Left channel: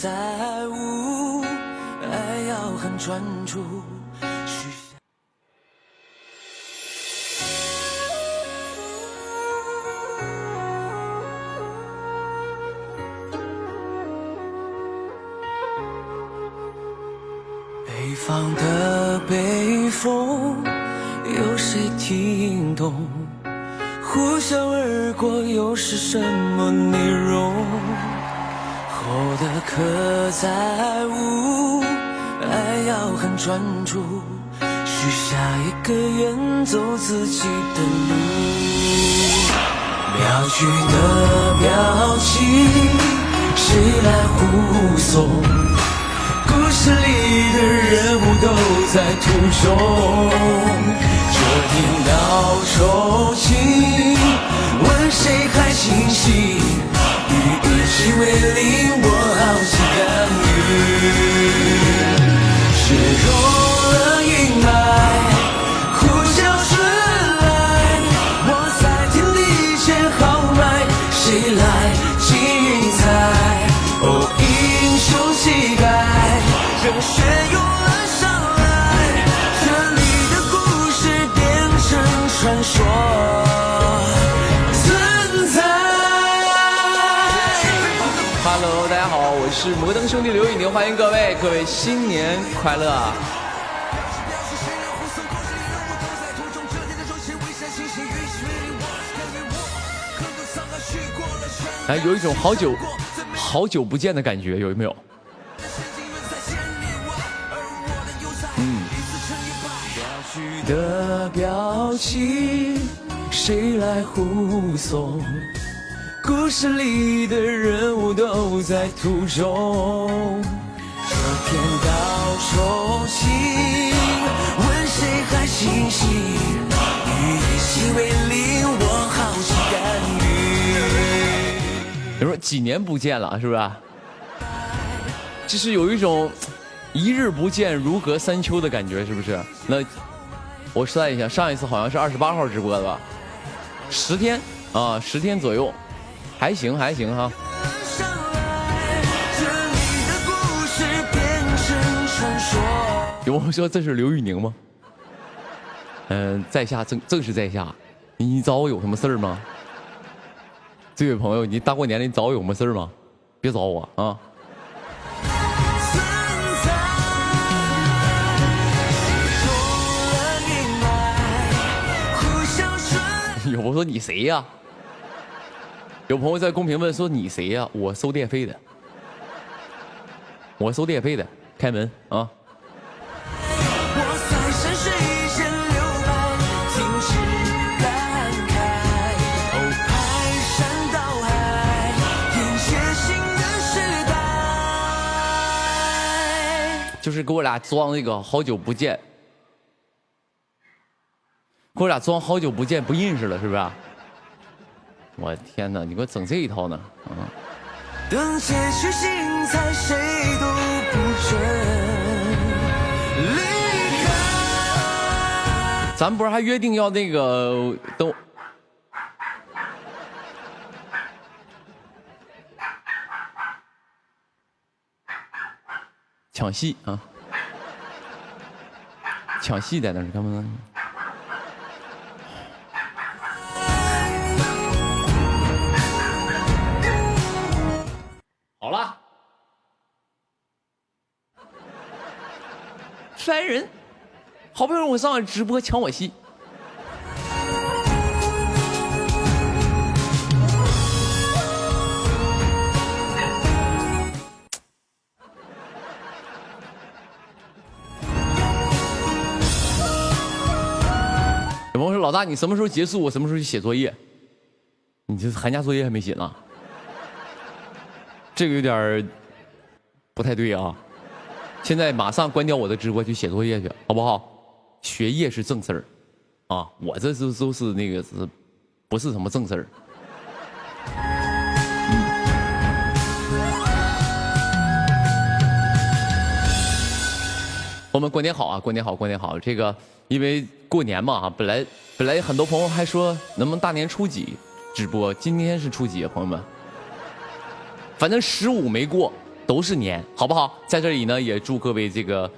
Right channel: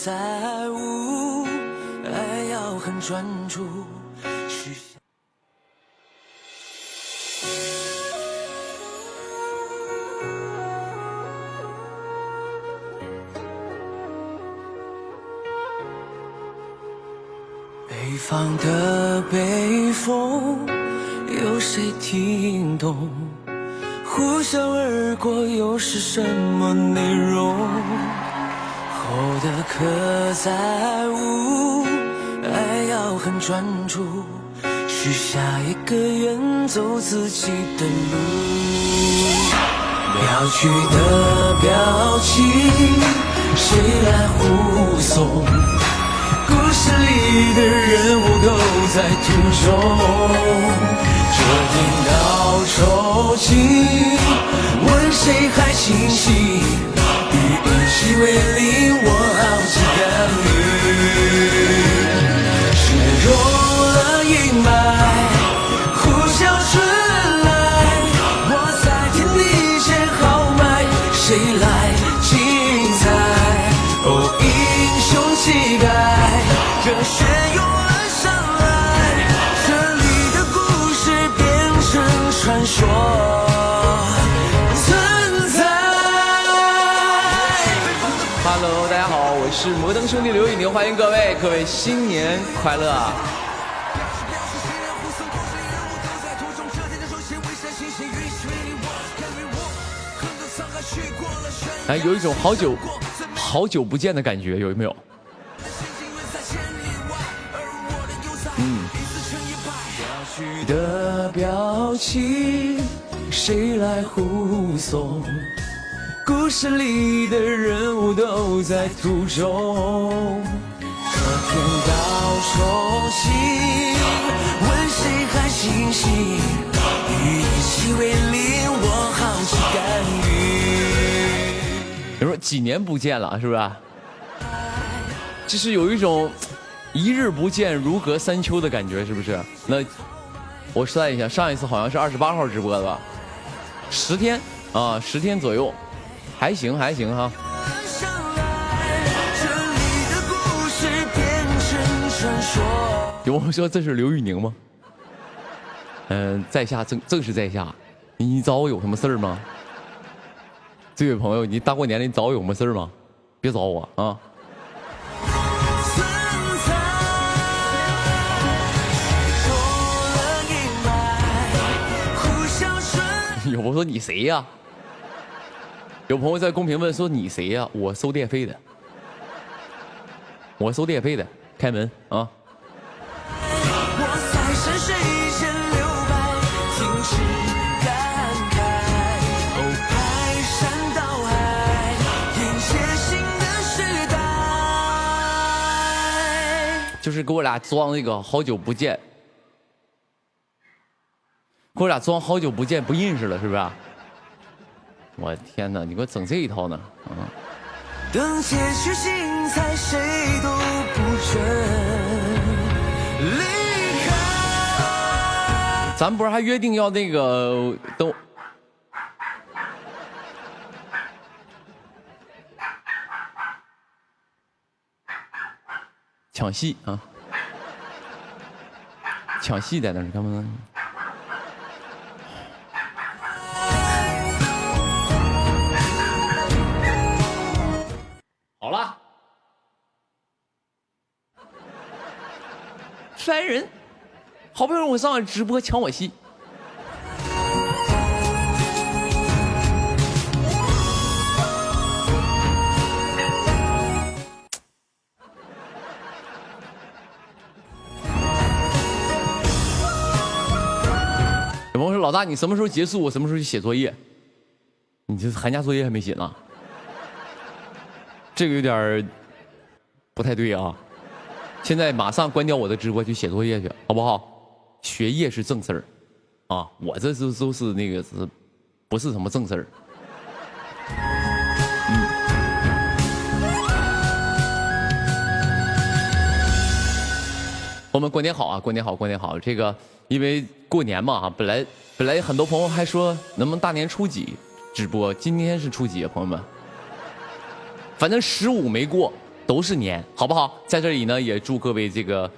在乎，爱要很专注。北方的北风，有谁听懂？呼啸而过，又是什么内容？后的刻在无，爱要很专注，许下一个远走自己的路。妙句的表情，谁来护送？故事里的人物都在途中，这听到抽筋，问谁还清醒？与一起为邻，我好奇干预。削弱了阴霾，呼啸春来，我在天地间豪迈，谁来精彩？哦，英雄气概，热血涌了上来，这里的故事变成传说存在。Hello， 大家好，我是摩登兄弟刘宇宁，欢迎各位新年快乐！哎，有一种好久不见的感觉，有没有？的表情，谁来护送？故事里的人物都在途中。这天道抽筋，问谁还清醒？与一起为邻，我好奇干预。你说几年不见了，是不是？就是有一种一日不见如隔三秋的感觉，是不是？那我算一下，上一次好像是28号直播的吧，10天啊，10天左右，还行哈。有朋友说这是刘宇宁吗？在下正是在下，你找我有什么事儿吗？这位朋友，你大过年的你找我有什么事儿吗？别找我啊！有朋友说你谁呀？有朋友在公屏问说你谁呀？我收电费的，开门啊！就是给我俩装那个好久不见，给我俩装好久不见不认识了，是不是？我天哪，你给我整这一套呢？等结局精彩，谁都不准离开。咱不是还约定要那个等抢戏啊？抢戏在那儿干嘛呢？好了，烦人！好不容易我上来直播抢我戏。有朋友说老大，你什么时候结束？我什么时候去写作业？你这寒假作业还没写呢，这个有点不太对啊！现在马上关掉我的直播去写作业去，好不好？学业是正事儿啊，我这都是那个不是什么正事儿。我们过年好啊，过年好，过年好！这个因为过年嘛，本来很多朋友还说能不能大年初几直播，今天是初几啊，朋友们？反正15没过都是年，好不好？在这里呢，也祝各位这个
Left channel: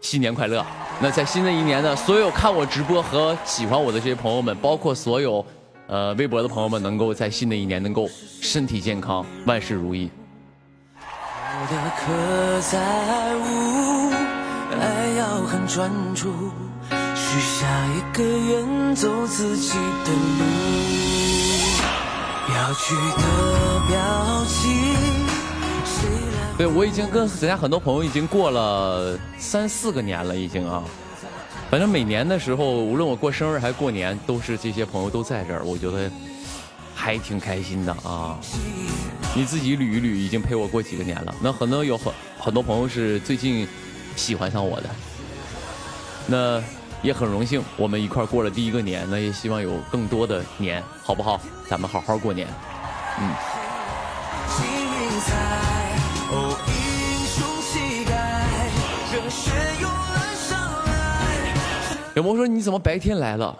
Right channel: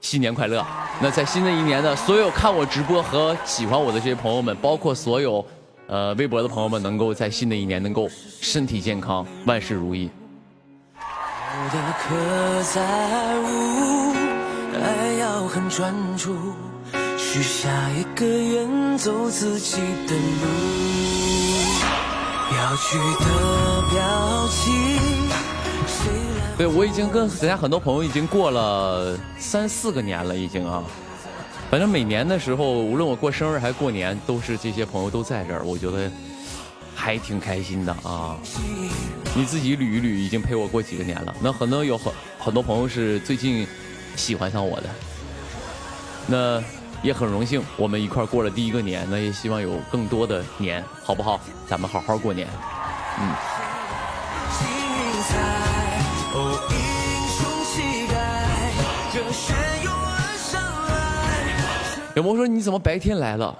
新年快乐。那在新的一年呢，所有看我直播和喜欢我的这些朋友们，包括所有微博的朋友们，能够在新的一年能够身体健康，万事如意。爱要很专注，许下一个愿，走自己的路，要去的表情。对，我已经跟人家很多朋友已经过了3、4个年了，已经啊。反正每年的时候，无论我过生日还是过年，都是这些朋友都在这儿，我觉得还挺开心的啊。你自己捋一捋，已经陪我过几个年了。那很多朋友是最近喜欢上我的，那也很荣幸，我们一块过了第一个年，那也希望有更多的年，好不好？咱们好好过年。有朋友说你怎么白天来了？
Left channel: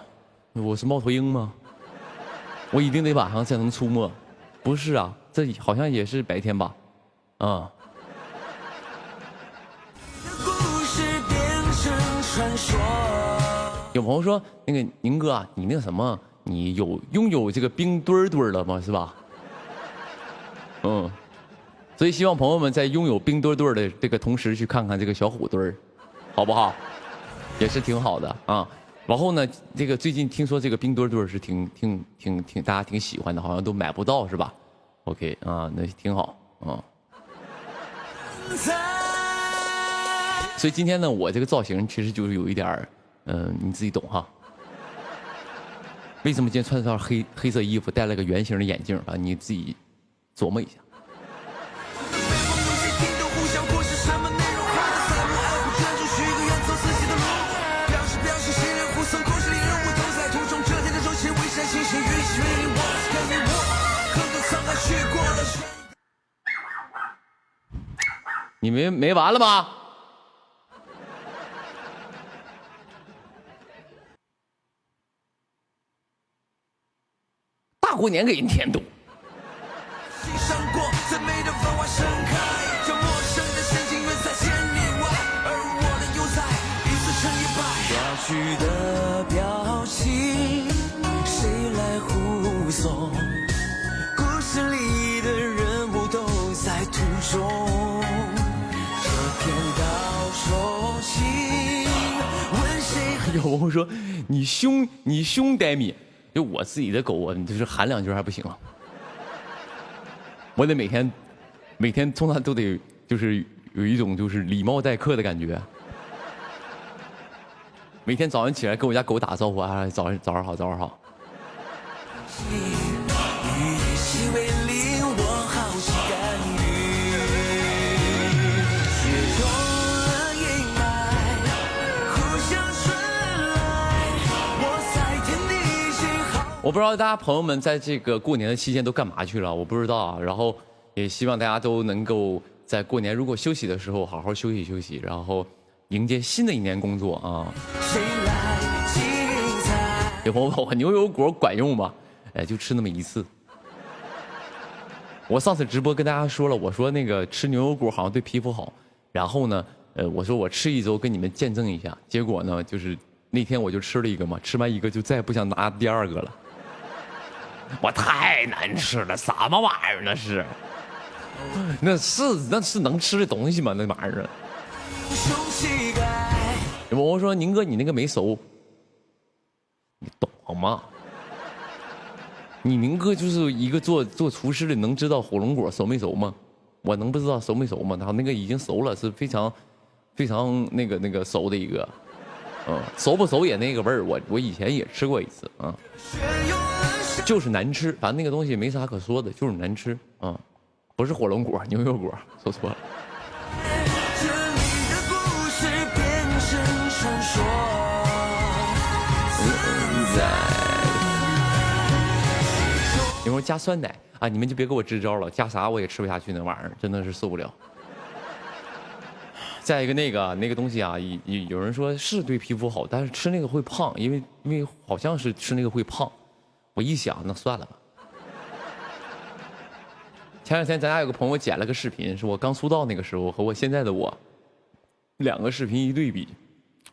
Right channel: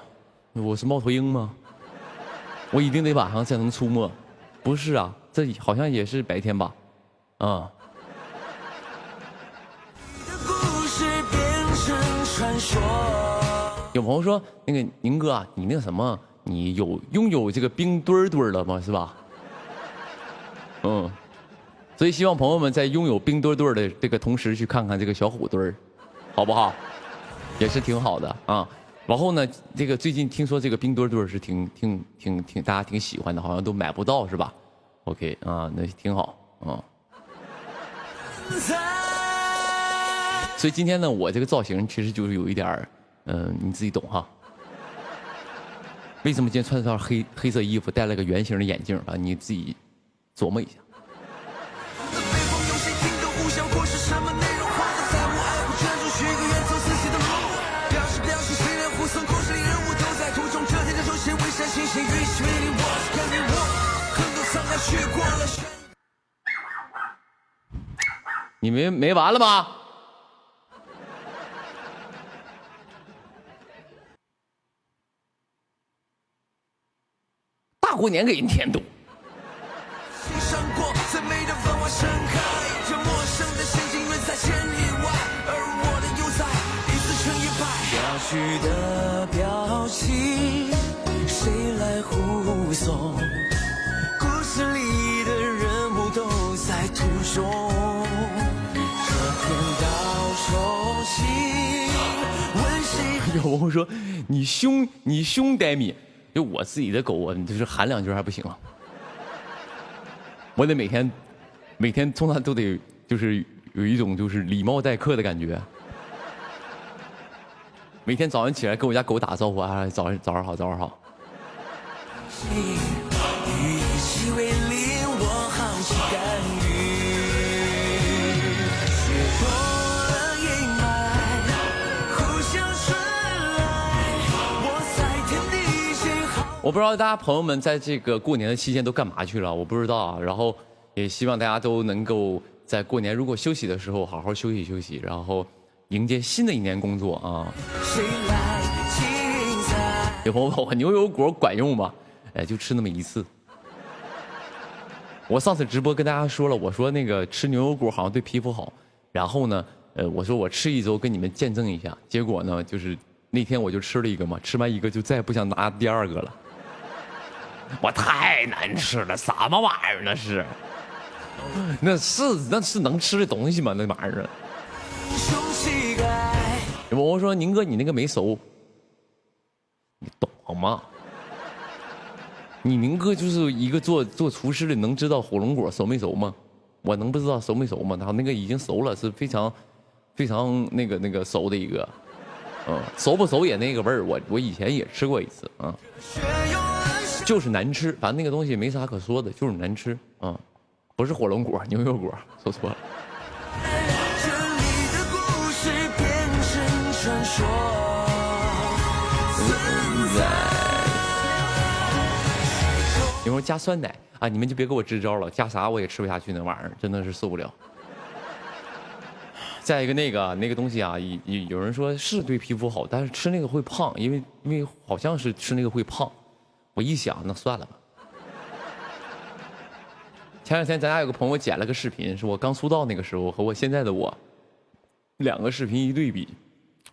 我是猫头鹰吗？我一定得晚上才能出没？不是啊，这好像也是白天吧？啊、有朋友说那个宁哥啊，你那个什么，你拥有这个冰墩墩了吗？是吧？所以希望朋友们在拥有冰墩墩的这个同时，去看看这个小虎墩儿，好不好？也是挺好的啊。然后呢，这个最近听说这个冰墩墩是挺大家挺喜欢的，好像都买不到是吧 ？OK 啊，那挺好啊。所以今天呢，我这个造型其实就是有一点儿，你自己懂哈。为什么今天穿着套黑色衣服，戴了个圆形的眼镜啊？你自己琢磨一下。你没完了吗？大过年给人添堵。有朋友说你凶呆米，就我自己的狗啊，就是喊2句还不行啊，我得每天从它都得就是有一种就是礼貌待客的感觉，每天早上起来跟我家狗打招呼啊，早上好，早上好。我不知道大家朋友们在这个过年的期间都干嘛去了，我不知道啊。然后也希望大家都能够在过年如果休息的时候好好休息休息，然后迎接新的一年工作啊。有朋友问我牛油果管用吗？哎，就吃那么一次。我上次直播跟大家说了，我说那个吃牛油果好像对皮肤好。然后呢，我说我吃1周跟你们见证一下。结果呢，就是那天我就吃了一个嘛，吃完一个就再也不想拿第2个了。我太难吃了，什么玩意儿那是？那是能吃的东西吗？那玩意儿。我说宁哥，你那个没熟，你懂吗？你宁哥就是一个做厨师的，能知道火龙果熟没熟吗？我能不知道熟没熟吗？然后那个已经熟了，是非常那个熟的一个，熟不熟也那个味儿。我以前也吃过一次啊。就是难吃，反正那个东西没啥可说的，就是难吃啊，不是火龙果，牛油果，说错了。一会儿加酸奶啊，你们就别给我支招了，加啥我也吃不下去，那玩意儿真的是受不了。再一个那个东西啊，有人说是对皮肤好，但是吃那个会胖，因为好像是吃那个会胖。我一想，那算了吧。前两天咱俩有个朋友剪了个视频，是我刚出道那个时候和我现在的我，两个视频一对比，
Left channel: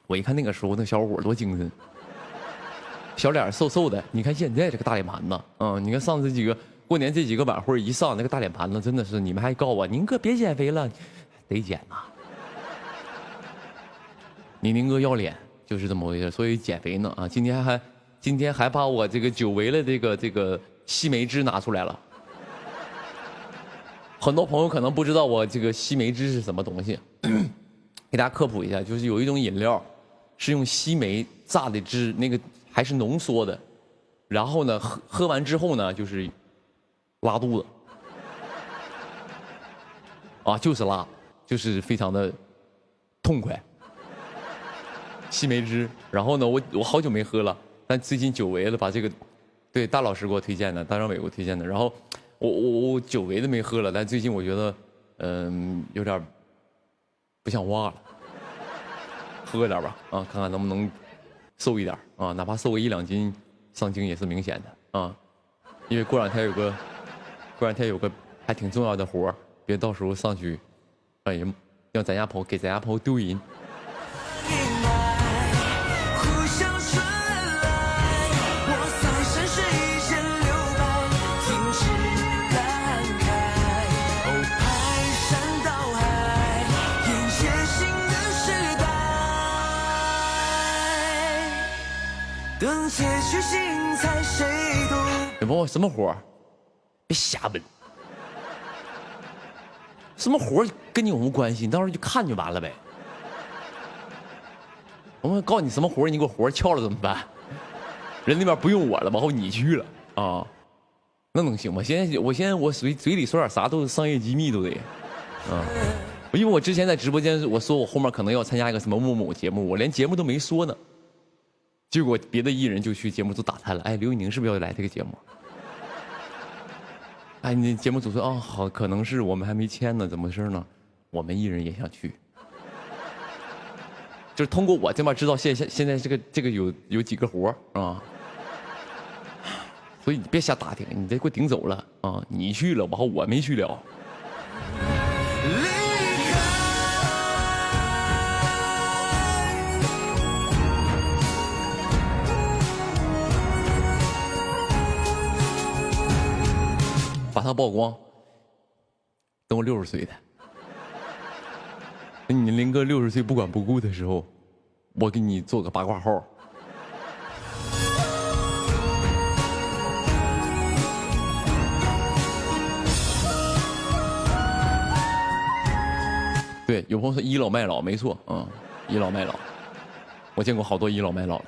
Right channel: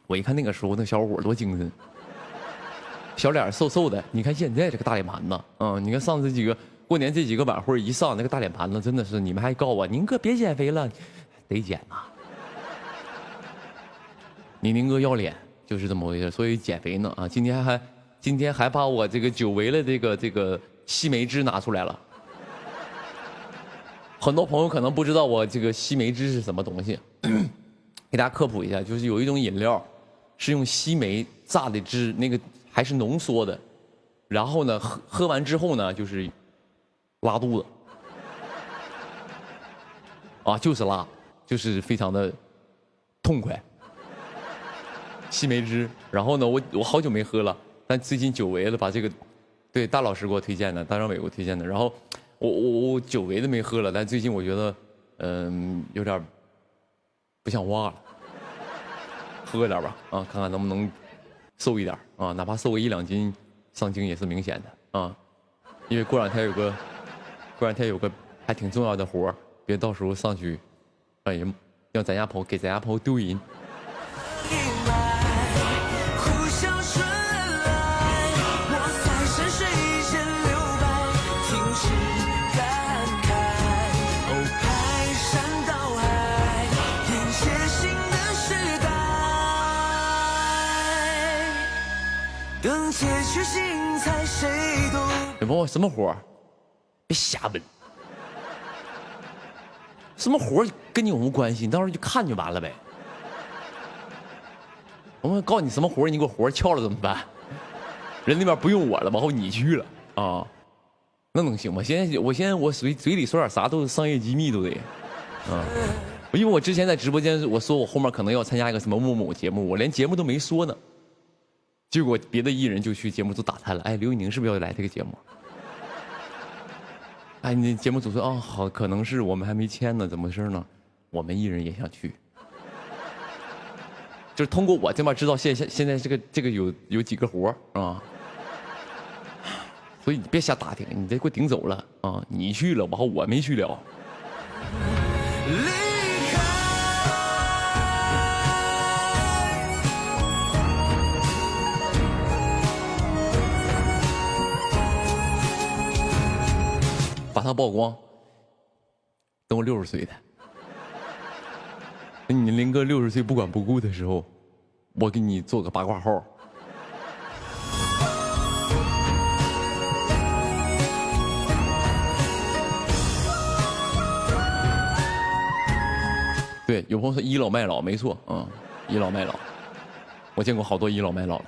我一看那个时候那小伙多精神，小脸瘦瘦的。你看现在这个大脸盘子，你看上次几个过年这几个晚会一上，那个大脸盘子真的是，你们还告我宁哥别减肥了，得减呐。你宁哥要脸就是这么回事，所以减肥呢啊，今天还把我这个久违了这个西梅汁拿出来了。很多朋友可能不知道我这个西梅汁是什么东西，给大家科普一下，就是有一种饮料是用西梅榨的汁，那个还是浓缩的，然后呢喝完之后呢就是拉肚子，啊就是拉，就是非常的痛快。西梅汁，然后呢我好久没喝了，但最近久违了，把这个对大老师给我推荐的，大张伟给我推荐的，然后我久违的没喝了，但最近我觉得有点不像话了，喝点吧啊，看看能不能瘦一点啊，哪怕瘦个1-2斤，上镜也是明显的啊，因为过两天有个还挺重要的活，别到时候上去让人让咱家朋友给咱家朋友丢人。你问我什么活？别瞎问，什么活跟你有什么关系？你到时候就看就完了呗。我们告诉你什么活，你给我活撬了怎么办？人那边不用我了，往后你去了啊，那能行吗？我现在我嘴里说点啥都是商业机密都得，因为我之前在直播间我说我后面可能要参加一个什么某某节目，我连节目都没说呢。结果别的艺人就去节目组打探了，哎，刘宇宁是不是要来这个节目？哎，你节目组说哦好，可能是我们还没签呢，怎么回事呢？我们艺人也想去，就是通过我这边知道现在这个有几个活啊，所以你别瞎打听，你这给我顶走了啊！你去了，然后我没去了。把他曝光，等我60岁的，等你林哥60岁不管不顾的时候，我给你做个八卦号。对，有朋友说倚老卖老，没错，倚老卖老，我见过好多倚老卖老的，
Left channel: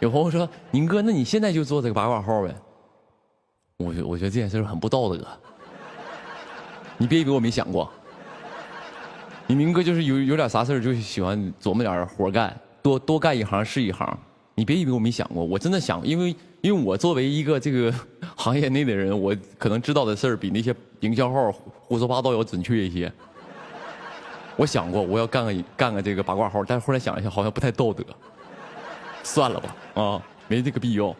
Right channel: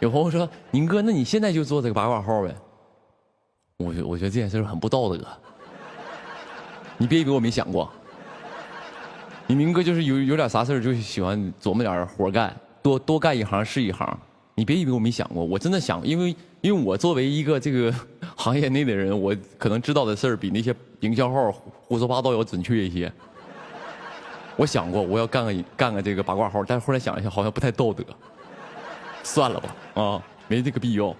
有朋友说：“宁哥，那你现在就做这个八卦号呗？”我觉得这件事很不道德。你别以为我没想过，你宁哥就是有点啥事就喜欢琢磨点活干，多干一行是一行。你别以为我没想过，我真的想，因为我作为一个这个行业内的人，我可能知道的事儿比那些营销号胡说八道要准确一些。我想过我要干个这个八卦号，但是后来想一下，好像不太道德。算了吧，没这个必要，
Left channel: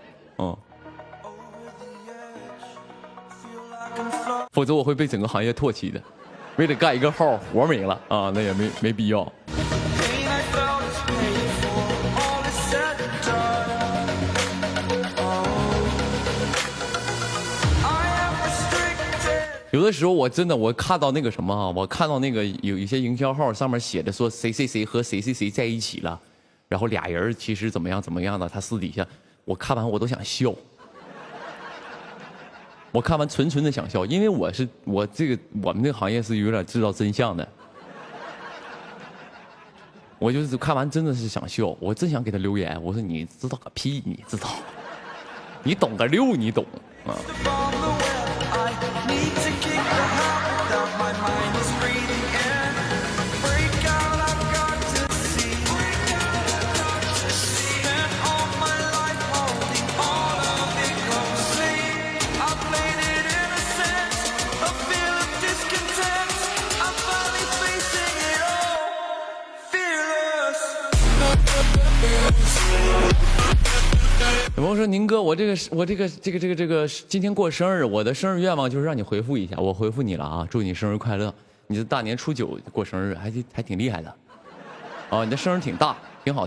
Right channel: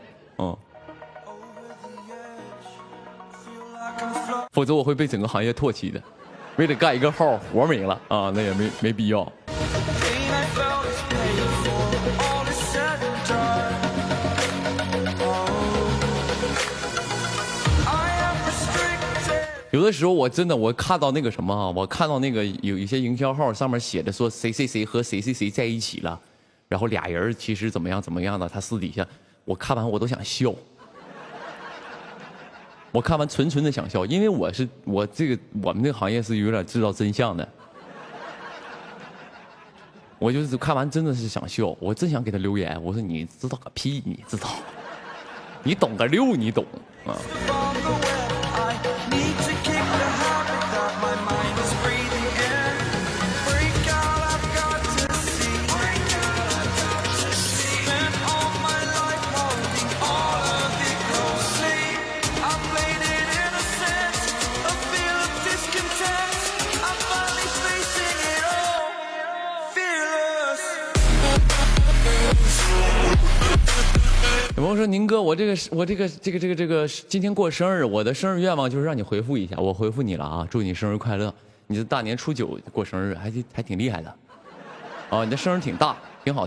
否则我会被整个行业唾弃的。为了干一个号，活没了啊，那也没必要。有的时候我真的我看到那个什么我看到那个有一些营销号上面写的说谁和谁在一起了。然后俩人其实怎么样的，他私底下，我看完我都想笑，我看完纯的想笑，因为我们这个行业是有点知道真相的，我就是看完真的是想笑，我真想给他留言，我说你知道个屁，你知道，你懂个六，你懂啊。有朋友说宁哥，我这个今天过生日，我的生日愿望就是让你回复一下，我回复你了啊，祝你生日快乐。你是大年初9过生日，还挺厉害的，啊，你的生日挺大，挺好。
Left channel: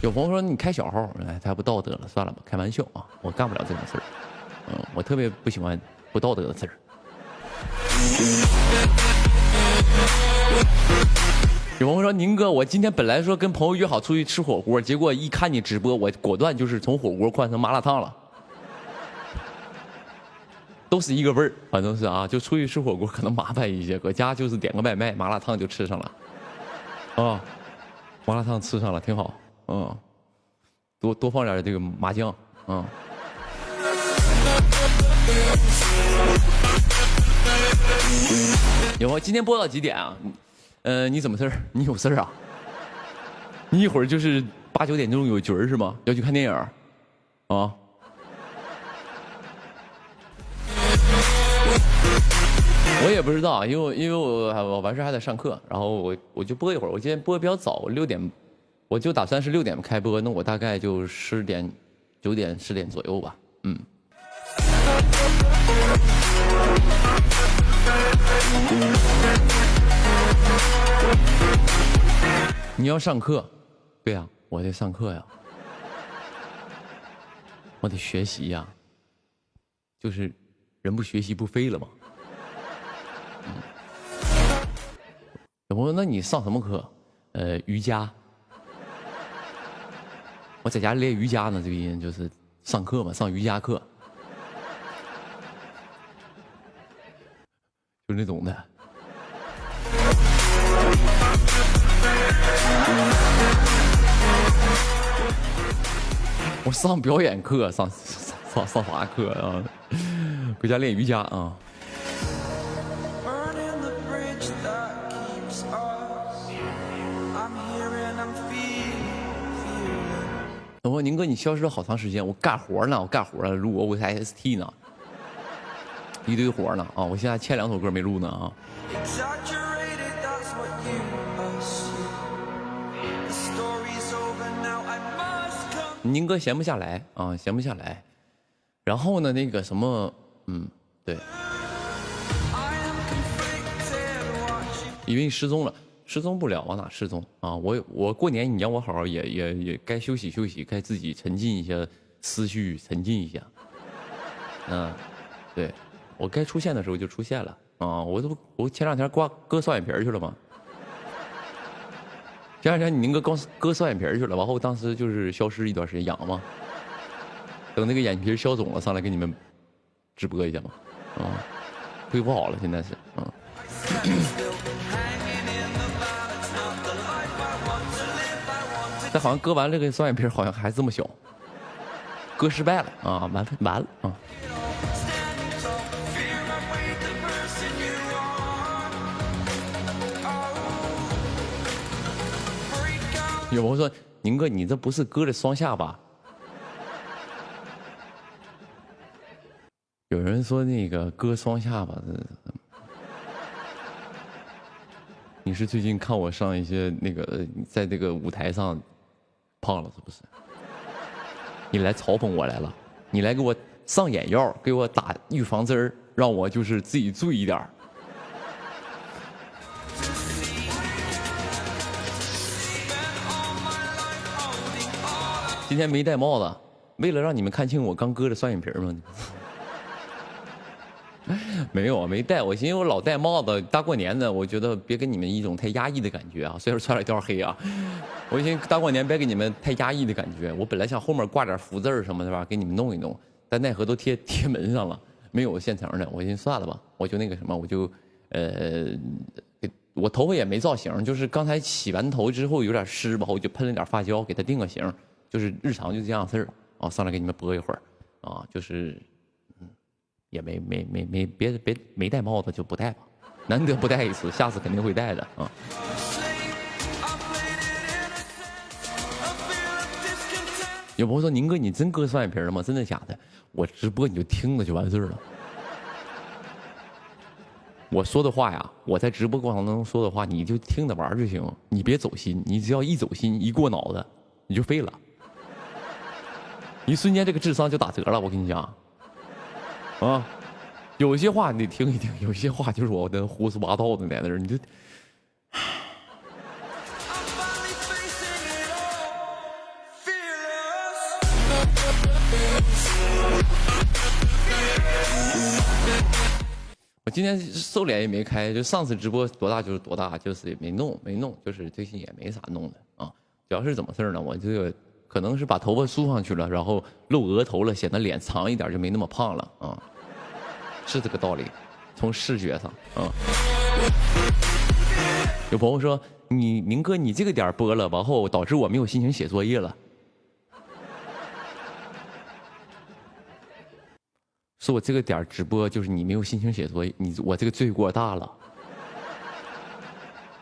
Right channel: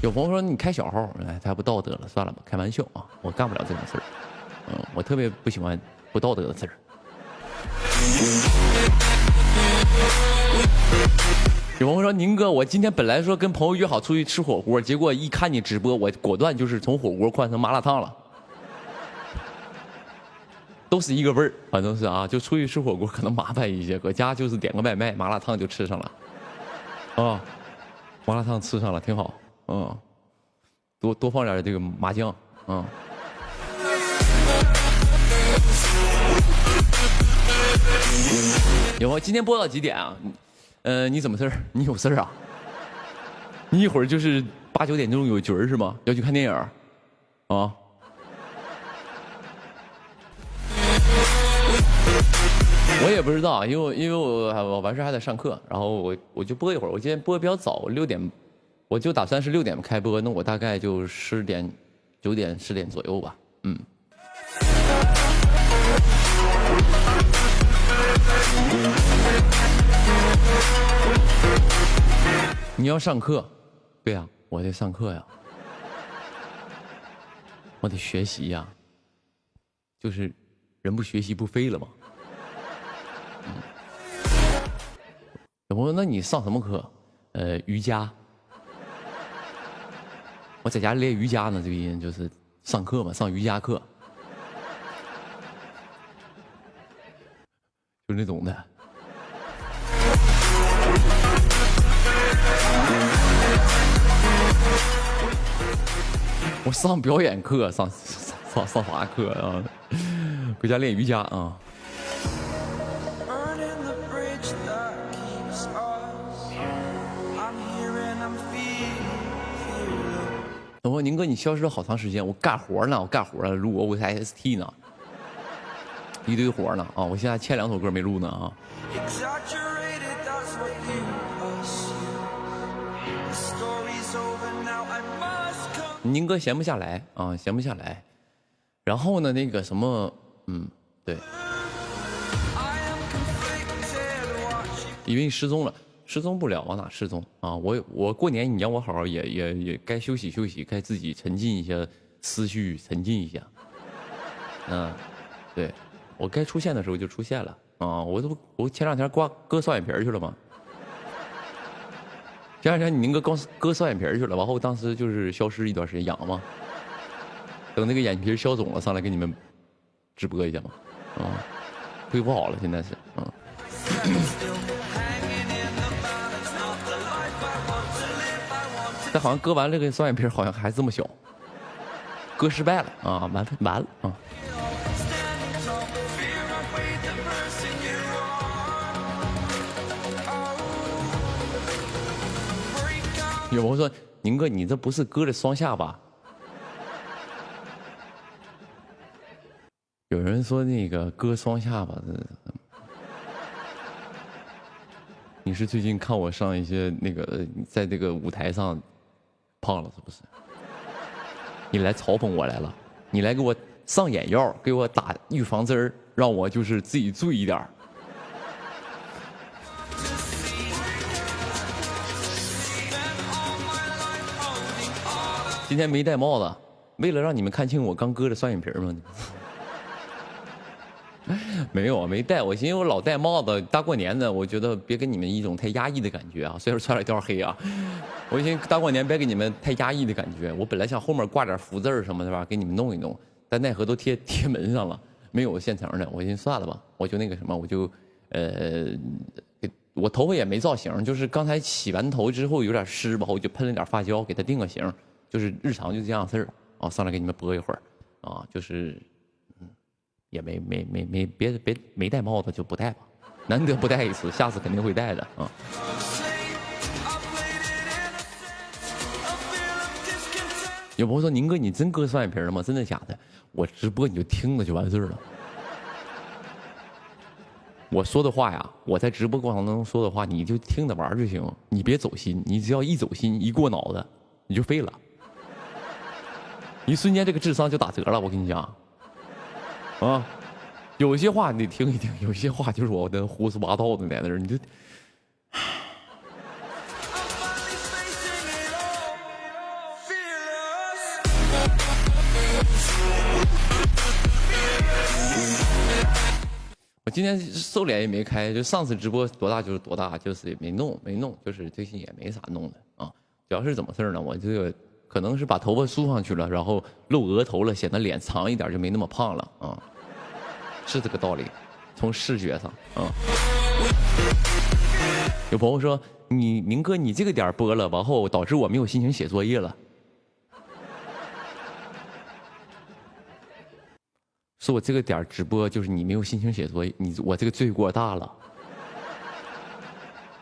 有朋友说你开小号，哎，太不道德了，算了吧，开玩笑啊，我干不了这种事儿，我特别不喜欢不道德的事儿。有朋友说宁哥，我今天本来说跟朋友约好出去吃火锅，结果一看你直播，我果断就是从火锅换成麻辣烫了，都是一个味儿，反正是啊，就出去吃火锅可能麻烦一些，搁家就是点个外卖，麻辣烫就吃上了，啊，麻辣烫吃上了挺好。多放点这个麻酱，有吗？今天播到几点啊？你怎么事儿？你有事儿啊？你一会儿就是8、9点钟有局儿是吗？要去看电影啊？我也不知道，因为我完事还得上课，然后我就播一会儿。我今天播的比较早，6点。我就打算是6点开播，那我大概就10点、9点、10点左右吧。你要上课？对呀，我得上课呀，我得学习呀，就是人不学习不废了吗？有朋友，那你上什么课？瑜伽。我在家练瑜伽呢，这个音就是上课嘛，上瑜伽课，就是那种的。我上表演课，上啥课啊？回家练瑜伽啊。我说宁哥，你消失了好长时间，我干活呢，录我台 ST 呢，一堆活呢啊！我现在欠2首歌没录呢啊。宁哥闲不下来啊，闲不下来。然后呢，那个什么，对，因为你失踪了。失踪不了，往哪失踪啊？我过年你让我好好也该休息休息，该自己沉浸一下思绪，沉浸一下。对，我该出现的时候就出现了啊！我前2天割双眼皮去了吗？前2天你宁哥割双眼皮去了，然后当时就是消失一段时间养嘛，等那个眼皮消肿了上来给你们直播一下嘛，恢复好了，现在是但好像割完这个双眼皮好像还这么小，割失败了啊，完了啊！有朋友说宁哥，你这不是割的双下巴？有人说那个割双下巴的，你是最近看我上一些那个在这个舞台上胖了是不是？你来嘲讽我来了，你来给我上眼药，给我打预防针儿，让我就是自己注意一点儿。今天没戴帽子，为了让你们看清我刚割的双眼皮吗？没有，没戴。我寻思我老戴帽子，大过年的，我觉得别给你们一种太压抑的感觉啊。虽然穿了一条黑啊，我寻思大过年别给你们太压抑的感觉。我本来想后面挂点福字什么的吧，给你们弄一弄，但奈何都贴门上了，没有现成的。我寻思算了吧，我就那个什么，我就我头发也没造型，就是刚才洗完头之后有点湿吧，我就喷了点发胶给它定个型，就是日常就这样事儿啊。上来给你们播一会儿啊，就是。也没戴帽子就不戴吧，难得不戴一次，下次肯定会戴的啊。有朋友说宁哥，你真割双眼皮了吗？真的假的？我直播你就听了就完事儿了。我说的话呀，我在直播过程当中说的话，你就听着玩就行，你别走心。你只要一走心，一过脑子，你就废了，一瞬间这个智商就打折了。我跟你讲，啊，有些话你得听一听，有些话就是我的胡说八道的在那儿，你就。我今天瘦脸也没开，就上次直播多大就是多大，就是也没弄，就是最近也没啥弄的啊。主要是怎么事呢？我这个可能是把头发梳上去了，然后露额头了，显得脸长一点，就没那么胖了啊。是这个道理，从视觉上啊。有朋友说宁哥你这个点播了，然后导致我没有心情写作业了。说我这个点直播就是你没有心情写作业，我这个罪过大了，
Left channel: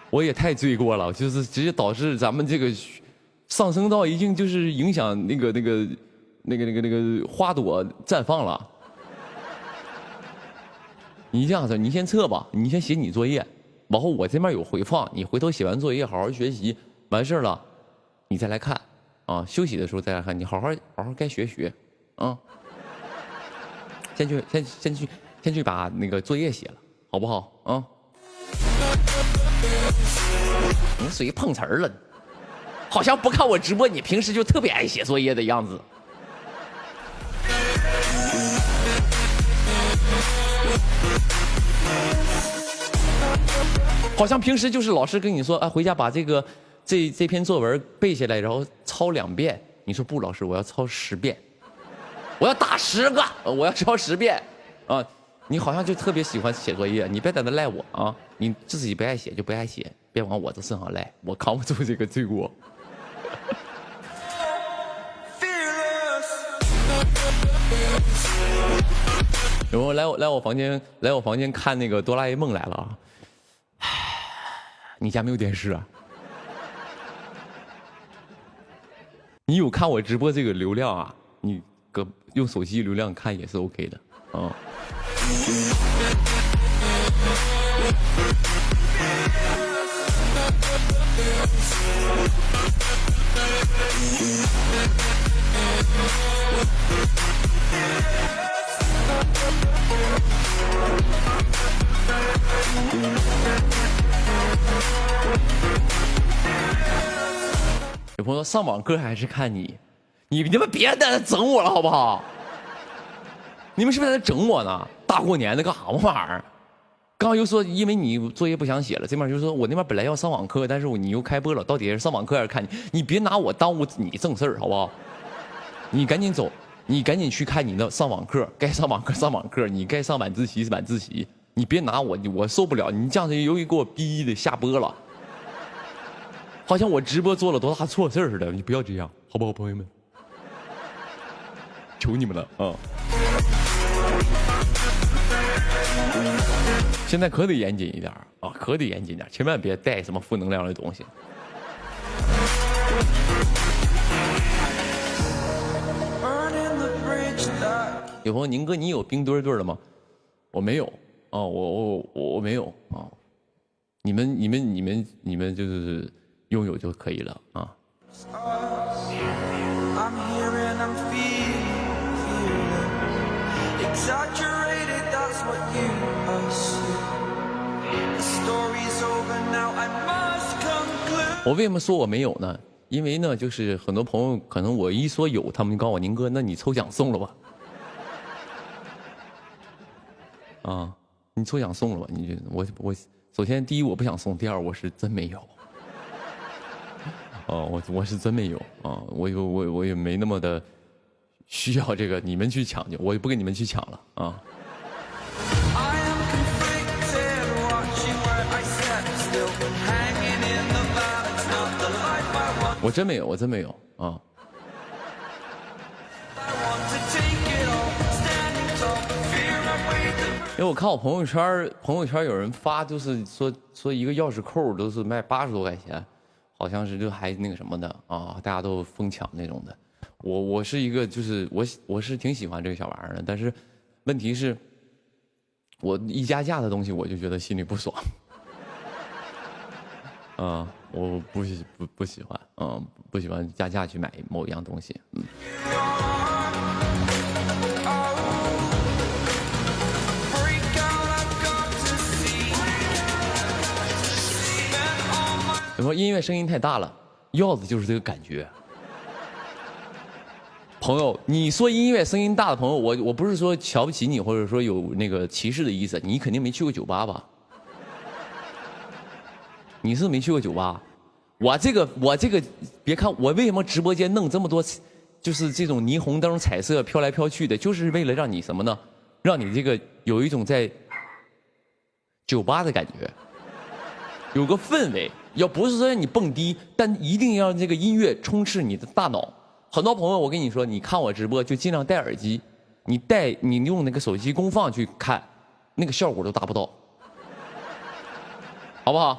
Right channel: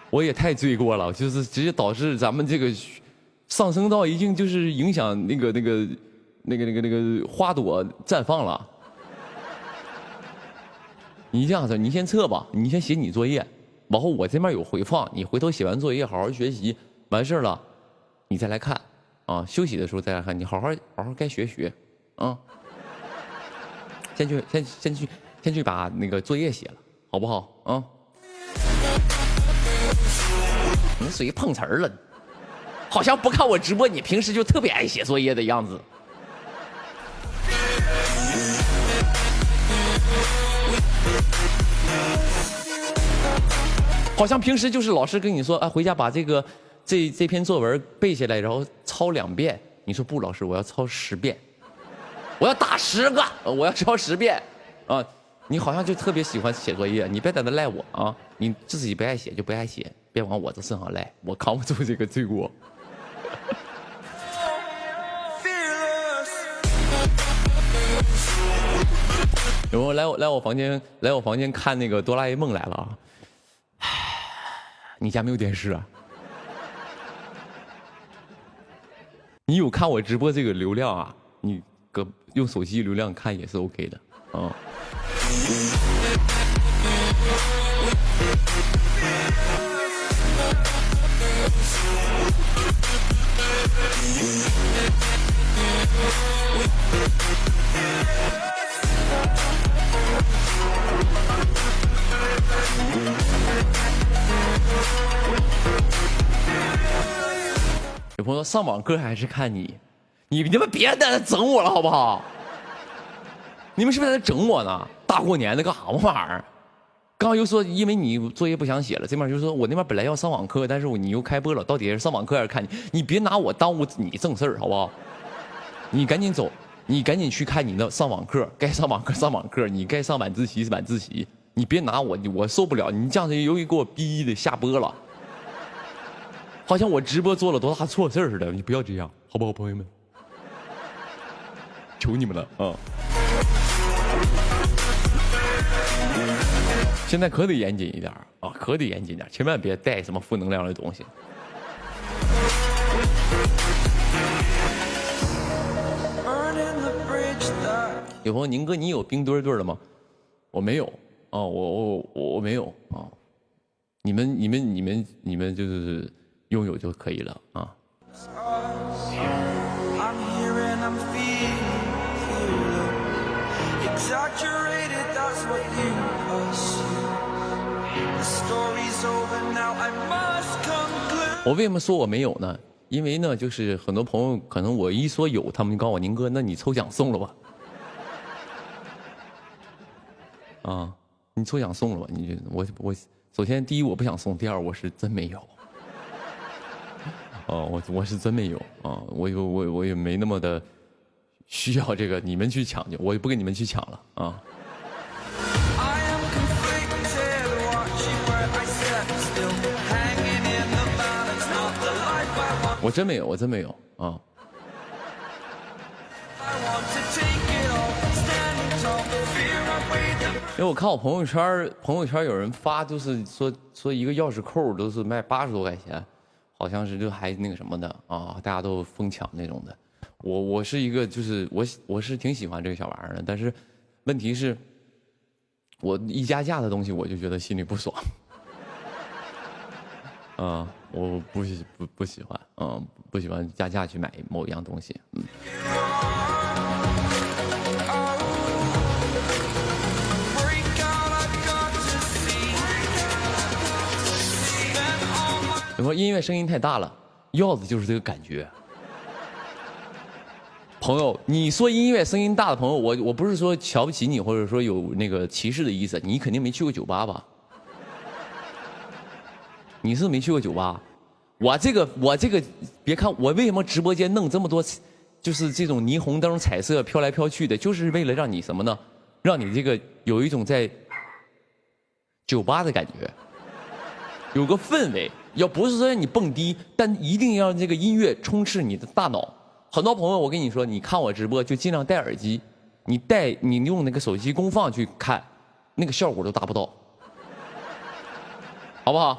我也太罪过了，就是直接导致咱们这个上升到已经就是影响那个花朵绽放了。你这样子，你先撤吧，你先写你作业，然后我这边有回放，你回头写完作业好好学习，完事了，你再来看啊，休息的时候再来看，你好好该学啊。先去把那个作业写了，好不好啊？你属于碰瓷儿了，好像不看我直播，你平时就特别爱写作业的样子。好像平时就是老师跟你说，啊，回家把这篇作文背下来，然后抄2遍。你说不，老师，我要抄10遍。我要打10个，我要抄10遍，啊！你好像就特别喜欢写作业，你别在那赖我啊！你自己不爱写就不爱写，别往我这身上赖，我扛不住这个罪过。有没有来我房间看那个哆啦 A 梦来了啊？你家没有电视啊？你有看我直播这个流量啊？你用手机流量看也是 OK 的啊。有朋友说上网课还是看你们别在那整我了好不好？你们是不是在那整我呢？大过年的干啥玩意儿？刚刚又说因为你作业不想写了，这边就说我那边本来要上网课，但是你又开播了，到底是上网课还是看你？你别拿我耽误你正事儿好不好？你赶紧走，你赶紧去看你的上网课，该上网课上网课，你该上晚自习是晚自习，你别拿我受不了，你这样子由于给我逼的下播了，好像我直播做了多大错事似的，你不要这样好不好，朋友们？求你们了啊！现在可得严谨一点啊，可得严谨点，千万别带什么负能量的东西。有朋友，宁哥，你有冰墩墩的吗？我没有啊，我没有啊。你们就是拥有就可以了啊。我为什么说我没有呢？因为呢，就是很多朋友可能我一说有，他们就告诉我宁哥，那你抽奖送了吧？啊，你抽奖送了吧？你我首先第一我不想送，第二我是真没有。哦，我是真没有啊，我也没那么的需要这个，你们去抢去，我也不跟你们去抢了啊。我真没有，我真没有啊！因为我看我朋友圈有人发，就是说一个钥匙扣都是卖80多块钱，好像是就还那个什么的啊，大家都疯抢那种的。我是一个就是我是挺喜欢这个小玩意儿的，但是问题是，我一加价的东西我就觉得心里不爽。我不喜欢，不喜欢加价去买某一样东西，有朋友音乐声音太大了，要的就是这个感觉。朋友，你说音乐声音大的朋友，我不是说瞧不起你，或者说有那个歧视的意思，你肯定没去过酒吧吧？你是没去过酒吧？我这个，别看我为什么直播间弄这么多，就是这种霓虹灯、彩色飘来飘去的，就是为了让你什么呢？让你这个有一种在酒吧的感觉，有个氛围。要不是说让你蹦迪，但一定要让这个音乐充斥你的大脑。很多朋友，我跟你说，你看我直播就尽量戴耳机，你用那个手机功放去看，那个效果都达不到，好不好？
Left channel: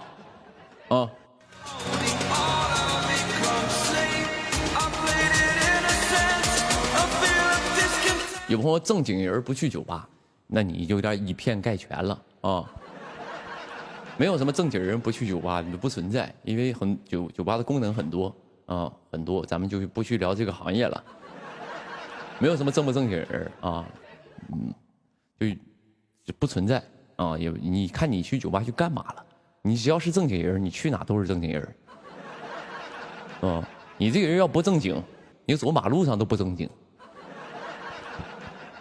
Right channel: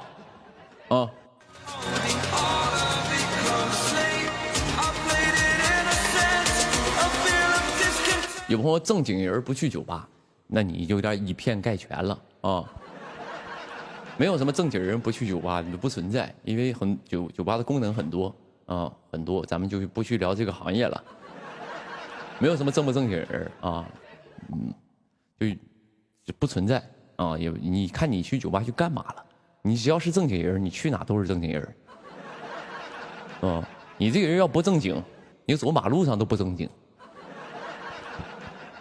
有朋友正经人不去酒吧，那你就有点以偏概全了啊。没有什么正经人不去酒吧，不存在，因为酒吧的功能很多很多，咱们就不去聊这个行业了。没有什么正不正经人就不存在啊。也你看你去酒吧去干嘛了？你只要是正经人，你去哪都是正经人。你这个人要不正经，你走马路上都不正经，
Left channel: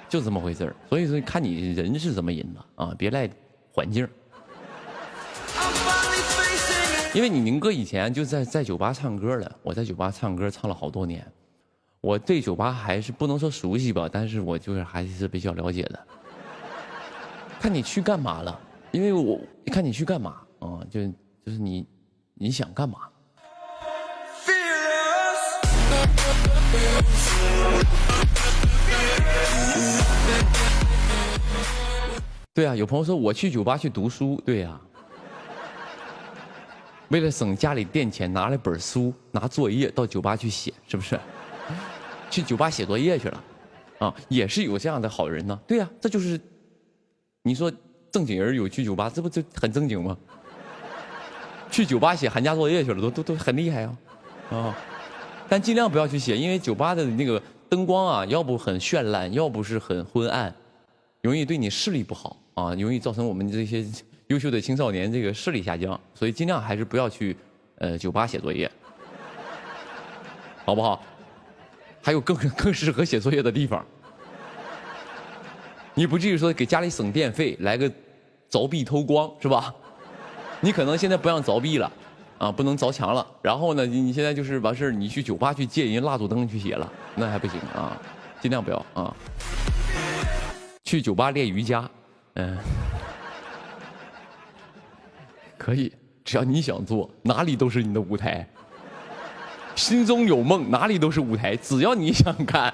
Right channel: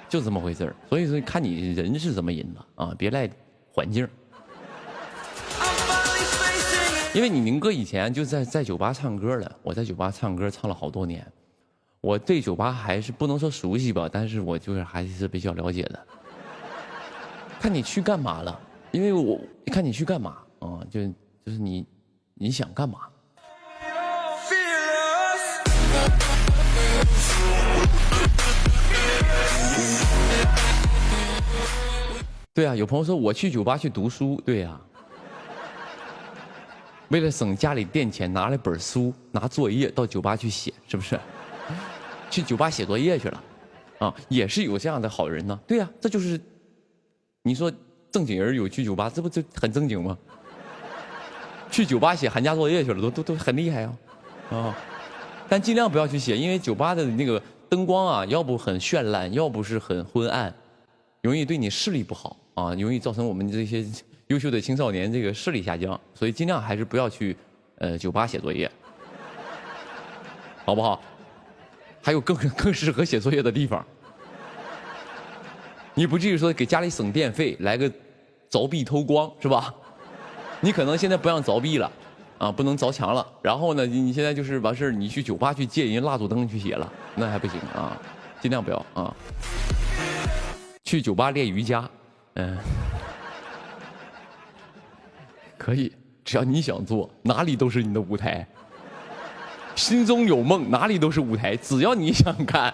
就这么回事儿。所以说，看你人是怎么人了啊，别赖环境。因为你宁哥以前就在酒吧唱歌了，我在酒吧唱歌唱了好多年，我对酒吧还是不能说熟悉吧，但是我就是还是比较了解的。看你去干嘛了？因为我看你去干嘛就是你想干嘛？对啊，有朋友说我去酒吧去读书，对呀。为了省家里电钱，拿了本书，拿作业到酒吧去写，是不是？去酒吧写作业去了，也是有这样的好人呢。对呀，这就是，你说正经人有去酒吧，这不就很正经吗？去酒吧写寒假作业去了，都很厉害但尽量不要去写，因为酒吧的那个灯光要不很绚烂，要不是很昏暗，容易对你视力不好容易造成我们这些优秀的青少年这个视力下降，所以尽量还是不要去酒吧写作业，好不好？还有更适合写作业的地方，你不至于说给家里省电费，来个凿壁偷光是吧？你可能现在不让凿壁了不能凿墙了，然后呢，你现在就是完事你去酒吧去借人蜡烛灯去写了，那还不行尽量不要去酒吧练瑜伽，可以，只要你想做，哪里都是你的舞台。心中有梦，哪里都是舞台，只要你想干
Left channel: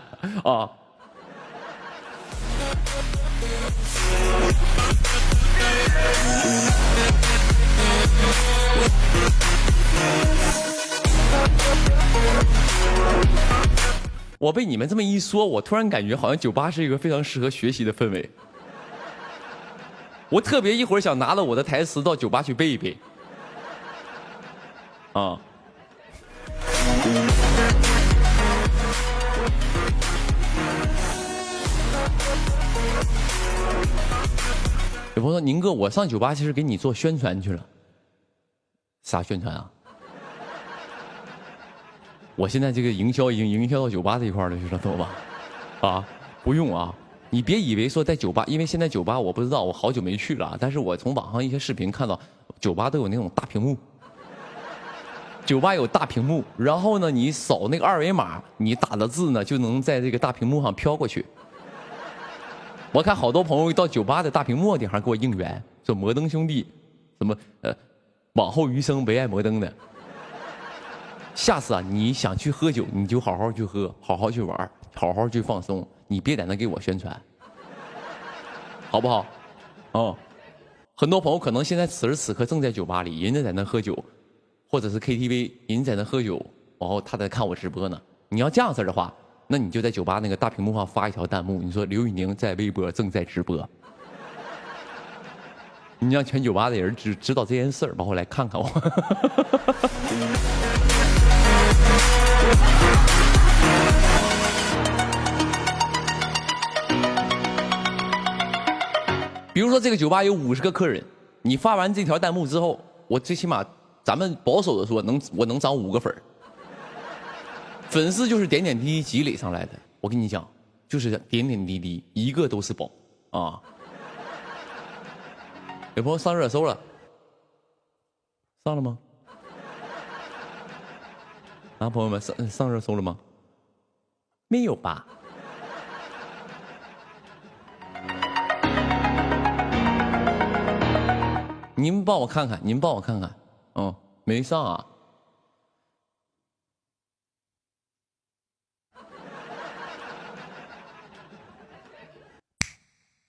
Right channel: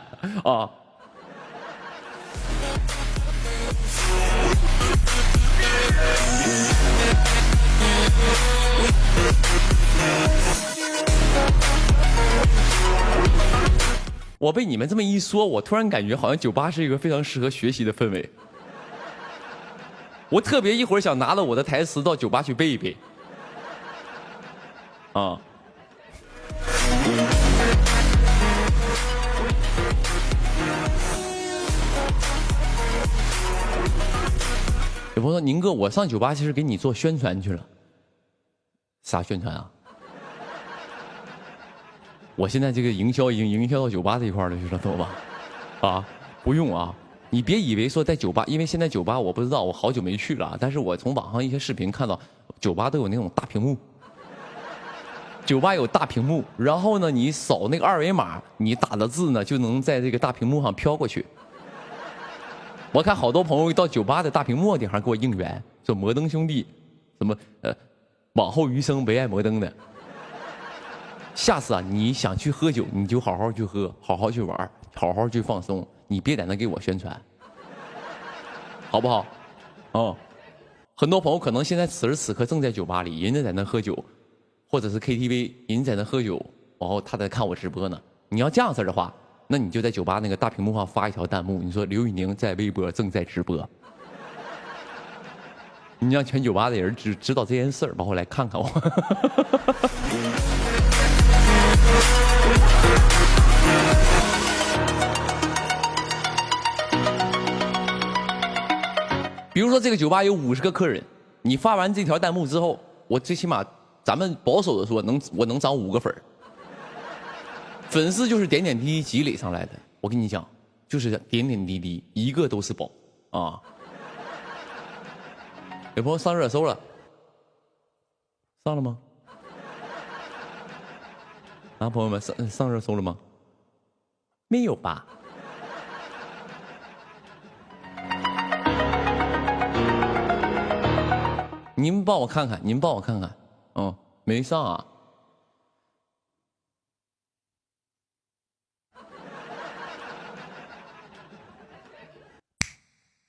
我被你们这么一说，我突然感觉好像酒吧是一个非常适合学习的氛围。我特别一会儿想拿了我的台词到酒吧去背一背有朋友说宁哥，我上酒吧其实给你做宣传去了。啥宣传啊？我现在这个营销已经营销到酒吧这一块了，知道吧？不用你别以为说在酒吧，因为现在酒吧我不知道，我好久没去了，但是我从网上一些视频看到，酒吧都有那种大屏幕，酒吧有大屏幕，然后呢，你扫那个二维码，你打的字呢就能在这个大屏幕上飘过去。我看好多朋友到酒吧的大屏幕顶上给我应援，说摩登兄弟，什么往后余生唯爱摩登的。下次你想去喝酒，你就好好去喝，好好去玩，好好去放松，你别在那给我宣传，好不好？很多朋友可能现在此时此刻正在酒吧里，人家在那喝酒，或者是 KTV， 人家在那喝酒，然后他在看我直播呢。你要这样式的话，那你就在酒吧那个大屏幕上发一条弹幕，你说刘宇宁在微博正在直播，你让全酒吧的人知道这件事儿，包括来看看我。比如说这个酒吧有50个客人，你发完这条弹幕之后，我最起码咱们保守的说我能涨5个粉儿。粉丝就是点点滴滴积累上来的，我跟你讲，就是点点滴滴，一个都是宝啊！有朋友上热搜了，上了吗？啊，朋友们上热搜了吗？没有吧？你们帮我看看，哦，没上啊。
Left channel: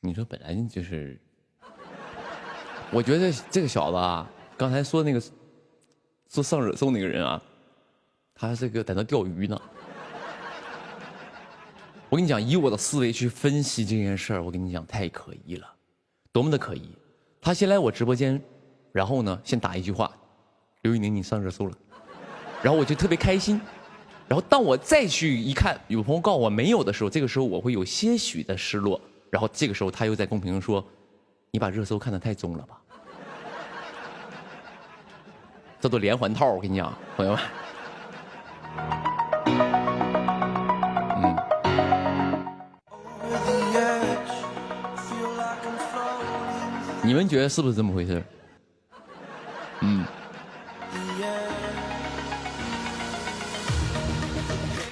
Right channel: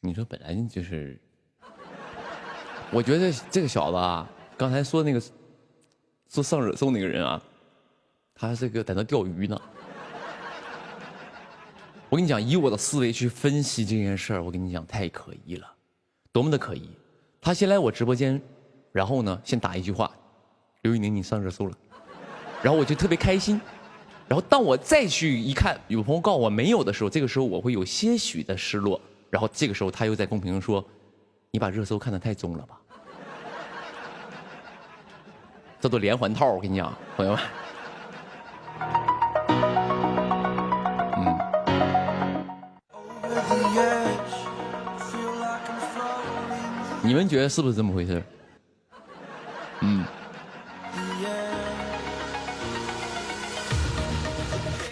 你说本来就是，我觉得这个小子啊，刚才说那个说上热搜那个人啊，他这个在那钓鱼呢。我跟你讲，以我的思维去分析这件事儿，我跟你讲太可疑了，多么的可疑！他先来我直播间，然后呢，先打一句话：“刘宇宁，你上热搜了。”然后我就特别开心。然后当我再去一看，有朋友告诉我没有的时候，这个时候我会有些许的失落。然后这个时候他又在公屏上说：“你把热搜看得太重了吧？”这都连环套，我跟你讲，朋友们。你们觉得是不是这么回事？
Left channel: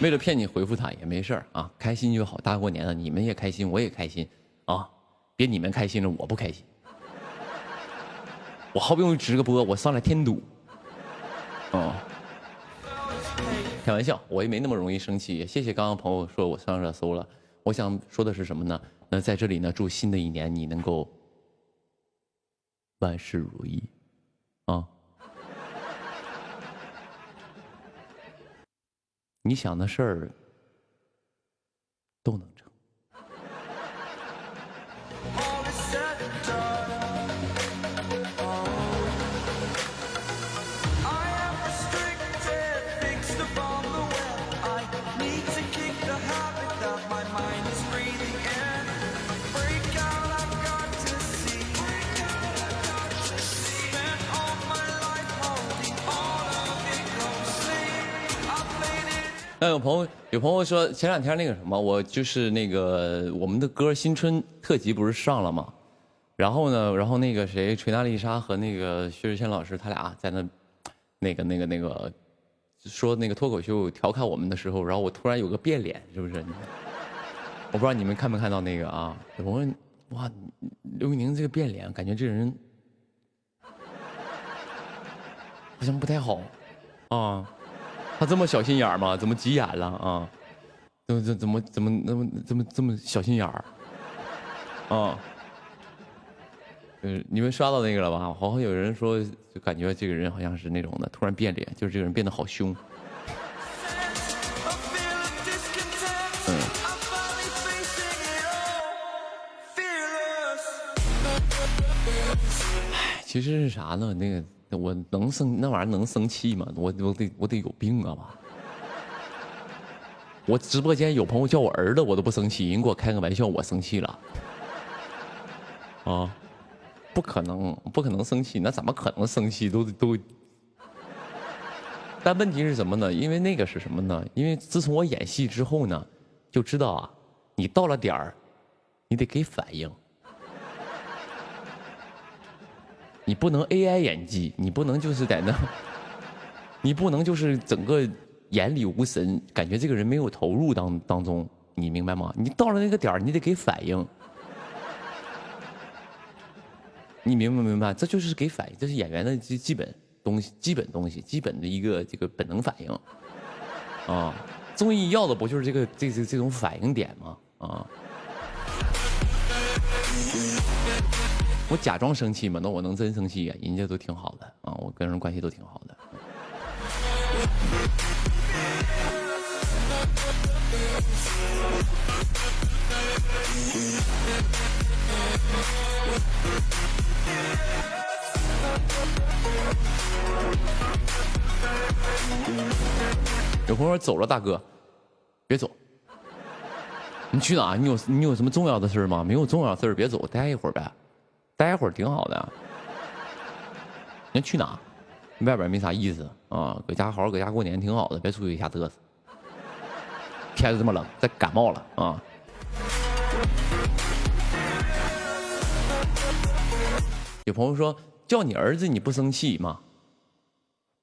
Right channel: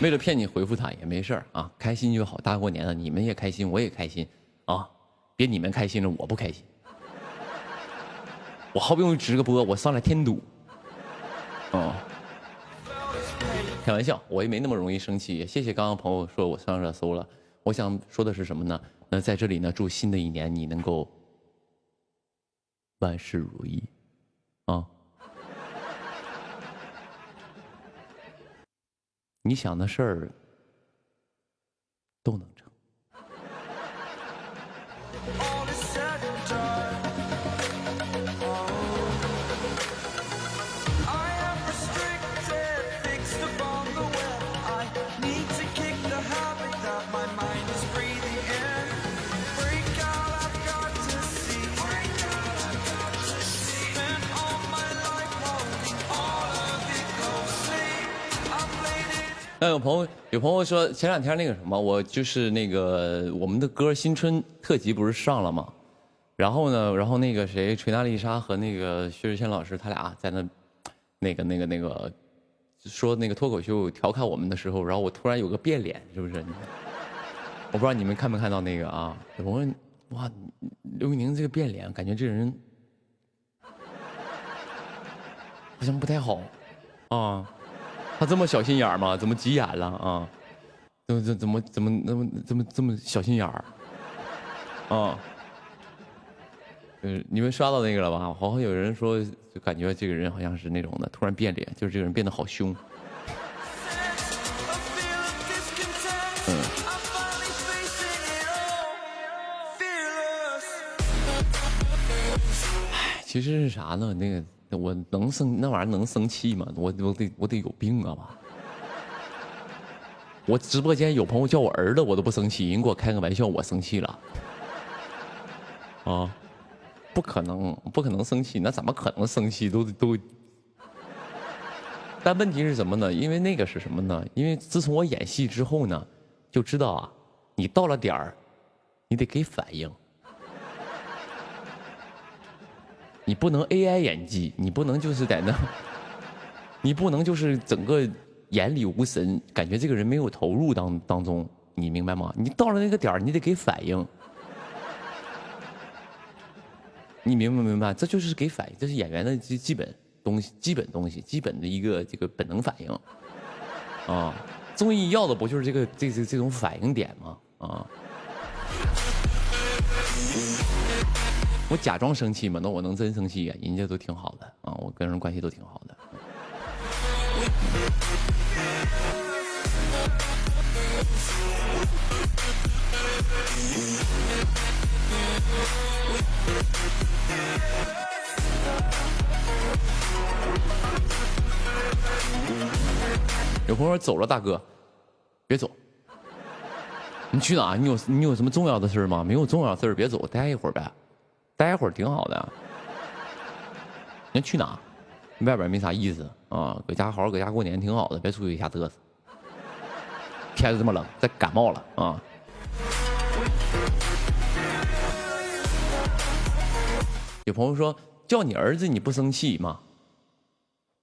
为了骗你回复他也没事儿啊，开心就好。大过年的，你们也开心，我也开心啊！别你们开心了，我不开心。我好不容易直个播，我上来添堵。哦，开玩笑，我也没那么容易生气。谢谢刚刚朋友说我上热搜了。我想说的是什么呢？那在这里呢，祝新的一年你能够万事如意啊！你想的事儿都能成。那有朋友说前2天那个什么，我就是那个我们的歌新春特辑不是上了吗？然后呢，那个谁锤娜丽莎和那个薛之谦老师他俩在那个说那个脱口秀调侃我们的时候，然后我突然有个变脸，是不是？我不知道你们看没看到那个啊？有朋友哇，刘宇宁这个变脸，感觉这人好像不太好啊。他这么小心眼吗？怎么急眼了啊？怎么这么小心眼儿？啊？你们刷到那个了吧？好像有人说，就感觉这个人好像是那种的，突然变脸，就是这个人变得好凶。其实是啥呢？那个。我能生那玩意儿能生气吗？我得有病啊吧！我直播间有朋友叫我儿子，我都不生气，人给我开个玩笑，我生气了。啊，不可能生气，那怎么可能生气？都。但问题是什么呢？因为那个是什么呢？因为自从我演戏之后呢，就知道啊，你到了点儿，你得给反应。你不能 AI 演技，你不能就是在那，你不能就是整个眼里无神，感觉这个人没有投入当中，你明白吗？你到了那个点儿，你得给反应，你明白？这就是给反应，这是演员的基本东西，基本的一个这个本能反应啊。综艺要的不就是这种反应点吗？啊。我假装生气嘛，那我能真生气呀？人家都挺好的啊，我跟人关系都挺好的。有朋友说走了，大哥，别走。你去哪？你有什么重要的事吗？没有重要的事别走，待一会儿呗，待一会儿挺好的。你去哪？外边没啥意思啊，搁家好好搁家过年挺好的，别出去瞎嘚瑟。天这么冷，再感冒了啊！有朋友说叫你儿子你不生气吗？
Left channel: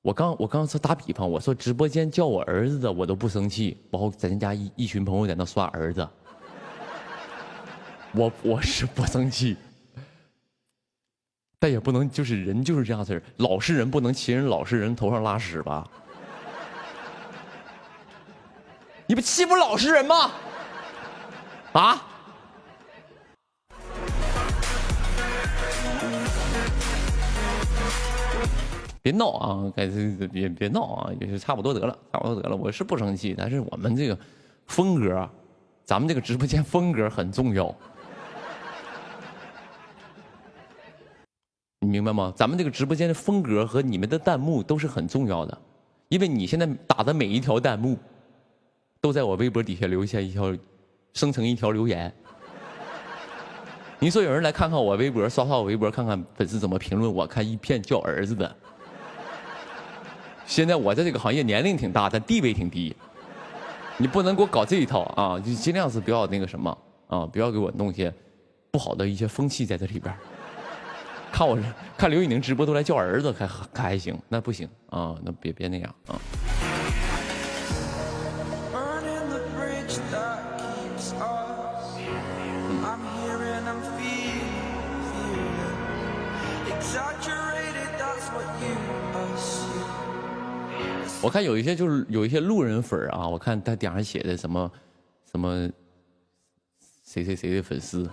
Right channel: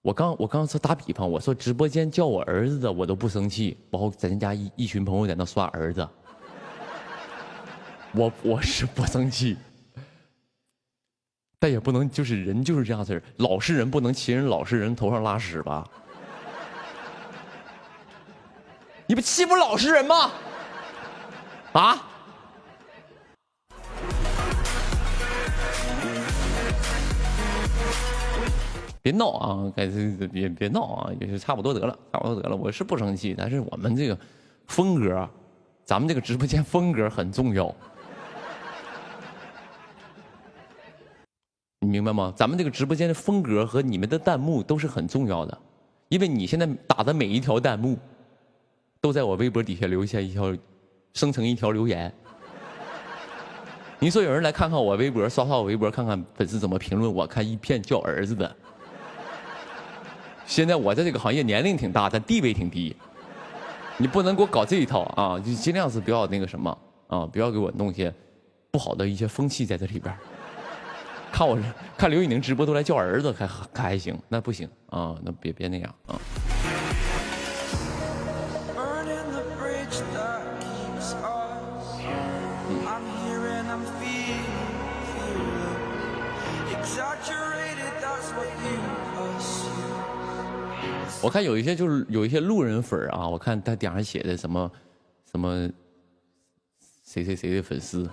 我刚说打比方，我说直播间叫我儿子的我都不生气，然后咱家一群朋友在那刷儿子，我是不生气，但也不能就是人就是这样事儿，老实人不能骑人老实人头上拉屎吧？你不欺负老实人吗？啊？别闹啊！别闹啊！也是差不多得了，差不多得了。我是不生气，但是我们这个风格，咱们这个直播间风格很重要，你明白吗？咱们这个直播间的风格和你们的弹幕都是很重要的，因为你现在打的每一条弹幕，都在我微博底下留下生成一条留言。你说有人来看看我微博，刷刷我微博，看看粉丝怎么评论我，看一片叫儿子的。现在我在这个行业年龄挺大，但地位挺低，你不能给我搞这一套啊！就尽量是不要那个什么啊，不要给我弄些不好的一些风气在这里边。看刘宇宁直播都来叫儿子，还行，那不行啊，那别那样啊。我看有一些就是有一些路人粉啊，我看他顶上写的什么谁的粉丝，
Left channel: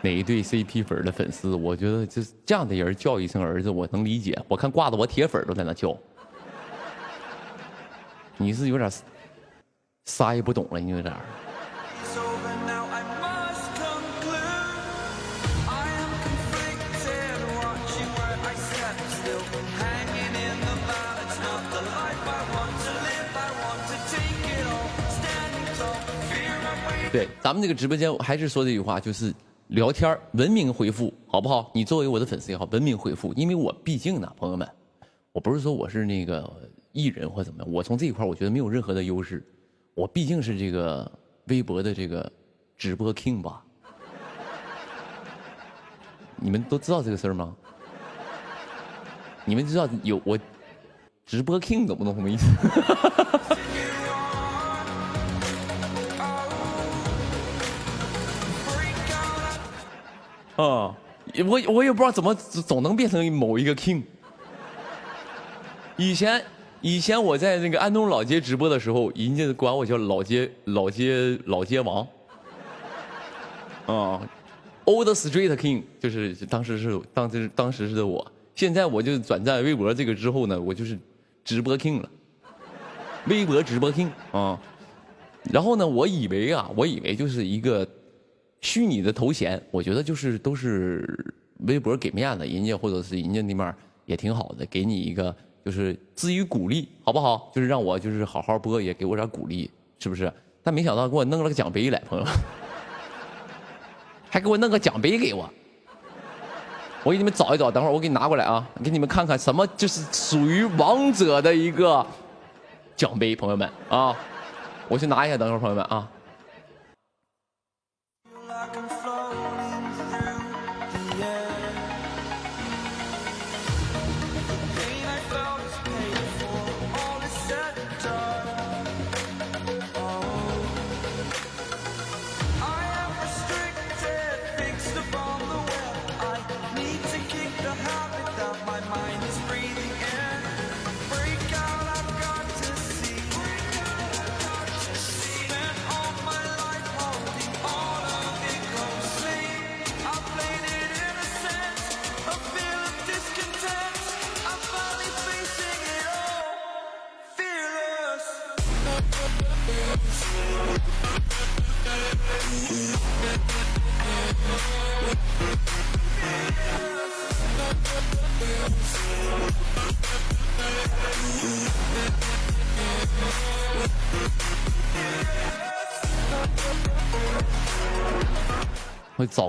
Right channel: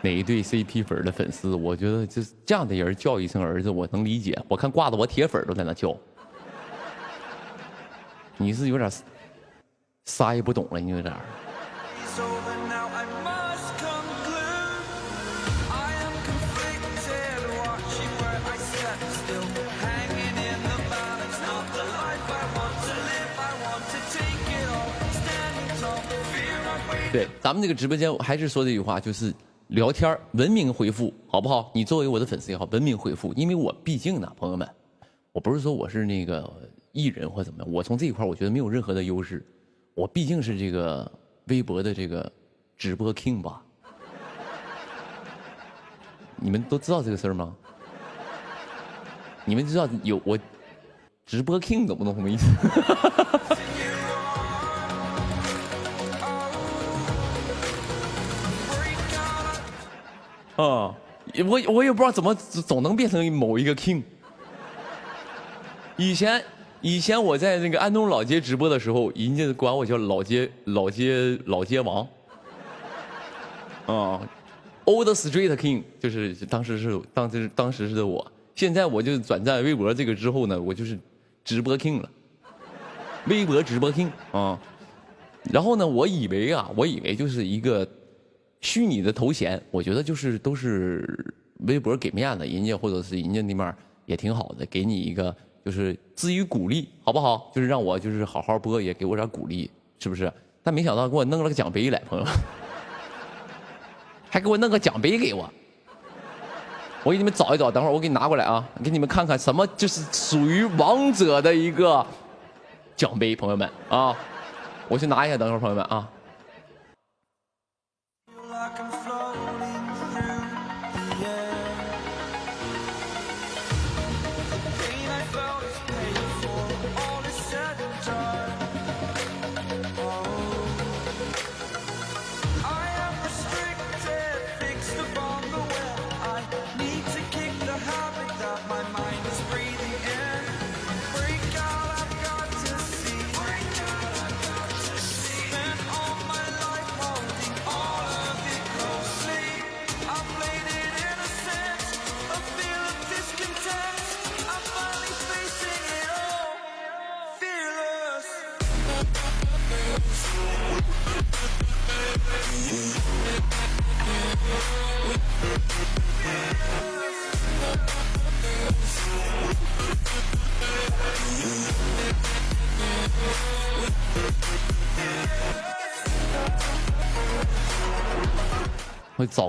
哪一对 CP 粉的粉丝，我觉得就是这样的人叫一声儿子，我能理解。我看挂的我铁粉都在那叫，你是有点啥也不懂了，你有点。对，咱们这个直播间还是说这句话，就是聊天文明回复，好不好？你作为我的粉丝也好，文明回复，因为我毕竟呢，朋友们，我不是说我是那个艺人或怎么样，我从这一块我觉得没有任何的优势，我毕竟是这个微博的这个直播 king 吧？你们都知道这个事儿吗？你们知道有我直播 king 懂不懂什么意思？啊，我也不知道怎么总能变成某一个 king。以前我在那个安东老街直播的时候，人家管我叫老街王。啊 ，Old Street King 就是当时是的我。现在我就转战微博这个之后呢，我就是直播 king 了，微博直播 king 啊。然后呢，我以为就是一个虚拟的头衔，我觉得就是都是微博给面子，人家或者是人家那边也挺好的，给你一个就是至于鼓励，好不好？就是让我就是好好播，也给我点鼓励，是不是？但没想到给我弄了个奖杯来，朋友，还给我弄个奖杯给我。我给你们找一找，等会儿我给你拿过来啊，给你们看看什么就是属于王者的一个奖杯，朋友们啊，我去拿一下，等会儿朋友们啊。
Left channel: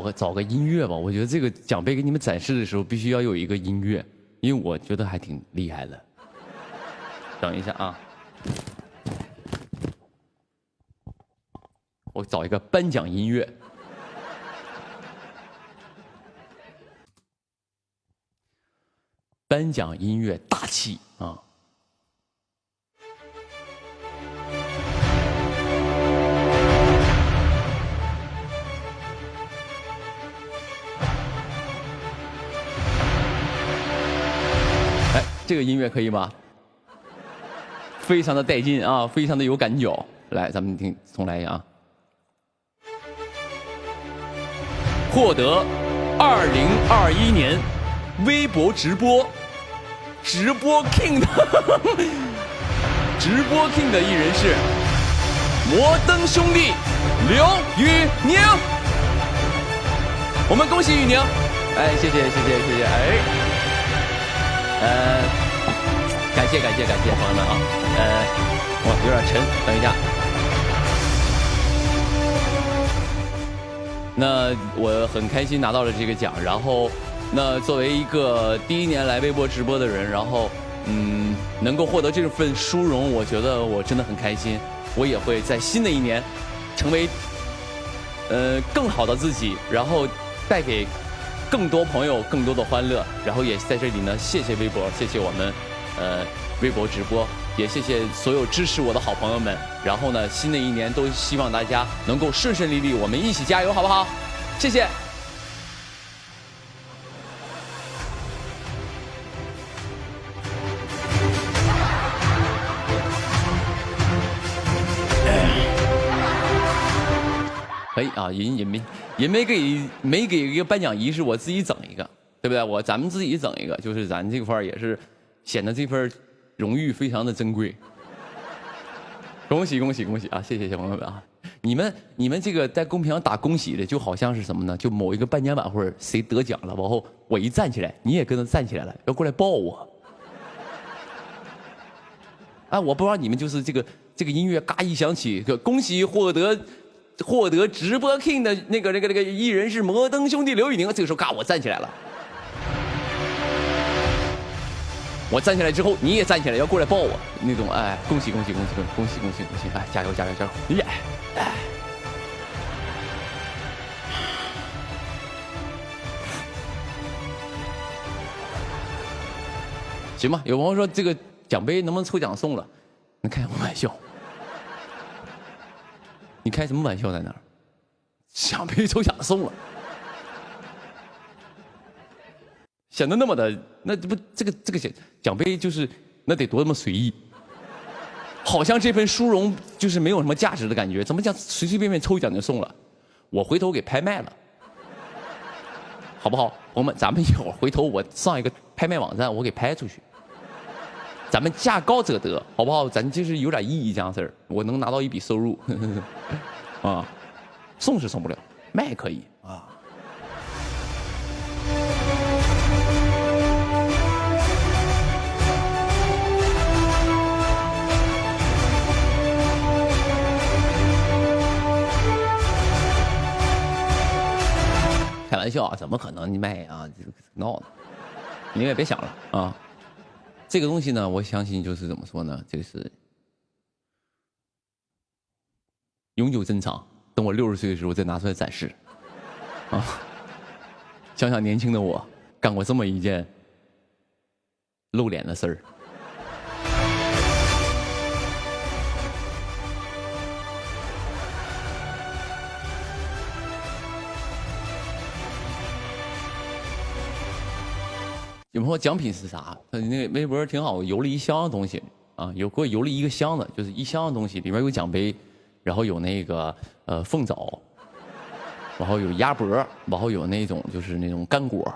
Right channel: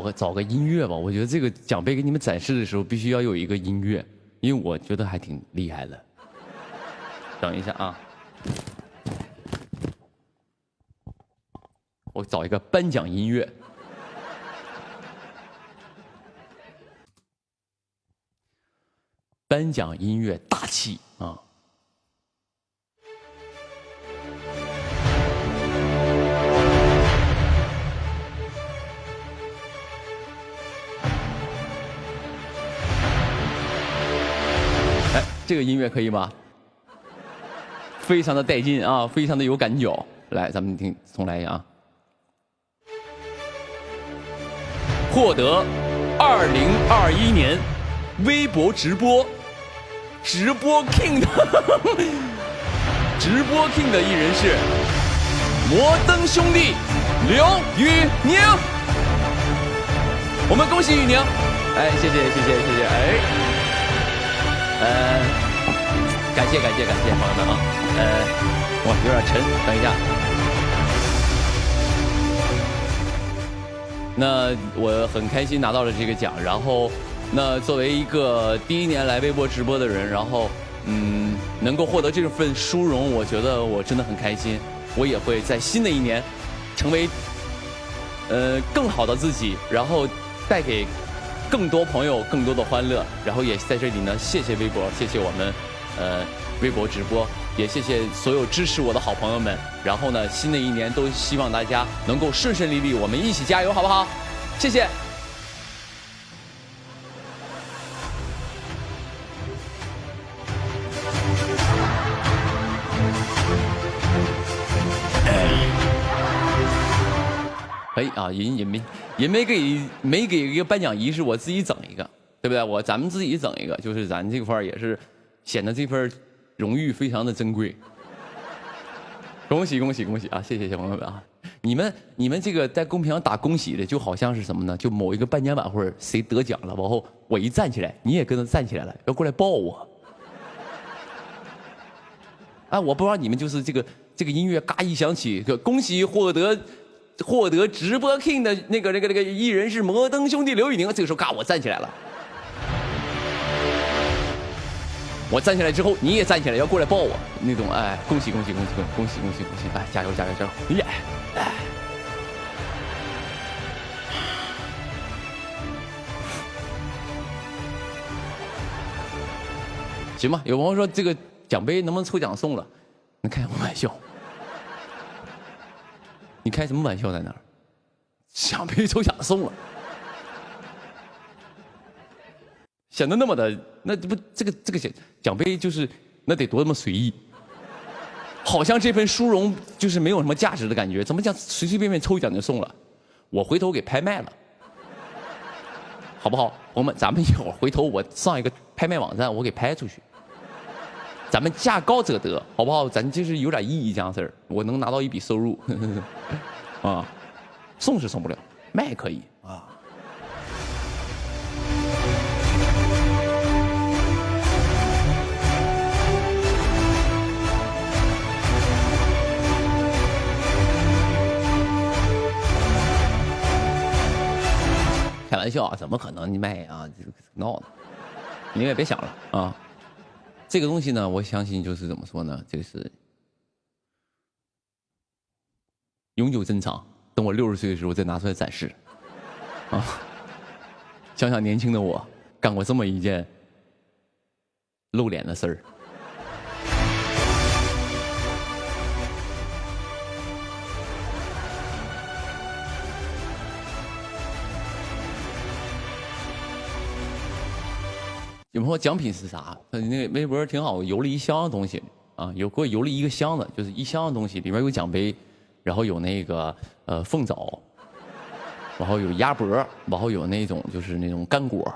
我找个音乐吧，我觉得这个奖杯给你们展示的时候必须要有一个音乐，因为我觉得还挺厉害的。等一下啊，我找一个颁奖音乐。颁奖音乐大气啊！哎，这个音乐可以吗？非常的带劲啊，非常的有感觉。来，咱们听，重来一下啊。获得2021年微博直播 King 的直播 King 的艺人是摩登兄弟刘宇宁。我们恭喜宇宁！哎，谢谢，哎，感谢朋友们啊，哇，有点沉，等一下。那我很开心拿到了这个奖，然后，那作为一个第一年来微博直播的人，然后，能够获得这份殊荣，我觉得我真的很开心。我也会在新的一年，成为，更好的自己，然后带给更多朋友更多的欢乐，然后也在这里呢，谢谢微博，谢谢我们，微博直播，也谢谢所有支持我的好朋友们。然后呢，新的一年都希望大家能够顺顺利利，我们一起加油，好不好？谢谢。可以啊，也没给一个颁奖仪式，我自己整一个，对不对？咱们自己整一个，就是咱这块儿也是显得这份荣誉非常的珍贵。恭喜啊！谢谢朋友们啊！你们这个在公屏上打恭喜的，就好像是什么呢？就某一个颁奖晚会谁得奖了，然后我一站起来，你也跟着站起来了，要过来抱我。哎，我不知道你们就是这个音乐嘎一响起，恭喜获得直播 King 的那个艺人是摩登兄弟刘宇宁，这个时候嘎我站起来了。我站起来之后，你也站起来，要过来抱我，那种哎，恭喜！哎，加油！耶！哎，行吧。有朋友说这个奖杯能不能抽奖送了？你开什么玩笑？你开什么玩笑在那儿？奖杯抽奖送了？显得那么的，那不这个奖杯就是那得多么随意，好像这份殊荣就是没有什么价值的感觉，怎么讲随随便便抽奖就送了？我回头给拍卖了，好不好？朋友们，咱们一会儿回头我上一个拍卖网站，我给拍出去，咱们价高者得，好不好？咱就是有点意义这样事儿，我能拿到一笔收入，啊，送是送不了，卖可以啊。开玩笑啊，怎么可能卖啊？闹呢！你也别想了啊！这个东西呢，我相信就是怎么说呢？这个是永久珍藏，等我60岁的时候再拿出来展示啊！想想年轻的我干过这么一件露脸的事儿。有朋友奖品是啥？那个微博挺好，邮了一箱的东西啊，给我邮了一个箱子，就是一箱的东西，里面有奖杯，然后有那个凤爪，然后有鸭脖，然后有那种就是那种干果，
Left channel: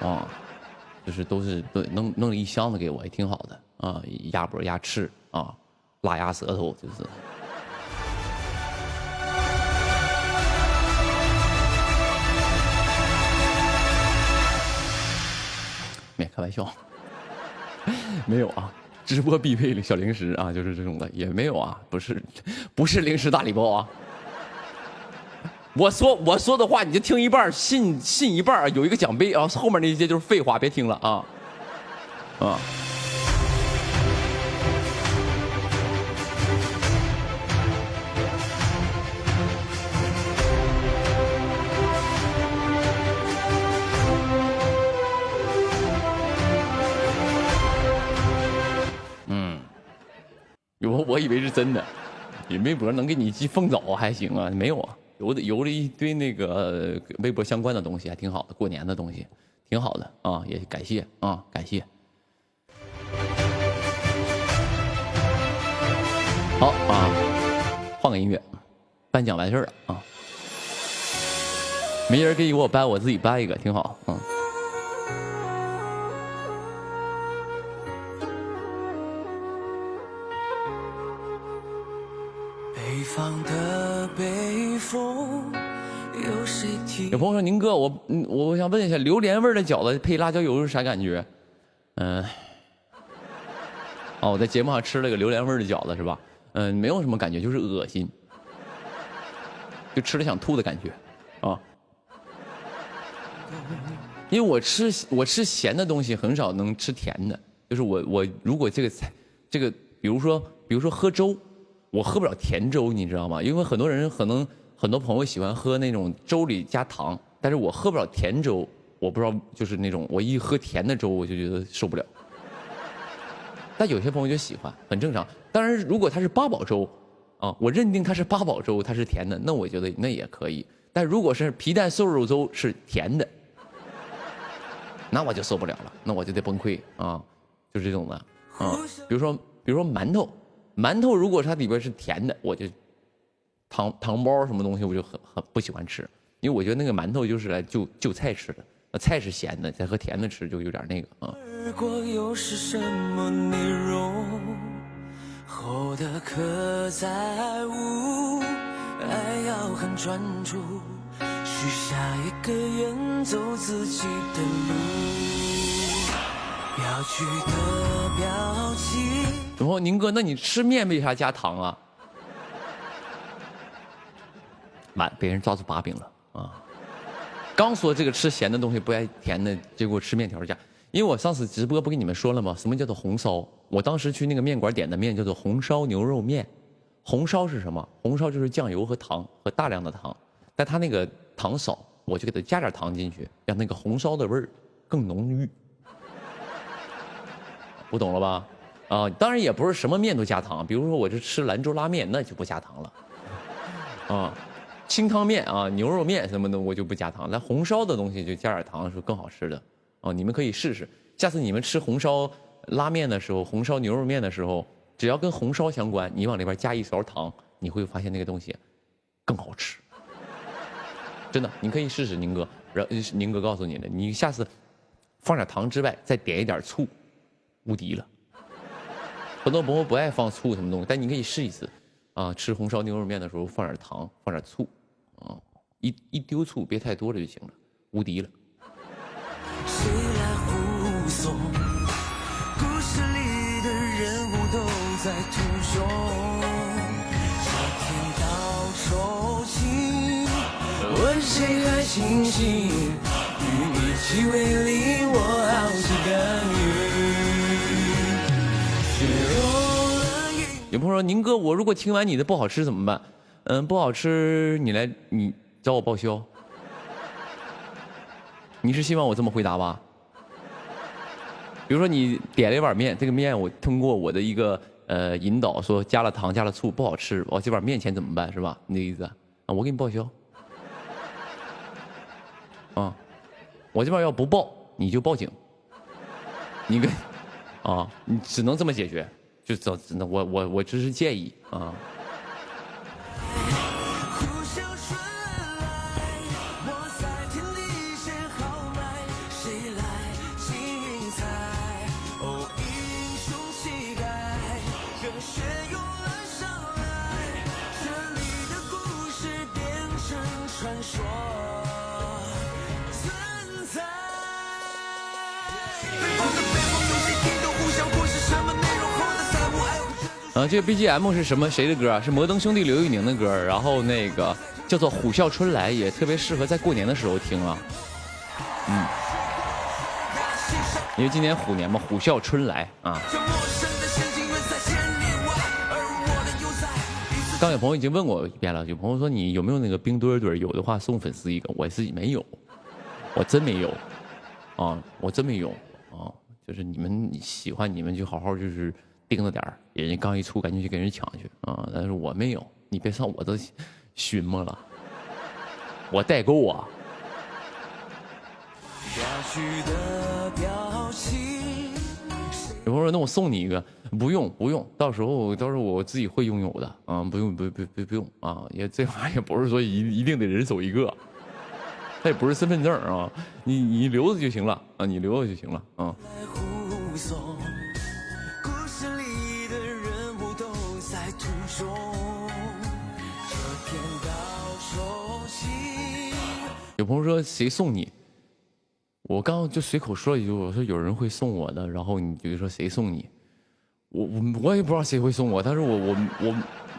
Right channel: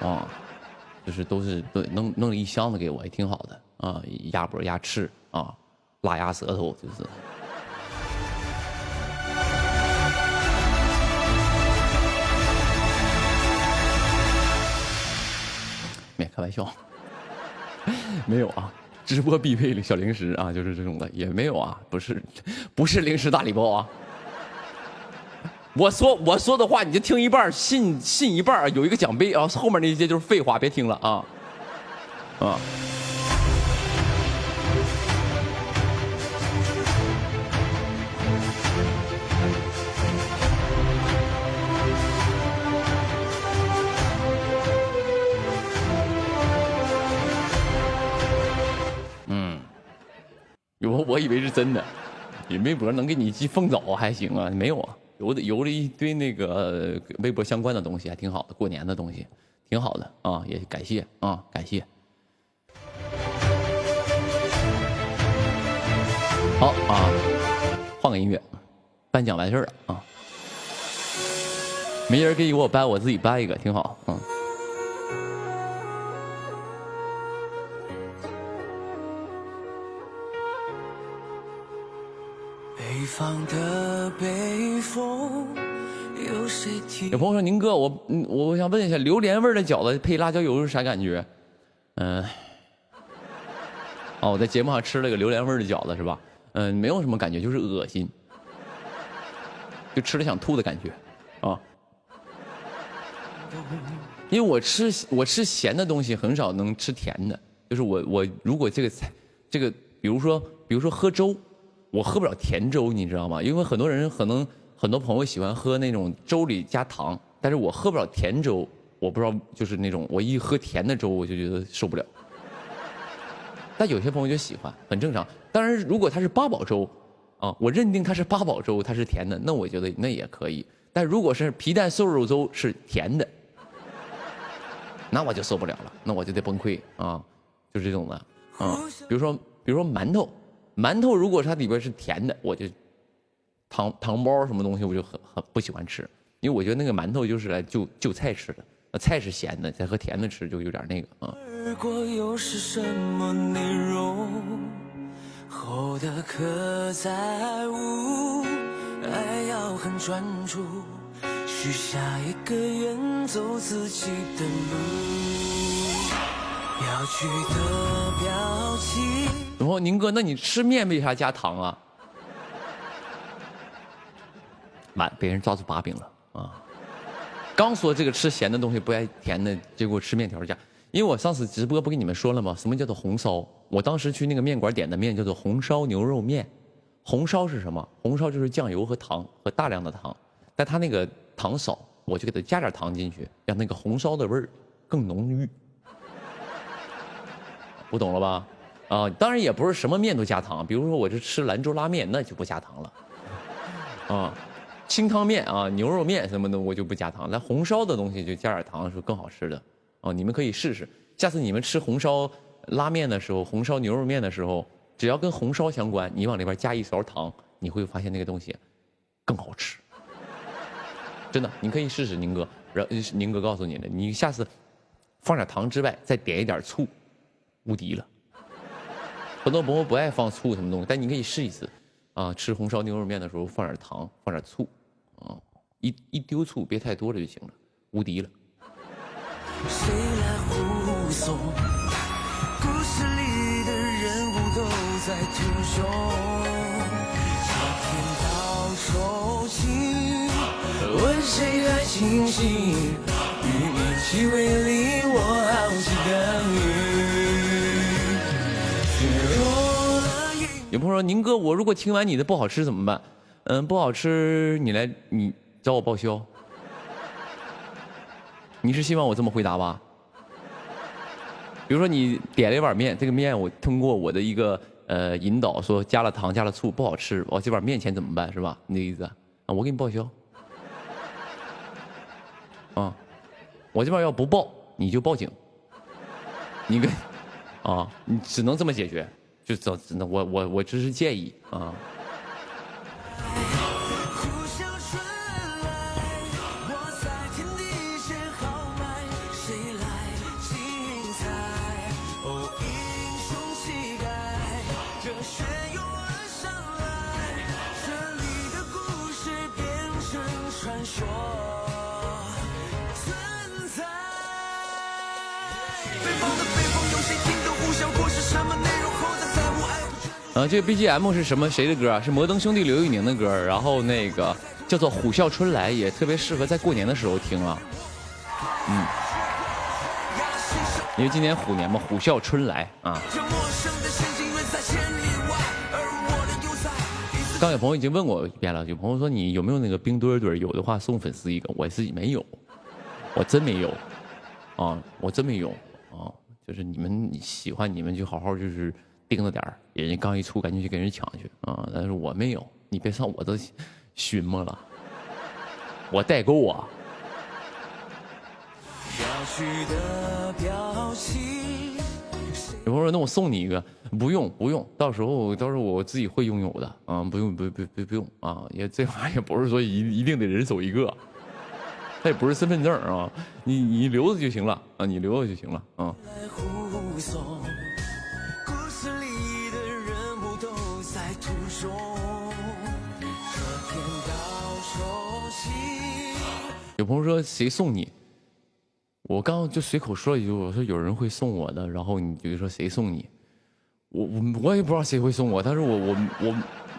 啊，就是都弄了一箱子给我，也挺好的啊，鸭脖、鸭翅啊，拉牙舌头就是。没开玩笑，没有啊，直播必备小零食啊，就是这种的也没有啊，不是零食大礼包啊。我说的话你就听一半，信一半，有一个奖杯啊，后面那些就是废话，别听了啊啊。我以为是真的，你微博能给你寄凤枣还行啊，没有啊，邮了一堆那个微博相关的东西，还挺好的，过年的东西，挺好的啊，也感谢啊，感谢。好啊，换个音乐，颁奖完事儿了啊，没人给我颁，我自己颁一个，挺好，嗯。有朋友说：“宁哥，我想问一下，榴莲味的饺子配辣椒油是啥感觉？”我在节目上吃了个榴莲味的饺子，是吧？没有什么感觉，就是恶心，就吃了想吐的感觉，啊。因为我吃咸的东西很少能吃甜的，就是我如果这个，比如说喝粥。我喝不了甜粥，你知道吗？因为很多人很多朋友喜欢喝那种粥里加糖，但是我喝不了甜粥，我不知道就是那种我一喝甜的粥我就觉得受不了。但有些朋友就喜欢，很正常。当然，如果它是八宝粥啊，我认定它是八宝粥，它是甜的，那我觉得那也可以。但如果是皮蛋瘦肉粥是甜的，那我就受不了了，那我就得崩溃啊，就是这种的啊。比如说馒头如果它里边是甜的，我就糖包什么东西我就很不喜欢吃，因为我觉得那个馒头就是来就菜吃的，菜是咸的，再和甜的吃就有点那个啊。又是什么内容？后的刻在无，爱要很专注，许下一个愿走自己的路。要去的表情。然后宁哥，那你吃面为啥加糖啊？满被人抓住把柄了啊！刚说这个吃咸的东西不爱甜的，结果吃面条加。因为我上次直播不跟你们说了吗？什么叫做红烧？我当时去那个面馆点的面叫做红烧牛肉面。红烧是什么？红烧就是酱油和糖和大量的糖，但它那个糖少，我就给它加点糖进去，让那个红烧的味儿更浓郁。不懂了吧？啊，当然也不是什么面都加糖，比如说我这吃兰州拉面，那就不加糖了。啊，清汤面啊，牛肉面什么的我就不加糖，那红烧的东西就加点糖是更好吃的。哦，你们可以试试，下次你们吃红烧拉面的时候，红烧牛肉面的时候，只要跟红烧相关，你往里边加一勺糖，你会发现那个东西更好吃。真的，你可以试试，宁哥。宁哥告诉你的，你下次放点糖之外，再点一点醋。无敌了，很多朋友不爱放醋什么东西，但你可以试一次啊！吃红烧牛肉面的时候放点糖，放点醋，啊，一丢醋，别太多了就行了，无敌了。谁来护送？故事里的人物都在途中，上天道酬勤，问谁还清醒？与你去为离我好几个月。有朋友说：“宁哥，我如果听完你的不好吃怎么办？不好吃你找我报销。你是希望我这么回答吧？比如说你点了一碗面，这个面我通过我的一个引导说加了糖加了醋不好吃，我这碗面钱怎么办是吧？你的意思啊？我给你报销。啊，我这边要不报你就报警。你跟啊，你只能这么解决。”就只能我只是建议啊。这个 BGM 是什么？谁的歌啊？是摩登兄弟刘宇宁的歌，然后那个叫做《虎啸春来》，也特别适合在过年的时候听啊。因为今年虎年嘛，虎啸春来啊。刚有朋友已经问我一遍了，有朋友说你有没有那个冰墩墩？有的话送粉丝一个，我自己没有，我真没有啊，我真没有啊。就是你们喜欢，你们就好好就是盯着点儿，人家刚一出，赶紧去给人抢去啊。但是我没有，你别上我这寻摸了，我代购啊。有朋友说那我送你一个，不用不用，到时候我自己会拥有的啊，不用不用啊，也这玩意儿也不是说一定得人手一个，它也不是身份证啊，你留着就行了啊，你留着就行了啊。有朋友说谁送你？我刚刚就随口说一句，我说有人会送我的，然后你就说谁送你？我也不知道谁会送我，但是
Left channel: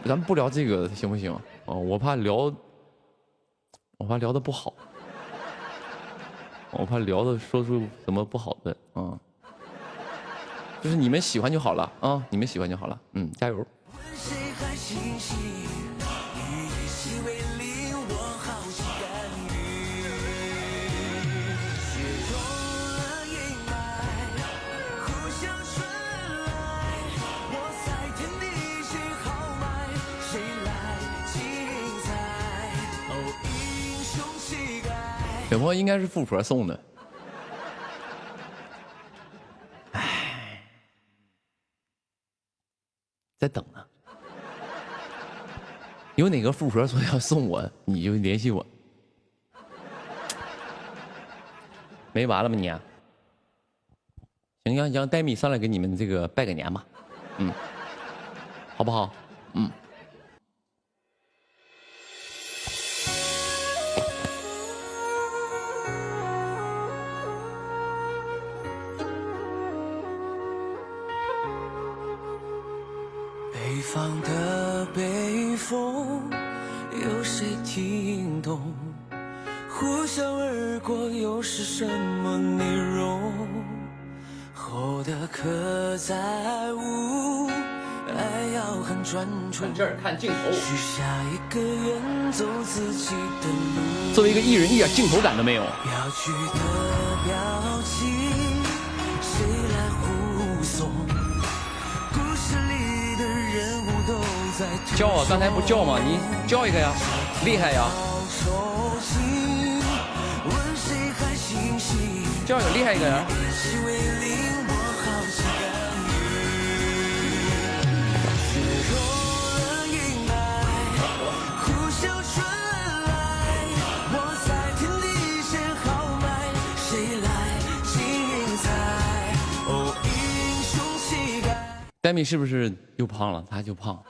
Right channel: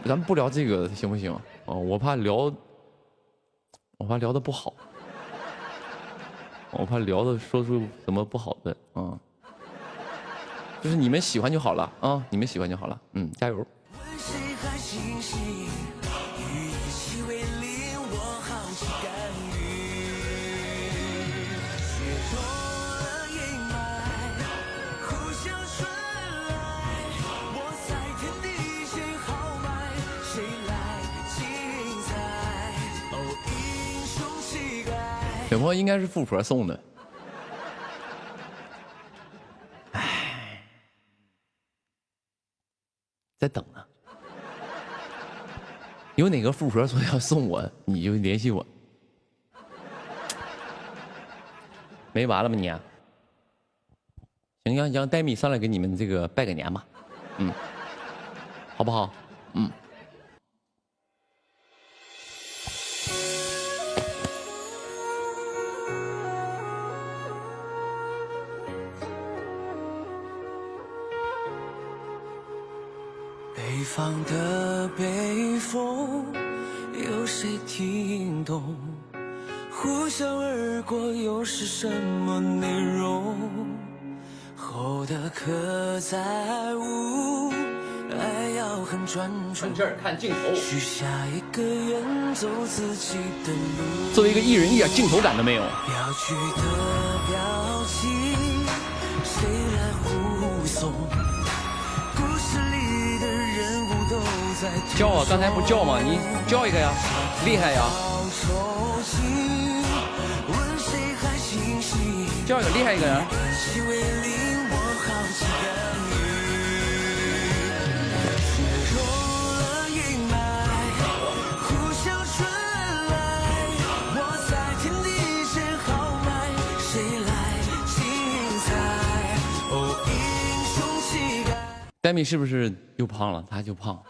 咱们不聊这个行不行啊？我怕聊的不好，我怕聊的说出什么不好的啊。就是你们喜欢就好了啊，你们喜欢就好了，加油。有朋友应该是富婆送的，唉，在等呢。有哪个富婆说要送我，你就联系我。没完了吗你啊？行，让戴米上来给你们这个拜个年吧，好不好？北方的北风，有谁听懂？呼啸而过，又是什么内容？厚的刻在无，爱要很专注。看这儿，看镜头。许下一个远走自己的路。作为一个艺人，一点镜头感都没有。要去的表情，谁来护送？故事里的人物都在叫啊！刚才不叫吗？你叫一个呀，厉害呀！叫一个厉害一个人。戴米是不是又胖了？他就胖。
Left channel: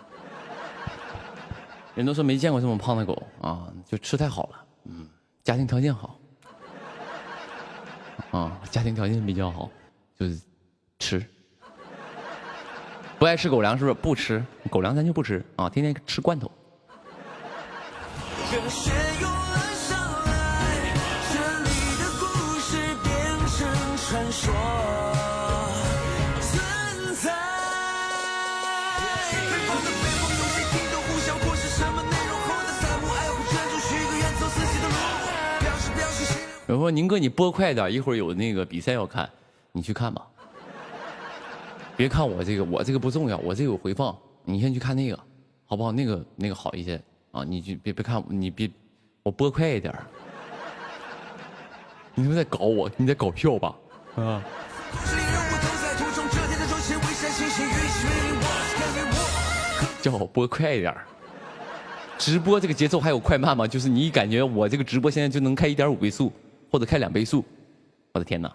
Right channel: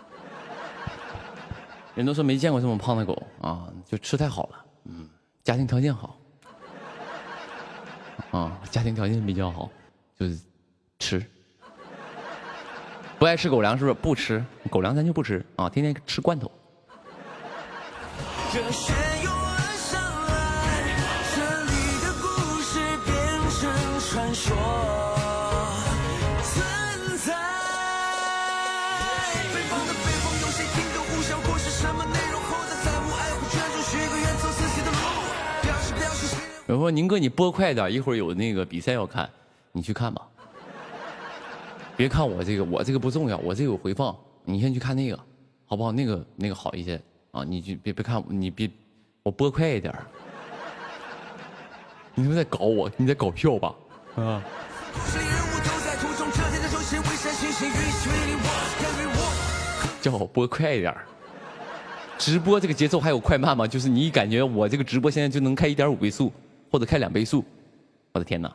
人都说没见过这么胖的狗啊，就吃太好了。家庭条件好。家庭条件比较好，就是吃。不爱吃狗粮是不是？不吃狗粮咱就不吃啊，天天吃罐头。有说宁哥你播快点，一会儿有那个比赛要看，你去看吧。别看我这个，我这个不重要，我这个有回放，你先去看那个，好不好？那个好一些啊，你就别看你别，我播快一点。你是不是在搞我？你在搞笑吧？啊！叫我播快一点。直播这个节奏还有快慢吗？就是你感觉我这个直播现在就能开1.5倍速，或者开2倍速，我的天哪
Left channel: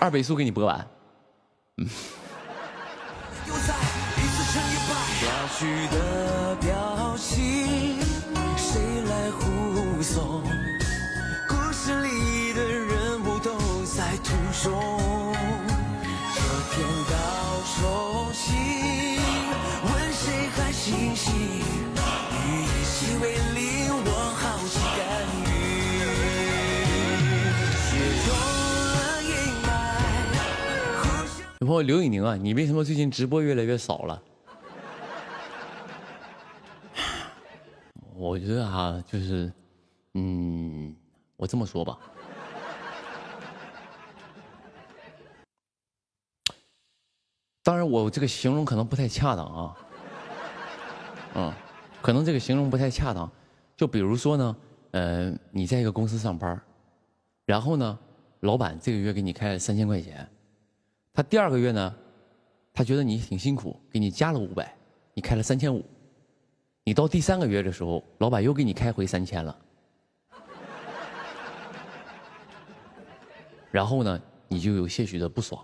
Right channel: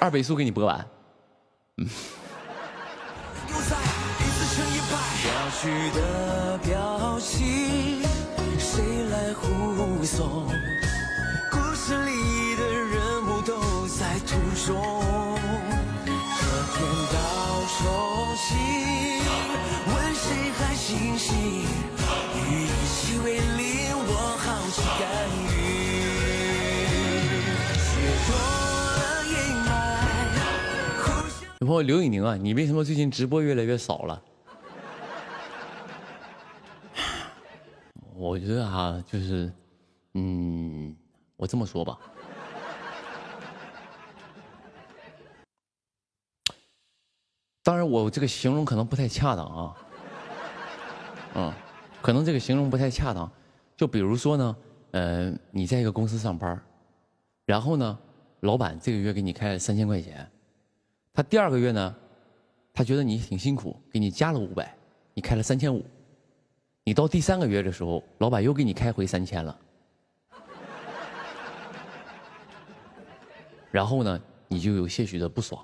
！2倍速给你播完，中。这天到手心，问谁还欣喜？与其为零落好心甘予，雪融了阴霾。有朋友刘以宁啊，你为什么最近直播越来越少了？我觉得啊，就是，我这么说吧，当然我这个形容可能不太恰当啊，可能这个形容不太恰当。就比如说呢，你在一个公司上班，然后呢，老板这个月给你开了3000块钱，他第2个月呢，他觉得你挺辛苦，给你加了500，你开了3500。你到第3个月的时候，老板又给你开回3000了，然后呢，你就有些许的不爽。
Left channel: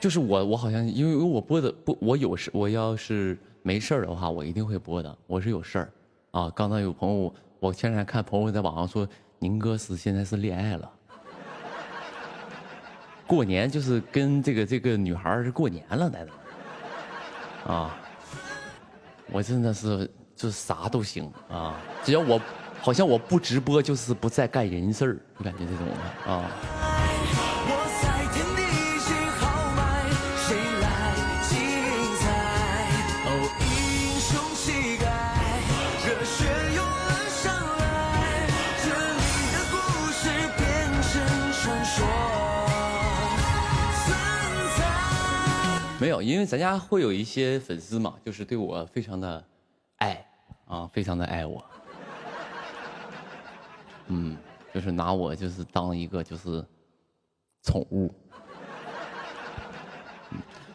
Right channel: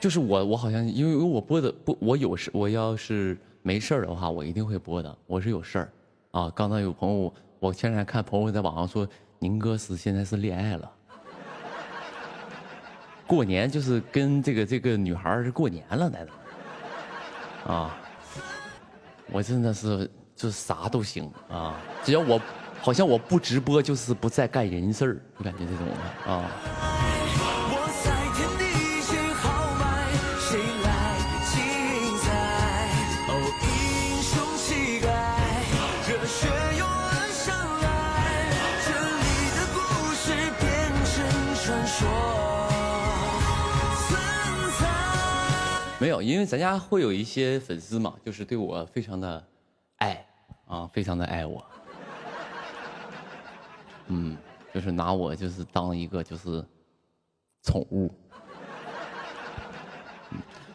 就是我好像因为我播的不，我有事，我要是没事儿的话，我一定会播的。我是有事儿啊。刚才有朋友，我前两天看朋友在网上说，宁哥现在是恋爱了，过年就是跟这个女孩是过年了，在那。啊，我真的是就啥都行啊，只要我好像我不直播就是不再干人事儿，就感觉这种的啊。没有，因为咱家会有一些粉丝嘛，就是对我非常的爱啊，非常的爱我，就是拿我就是当一个就是宠物。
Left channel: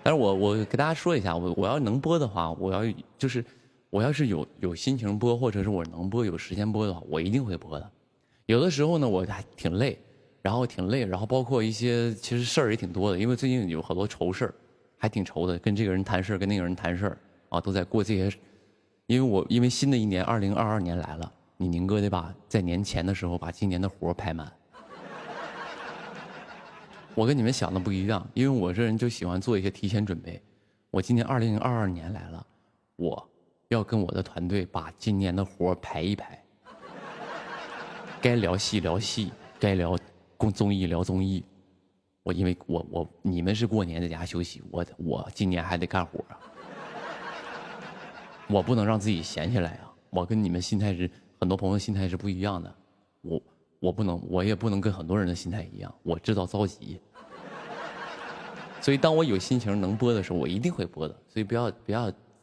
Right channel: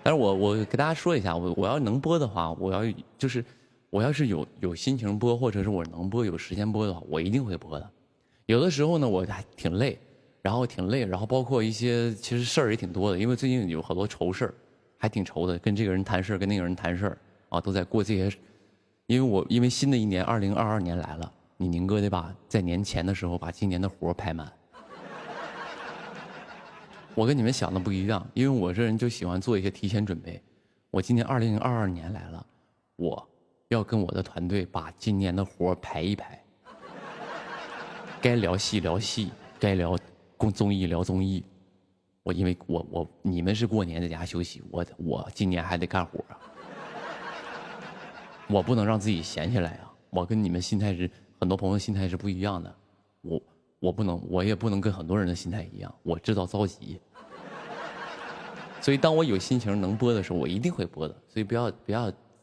但是我给大家说一下，我要能播的话，我要是有心情播，或者是我能播有时间播的话，我一定会播的。有的时候呢，我还挺累，然后包括一些其实事儿也挺多的，因为最近有好多愁事儿。还挺愁的，跟这个人谈事儿，跟那个人谈事儿啊，都在过这些。因为新的一年2022年来了，你宁哥得在年前的时候把今年的活排满。我跟你们想的不一样，因为我这人就喜欢做一些提前准备。我今年2022年来了，我要跟我的团队把今年的活排一排，该聊戏聊戏，该聊综艺聊综艺。因为你们是过年在家休息，我今年还得干活啊，我不能让自己闲下来啊！我跟你们很多朋友心态是不一样的，我也不能跟很多人的心态一样，我知道着急，所以当我有心情能播的时候，我一定会播的，所以不要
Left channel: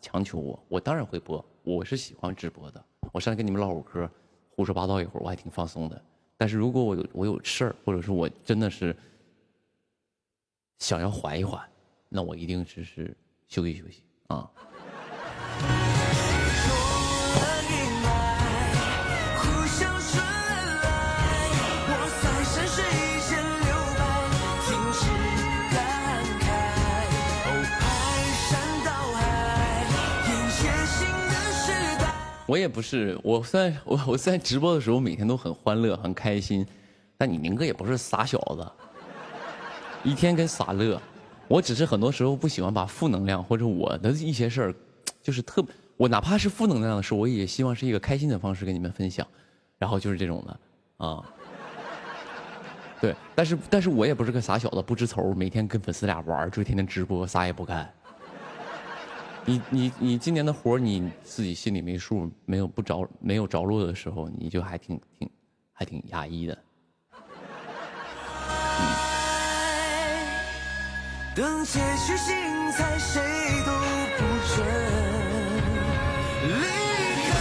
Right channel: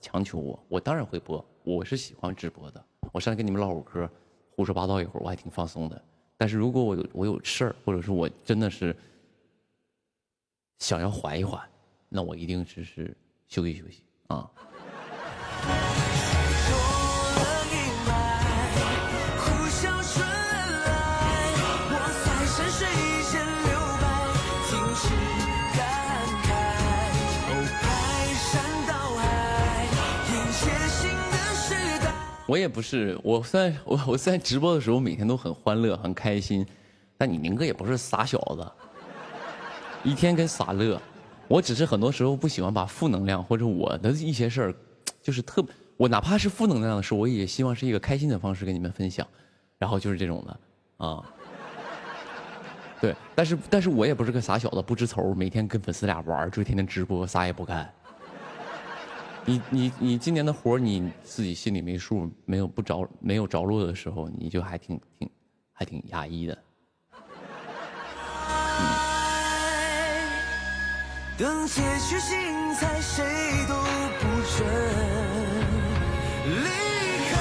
强求我，我当然会播，我是喜欢直播的，我上来跟你们唠会嗑，胡说八道一会儿，我还挺放松的。但是如果我有事儿，或者是我真的是想要缓一缓，那我一定只是休息休息啊。我也不是，我虽然直播的时候每天都很欢乐很开心，但你宁哥也不是傻小子。一天跟傻乐，我只是很多时候不喜欢把负能量或者我的一些事儿，就是我哪怕是负能量的事，我也希望是一个开心的方式跟你们分享，然后就是这种的啊。对，但是我也不是个傻小子，不知愁，每天跟粉丝俩玩，就天天直播，啥也不干。你今年的活你自己心里没数，没有着落的时候，你就还挺压抑的。等结局精彩，谁都不准离开。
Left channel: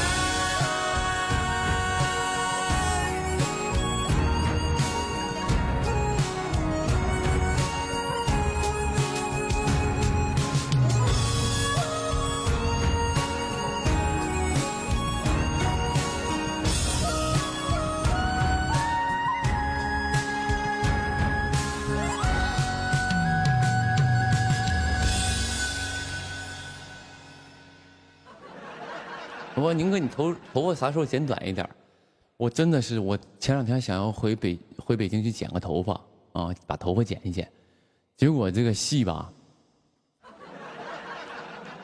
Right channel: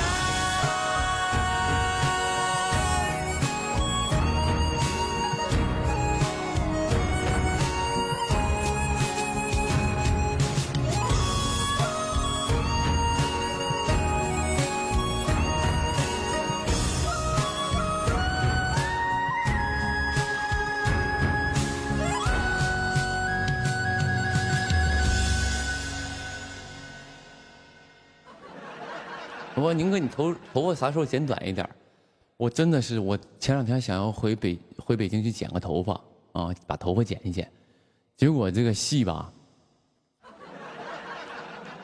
我说宁哥，你头发啥时候剪短一点？我真的是，我前2天想要回北京去剪个头发啊，把头发剪一剪，结果这个戏吧，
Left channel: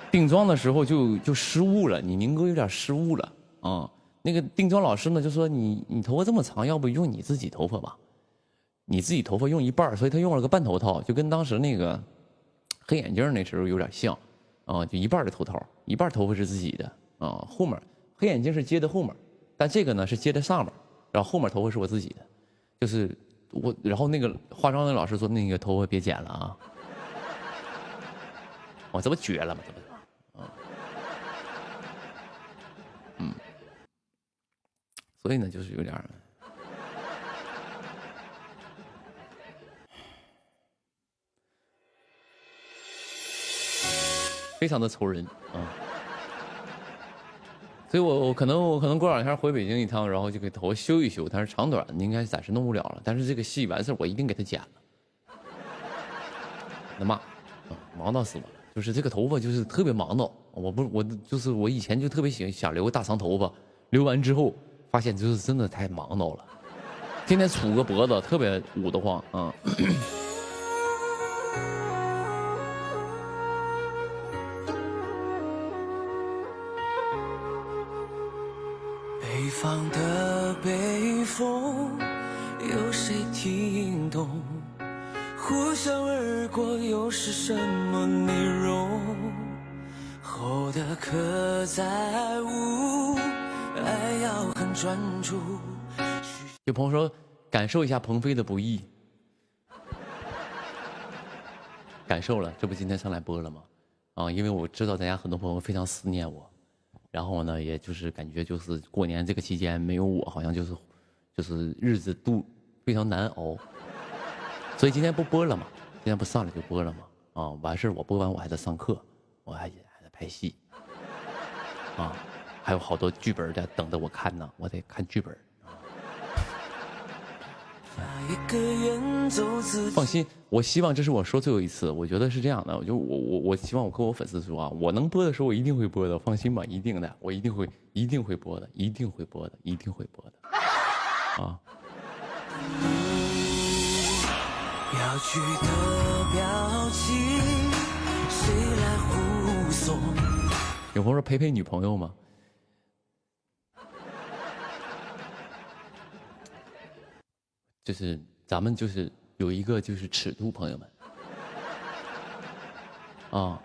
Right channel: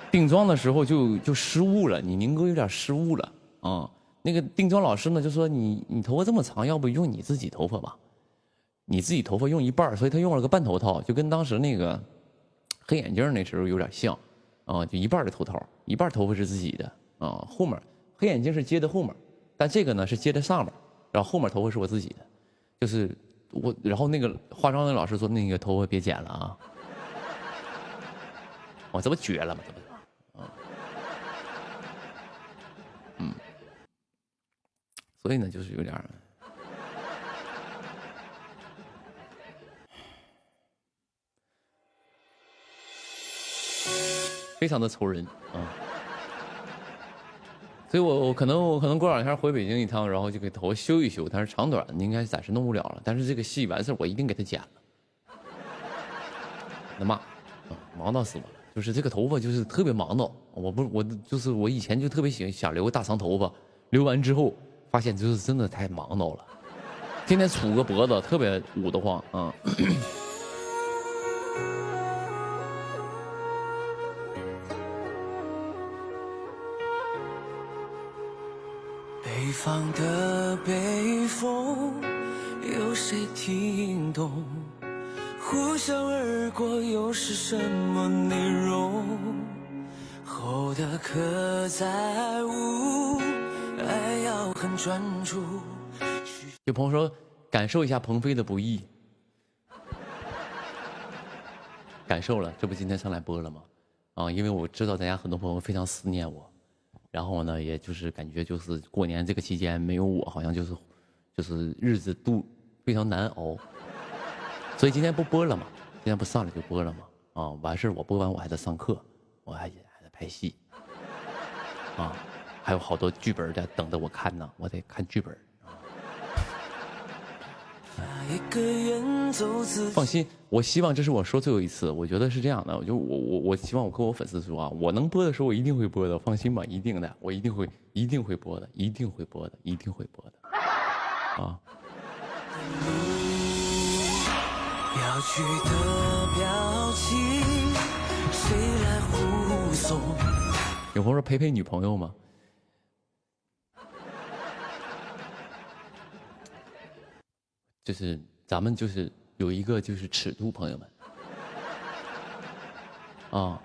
定妆的时候就失误了，你宁哥有点失误了啊。那个定妆老师呢就说你头发这么长，要不用你自己头发吧？你自己头发用一半，所以他用了个半头套，就跟当时那个黑眼镜那时候有点像啊，就一半的头套，一半头发是自己的啊，后面黑眼镜是接在后面。但这个呢是接在上面，然后后面头发是我自己的，就是我，然后那个化妆的老师说那个头发别剪了啊，我这不绝了吗？这不是，所以呢就是有点非常的愁人啊。所以我可能过2天回北京一趟，然后就给头修一修，但是长短应该暂时弄不了了。但是这个戏完事我一定给他剪了。那妈，忙到死我了！就是这个头发就是特别忙到，我以前就特别想留个大长头发，留完之后发现就是真的太忙到了，天天杵个脖子特别捂得慌啊。北方的北风，有谁听懂？呼啸而过，又是什么内容？厚的刻在无，爱要很专注。有朋友说，感受一下鹏飞的不易，感受了，这不今天上来播了吗？啊，因为我知道大家很多朋友非常思念我。然后呢，也就是感觉就是过年这个期间没有我，好像就是日子非常难熬，所以今天不播了嘛，今天不上来就播了嘛，啊，完事我播完我还得上课，我还得拍戏，啊，还有好多剧本在等着我看呢，我得看剧本。放心，我希望这是我说最后一次，我觉得是这样的，我希望我跟我粉丝说啊，我能播的时候我一定会播的，放心吧，一定的，我一定会播的，一定会播的，一定会播的，啊。有朋友说陪女朋友吗？就是咱们就是有一个就是尺度，朋友们，啊，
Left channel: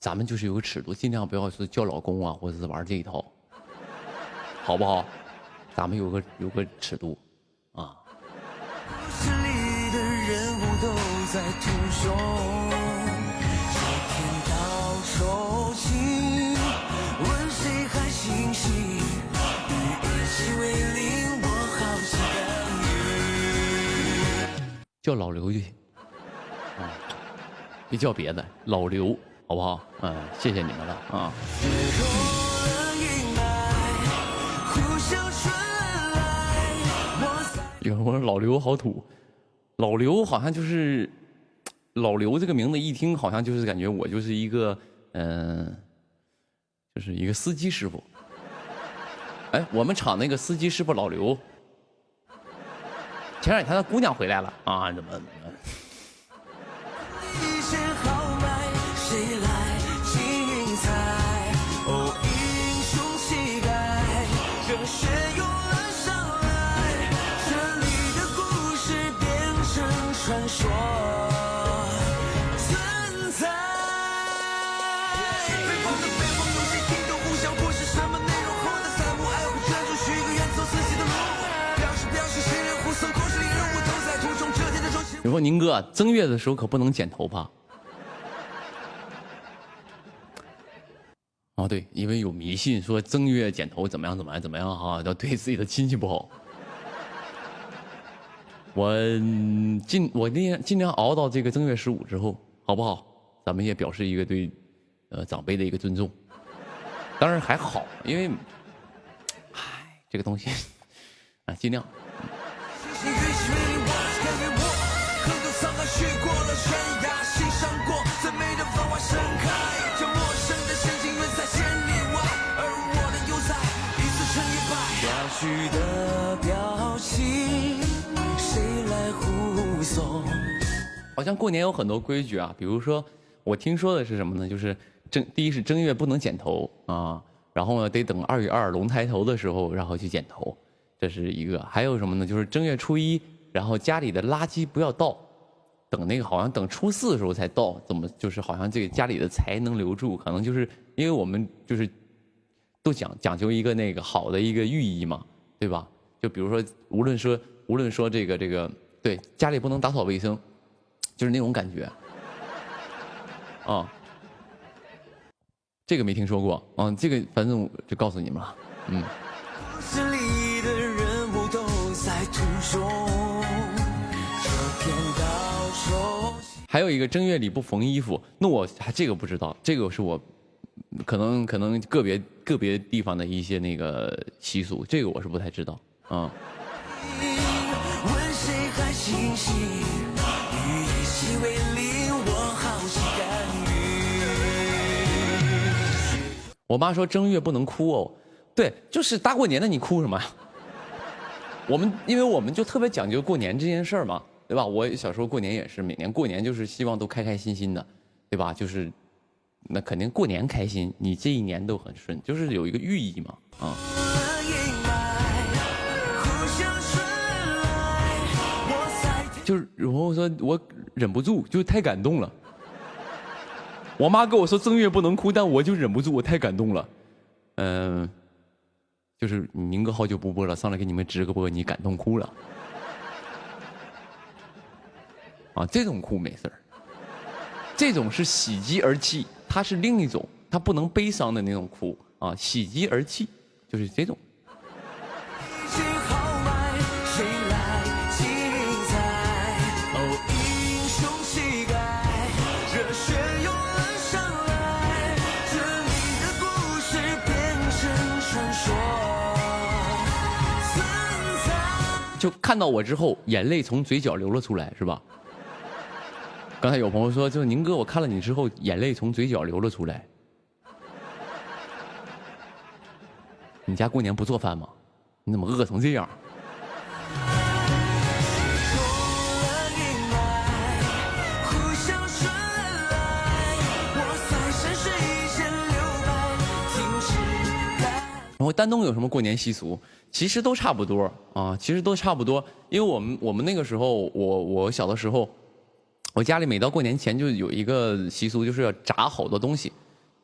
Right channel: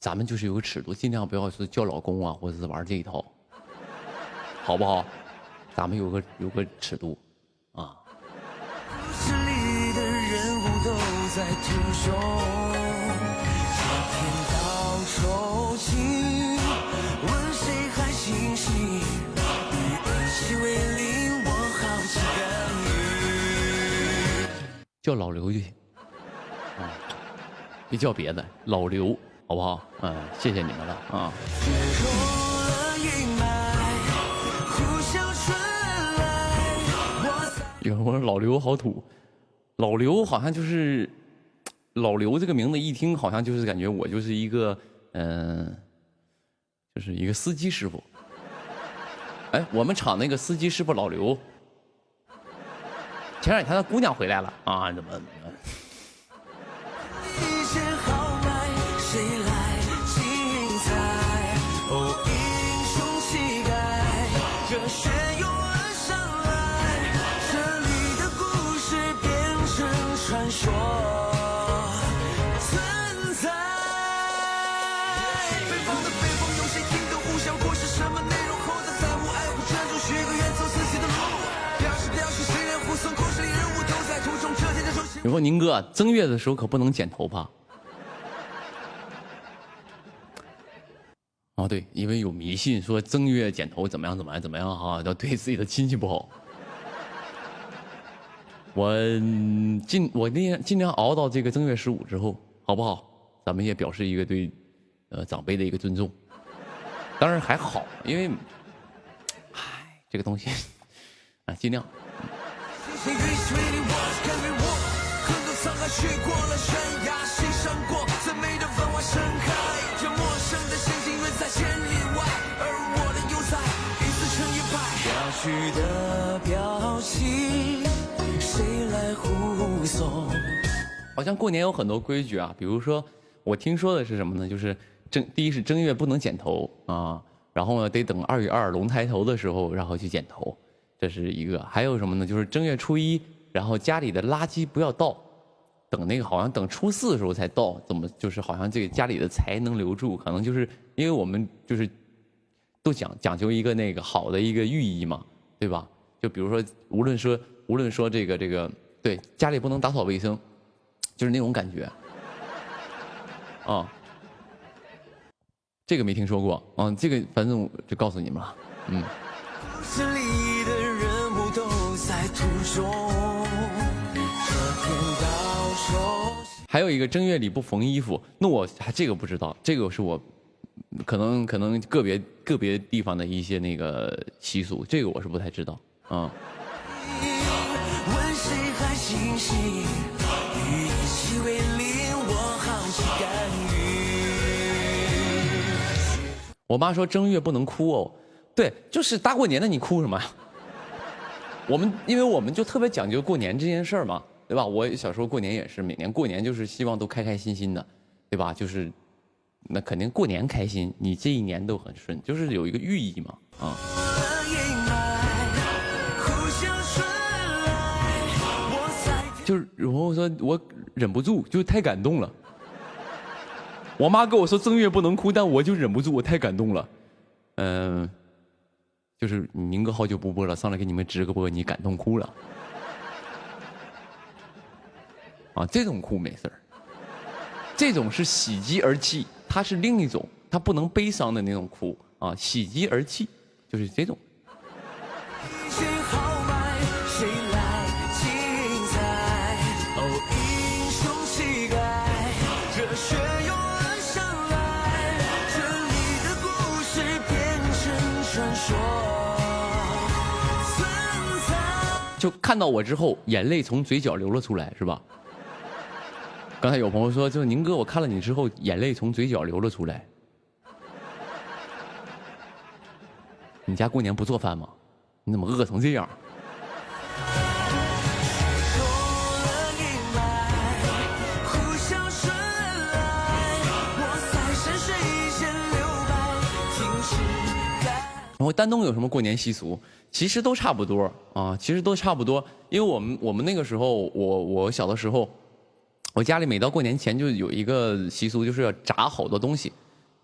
咱们就是有个尺度，尽量不要是叫老公啊，或者是玩这一套，好不好？咱们有个尺度，啊。叫老刘就行，啊，别叫别的，老刘，好不好？嗯，谢谢你们了啊。有人说老刘好土，老刘好像就是老刘这个名字一听好像就是感觉我就是一个就是一个司机师傅。哎，我们厂那个司机师傅老刘。前2天他姑娘回来了啊，怎么？你说宁哥正月的时候可不能剪头发啊，对，因为有迷信说正月剪头怎么样哈，要对自己的亲戚不好。我尽量熬到这个正月15之后，好不好？咱们也表示一个对长辈的一个尊重。当然还好，因为这个东西啊，尽量。去的好像过年有很多规矩啊，比如说我听说的是什么呢？就是第一是正月不能剪头啊，然后呢得等2月2龙抬头的时候，然后去剪头，这是一个。还有什么呢？就是正月初1，然后家里的垃圾不要倒，等那个好像等初4的时候才倒，怎么就是好像这个家里的财能留住，可能就是因为我们就是都讲究一个那个好的一个寓意嘛，对吧？就比如说无论说这个对家里不能打扫卫生。就是那种感觉，啊，这个没听说过，这个反正就告诉你们了，还有一个正月里不缝衣服，那我还这个不知道，这个是我可能个别地方的一些那个习俗，这个我是不太知道，我妈说正月不能哭哦，对，就是大过年的你哭什么呀？因为我们就特别讲究过年这件事儿嘛，对吧？我小时候过年也是，每年过年就是希望都开开心心的，对吧？就是那肯定过年开心，你这一年都很顺，就是有一个寓意嘛，就是我说我忍不住，就太感动了。我妈跟我说正月不能哭，但我就忍不住，我太感动了。就是宁哥好久不播了，上来给你们直个播，你感动哭了。啊，这种哭没事儿，这种是喜极而泣，它是另一种，它不能悲伤的那种哭啊，喜极而泣就是这种。就看到我之后，眼泪从嘴角流了出来，是吧？刚才有朋友说，就宁哥，我看了你之后，眼泪从嘴角流了出来。你家过年不做饭吗？你怎么饿成这样？然后丹东有什么过年习俗？其实都差不多啊，其实都差不多。因为我们那个时候，我小的时候，我家里每到过年前就有一个习俗，就是要炸好多东西，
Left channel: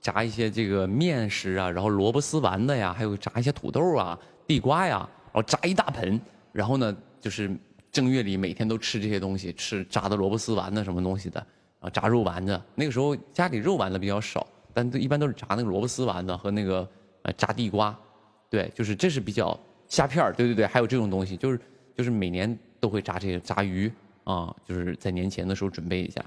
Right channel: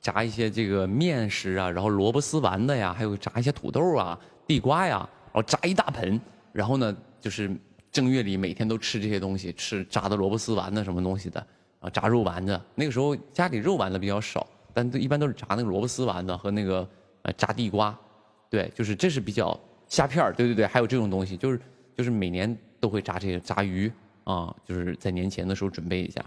炸一些这个面食啊，然后萝卜丝丸子呀，还有炸一些土豆啊、地瓜呀，然后炸一大盆。然后呢，就是正月里每天都吃这些东西，吃炸的萝卜丝丸子什么东西的啊，炸肉丸子。那个时候家里肉丸子比较少，但一般都是炸那个萝卜丝丸子和那个炸地瓜。对，就是这是比较虾片儿，对，还有这种东西，就是每年都会炸这些炸鱼啊，就是在年前的时候准备一下。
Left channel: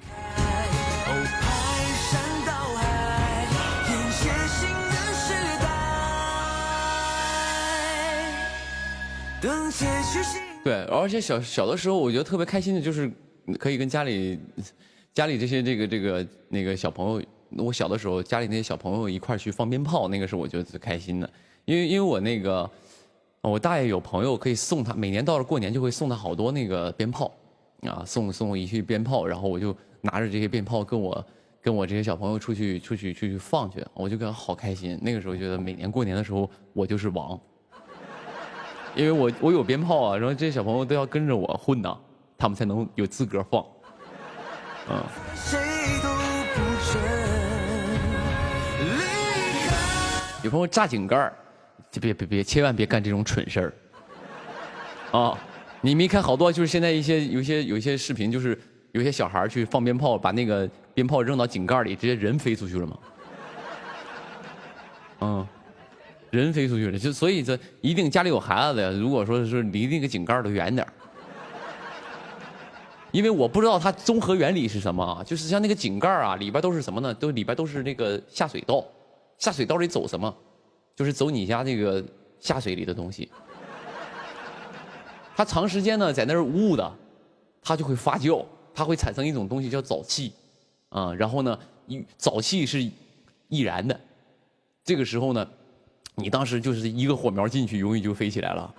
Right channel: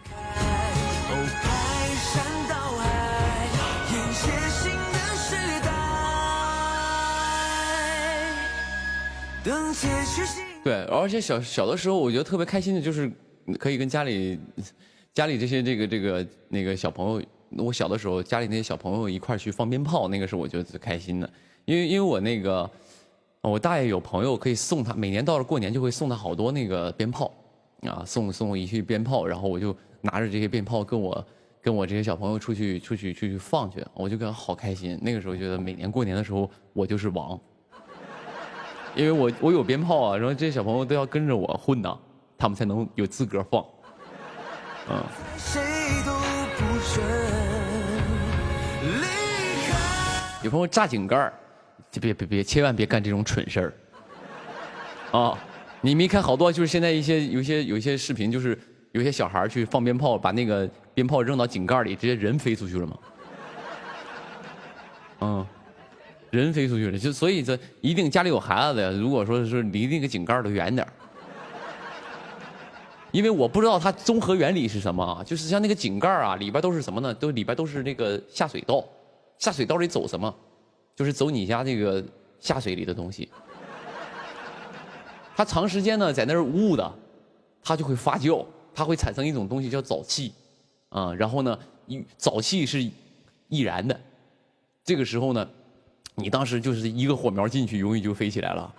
对，而且小的时候，我觉得特别开心的就是可以跟家里这些那个小朋友，我小的时候家里那些小朋友一块去放鞭炮，那个是我觉得最开心的。因为我那个我大爷有朋友可以送他，每年到了过年就会送他好多那个鞭炮啊，送我一些鞭炮，然后我就拿着这些鞭炮跟我这些小朋友出去放去，我就感觉好开心。那个时候觉得每年过年的时候我就是王，因为我有鞭炮啊，然后这些小朋友都要跟着我混呐，他们才能有资格放，有朋友炸井盖儿。别，千万别干这种蠢事儿，啊！你没看好多，就是现在有一些视频，就是有些小孩去放鞭炮，把那个鞭炮扔到井盖里，直接人飞出去了吗？人飞出去了，所以这一定家里有孩子的，如果说是离那个井盖都远点，因为我不知道它综合原理是什么，就是像那个井盖啊，里边都是什么呢？里边都是那个下水道，下水道里走什么？就是走你家这个下水里的东西，它长时间呢在那儿捂的，它就会发酵，它会产生一种东西叫沼气，然后呢，沼气是易燃的，这个时候呢，你当时就是一个火苗进去，容易就飞起来了，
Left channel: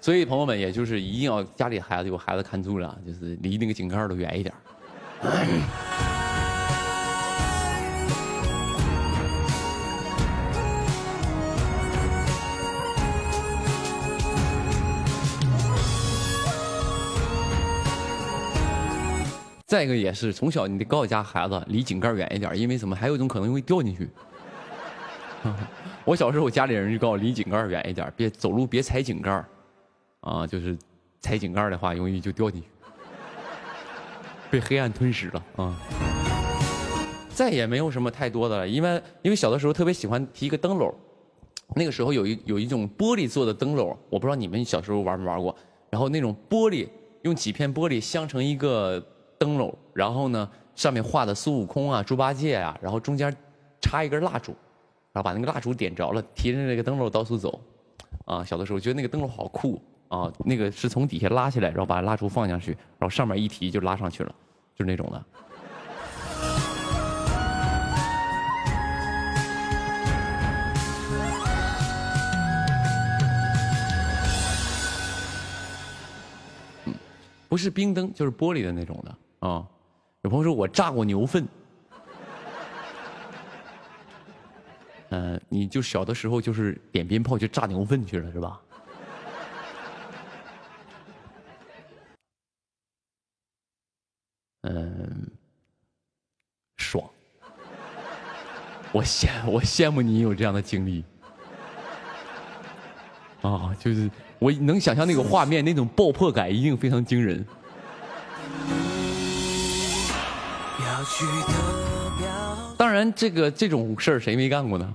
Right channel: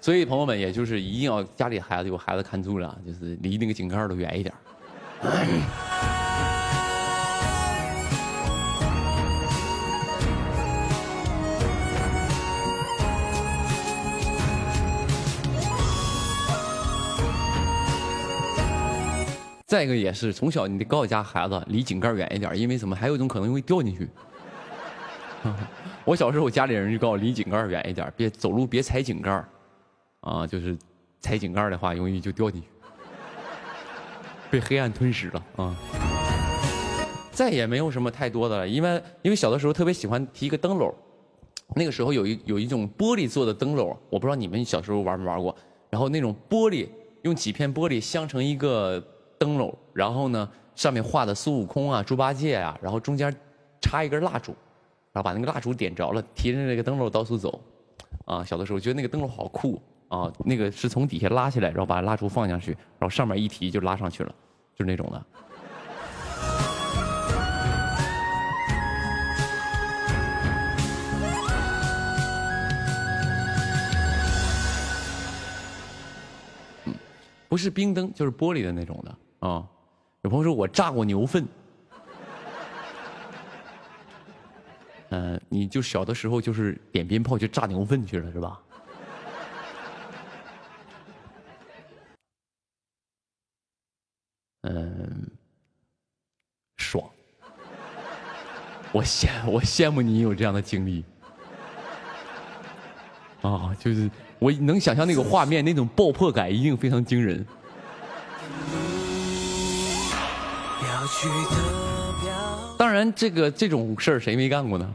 所以朋友们，也就是一定要家里孩子有孩子看住了，就是离那个井盖都远一点。再一个也是从小你得告诉家孩子离井盖远一点，因为什么？还有一种可能会掉进去。我小时候家里人就告诉我离井盖远一点，别走路别踩井盖，啊，就是踩井盖的话容易就掉进去，被黑暗吞噬了啊。再也没有什么太多的了，因为小的时候特别喜欢提一个灯笼，那个时候有一种玻璃做的灯笼，我不知道你们小时候玩没玩过。然后那种玻璃用几片玻璃镶成一个灯笼，然后呢上面画的孙悟空啊、猪八戒啊，然后中间插一根蜡烛，然后把那个蜡烛点着了，提着那个灯笼到处走。啊，小的时候觉得那个灯笼好酷啊，那个是从底下拉起来，然后把蜡烛放下去，然后上面一提就拉上去了，就是那种的。不是冰灯就是玻璃的那种的啊。有朋友说我炸过牛粪，你就小的时候就是点鞭炮去炸牛粪去了是吧？爽。我羡慕你有这样的经历啊，就是我能想象那个画面，那种爆破感一定非常惊人。当然，这种事儿谁没干过呢？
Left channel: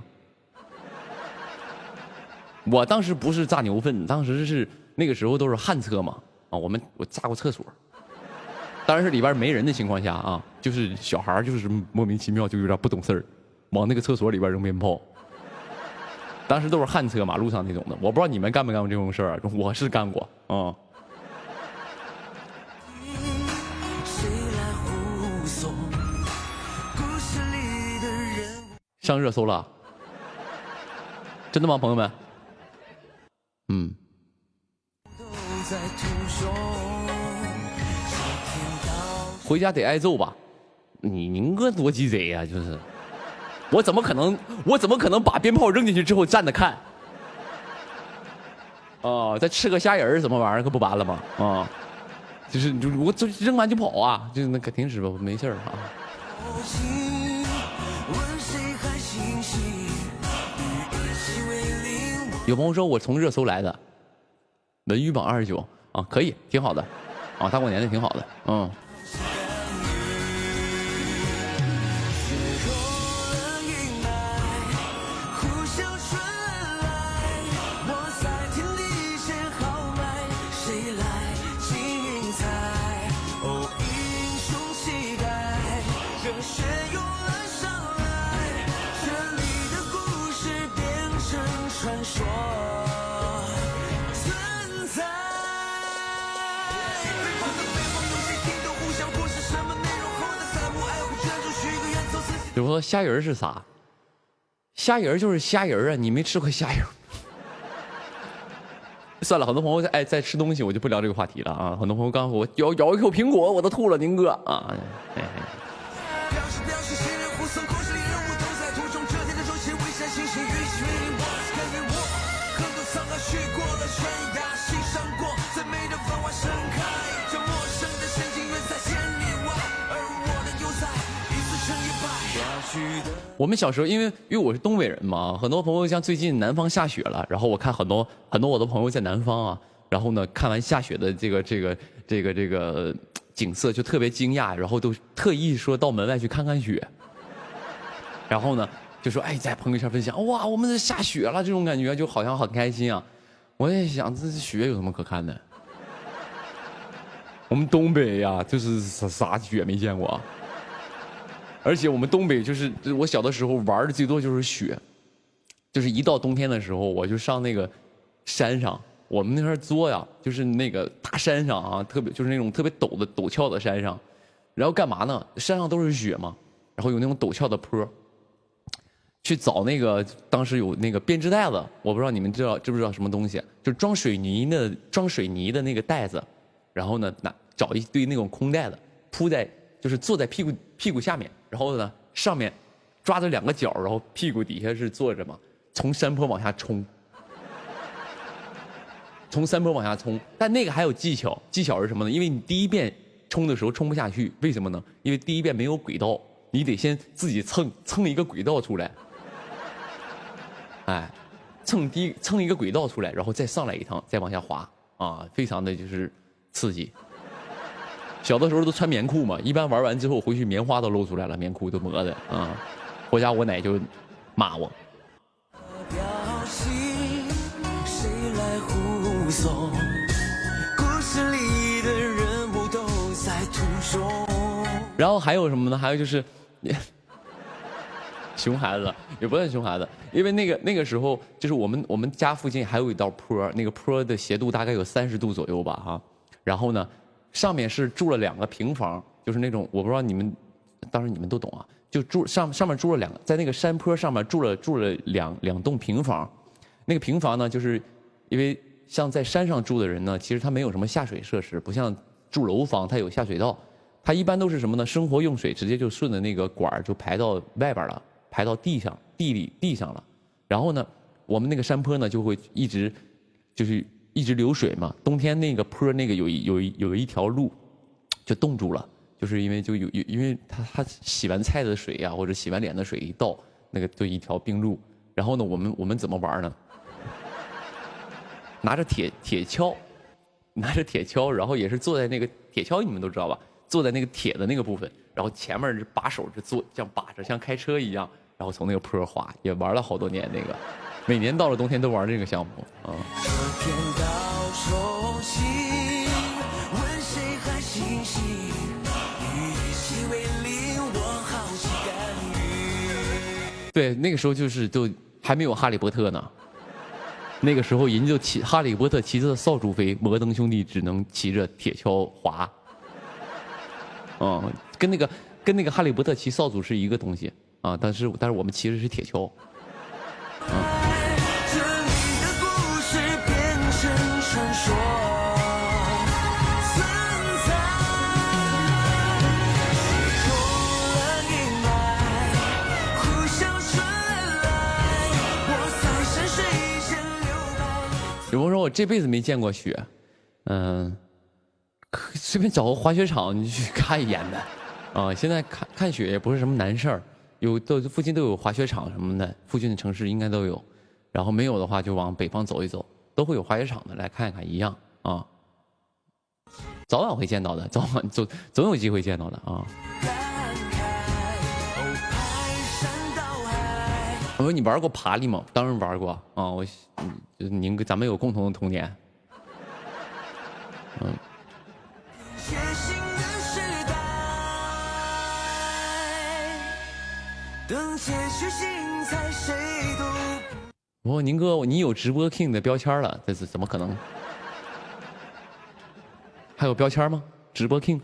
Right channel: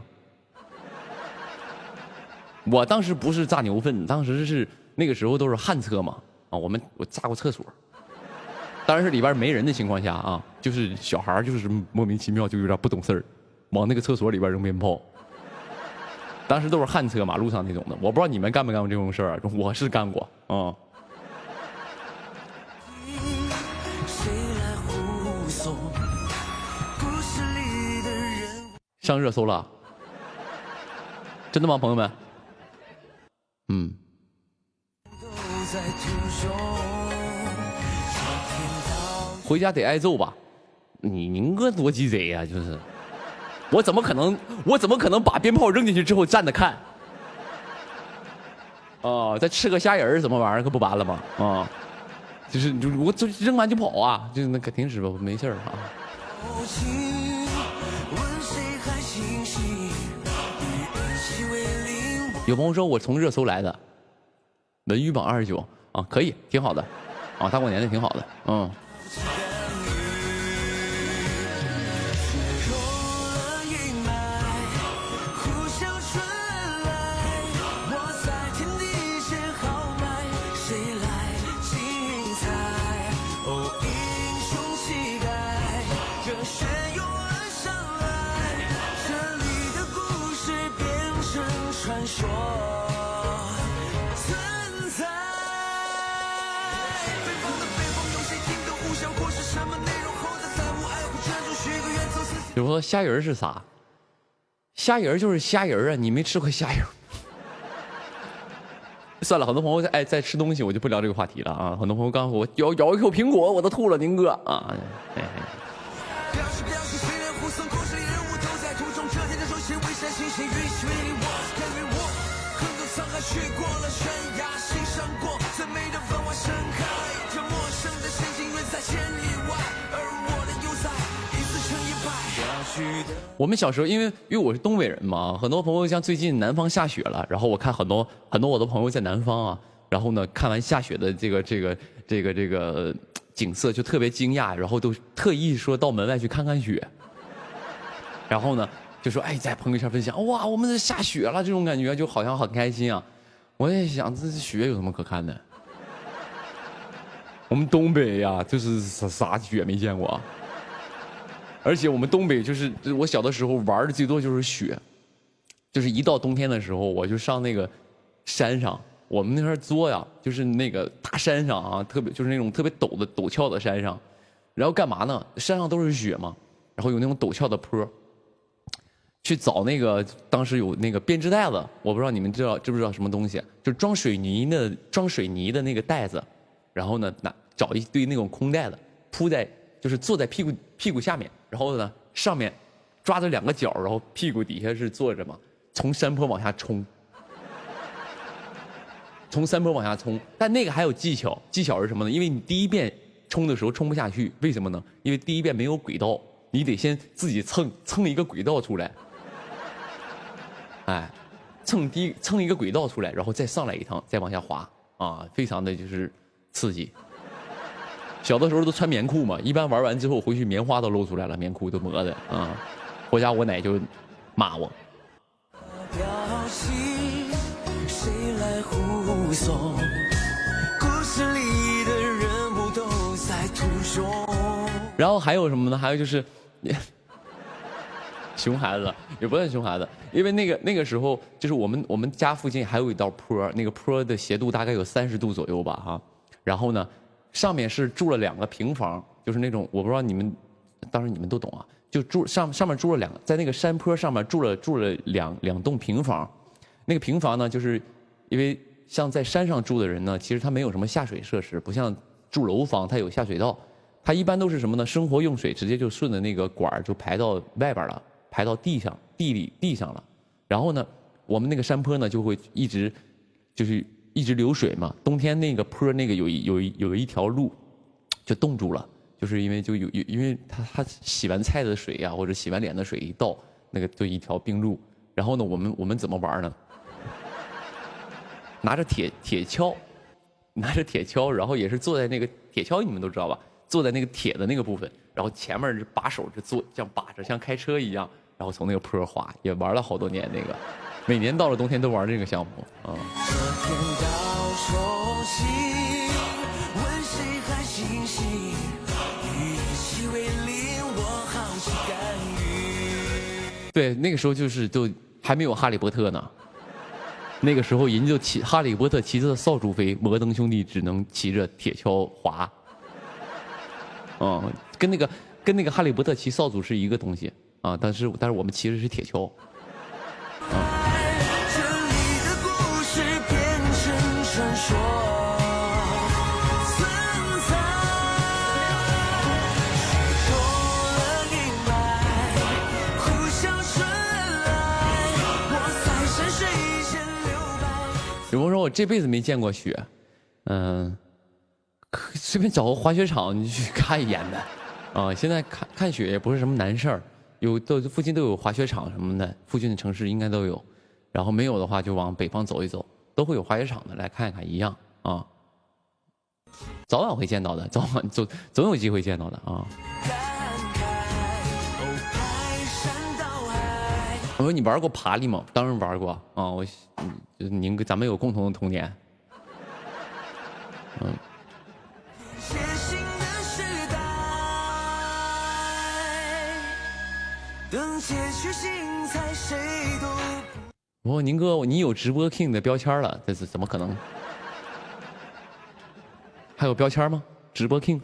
我当时不是炸牛粪，当时是那个时候都是旱厕嘛，啊，我炸过厕所，当然是里边没人的情况下啊，就是小孩就是莫名其妙就有点不懂事儿，往那个厕所里边扔鞭炮。当时都是旱厕，马路上那种的，我不知道你们干没干过这种事儿，我是干过啊。上热搜了，真的吗，朋友们？回家得挨揍吧？您个多鸡贼呀！就是，我怎么可能把鞭炮扔进去之后站着看？哦，再吃个虾仁儿什么玩意儿，可不完了吗？啊，就是我就扔完就跑啊，就那肯定是吧，没事儿啊。有朋友说我从热搜来的，文娱榜29啊，可以，挺好的，啊，大过年的挺好的，比如说虾仁是啥？虾仁就是虾仁啊，你没吃过虾仁？算了，很多朋友在吃东西，我就不聊这个话题了啊。很多朋友刚我咬一口苹果，我都吐了，宁哥啊。我们小时候，因为我是东北人嘛，很多朋友像最近南方下雪了，然后我看很多我的朋友在南方啊，然后呢看完下雪的这个景色就特别惊讶，然后都特意说到门外去看看雪，然后呢就说哎在朋友圈分享，哇我们这下雪了，这种感觉就好像很开心啊。我也想这雪有什么可看的？我们东北呀，就是啥雪没见过啊。而且我们东北就是我小的时候玩的最多就是雪，就是一到冬天的时候，我就上那个山上，我们那边作呀，就是那个大山上啊，就是那种特别陡峭的山上，然后干嘛呢？山上都是雪嘛，然后有那种陡峭的坡，去找那个当时有那个编织袋子，我不知道你们知不知道什么东西，就装水泥的那个袋子，然后呢找一堆那种空袋子铺在，就是坐在屁股下面，然后呢上面抓着2个角，然后屁股底下是坐着嘛，从山坡往下冲。从山坡往下冲，但那个还有技巧，技巧是什么呢？因为你第一遍冲的时候冲不下去，为什么呢？因为第一遍没有轨道，你得先自己蹭一个轨道出来，哎，蹭一个轨道出来，然后再上来一趟，再往下滑啊，非常的就是刺激。小的时候都穿棉裤嘛，一般玩完之后回去棉花都露出来了，棉裤都磨的啊，回家我奶就骂我。然后还有什么呢？还有就是熊孩子也不算熊孩子，因为那个时候就是我们家附近还有一道坡，那个坡的斜度大概有30度左右吧哈。然后呢，上面是住了2个平房，就是那种我不知道你们，当然你们都懂啊，就上面住了在那个山坡上面住了两栋平房。那个平房呢，就是因为像在山上住的人呢，其实他没有什么下水设施，不像住楼房它有下水道。它一般都是什么呢？生活用水直接就顺着那个管就排到外边了，排到地上了。然后呢，我们那个山坡呢就会一直流水嘛。冬天那个坡那个有一条路就冻住了，就是因为因为它洗完菜的水呀，或者洗完脸的水一倒，那个就一条冰路。然后呢，我们怎么玩呢？拿着铁锹，然后也是坐在那个铁锹，你们都知道吧？坐在那个铁的那个部分，然后前面是把手这样把着，像开车一样，然后从那个坡滑，也玩了好多年那个，每年到了冬天都玩这个项目啊。对，那个时候都还没有哈利波特呢，那个时候人就哈利波特骑着扫帚飞，摩登兄弟只能骑着铁锹滑。跟那个哈利波特骑扫帚是一个东西啊，但是我们骑的是铁锹，有朋友说我这辈子没见过雪，随便找个滑雪场你去看一眼呗，啊，现在看雪也不是什么难事儿，附近都有滑雪场什么的，附近的城市应该都有，然后没有的话就往北方走一走，都会有滑雪场的，来看一看一样啊，早晚会见到的，总有机会见到的啊。我说你玩过爬犁吗？当然玩过啊，咱们有共同的童年，我说宁哥，你有直播 King 的标签了，这是怎么可能？还有标签吗？直播 King？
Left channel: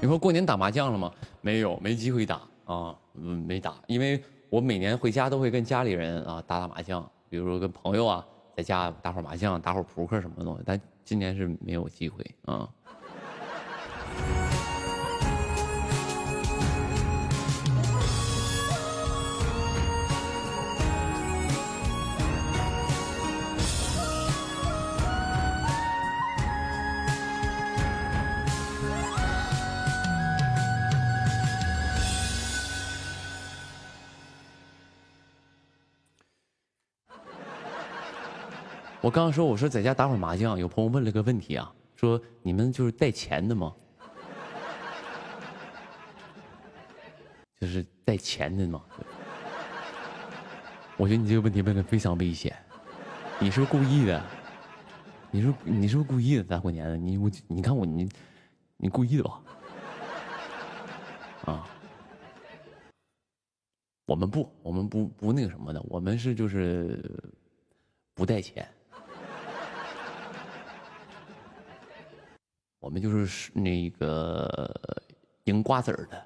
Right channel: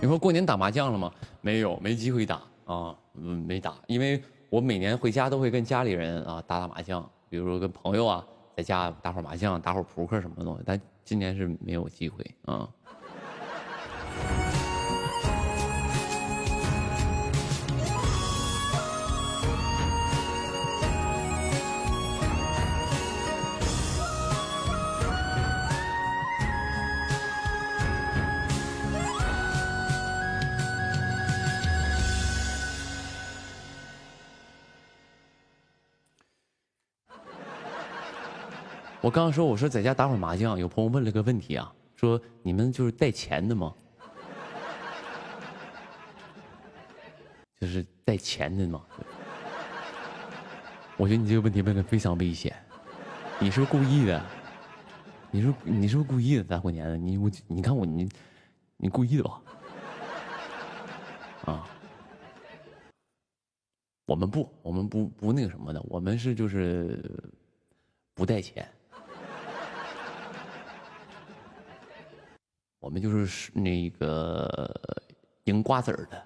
你说过年打麻将了吗？没有，没机会打啊，没打，因为我每年回家都会跟家里人啊打麻将，比如说跟朋友啊在家打会儿麻将，打会儿扑克什么的，但今年是没有机会啊。我刚刚说，我说在家打会儿麻将，有朋友问了个问题啊，说你们就是带钱的吗？就是带钱的吗？我觉得你这个问题问的非常危险，你是不是故意的？你是不是故意的？大过年的，你看我你故意的吧？啊，我们不那个什么的，我们是就是不带钱。我们就是那个赢瓜子儿的。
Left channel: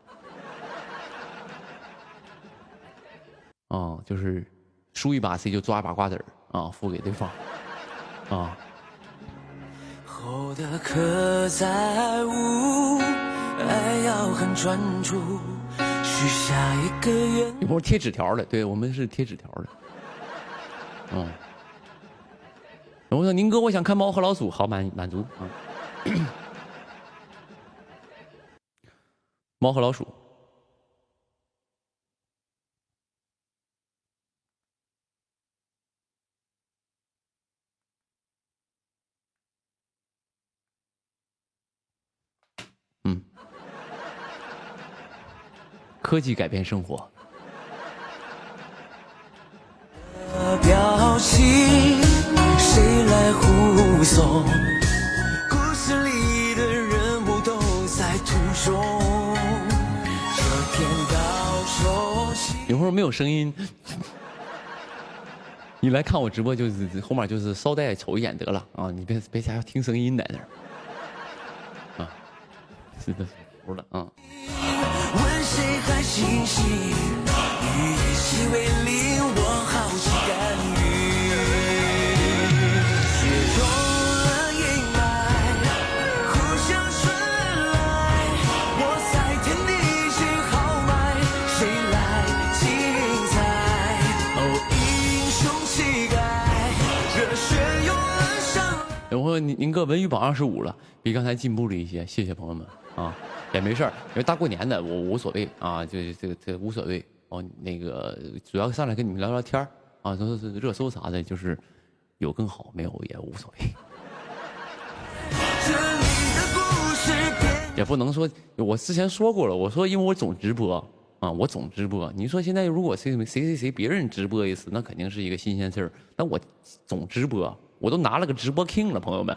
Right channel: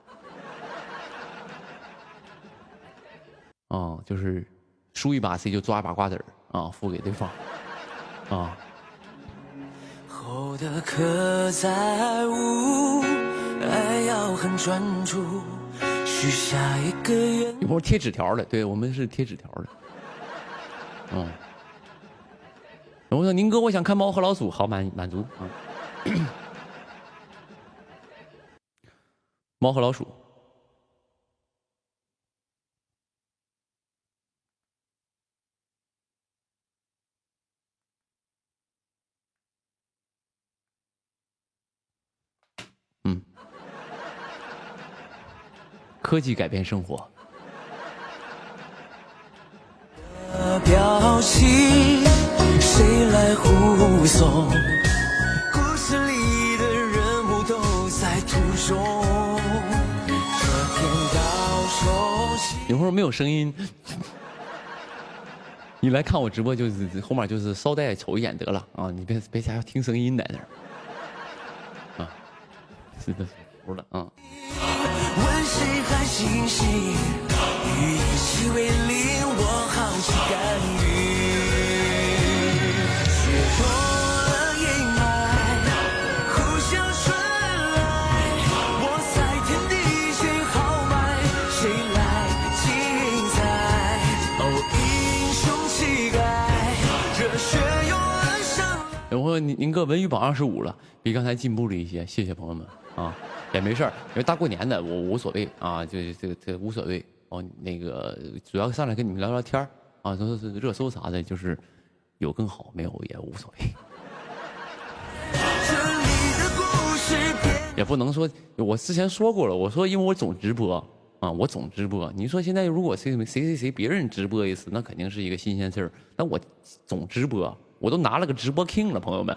就是输一把 C 就抓一把瓜子儿啊，付给对方啊。后的刻在无，爱要很专注，许下一个愿。有朋友贴纸条的，对我们是贴纸条的。我说宁哥，我想看猫和老鼠，好满足啊。猫和老鼠。科技改变生活。表情，谁来护送？故事里的人物都在途中。这天到手起。有会儿没有声音，你来看我直播就是后面就是捎带瞅一眼得了啊！你别瞎听声音在那儿啊，是的，服了啊。问谁还清醒？与一起为令我好奇干预，血rom了阴霾，互相传来，我在天地间豪迈，谁来精彩？我英雄气概，热血涌了上。然后您哥文娱榜25了，比刚才进步了一些，谢谢朋友们啊。也没事儿，因为大过年的我无所谓啊，这无所谓哦。那个主要上来跟你们聊聊天啊，都是热搜啥的，就是有更好，没有也无所谓。也不能说，我之前说过了，我说因为我总直播啊，我总直播。你说现在如果谁别人直播一次，那肯定是一个新鲜事儿。那我总直播，我都拿了个直播 king 了，朋友们。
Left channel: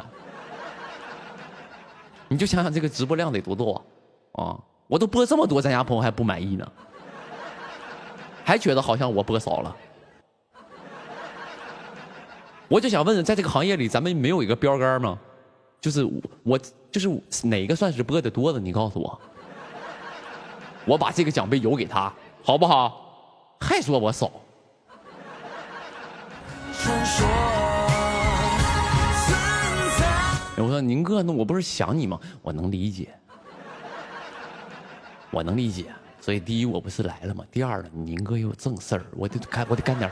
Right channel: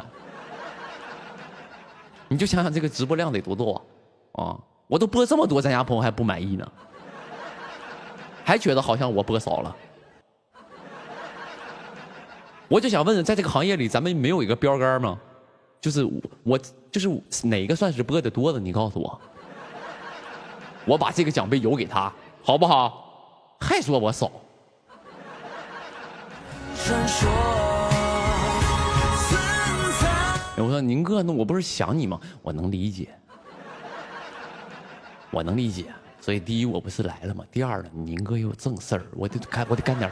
你就想想这个直播量得多多啊！我都播这么多，咱家朋友还不满意呢，还觉得好像我播少了。我就想问，在这个行业里，咱们没有一个标杆吗？就是我就是哪个算是播的多的？你告诉我，我把这个奖杯邮给他，好不好？还说我少。我说宁哥，那我不是想你吗？我能理解，我能理解。所以第一，我不是来了吗？第二呢，宁哥也有正事儿，我得干点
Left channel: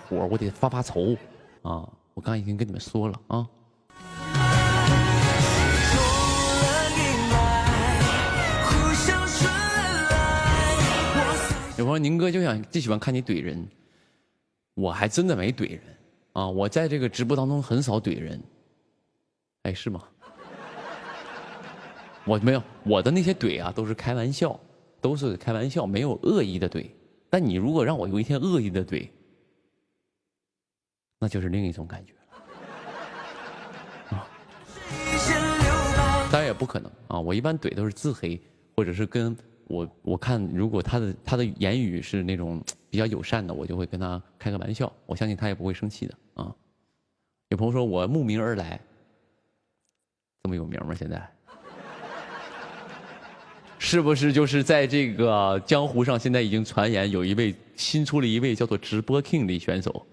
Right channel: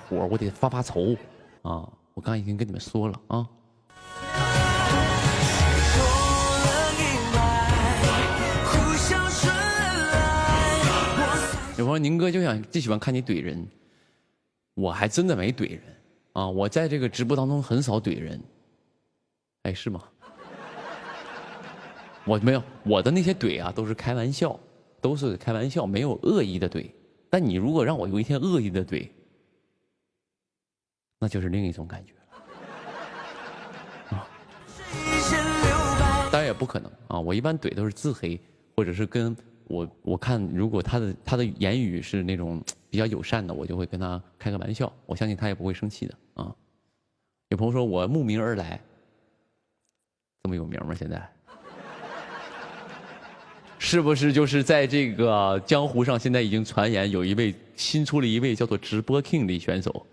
活，我得发愁啊！我刚才已经跟你们说了啊。有朋友宁哥就喜欢看你怼人，我还真的没怼人啊！我在这个直播当中很少怼人。哎，是吗？我没有，我的那些怼啊都是开玩笑，没有恶意的怼。但你如果让我有一天恶意的怼，那就是另一种感觉了。当然也不可能啊，我一般怼都是自黑，或者是跟我看如果他的言语是那种比较友善的，我就会跟他开个玩笑，我相信他也不会生气的啊。有朋友说我慕名而来。这么有名吗？现在是不是就是在这个江湖上，现在已经传言有新出了一位叫做直播 king 的选手，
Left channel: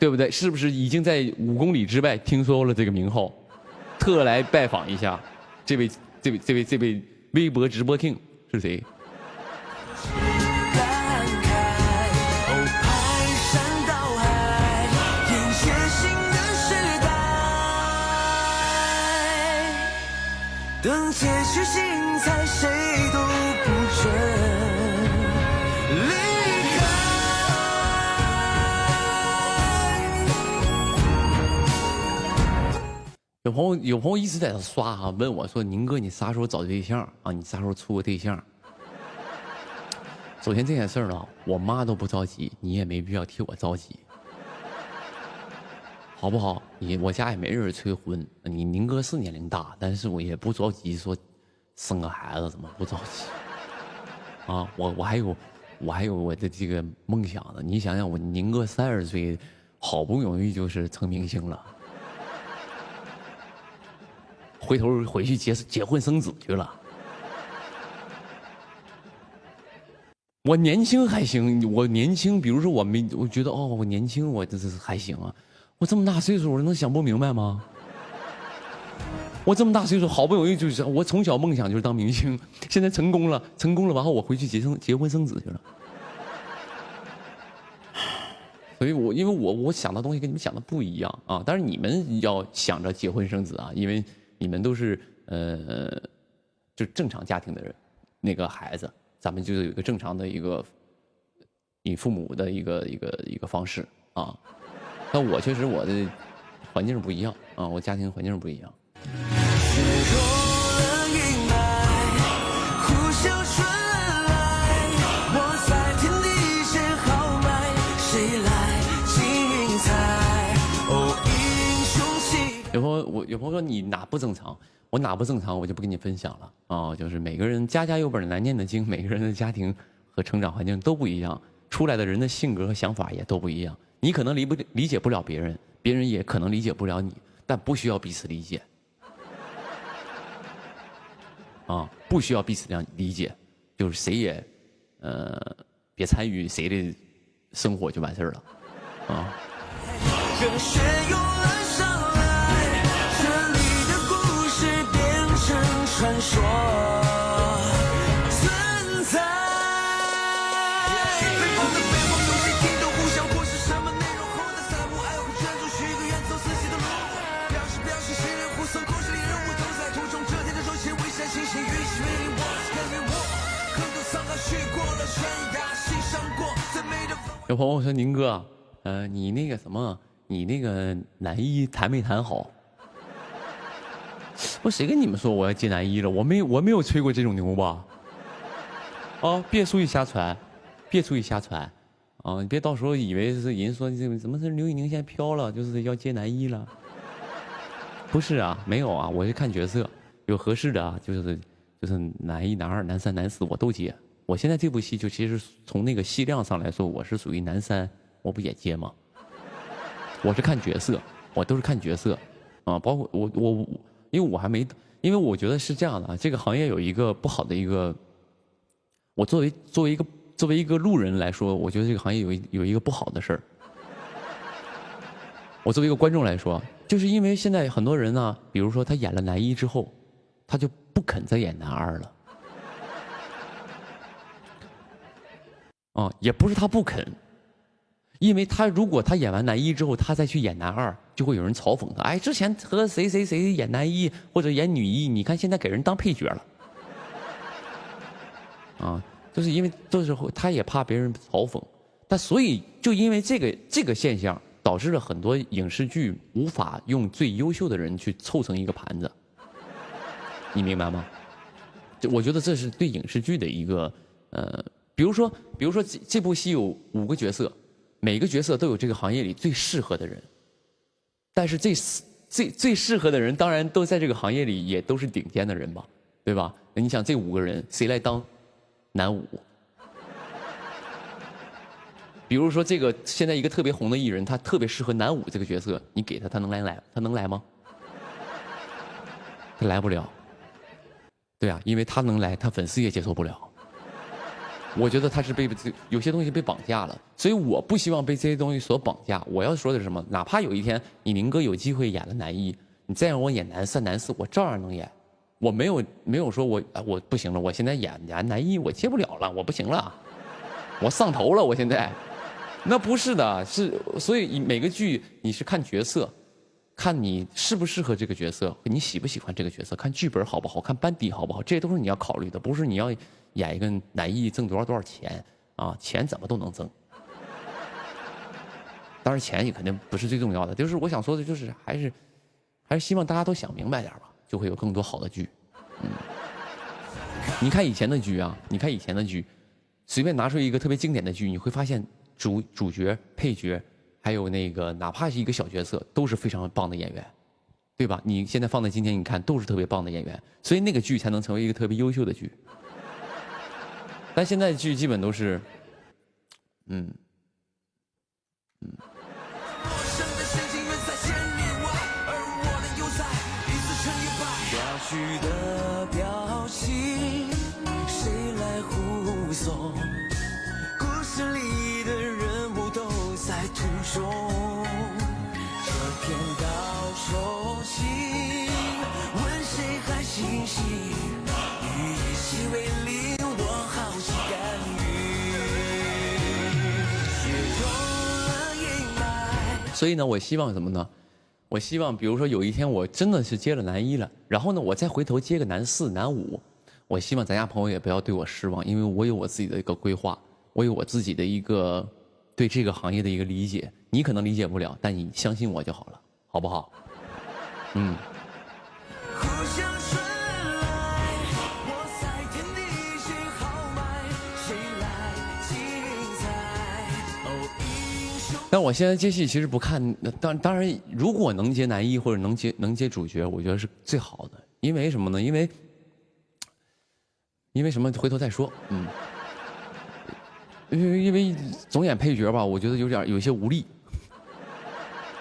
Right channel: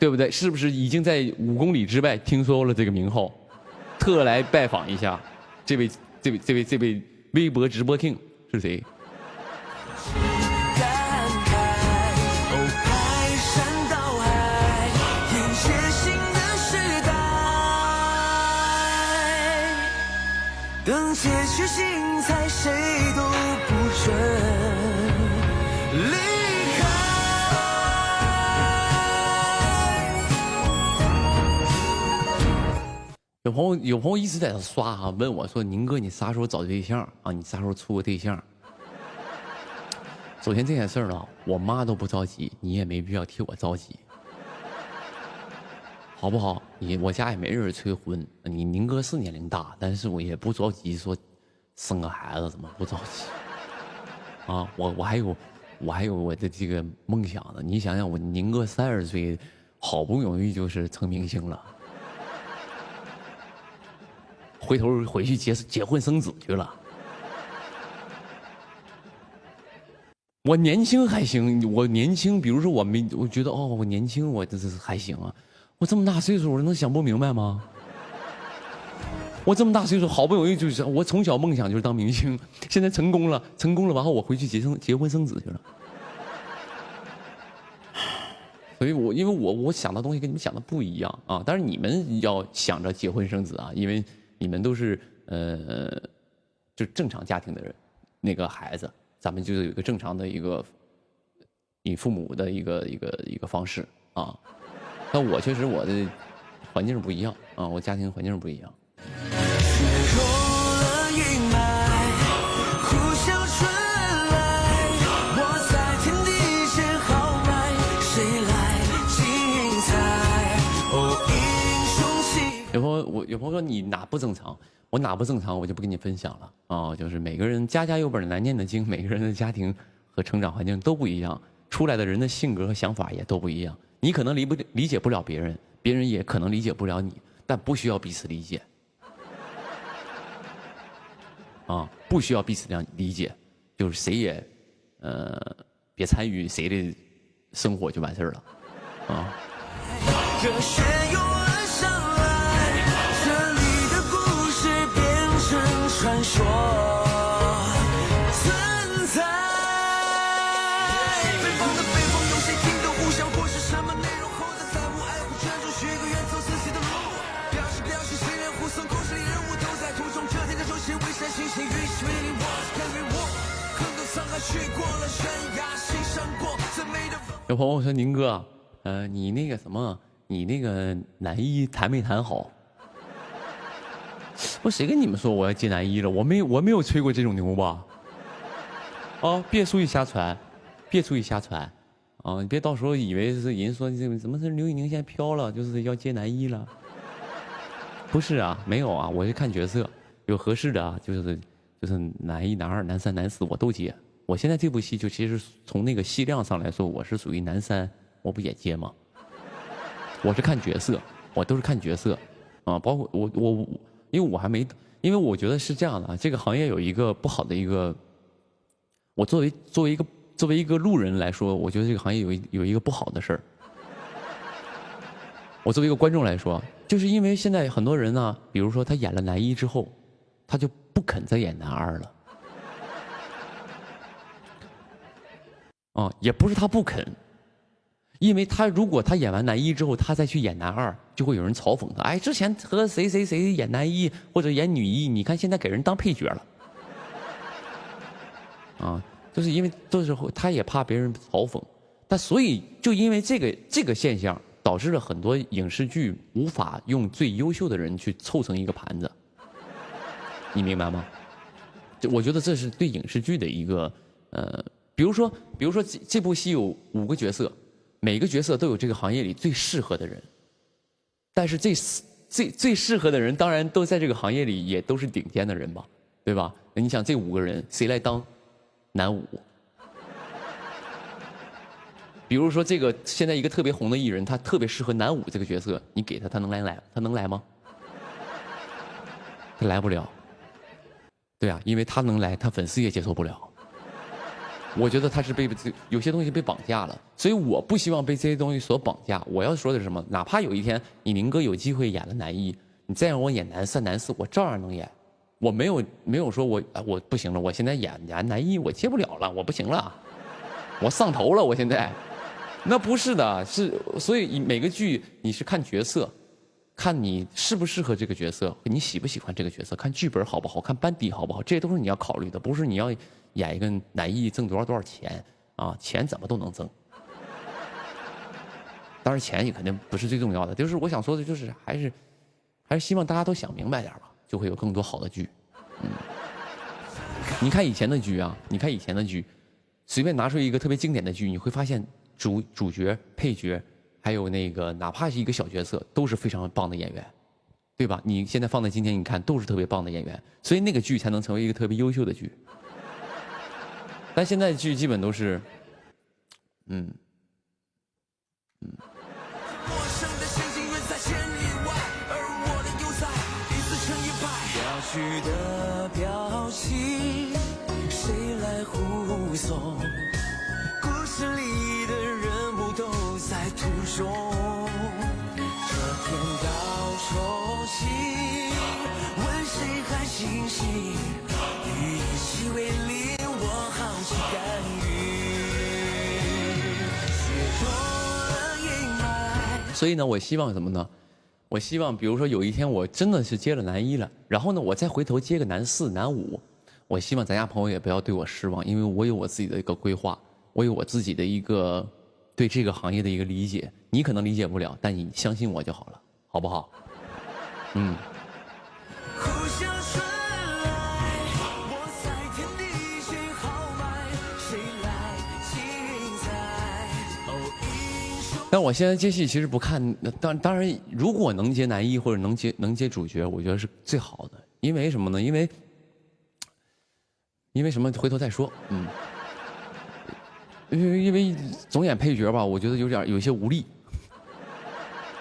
对不对？是不是已经在5公里之外听说了这个名号，特来拜访一下？这位微博直播 king 是谁？等结局精彩，谁都不准离开。有朋友一直在这刷啊，问我说：“宁哥，你啥时候找对象啊？你啥时候处个对象？”首先这件事儿呢，我妈都不着急，你也没必要替我着急。好不好？我家也没人催婚，你宁哥是年龄大，但是我也不着急说生个孩子，怎么不着急？啊，我还有我的这个梦想呢。你想想，我宁哥30岁，好不容易就是成明星了，回头回去结婚生子去了。我年轻还行，我年轻，比如说我觉得哦，我年轻，我这还行啊。我这么大岁数，我能想不明白吗？我这么大岁数，好不容易就是我从小梦想就是当明星，现在成功了，完后我回去结婚生子去了。所以因为我想的东西跟你们想的不一样啊，但是你们要想着结婚生子啊，因为你们都是就正常家庭的人，那个孩子，咱们就是有一个正常的一个你父母的一个方式啊。那我确实我的环境是不一样啊，我家庭环境是不一样。有朋友说你哪不正常，我哪不正常，我就不跟你分享了啊。就是每个人家有本难念的经，每个人的家庭和成长环境都不一样，出来的人的性格和想法也都不一样。你可能理解不了别人，别人也可能理解不了你，但不需要彼此理解啊，不需要彼此理解，就是谁也别参与谁的生活就完事儿了啊。传说存在。有朋友说宁哥，你那个什么，你那个男一谈没谈好？我谁跟你们说我要接男一了？我没有吹过这种牛吧？啊，别出去瞎传，啊！你别到时候以为是人说这怎么是刘宇宁现在飘了，就是要接男一了？不是啊，没有啊，我是看角色，有合适的啊，就是男一、男二、男三、男四我都接。我现在这部戏就其实从那个戏量上来说，我是属于男三，我不也接吗？我是看角色，我都是看角色，啊，包括我。因为我还没，因为我觉得是这样的啊，这个行业有一个不好的一个，我作为一个路人来说，我觉得这个行业有一个不好的事儿。我作为一个观众来说，就是因为现在很多人呢，比如说他演了男一之后，他就不肯再演男二了。也不是他不肯。因为如果他演完男一之后，他再去演男二，就会有人嘲讽他。哎，之前和谁演男一或者演女一，你看现在给人当配角了。就是因为这时候他也怕别人嘲讽，但所以就因为这个现象，导致了很多影视剧无法用最优秀的人去凑成一个盘子。你明白吗？我觉得这是对影视剧的一个比如说这部戏有5个角色。每个角色都有这个行业里最适合的人，但是最适合的人当然都在这个行业里也都是顶尖的人吧，对吧？那你想这5个人谁来当男5？比如说这个现在一个特别红的艺人，他特别适合男5这个角色，你给他能来吗？他来不了。对啊，因为他能来，他粉丝也接受不了。我觉得他是有些东西被绑架了，所以我不希望被这些东西所绑架。我要说的是什么？哪怕有一天你宁哥有机会演了男一，你再让我演男三、男四，我照样能演。我没有说我不行了，我现在演男一我接不了了，我不行了，我上头了，我现在。那不是的，所以每个剧你是看角色，看你适不适合这个角色，你喜不喜欢这个角色，看剧本好不好，看班底好不好，这些都是你要考虑的，不是你要演一个男一挣多少钱啊？钱怎么都能挣，当然钱也肯定不是最重要的。就是我想说的，就是还是希望大家都想明白点吧，就会有更多好的剧。你看以前的剧啊，随便拿出一个特别经典的剧，你会发现主角、配角，还有那个哪怕是一个小角色，都是非常棒的演员，对吧？你现在放在今天，你看都是特别棒的演员，所以那个剧才能成为一个特别优秀的剧。但现在的剧基本都是，绪的表情，谁来护送？故事里的人物都在途中，这片岛熟悉，问谁还清晰？与一起为零落航行干预，雪融了阴霾。所以呢，我希望什么呢？我希望，比如说有一天我真的是接了男一了，然后呢，我再回头接个男四、男五，我希望咱家朋友也不要对我失望，因为我有我自己的一个规划，我有我自己的一个对这个行业的一个理解，你可能理解不了，但你相信我就好了，好不好？嗯。但我现在接戏其实不看，当然，如果能接男一或者能接主角，我觉得是最好的。因为什么呢？因为什么？回头再说。嗯。因为总演配角吧，我觉得有些无力。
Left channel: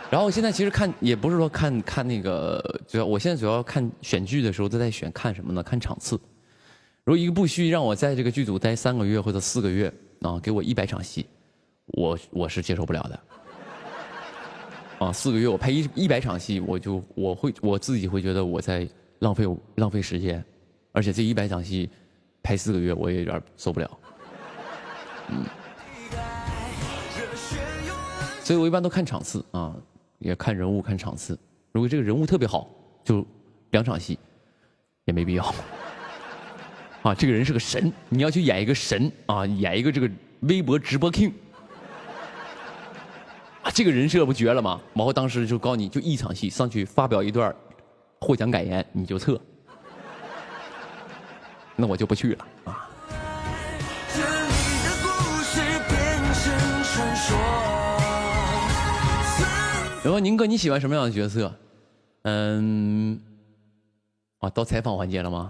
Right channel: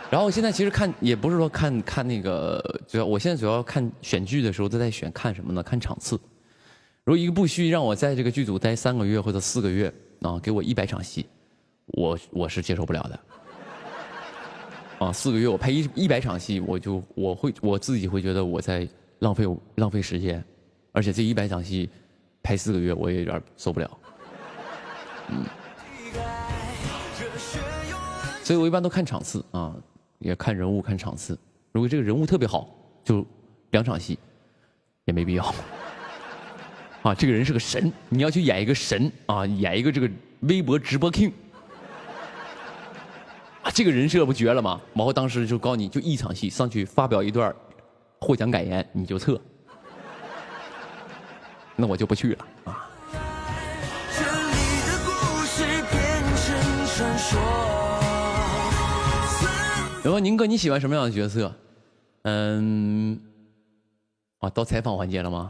然后我现在其实看也不是说看那个，我现在主要看选剧的时候都在选看什么呢？看场次。如果一个部剧让我在这个剧组待3个月或者4个月啊，给我100场戏。我是接受不了的，啊，4个月我拍100场戏，我自己会觉得我在浪费时间，而且这100场戏拍4个月我也有点受不了，嗯，所以我一般都看场次啊，也看人物看场次，如果这个人物特别好，就2场戏也没必要，啊，这个人是个神，你要去演一个神啊，演一个这个微博直播 king。这个人设不绝了吗？然后当时就告诉你，就1场戏上去发表一段获奖感言，你就撤，那我就不去了啊。然后宁哥，你喜欢什么样的角色？到采访环节了吗？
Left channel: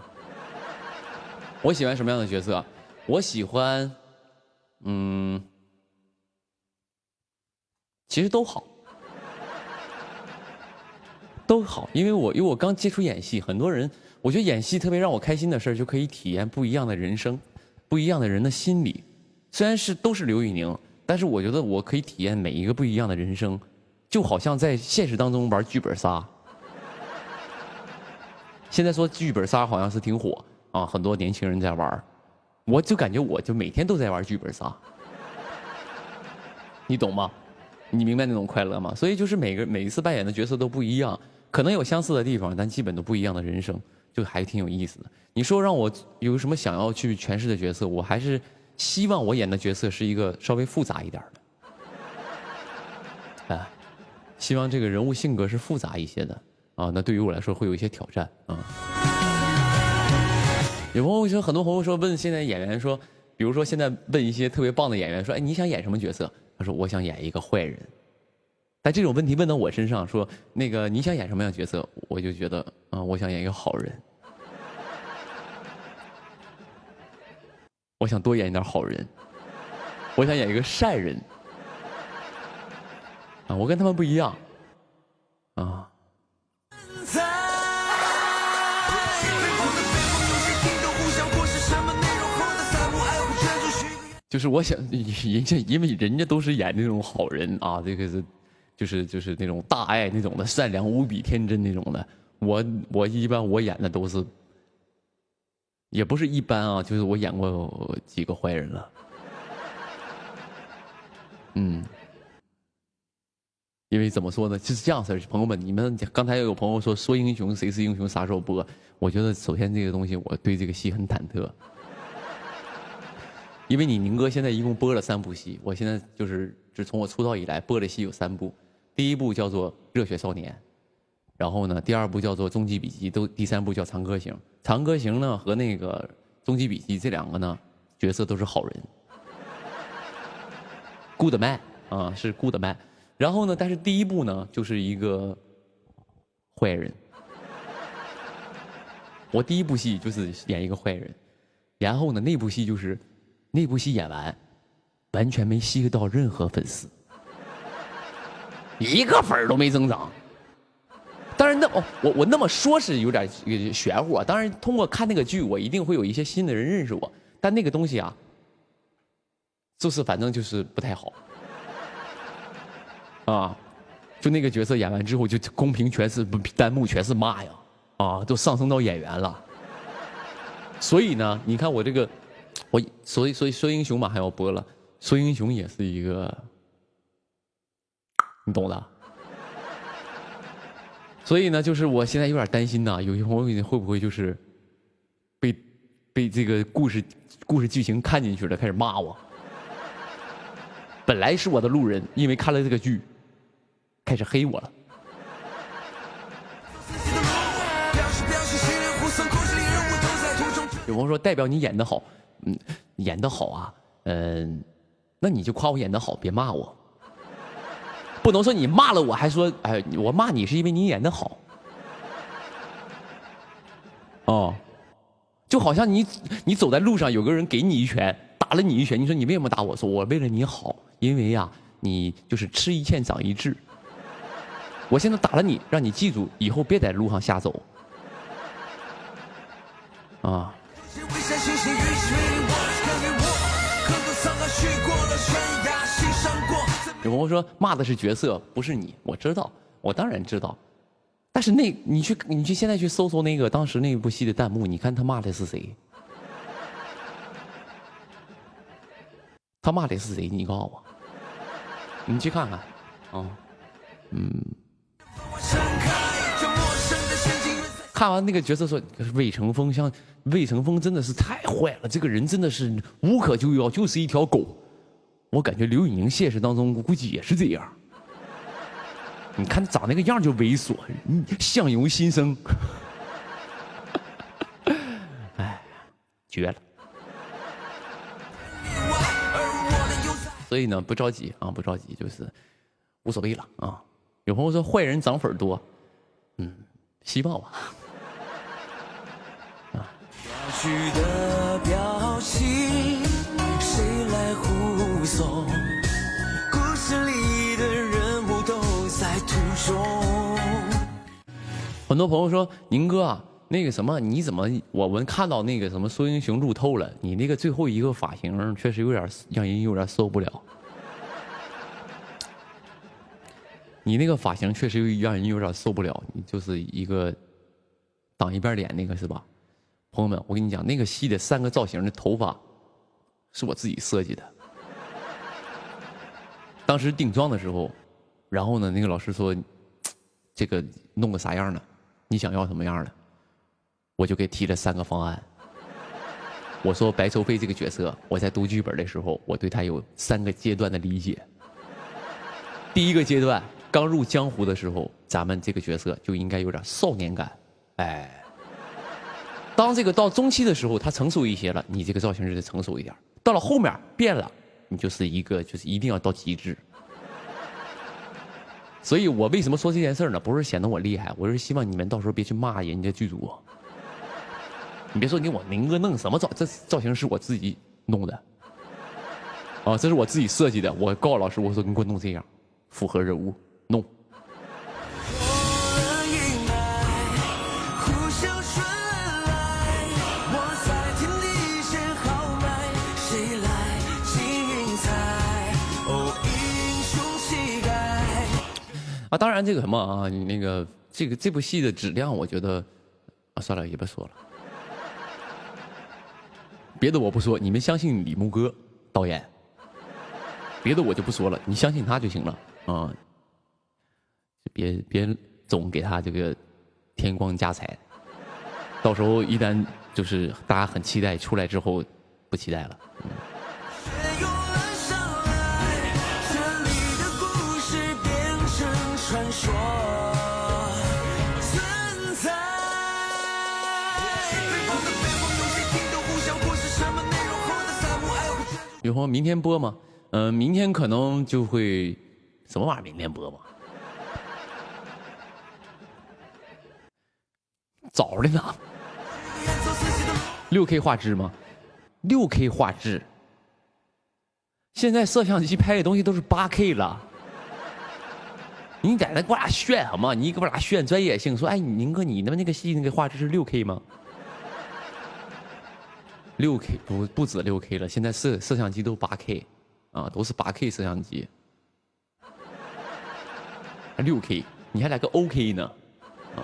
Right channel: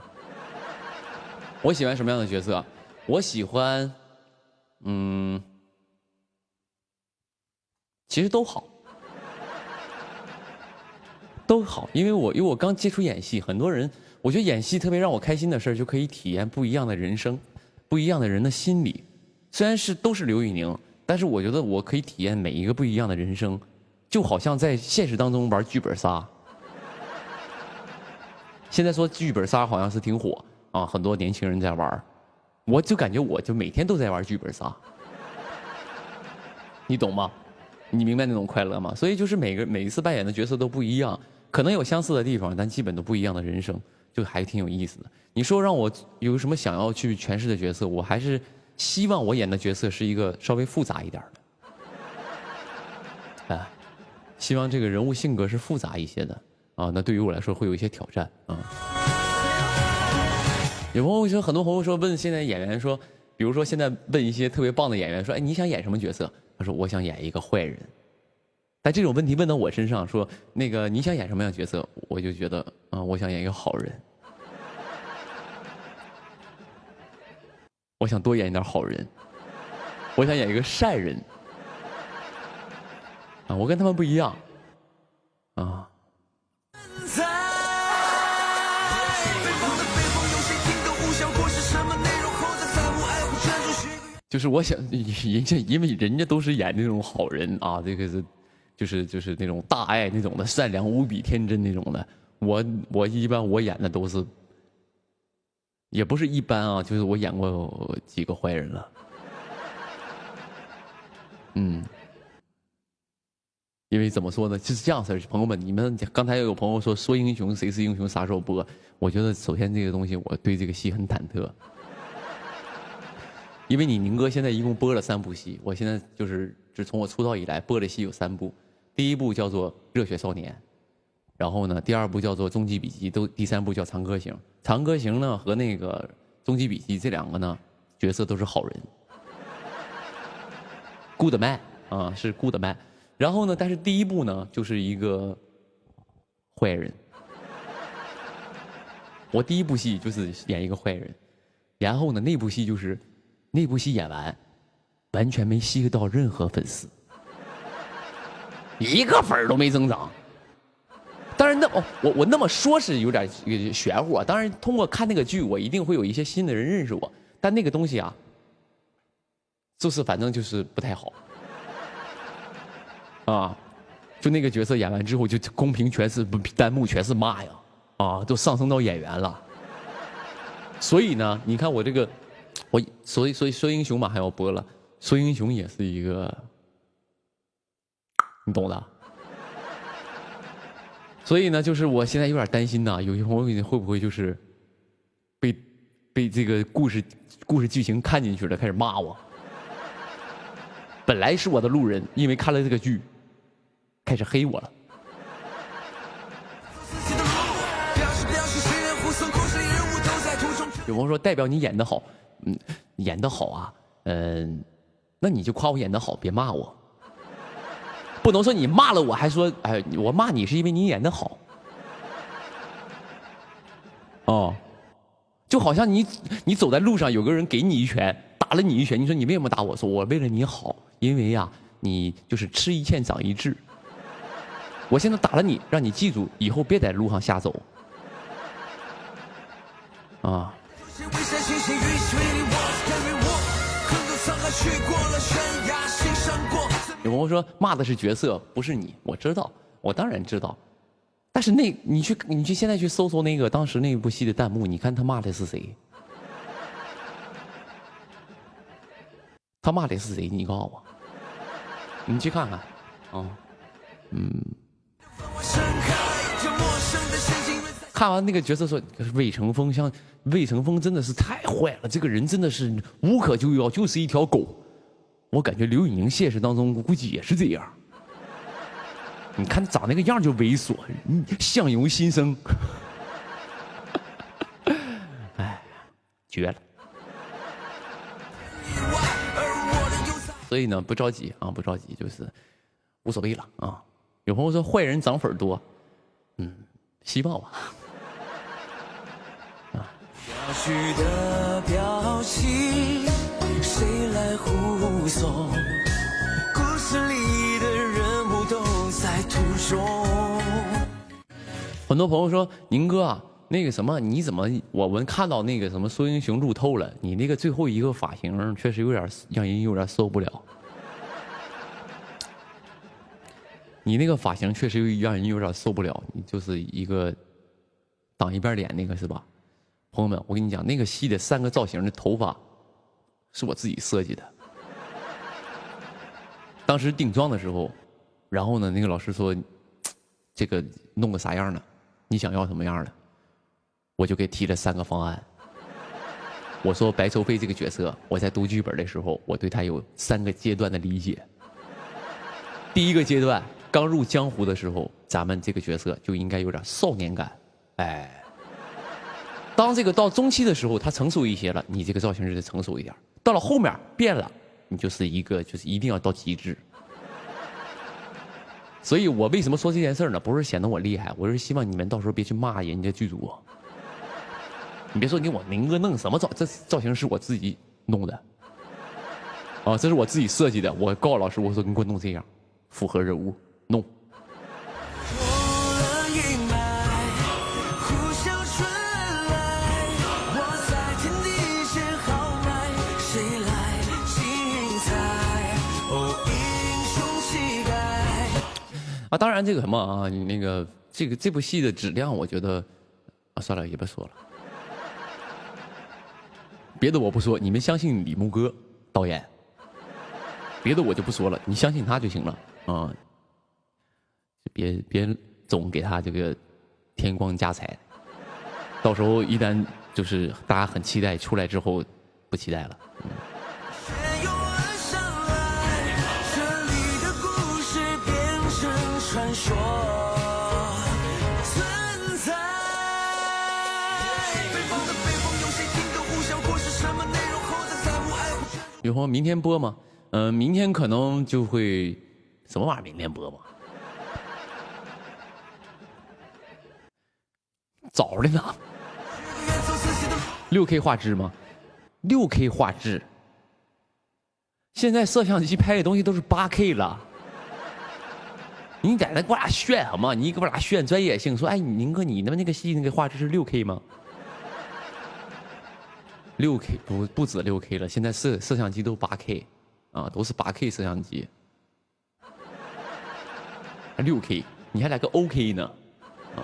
我喜欢什么样的角色？我喜欢，其实都好，因为我刚接触演戏，很多人我觉得演戏特别让我开心的事就可以体验不一样的人生，不一样的人的心理。虽然都是刘宇宁，但是我觉得我可以体验每一个不一样的人生，就好像在现实当中玩剧本杀。现在说剧本杀好像是挺火啊，很多年轻人在玩，我就感觉我就每天都在玩剧本杀，你懂吗？你明白那种快乐吗？所以就是每一次扮演的角色都不一样，可能有相似的地方，但基本都不一样的人生，就还挺有意思的。你说让我有什么想要去诠释的角色，我还是希望我演的角色是一个稍微复杂一点的，啊，希望这个人物性格是复杂一些的啊，那对于我来说会有一些挑战啊。有朋友说，很多朋友说问现在演员说，比如说现在问一些特别棒的演员说，哎，你想演什么角色？他说我想演一个坏人。但这种问题问到我身上，说那个你想演什么样的角色？我就觉得我想演一个好人，我想多演一点好人，我想演一个善人啊，我跟他们不一样啊。就是我想，因为人家都是演那种好人啊，这个是，就是那种大爱那种的，善良无比、天真那种的。我一般我演的都是，也不是一般啊，就是我演过几个坏人了。因为怎么说呢，就是这样式儿，朋友们，你们刚才有朋友说英雄谁是英雄啥时候播？我觉得首先这个东西，我对这个戏很忐忑。因为你宁哥现在一共播了3部戏，我现在自从我出道以来播的戏有3部，第1部叫做《热血少年》，然后呢，第2部叫做《终极笔记》，第3部叫《长歌行》。《长歌行》呢和那个《终极笔记》这2个呢角色都是好人 ，good man 啊，是 good man。然后呢，但是第1部呢就是一个坏人，我第1部戏就是演一个坏人，然后呢那部戏就是。那部戏演完，完全没吸到任何粉丝，1个粉都没增长。当然，我那么说是有点玄乎啊。当然，通过看那个剧，我一定会有一些新的人认识我。但那个东西啊，就是反正就是不太好啊。就那个角色演完之后，就公屏全是弹幕全是骂呀，啊，都上升到演员了。所以呢，你看我这个，所以说英雄马上要播了，说英雄也是一个，你懂的。所以呢，就是我现在有点担心呐，有些朋友会不会就是被这个故事剧情看进去了，开始骂我。本来是我的路人，因为看了这个剧，开始黑我了。有朋友说代表你演得好，演得好啊，那你就夸我演得好，别骂我。不能说你骂了我还说，哎，我骂你是因为你演得好。哦，就好像你走在路上，有个人给你一拳，打了你一拳，你说你为什么打我？说我为了你好，因为呀，你就是吃一堑长一智。我现在打了你，让你记住，以后别在路上瞎走。啊。有朋友说骂的是角色，不是你，我知道，我当然知道。但是你去现在去搜那个当时那部戏的弹幕，你看他骂的是谁？他骂的是谁？你告诉我，你去看看，啊，看完那个角色说魏成风，像魏成风真的是太坏了，这个人真的是无可救药，就是一条狗。我感觉刘宇宁现实当中估计也是这样。你看长那个样就猥琐，相由心生。哎，绝了。所以呢，不着急啊，不着急，就是无所谓了啊。有朋友说坏人涨粉多，希望吧。啊。谁来护送？故事里的人物都在途中。很多朋友说：“宁哥啊，那个什么，你怎么我们看到那个什么说英雄路透了？你那个最后一个发型确实有点让人有点受不了。你那个发型确实让人有点受不了，你就是一个挡一边脸那个是吧？朋友们，我跟你讲，那个戏的3个造型的头发。”是我自己设计的。当时定妆的时候，然后呢，那个老师说，这个弄个啥样呢？你想要什么样的？我就给提了3个方案。我说白愁飞这个角色，我在读剧本的时候，我对他有3个阶段的理解。第一个阶段，刚入江湖的时候，咱们这个角色就应该有点少年感，哎。当这个到中期的时候，他成熟一些了，你这个造型就得成熟一点。到了后面变了，你就是一个就是一定要到极致。所以我为什么说这件事呢？不是显得我厉害，我是希望你们到时候别去骂人家剧组。你别说你我宁哥弄什么这造型是我自己弄的，啊，这是我自己设计的。我告诉老师，我说你给我弄这样，符合人物，弄。啊，当然这个什么啊，你那个这部戏的质量，我觉得啊，算了，也不说了。别的我不说，你们相信李牧哥导演。别的我就不说了，你相信他就行了啊。别总给他这个添光加彩，到时候一旦就是大家很期待出来之后，不期待了。有朋友明天播吗？明天可能就会什么玩意儿？明天播吗？早的呢。6K 画质吗？6K 画质。现在摄像机拍的东西都是8K 了。你在那给我俩炫好吗？你给我俩炫专业性，说哎，宁哥你那个戏那个画质是6K 吗？6K 不止6K 了，现在摄像机都8K 啊，都是8K 摄像机。6K 你还来个 OK 呢？啊，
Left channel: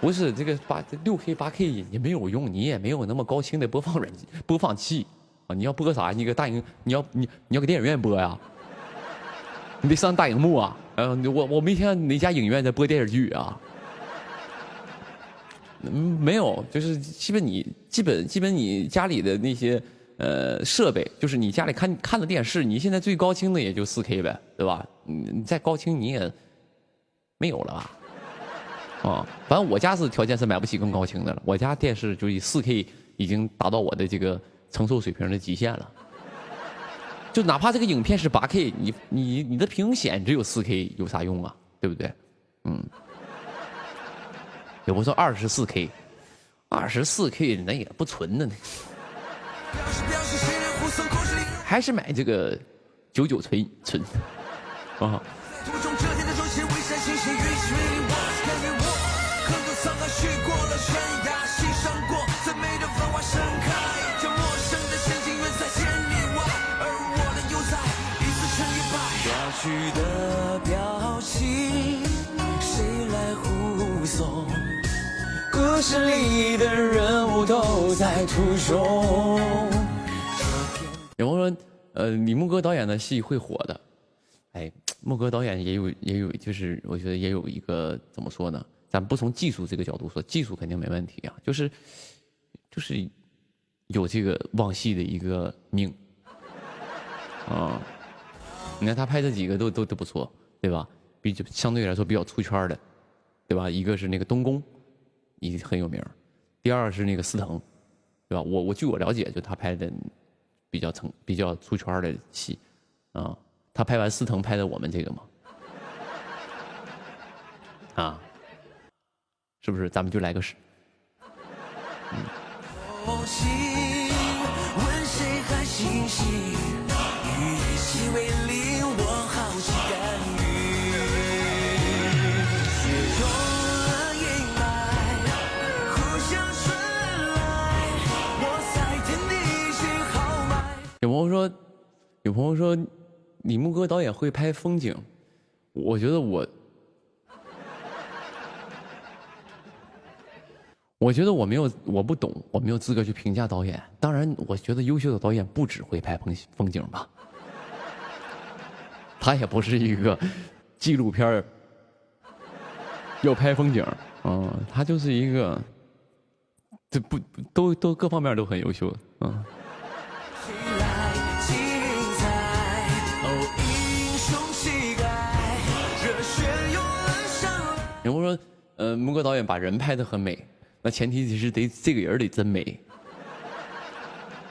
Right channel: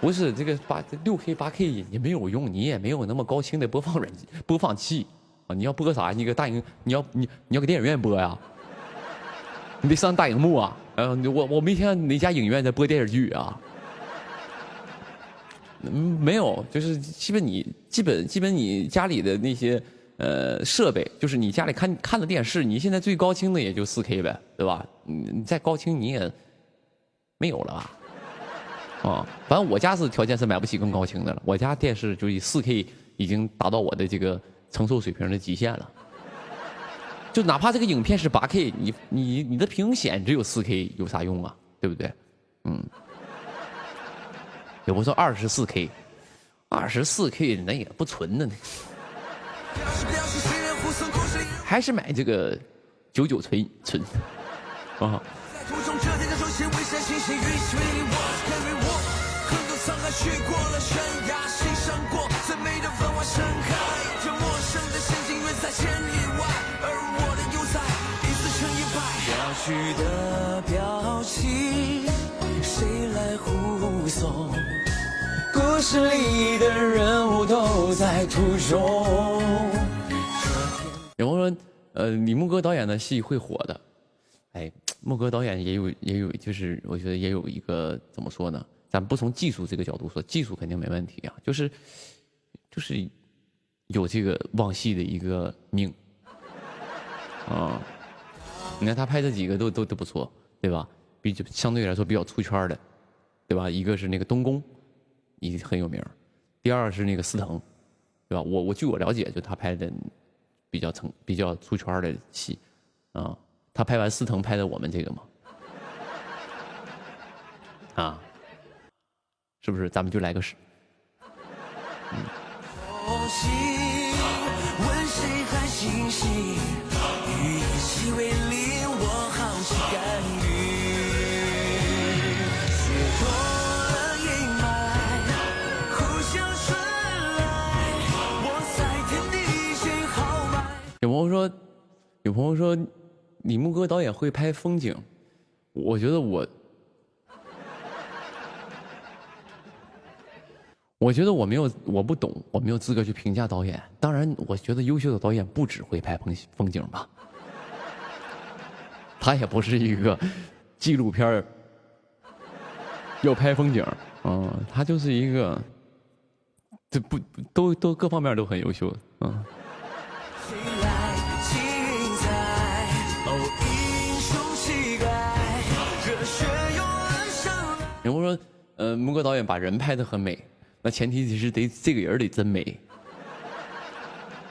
不是这个6K 8K 也没有用，你也没有那么高清的播放器啊！你要播啥？你个大荧，你要给电影院播呀？你得上大荧幕啊！我没听哪家影院在播电视剧啊。没有，就是基本你家里的那些设备，就是你家里看的电视，你现在最高清的也就4K 呗，对吧？你再高清你也没有了吧？啊，反正我家是条件是买不起更高清的了，我家电视就以4K已经达到我的这个承受水平的极限了。就哪怕这个影片是8K，你的屏显只有4K，有啥用啊？对不对？也不说24K，24K 那也不纯的呢，还是买这个99寸啊。故事里的人物都在途中。有朋友说，李牧歌导演的戏会火的。哎，牧歌导演也有，就是我觉得也有一个怎么说呢？咱不从技术这个角度说，技术肯定没问题啊，就是有这个望戏的一个命啊。你看他拍这几个都不错，对吧？相对来说比较出圈的，对吧？一个是那个东宫。也很有名，第二是那个司藤，对吧？我据我了解，就他拍的比较出圈的戏，啊，他拍完司藤拍的我们这个嘛，啊，是不是？咱们就来个试，有朋友说，李牧歌导演会拍风景，我觉得我不懂，我没有资格去评价导演。当然，我觉得优秀的导演不只会拍风景吧，他也不是一个纪录片要拍风景，他就是一个，这都各方面都很优秀的，有人说，牧歌导演把人拍得很美，那前提是这个人得真美。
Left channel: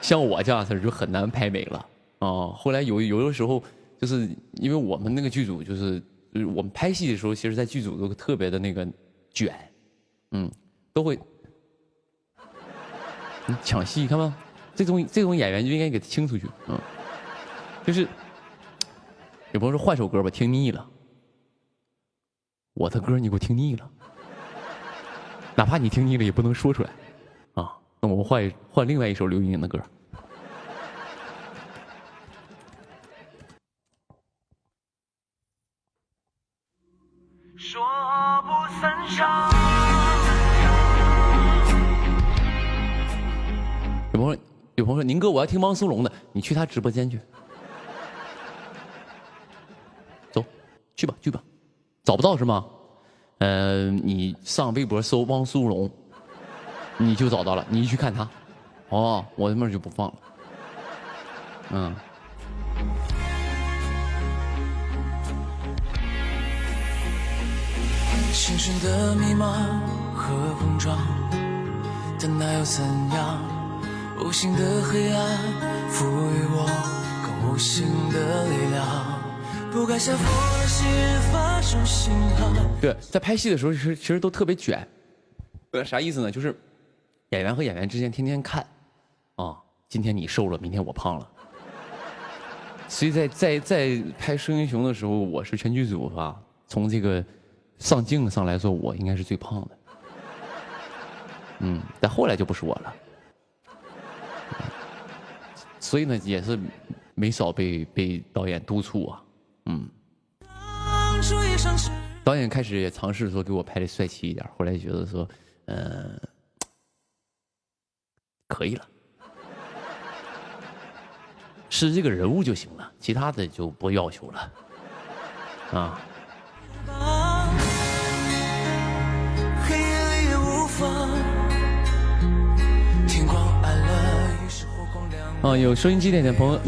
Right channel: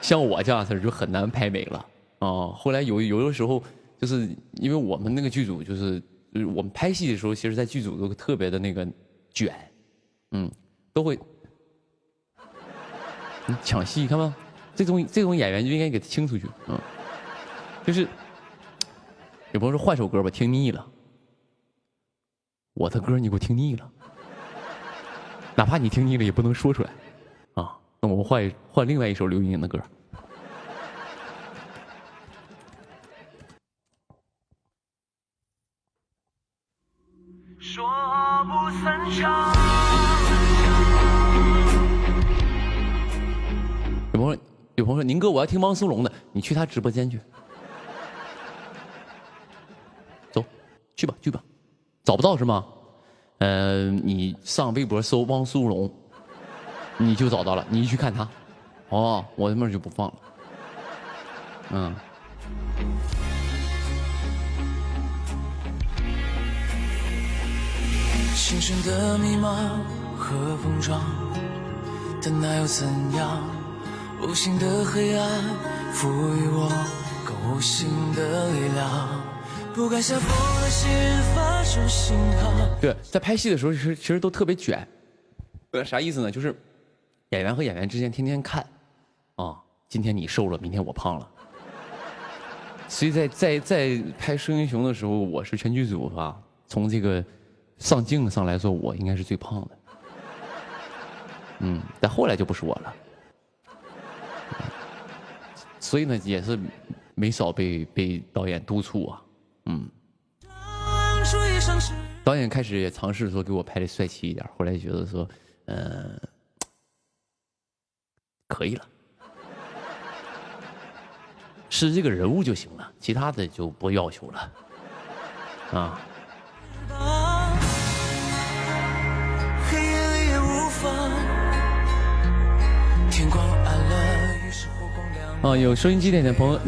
像我这样式就很难拍美了啊。后来有的时候，就是因为我们那个剧组就是我们拍戏的时候，其实在剧组都特别的那个卷，都会抢戏，看吗？这种演员就应该给他清出去，就是有朋友说换首歌吧，听腻了。我的歌你给我听腻了，哪怕你听腻了也不能说出来，啊，那我们换另外一首刘莹莹的歌。说不散场。有朋友说，宁哥我要听汪苏泷的，你去他直播间去，走，去吧。找不到是吗？你上微博搜汪苏泷，你就找到了，你去看他。哦，我他妈就不放了。心声的迷茫和碰撞，但那又怎样？无形的黑暗赋予我更无形的力量。不敢相负的心发出信号。对，在拍戏的时候其实都特别卷。啥意思呢？就是演员和演员之间天天看，今天你瘦了，明天我胖了。所以在拍《生英雄》的时候，我是全剧组从这个上镜上来说，我应该是最胖的。但后来就不是我了。所以呢，也是没少被导演督促啊。导演开始也尝试说给我拍的帅气一点，后来觉得说，可以了，是这个人物就行了，其他的就不要求了，啊。有收音机前的朋友，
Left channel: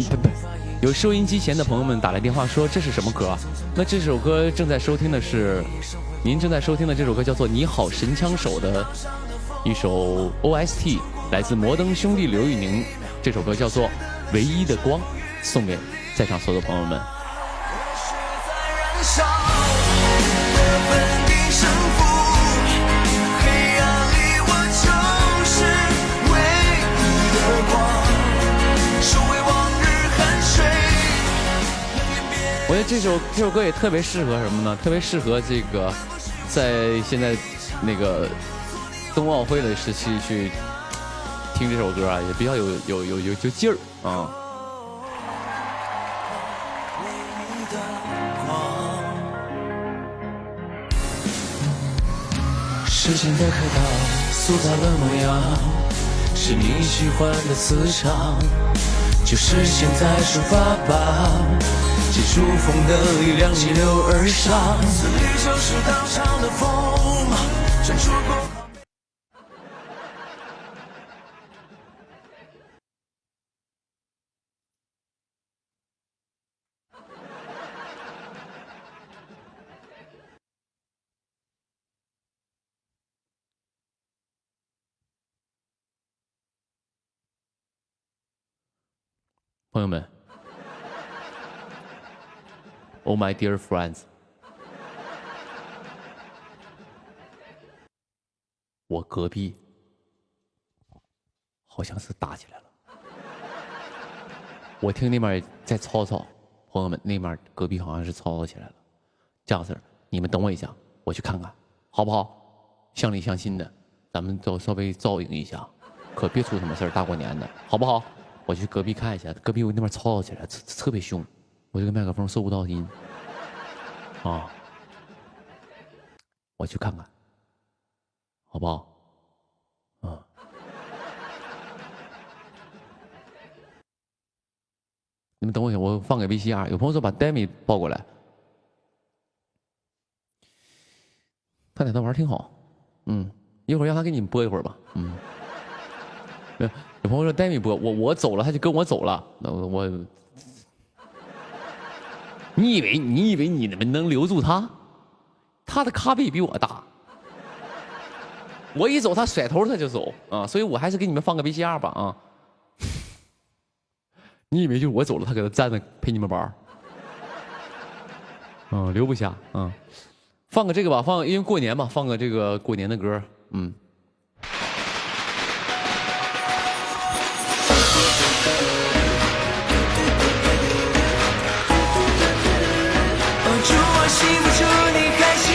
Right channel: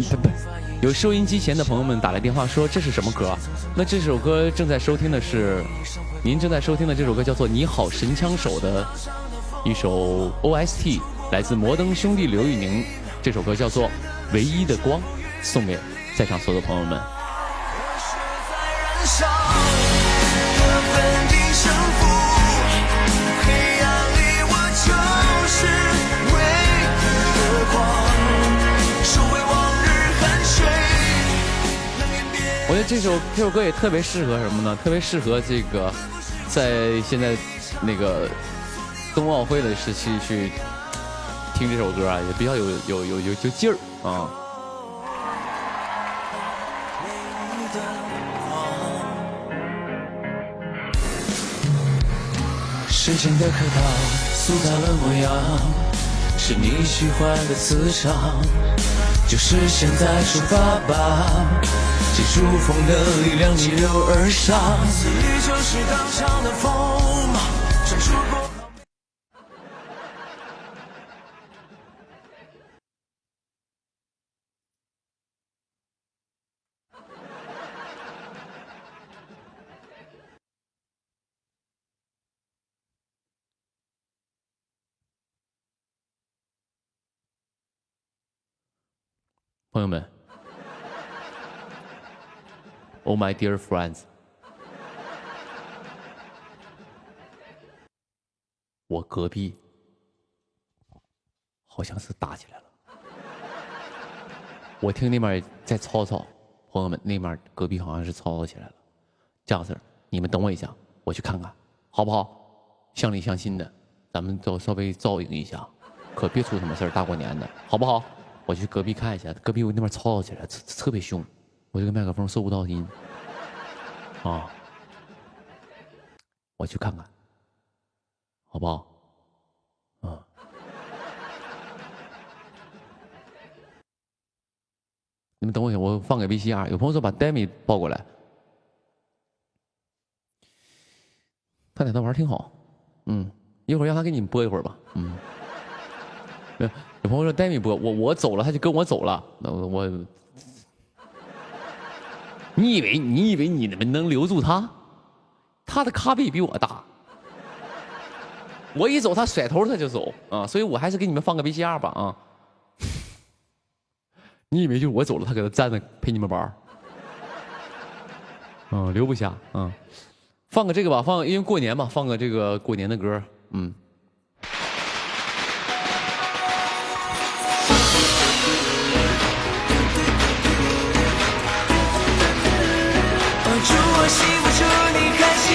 有收音机前的朋友们打来电话说这是什么歌？那这首歌正在收听的是，您正在收听的这首歌叫做《你好神枪手》的一首 OST， 来自摩登兄弟刘宇宁，这首歌叫做《唯一的光》，送给在场所有的朋友们。我觉得这首歌也特别适合什么呢？特别适合这个在现在那个冬奥会的时期去听这首歌啊，也比较有劲儿啊。时间的客套塑造了模样，是你喜欢的磁场，就是现在出发吧，借助风的力量逆流而上。朋友们 ，Oh my dear friends， 我隔壁好像是打起来了，我听那边在吵吵，朋友们，那边隔壁好像是吵起来了。这样式，你们等我一下，我去看看，好不好？相里相亲的，咱们都稍微照应一下，可别出什么事儿，大过年的，好不好？我去隔壁看一下，隔壁我那边吵起来，特别凶，我这个麦克风收不到音，啊，我去看看，好不好？你们等我一下，我放个 VCR。有朋友说把 Demi 抱过来，他俩他玩挺好，一会儿让他给你们播一会儿吧，有朋友说 Demi 播，我走了，他就跟我走了。那我，你以为你们能留住他？他的咖位比我大，我一走他甩头他就走啊，所以我还是给你们放个 VCR 吧啊。你以为就是我走了，他搁这站着陪你们玩留不下放个这个吧，因为过年嘛，放个这个过年的歌，祝我幸福，祝你开心。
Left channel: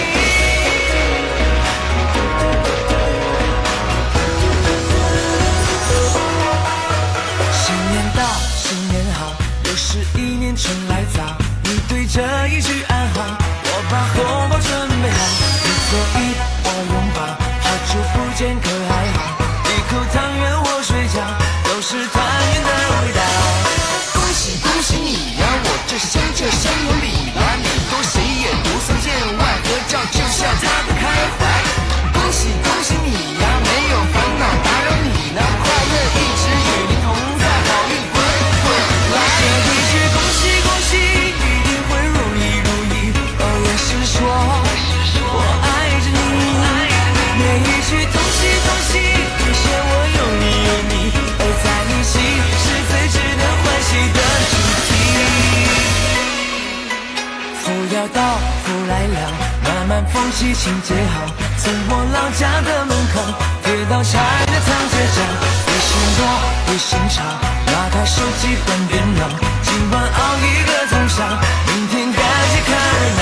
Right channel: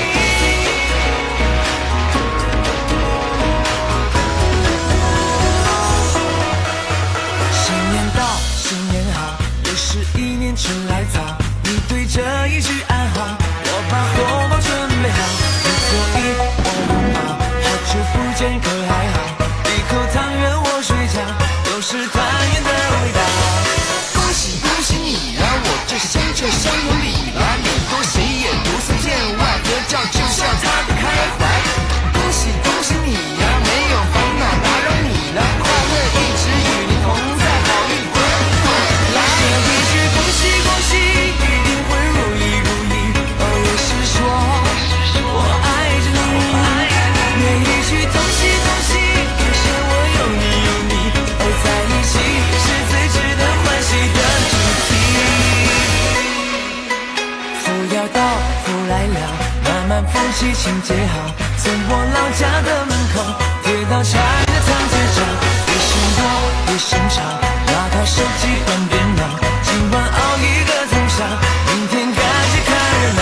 新年到，新年好，又是一年春来早。你对着一句安好，我把红包准备好。你所以我拥抱，好久不见可还好？一口汤圆我睡觉，都是团圆的味道。恭喜恭喜你呀，我这香这香有理呀，你多谁也不曾见，外合照就像他的开怀。恭喜恭喜你呀，没有烦恼打扰你呢，快乐一直与你同在，好运滚滚来。这一句恭喜恭喜，一定会如意如意。也是说我爱着你，每一句恭喜恭喜，表现我有你有你，在一起是最值得欢喜的主题。福要到，福来了，慢慢风起情节好，从我老家的门口贴到柴的长街上，一声多一声长，拿开手机换电脑，今晚熬一个通宵，明天赶紧看热闹。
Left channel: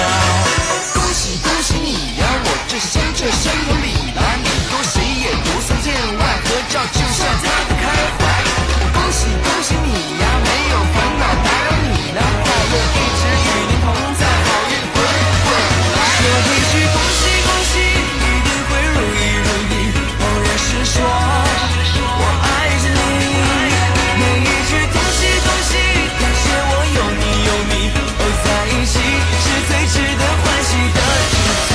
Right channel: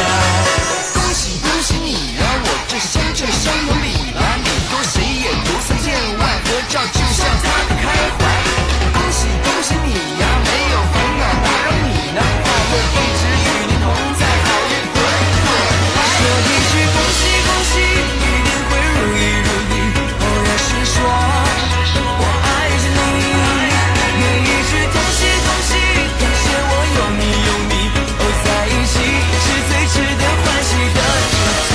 恭喜喜恭喜你呀！我这乡有理啦，你多谁也不算见外，合照就像他的开怀。恭喜你呀，没有烦恼打扰你呢，快乐一直与您同在，好运滚滚来。说一句恭喜，一定会如意。哦，也是说我爱着你，每一句恭喜，感谢我有你，哦，在一起是最值得欢喜的主题。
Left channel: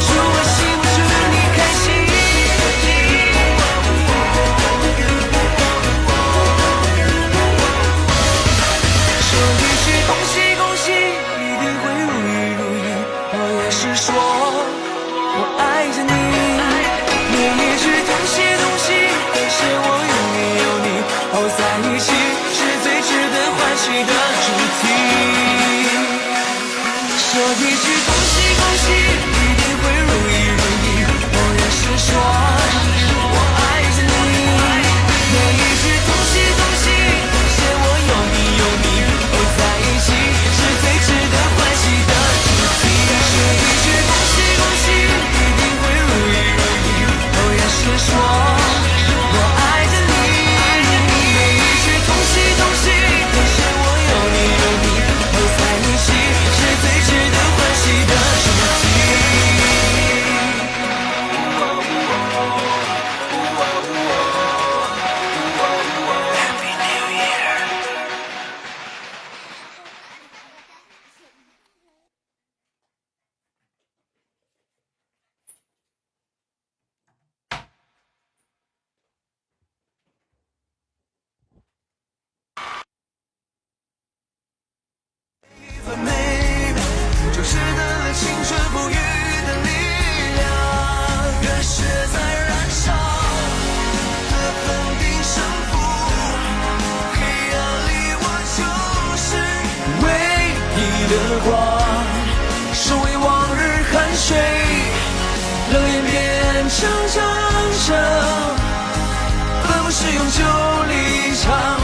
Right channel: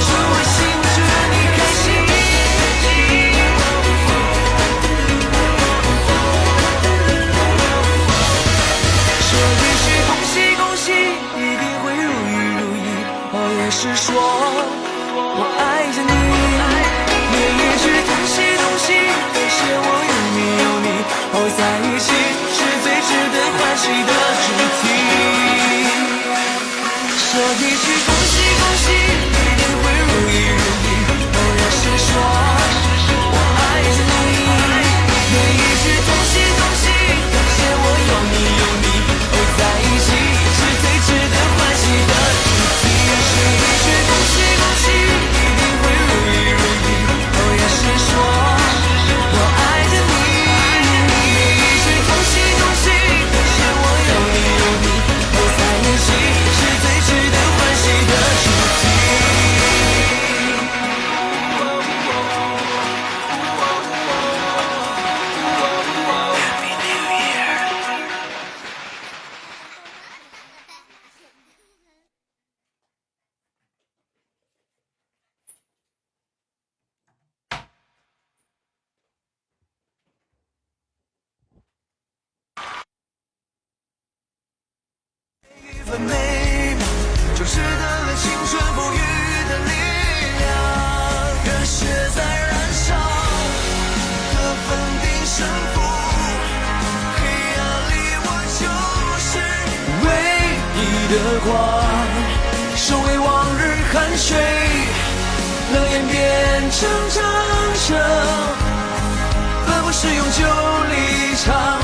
祝我幸福，祝你开心。说一句恭喜，一定会如意。哦，也是说我爱着你，每一句恭喜，感谢我有你，哦，在一起是最值得欢喜的主题。说一句恭喜，一定会如意。哦，也是说我爱着你，每一句恭喜，感谢我有你，哦，在一起是最值得欢喜的主题。说一句恭喜，一定会如意。哦，也是说我爱着你，每一句恭喜，感谢我有你，哦，在一起是最值得欢喜的主题。Happy New Year。很美的，就值得青春不渝的力量，热血在燃烧，它放低胜负，黑暗里我就是唯一的光，收回往日汗水，冷眼变成掌声，奔赴是永久离场，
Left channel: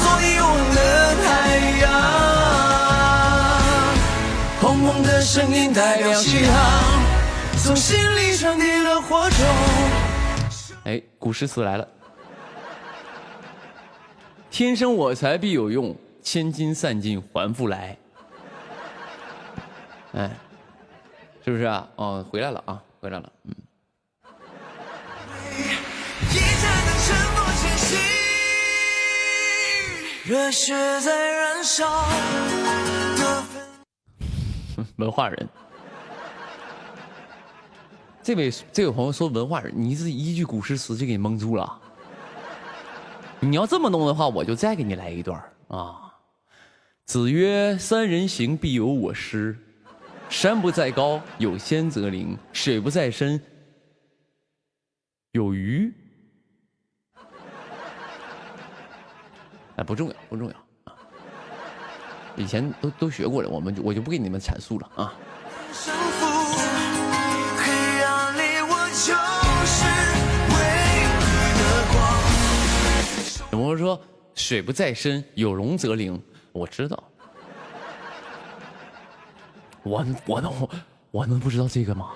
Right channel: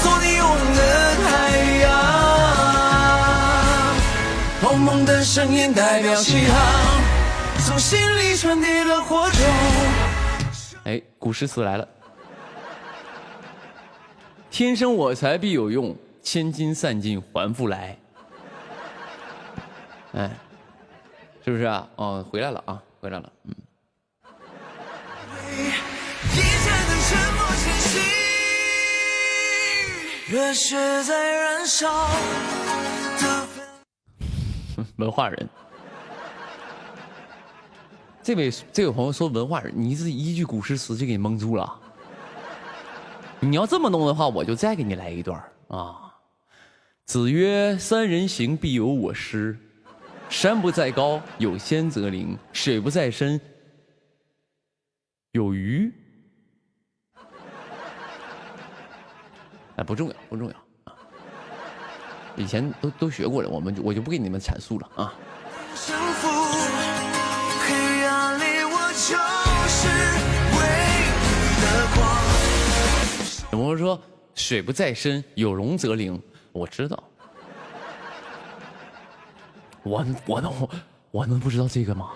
做你永恒的太阳。砰砰的声音代表信号，从心里传递到火中。哎，古诗词来了。天生我材必有用，千金散尽还复来。哎，是不是啊？哦，回来了啊，回来了。嗯。热血在燃烧。文化人，这位朋友说文化人，你是一句古诗词就给你蒙住了。你要这么弄的话，我就再给你来一段啊。子曰：“三人行，必有我师。山不在高，有仙则灵；水不在深，有鱼。”哎，不重要，不重要。以前都学过了，我就不给你们阐述了啊。有朋友说水不在深，有龙则灵，我知道。我能不知道这个吗？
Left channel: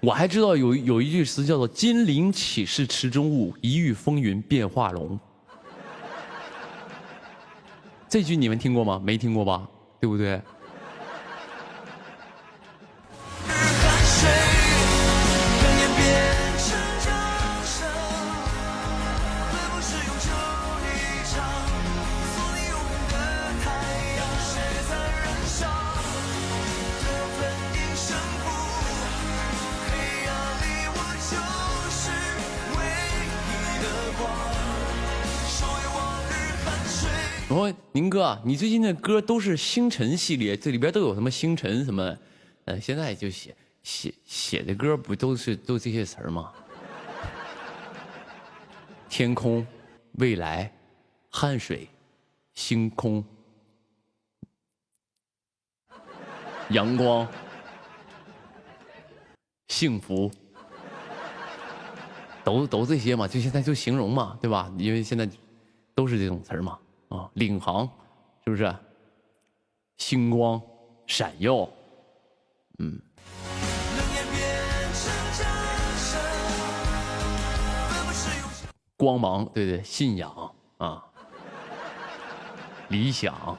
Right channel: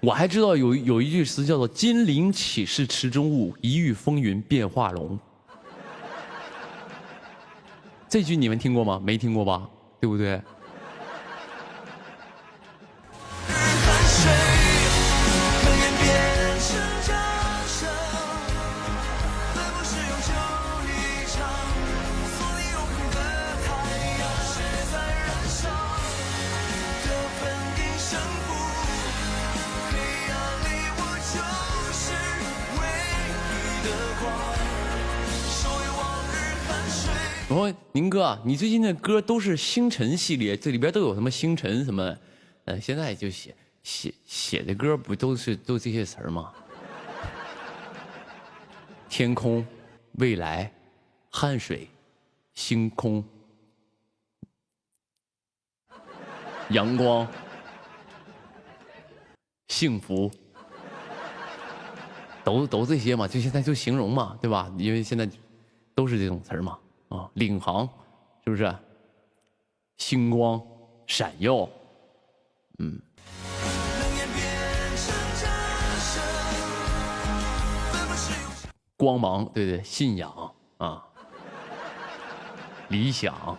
我还知道有一句诗叫做“金陵岂是池中物，一遇风云变化龙”。这句你们听过吗？没听过吧？对不对？然后宁哥啊，你最近的歌都是星辰系列，这里边都有什么星辰什么？现在就写的歌不都这些词儿吗？天空、未来、汗水、星空、阳光、幸福、都这些嘛，就现在就形容嘛，对吧？因为现在都是这种词儿嘛，啊，领航是不是？星光闪耀，嗯。光芒，对对，信仰啊，理想，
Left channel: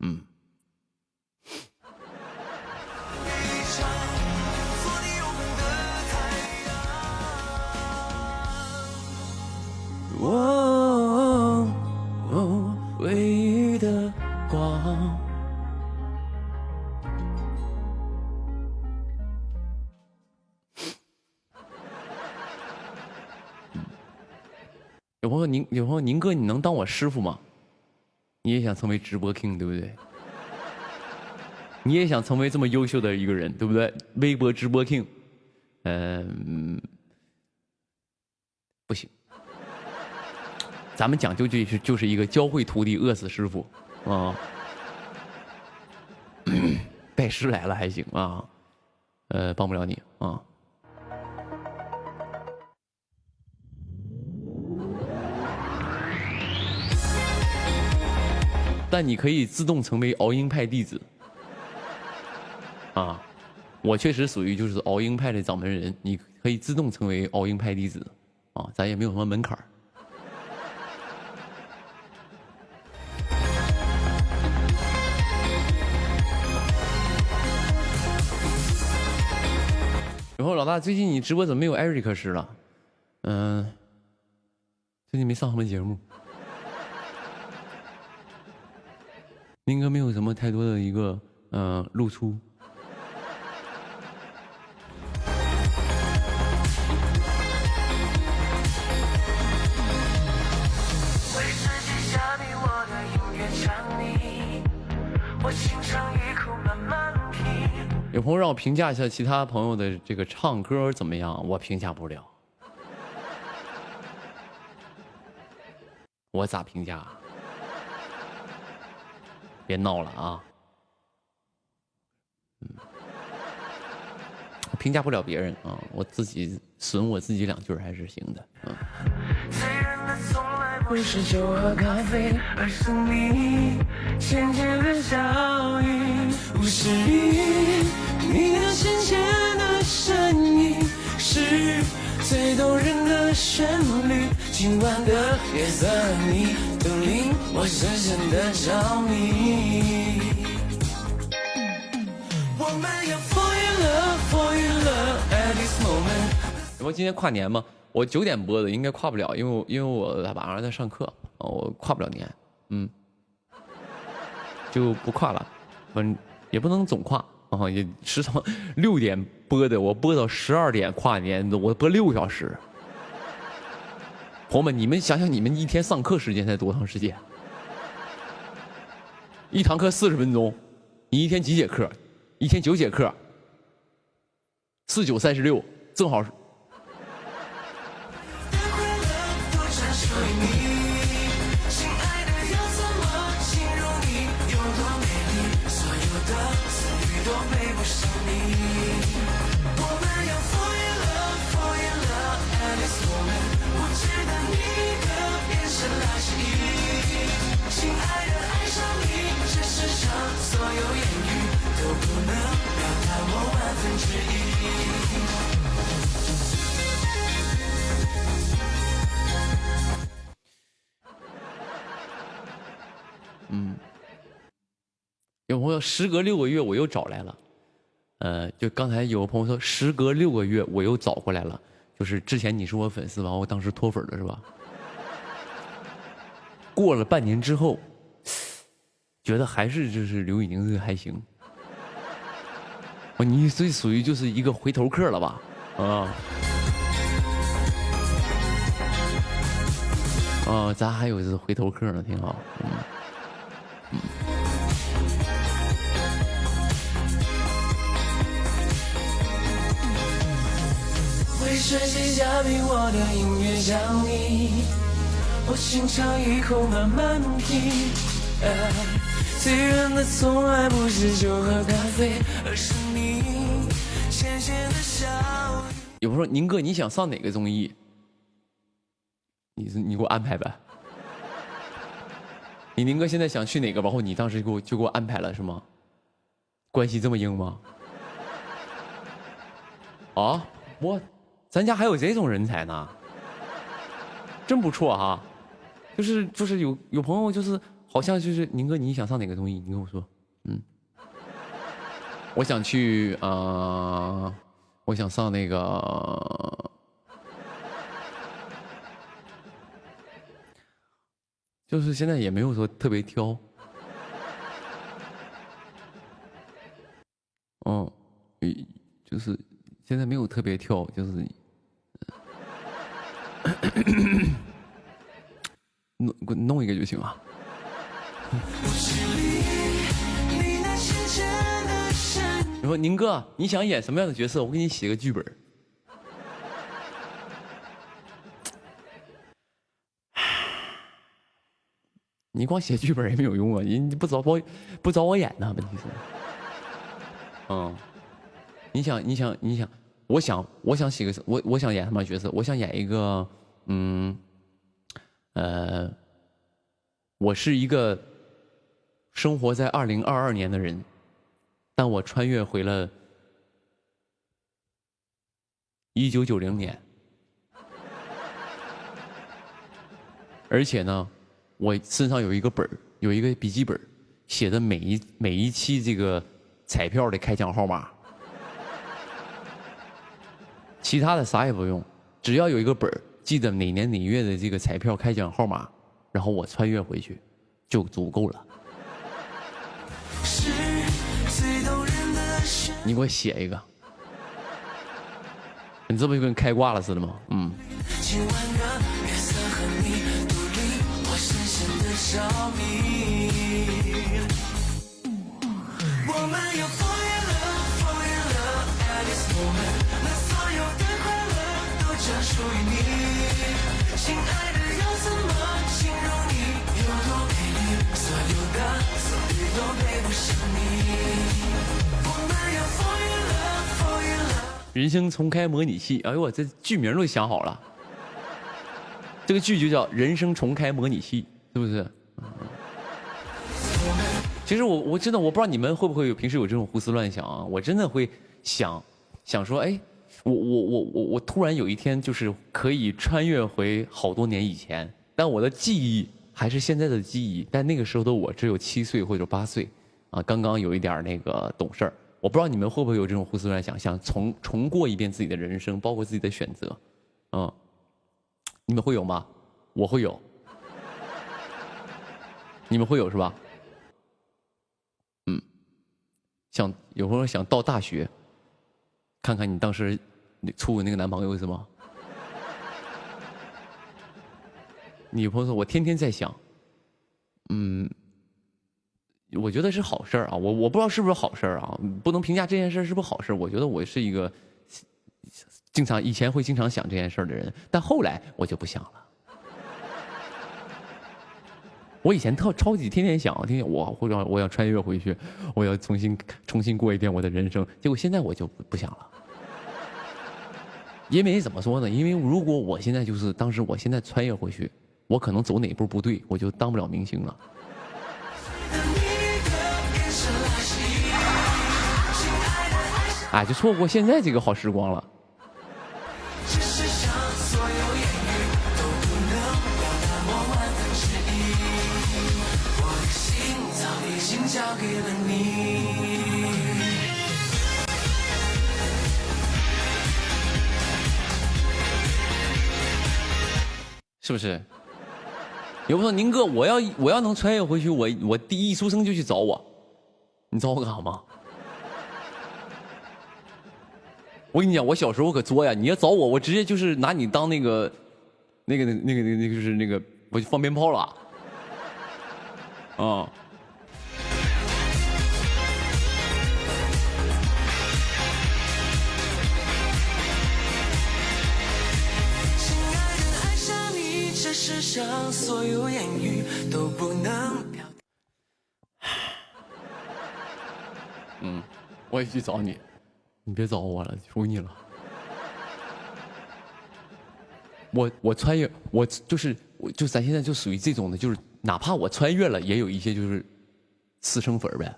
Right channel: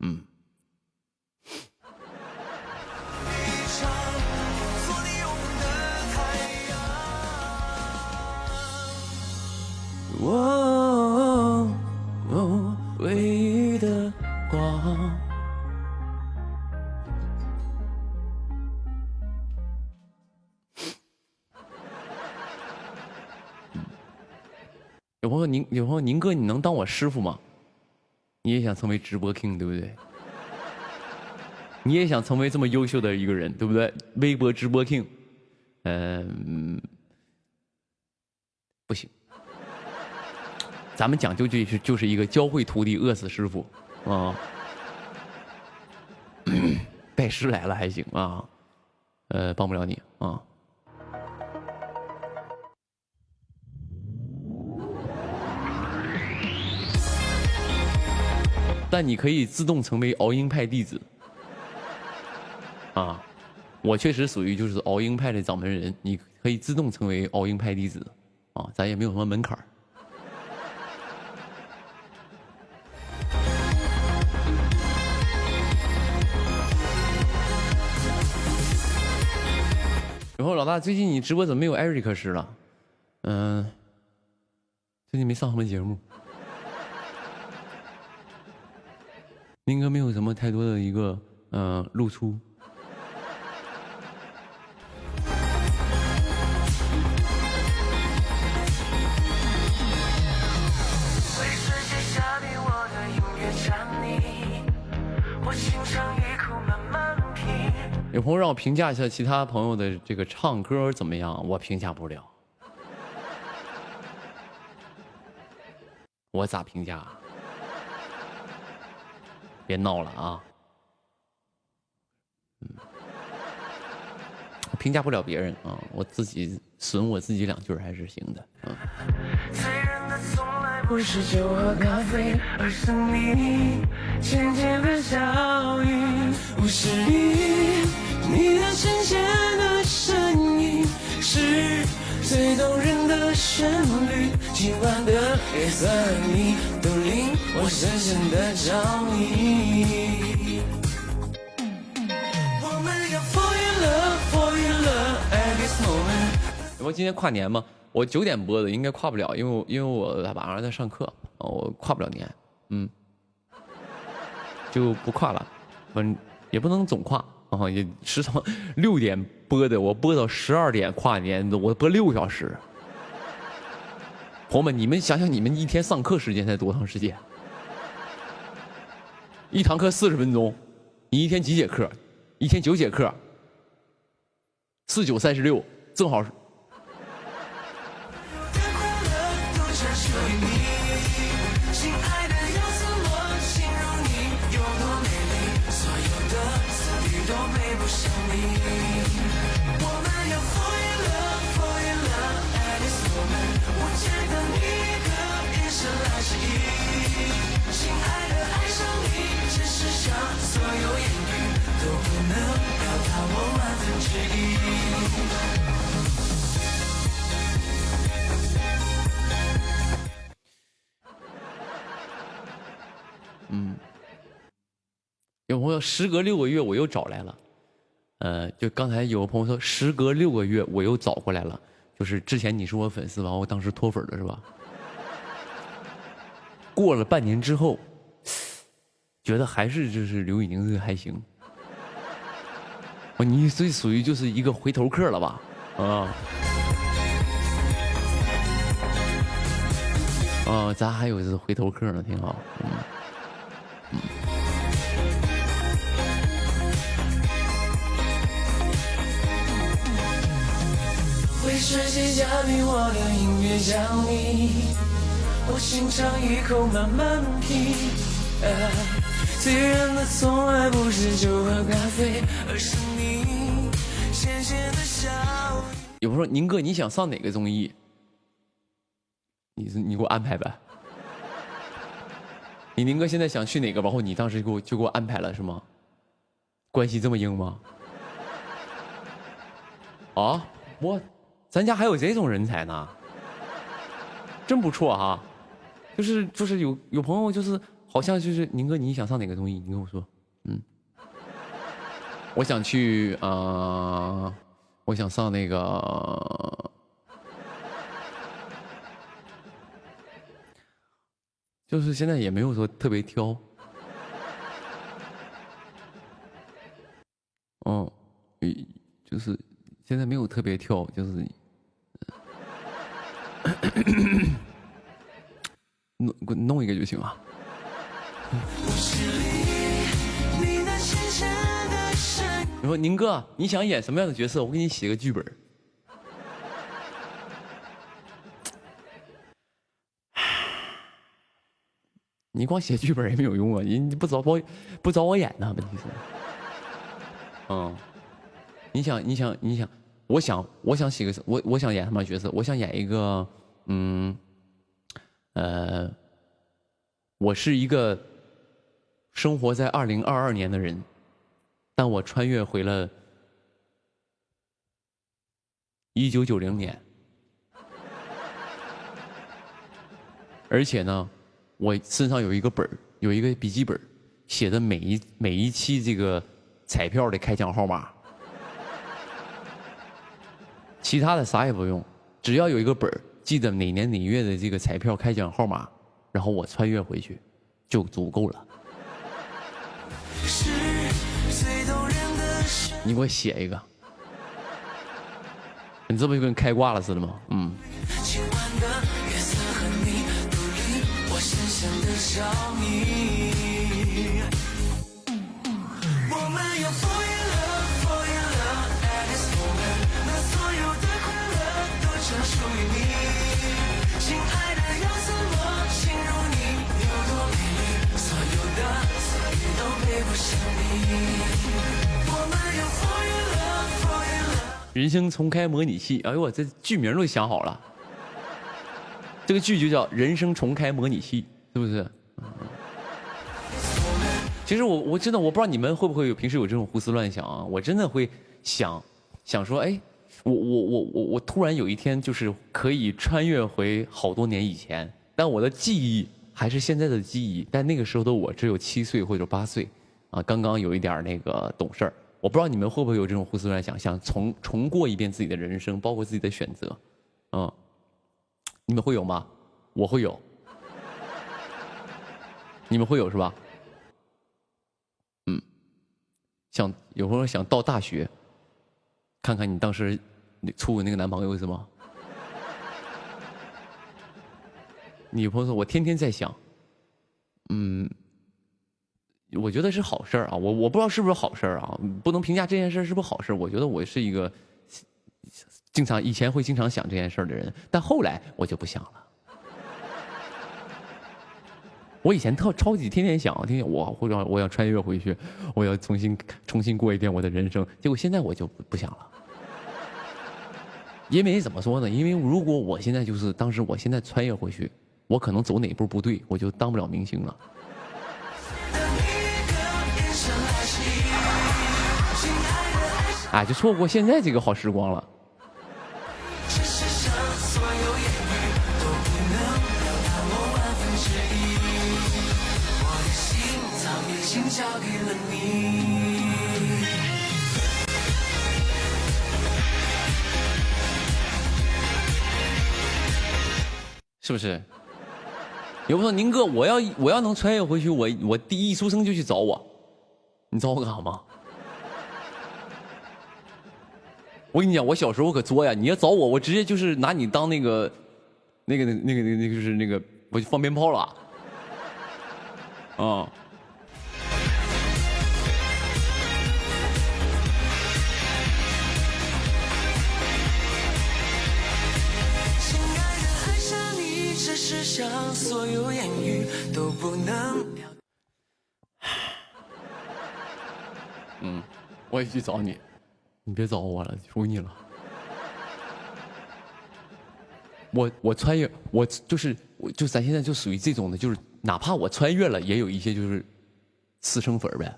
嗯。唯一的光。有朋友宁哥，你能当我师傅吗？你也想成为直播 king 对不对？你也想成为这么优秀的一个人对不对？微博直播 king，不行，咱们讲究就是一个教会徒弟饿死师傅啊。拜师来了还行啊，帮不了你啊。但你可以自动成为熬鹰派弟子啊！我确实属于就是熬鹰派的掌门人，你可以自动成为熬鹰派弟子啊，咱也没有什么门槛儿。然后老大，最近你直播怎么没有艾瑞克师了？最近没上什么节目。宁哥没有什么太多的一个露出。有朋友让我评价一下其他朋友的这个唱歌怎么样，我评价不了。我咋评价？别闹了啊！我评价不了别人啊，我自己损我自己两句还是行的。不是酒和咖啡，而是你浅浅的笑语，不是你的浅浅的声音，是最动人的旋律。今晚的夜色，你都令我深深的着迷。我们要 fall in love at this moment。我今天跨年吗？我9点播的，应该跨不了，因为我晚上在上课，我跨不了年，就不跨了，反正也不能总跨啊，也时常6点播的，我播到12点跨年，我播6个小时。朋友们，你们想想，你们一天上课时间才多长时间？一堂课40分钟，你一天几节课？一天9节课，4、9、36，正好是。有朋友时隔6个月我又找来了，就刚才有个朋友说时隔6个月我又找过来了，就是之前你是我粉丝吧，我当时脱粉了是吧？过了半年之后，觉得还是就是刘宇宁这个还行。你这属于就是一个回头客了吧？咱还有这回头客呢，挺好。为世界加冕我的音乐奖励，我轻尝一口慢慢品。醉人的从来不是酒和咖啡，而是你浅浅的笑语。有朋友说宁哥你想上哪个综艺？你给我安排呗。你宁哥现在想去哪个，然后你当时就给我安排了是吗？关系这么硬吗？啊，咱家还有这种人才呢，真不错哈。就是有朋友就是好像就是宁哥你想上哪个综艺？你跟我说，我想去我想上那个。就是现在也没有说特别挑，就是现在没有特别挑，就是弄一个就行啊。你说宁哥，你想演什么样的角色？我给你写个剧本。你光写剧本也没有用啊！人不找我演呢，问题是，你想，我想写个我想演什么角色？我想演一个，我是一个生活在2022年的人，但我穿越回了1990年，而且呢。我身上有一个本儿，有一个笔记本，写的每一期这个彩票的开奖号码，其他的啥也不用，只要有一个本儿，记得哪年哪月的这个彩票开奖号码，然后我穿越回去，就足够了。你给我写一个，你这不就跟开挂了似的吗？人生重开模拟器，哎呦我这剧名都想好了，这个剧就叫《人生重开模拟器》，是不是？其实我真的我不知道你们会不会平时有这种胡思乱想啊？我真的会想说，哎，我突然有一天就是可以穿越回好多年以前，但我的记忆还是现在的记忆，但那个时候的我只有7岁或者8岁啊，刚刚有一点那个懂事儿。我不知道你们会不会有这种胡思乱想，想重过一遍自己的人生，包括自己的选择，你们会有吗？我会有，你们会有是吧？有朋友想到大学，看看你当时处的那个男朋友是吗？你有朋友说我天天在想，我觉得是好事儿啊，我不知道是不是好事儿啊，不能评价这件事是不是好事儿。我觉得我是一个以前会经常想这件事儿的人，但后来我就不想了。我以前超级天天想，我要穿越回去，我要重新过一遍我的人生。结果现在我就不想了，因为怎么说呢？因为如果我现在就是当时我现在穿越回去，我可能走哪步不对，我就当不了明星了。哎，就错过现在这个好时光了。是不是？有朋友说宁哥，我要能穿越回去，我第一出生就去找我，你找我干啥吗？我跟你讲，我小时候可作呀！你要找我，我直接就是拿你当那个，就是那个，我就放鞭炮了，啊！我也去找你，你别找我了，求你了。我穿越，我就咱现在就属于这种的，就是哪怕我穿越了，也有一些就是私生粉呗，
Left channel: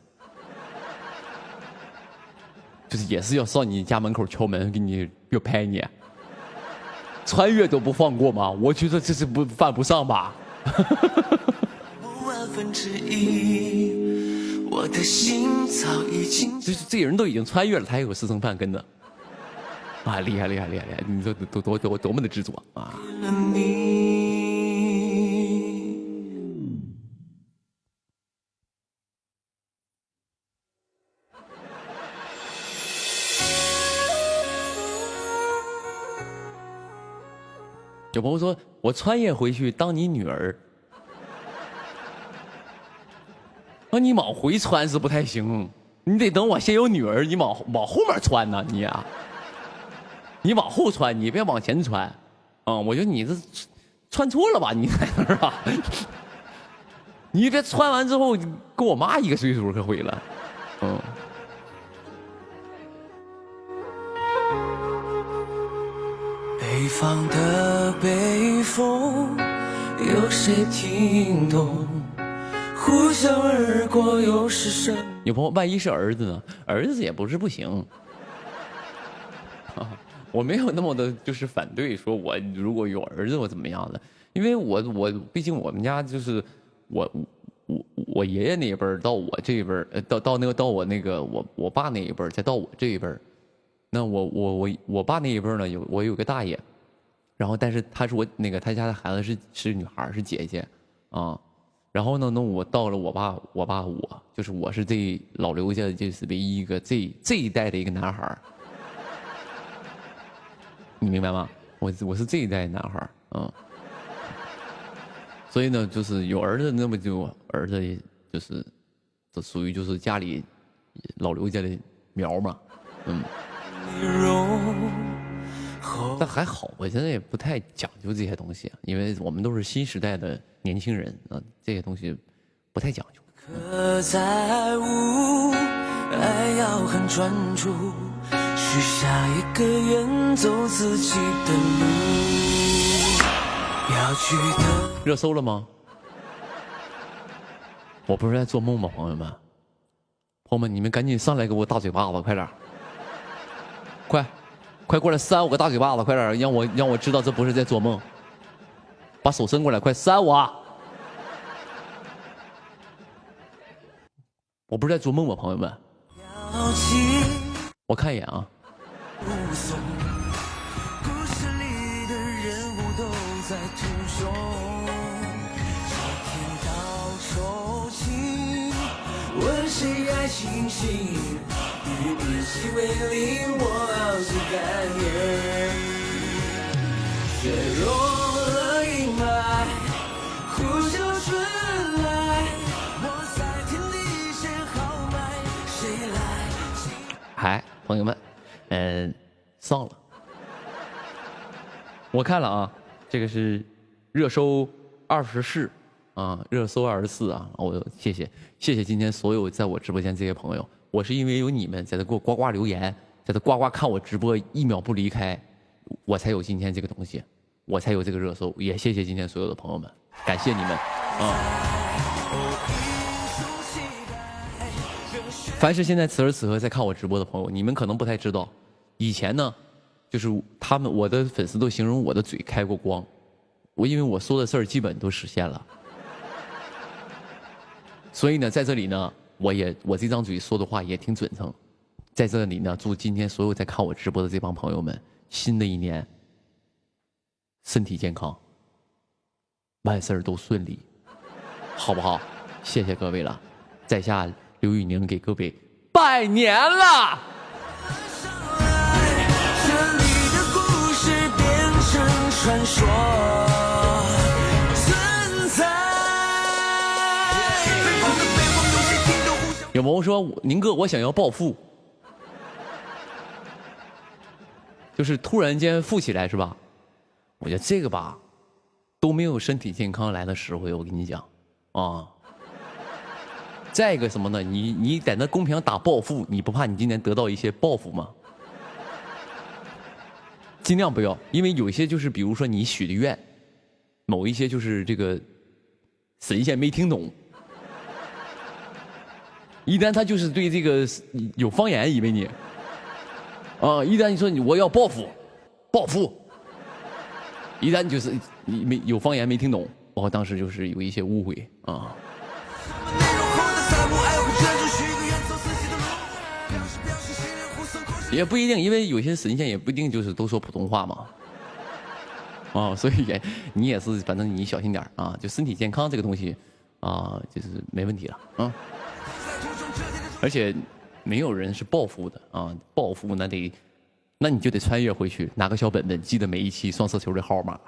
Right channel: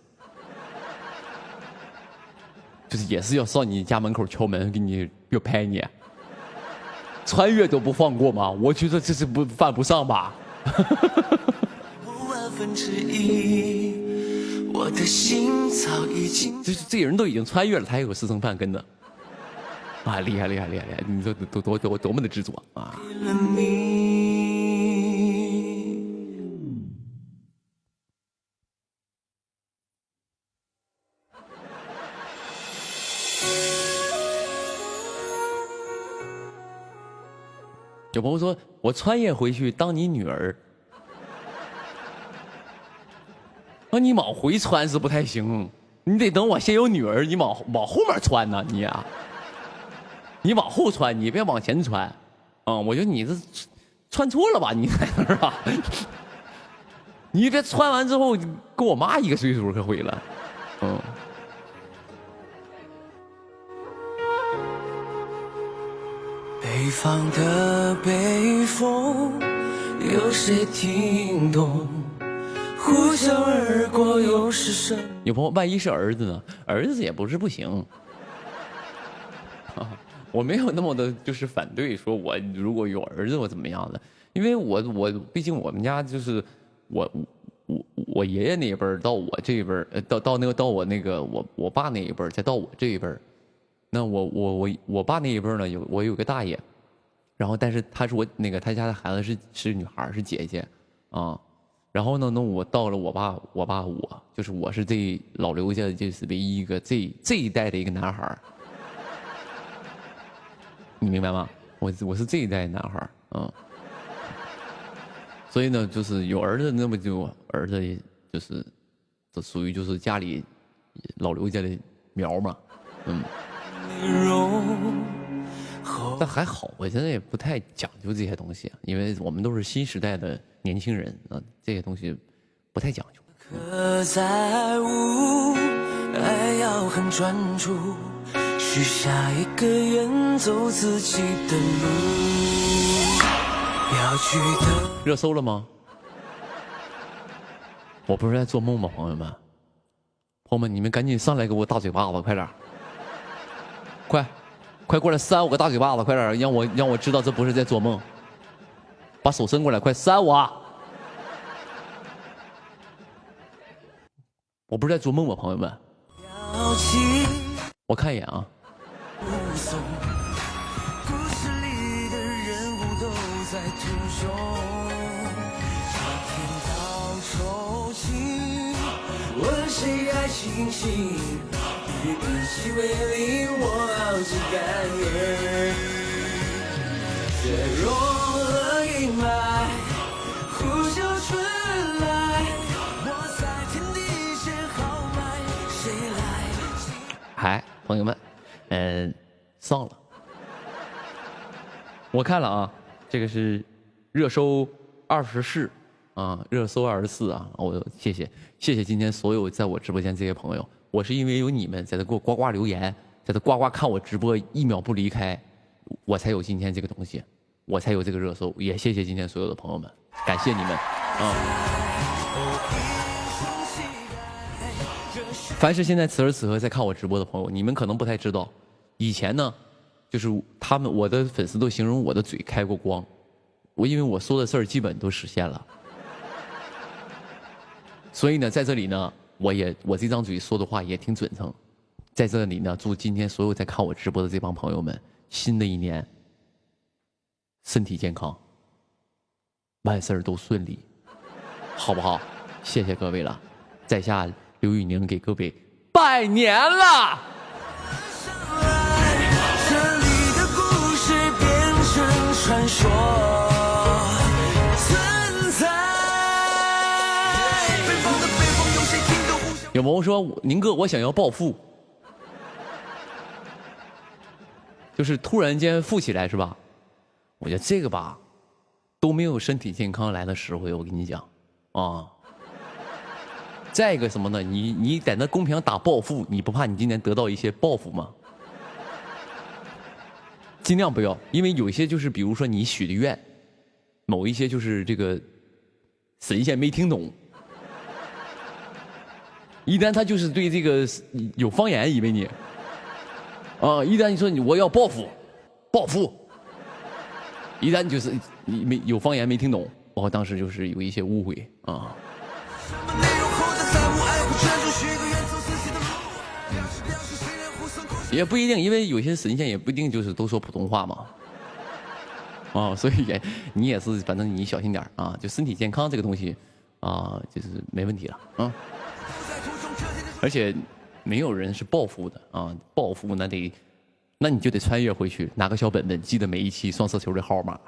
就是也是要上你家门口敲门，给你要拍你，穿越都不放过吗？我觉得这是不犯不上吧。就是这人都已经穿越了，他还有私生饭跟着，啊，厉害厉害厉害厉害！你说多么的执着啊！有朋友说，我穿越回去当你女儿。那你往回穿是不太行，你得等我先有女儿，你往后面穿呢，你啊，你往后穿，你别往前穿，我觉得你这穿错了吧，你是吧？你别穿完之后跟我妈一个岁数可毁了，北方的北风，有谁听懂？呼啸而过，又是什么？有朋友，万一是儿子呢？儿子也不是不行，我没有那么的，就是反对，说我如果有儿子我怎么样的？因为我毕竟我们家就是我爷爷那一辈儿到我这一辈儿，到我爸那一辈儿，再到我这一辈儿，那我爸那一辈儿呢，我有个大爷，然后但是他是他家的孩子是女孩，是姐姐啊。然后呢，我到了我就是我是这老刘家的就是唯一一个这一代的一个男孩，你明白吗？我是这一代男孩，所以呢，就是有儿子，那么就儿子就是这属于就是家里老刘家的苗嘛，但还好，我现在也不太讲究这些东西，因为我们都是新时代的年轻人啊，这些东西不太讲究。可在乎，爱要很专注，许下一个远走自己的路。要去的热搜了吗？我不是在做梦吗，朋友们？朋友们，你们赶紧上来给我大嘴巴子，快点，快过来扇我个大嘴巴子，快点，让我知道这不是在做梦。把手伸过来，快扇我！我不是在做梦吗，朋友们？我看一眼啊。问谁爱清醒？与你细微令我傲气干眼。雪融了阴霾，呼啸春来。嗨，朋友们，上了。我看了啊，这个是热搜24啊，热搜24啊，我谢谢今天所有在我直播间这些朋友，我是因为有你们在这给我呱呱留言，在这呱呱看我直播1秒不离开，我才有今天这个东西，我才有这个热搜，也谢谢今天所有的朋友们，感谢你们啊！凡是现在此时此刻在看我直播的朋友，你们可能不太知道，以前呢，就是我的粉丝都形容我的嘴开过光，因为我说的事儿基本都实现了。所以呢，在这里呢，我这张嘴说的话也挺准诚，在这里呢，祝今天所有在看我直播的这帮朋友们，新的一年身体健康，万事都顺利，好不好？谢谢各位了，在下刘宇宁给各位拜年了。有朋友说，宁哥，我想要暴富，就是突然间富起来是吧？我觉得这个吧，都没有身体健康来的实惠。我跟你讲啊，再一个什么呢？你在那公屏上打暴富，你不怕你今年得到一些报复吗？尽量不要，因为有一些就是比如说你许的愿，某一些就是这个神仙没听懂，一旦他就是对这个有方言，以为你啊，一旦你说我要报复，报复，一旦就是你没有方言没听懂，我当时就是有一些误会啊。也不一定，因为有些神仙也不一定就是都说普通话嘛。啊，所以你也是，反正你小心点啊，就身体健康这个东西啊，就是没问题了啊。而且没有人是暴富的啊，暴富那你就得穿越回去，拿个小本本，记得每一期双色球的号码，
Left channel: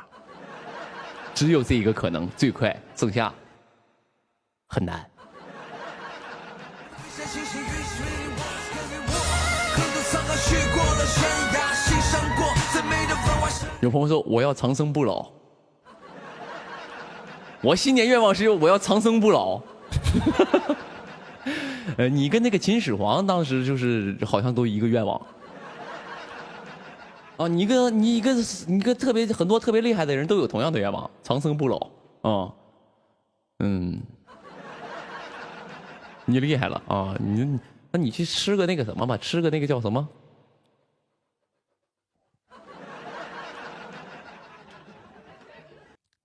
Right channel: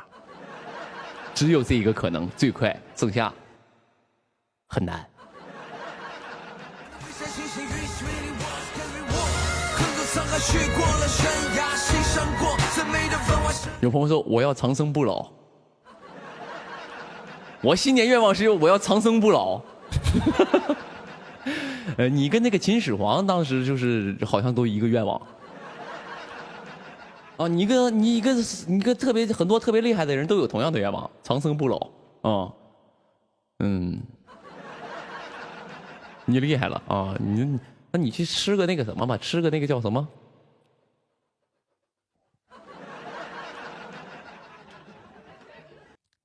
只有这一个可能最快，剩下很难。有朋友说我要长生不老，我新年愿望是我要长生不老。你跟那个秦始皇当时就是好像都一个愿望啊，你跟特别很多特别厉害的人都有同样的愿望，长生不老啊。你厉害了啊！那你去吃个那个什么吧，吃个那个叫什么？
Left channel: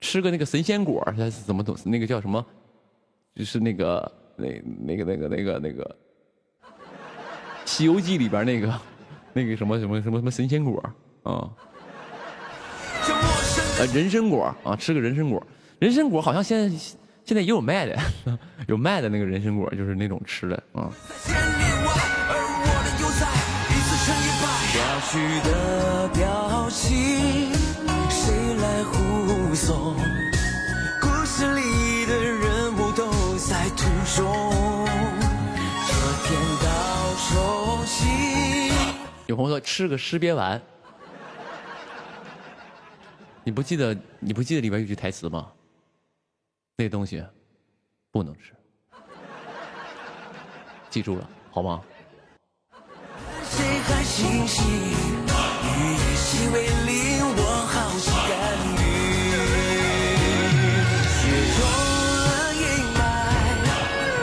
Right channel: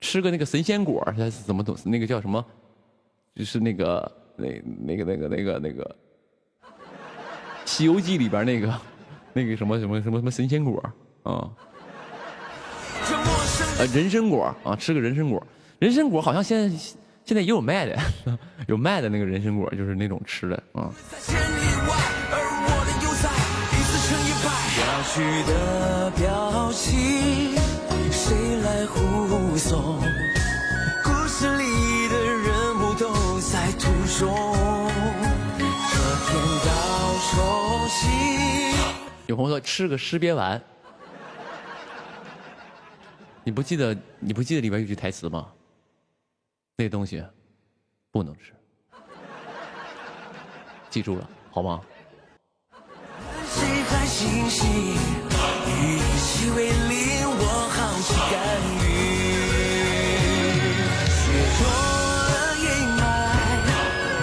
吃个那个神仙果，它是怎么懂？那个叫什么？就是那个《西游记》里边那个什么神仙果啊？人参果啊，吃个人参果。人参果好像现在也有卖的，有卖的那个人参果，就是那种吃的啊。谁来护送？故事里的人物都在途中，这天到手心。有朋友说吃个尸鳖丸，你不记得里边有句台词吗？那东西不能吃，记住了好吗？谁还欣喜？以其为邻，我好心甘予。雪融了阴霾，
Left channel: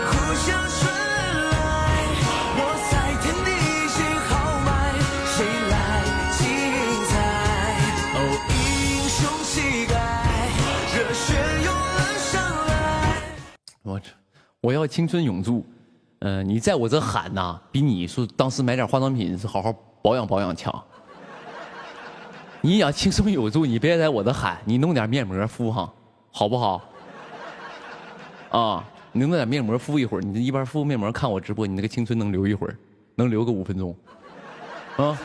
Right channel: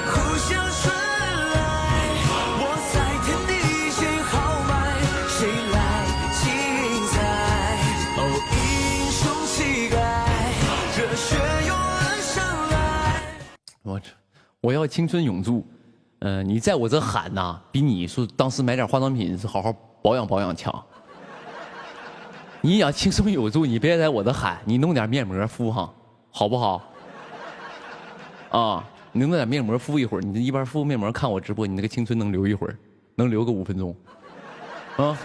互相顺来。我在天地谁好坏，谁来精彩？英雄气概，热血涌了上来。我要青春永驻。你在我这喊呐，比你说当时买点化妆品是好好保养强。你想青春有助，你别在我这喊，你弄点面膜敷上，好不好？啊，你弄点面膜敷一会儿，你一边敷面膜看我直播，你那个青春能留一会儿，能留个5分钟，啊？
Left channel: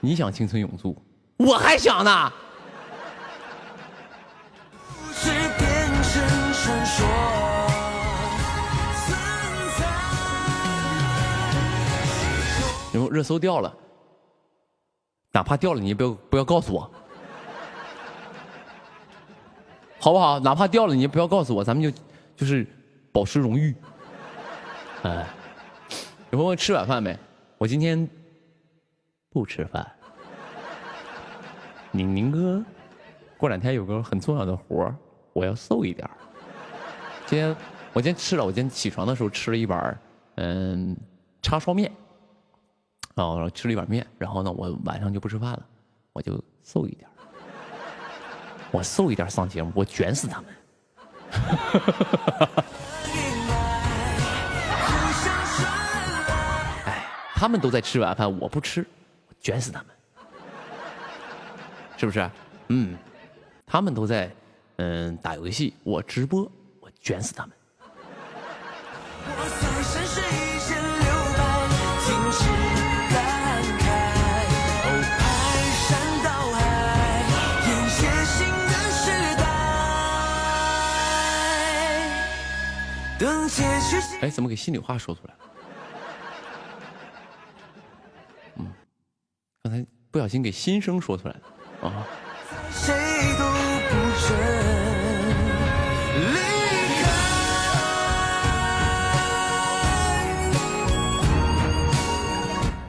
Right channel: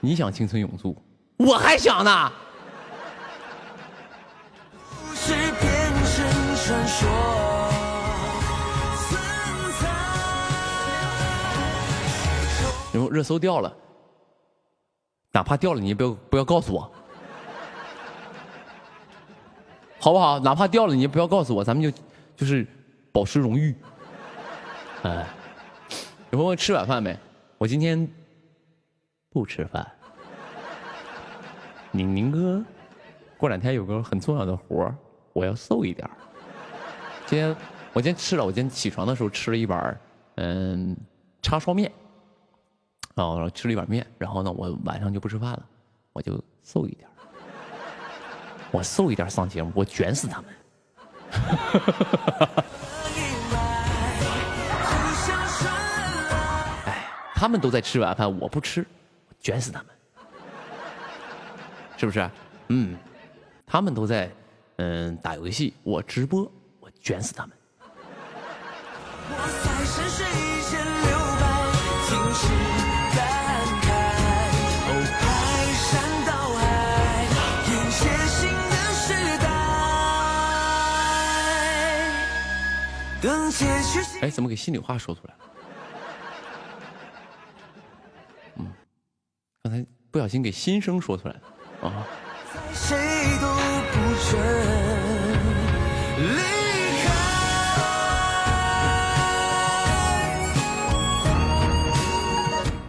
你想青春永驻，我还想呢。然后热搜掉了。哪怕掉了，你也不要告诉我，好不好？哪怕掉了，你也不要告诉我，咱们就是保持荣誉。哎，有朋友吃晚饭没？我今天不吃饭。宁哥，过2天有个很重要的活，我要瘦一点。我今天吃了，我今天起床的时候吃了一碗叉烧面。哦，吃了一碗面，然后呢，我晚上就不吃饭了，我就瘦一点，我瘦一点上节目，我卷死他们。哎，他们都在吃晚饭，我不吃，我卷死他们，是不是？他们都在打游戏，我直播，我卷死他们。哎，怎么给心里话说出来了？刚才不小心给心声说出来了啊！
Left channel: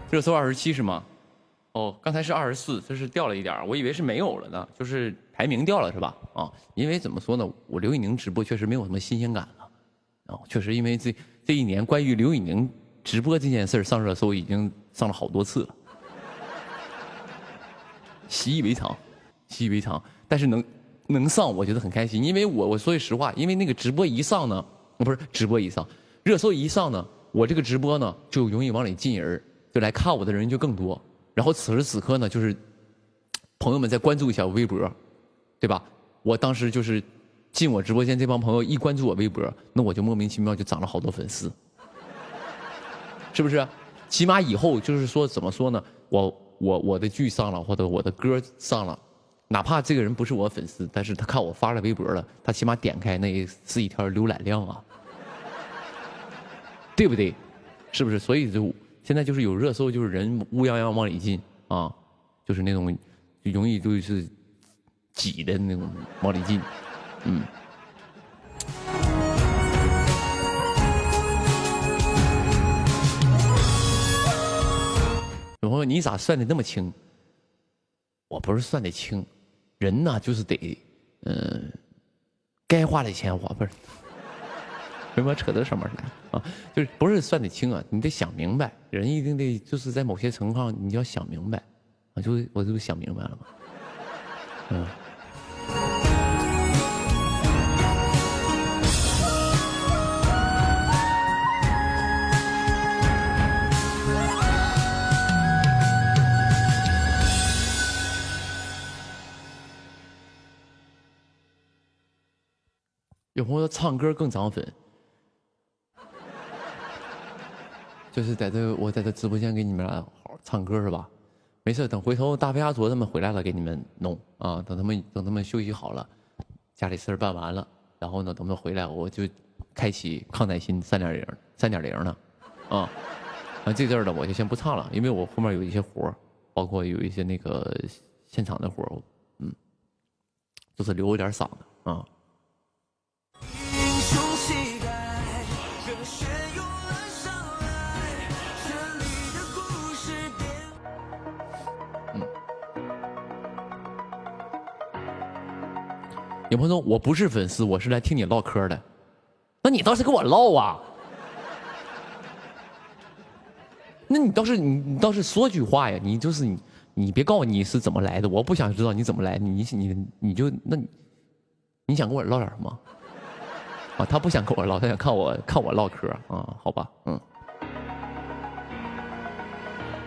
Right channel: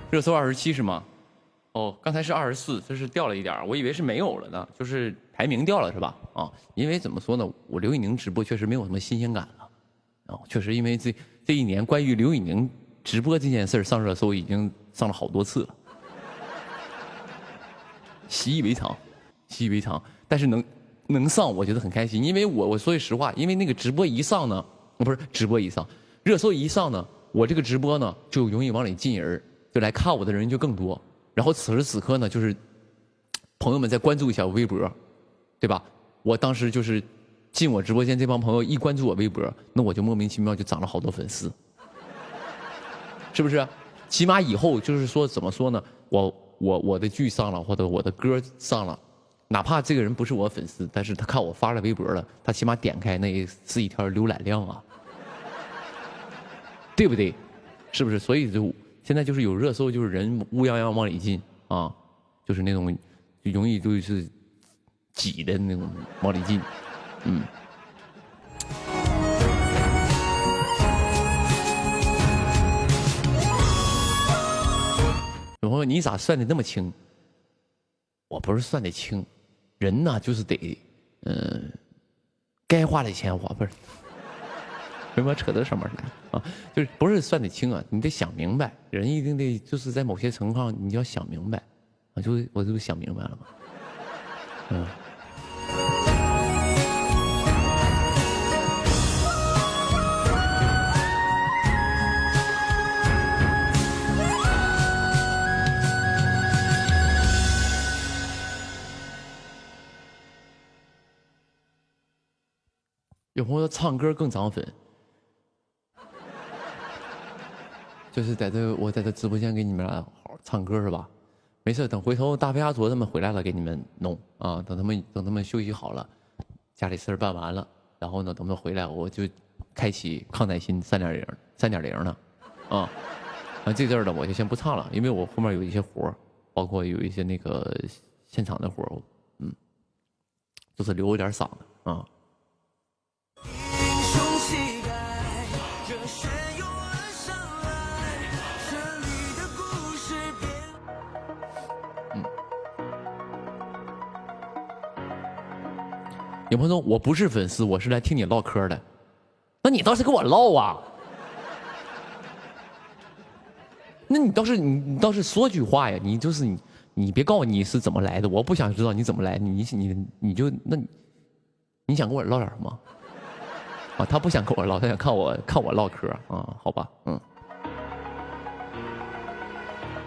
热搜27是吗？哦，刚才是24，这是掉了一点，我以为是没有了呢，就是排名掉了是吧？啊，因为怎么说呢，我刘宇宁直播确实没有什么新鲜感了，啊，确实因为这一年关于刘宇宁直播这件事上热搜已经上了好多次了，习以为常，习以为常。但是能上，我觉得很开心，因为我说句实话，因为那个直播一上呢，不是直播一上，热搜一上呢，我这个直播呢就容易往里进人，就来看我的人就更多。然后此时此刻呢，就是朋友们再关注一下我微博，对吧？我当时就是进我直播间这帮朋友一关注我微博，那我就莫名其妙就涨了好多粉丝，是不是？起码以后就是说怎么说呢？我的剧上了，或者我的歌上了，哪怕这个人不是我粉丝，但是他看我发了微博了，他起码点开那是一条浏览量啊，对不对？是不是？所以就现在就是有热搜，就是人乌泱泱往里进啊，就是那种就容易就是挤的那种往里进，嗯。有朋友，你咋算的那么轻？我不是算的轻，人呐就是得，该花的钱花，不是。为什么扯到上面来啊？就是不是算得清啊？你得想明白，人一定得就是在某些情况你要想明白啊。我就想明白了嘛，嗯。有朋友说唱歌更涨粉。就是我在这直播间给你们俩好好唱歌是吧？没事，等回头大飞阿卓他们回来了给你们弄啊。等他们休息好了，家里事儿办完了，然后呢，等他们回来我就开启康乃馨3.0呢，啊，这阵儿呢我就先不唱了，因为我后面有一些活，包括有一些那个现场的活，就是留有点嗓子啊。有朋友说我不是粉丝，我是来听你唠嗑的，那你倒是跟我唠啊，那你倒是说句话呀，你别告诉我你是怎么来的，我不想知道你怎么来，你就你想跟我唠点什么啊？他不想跟我唠，他想看我唠嗑啊？好吧，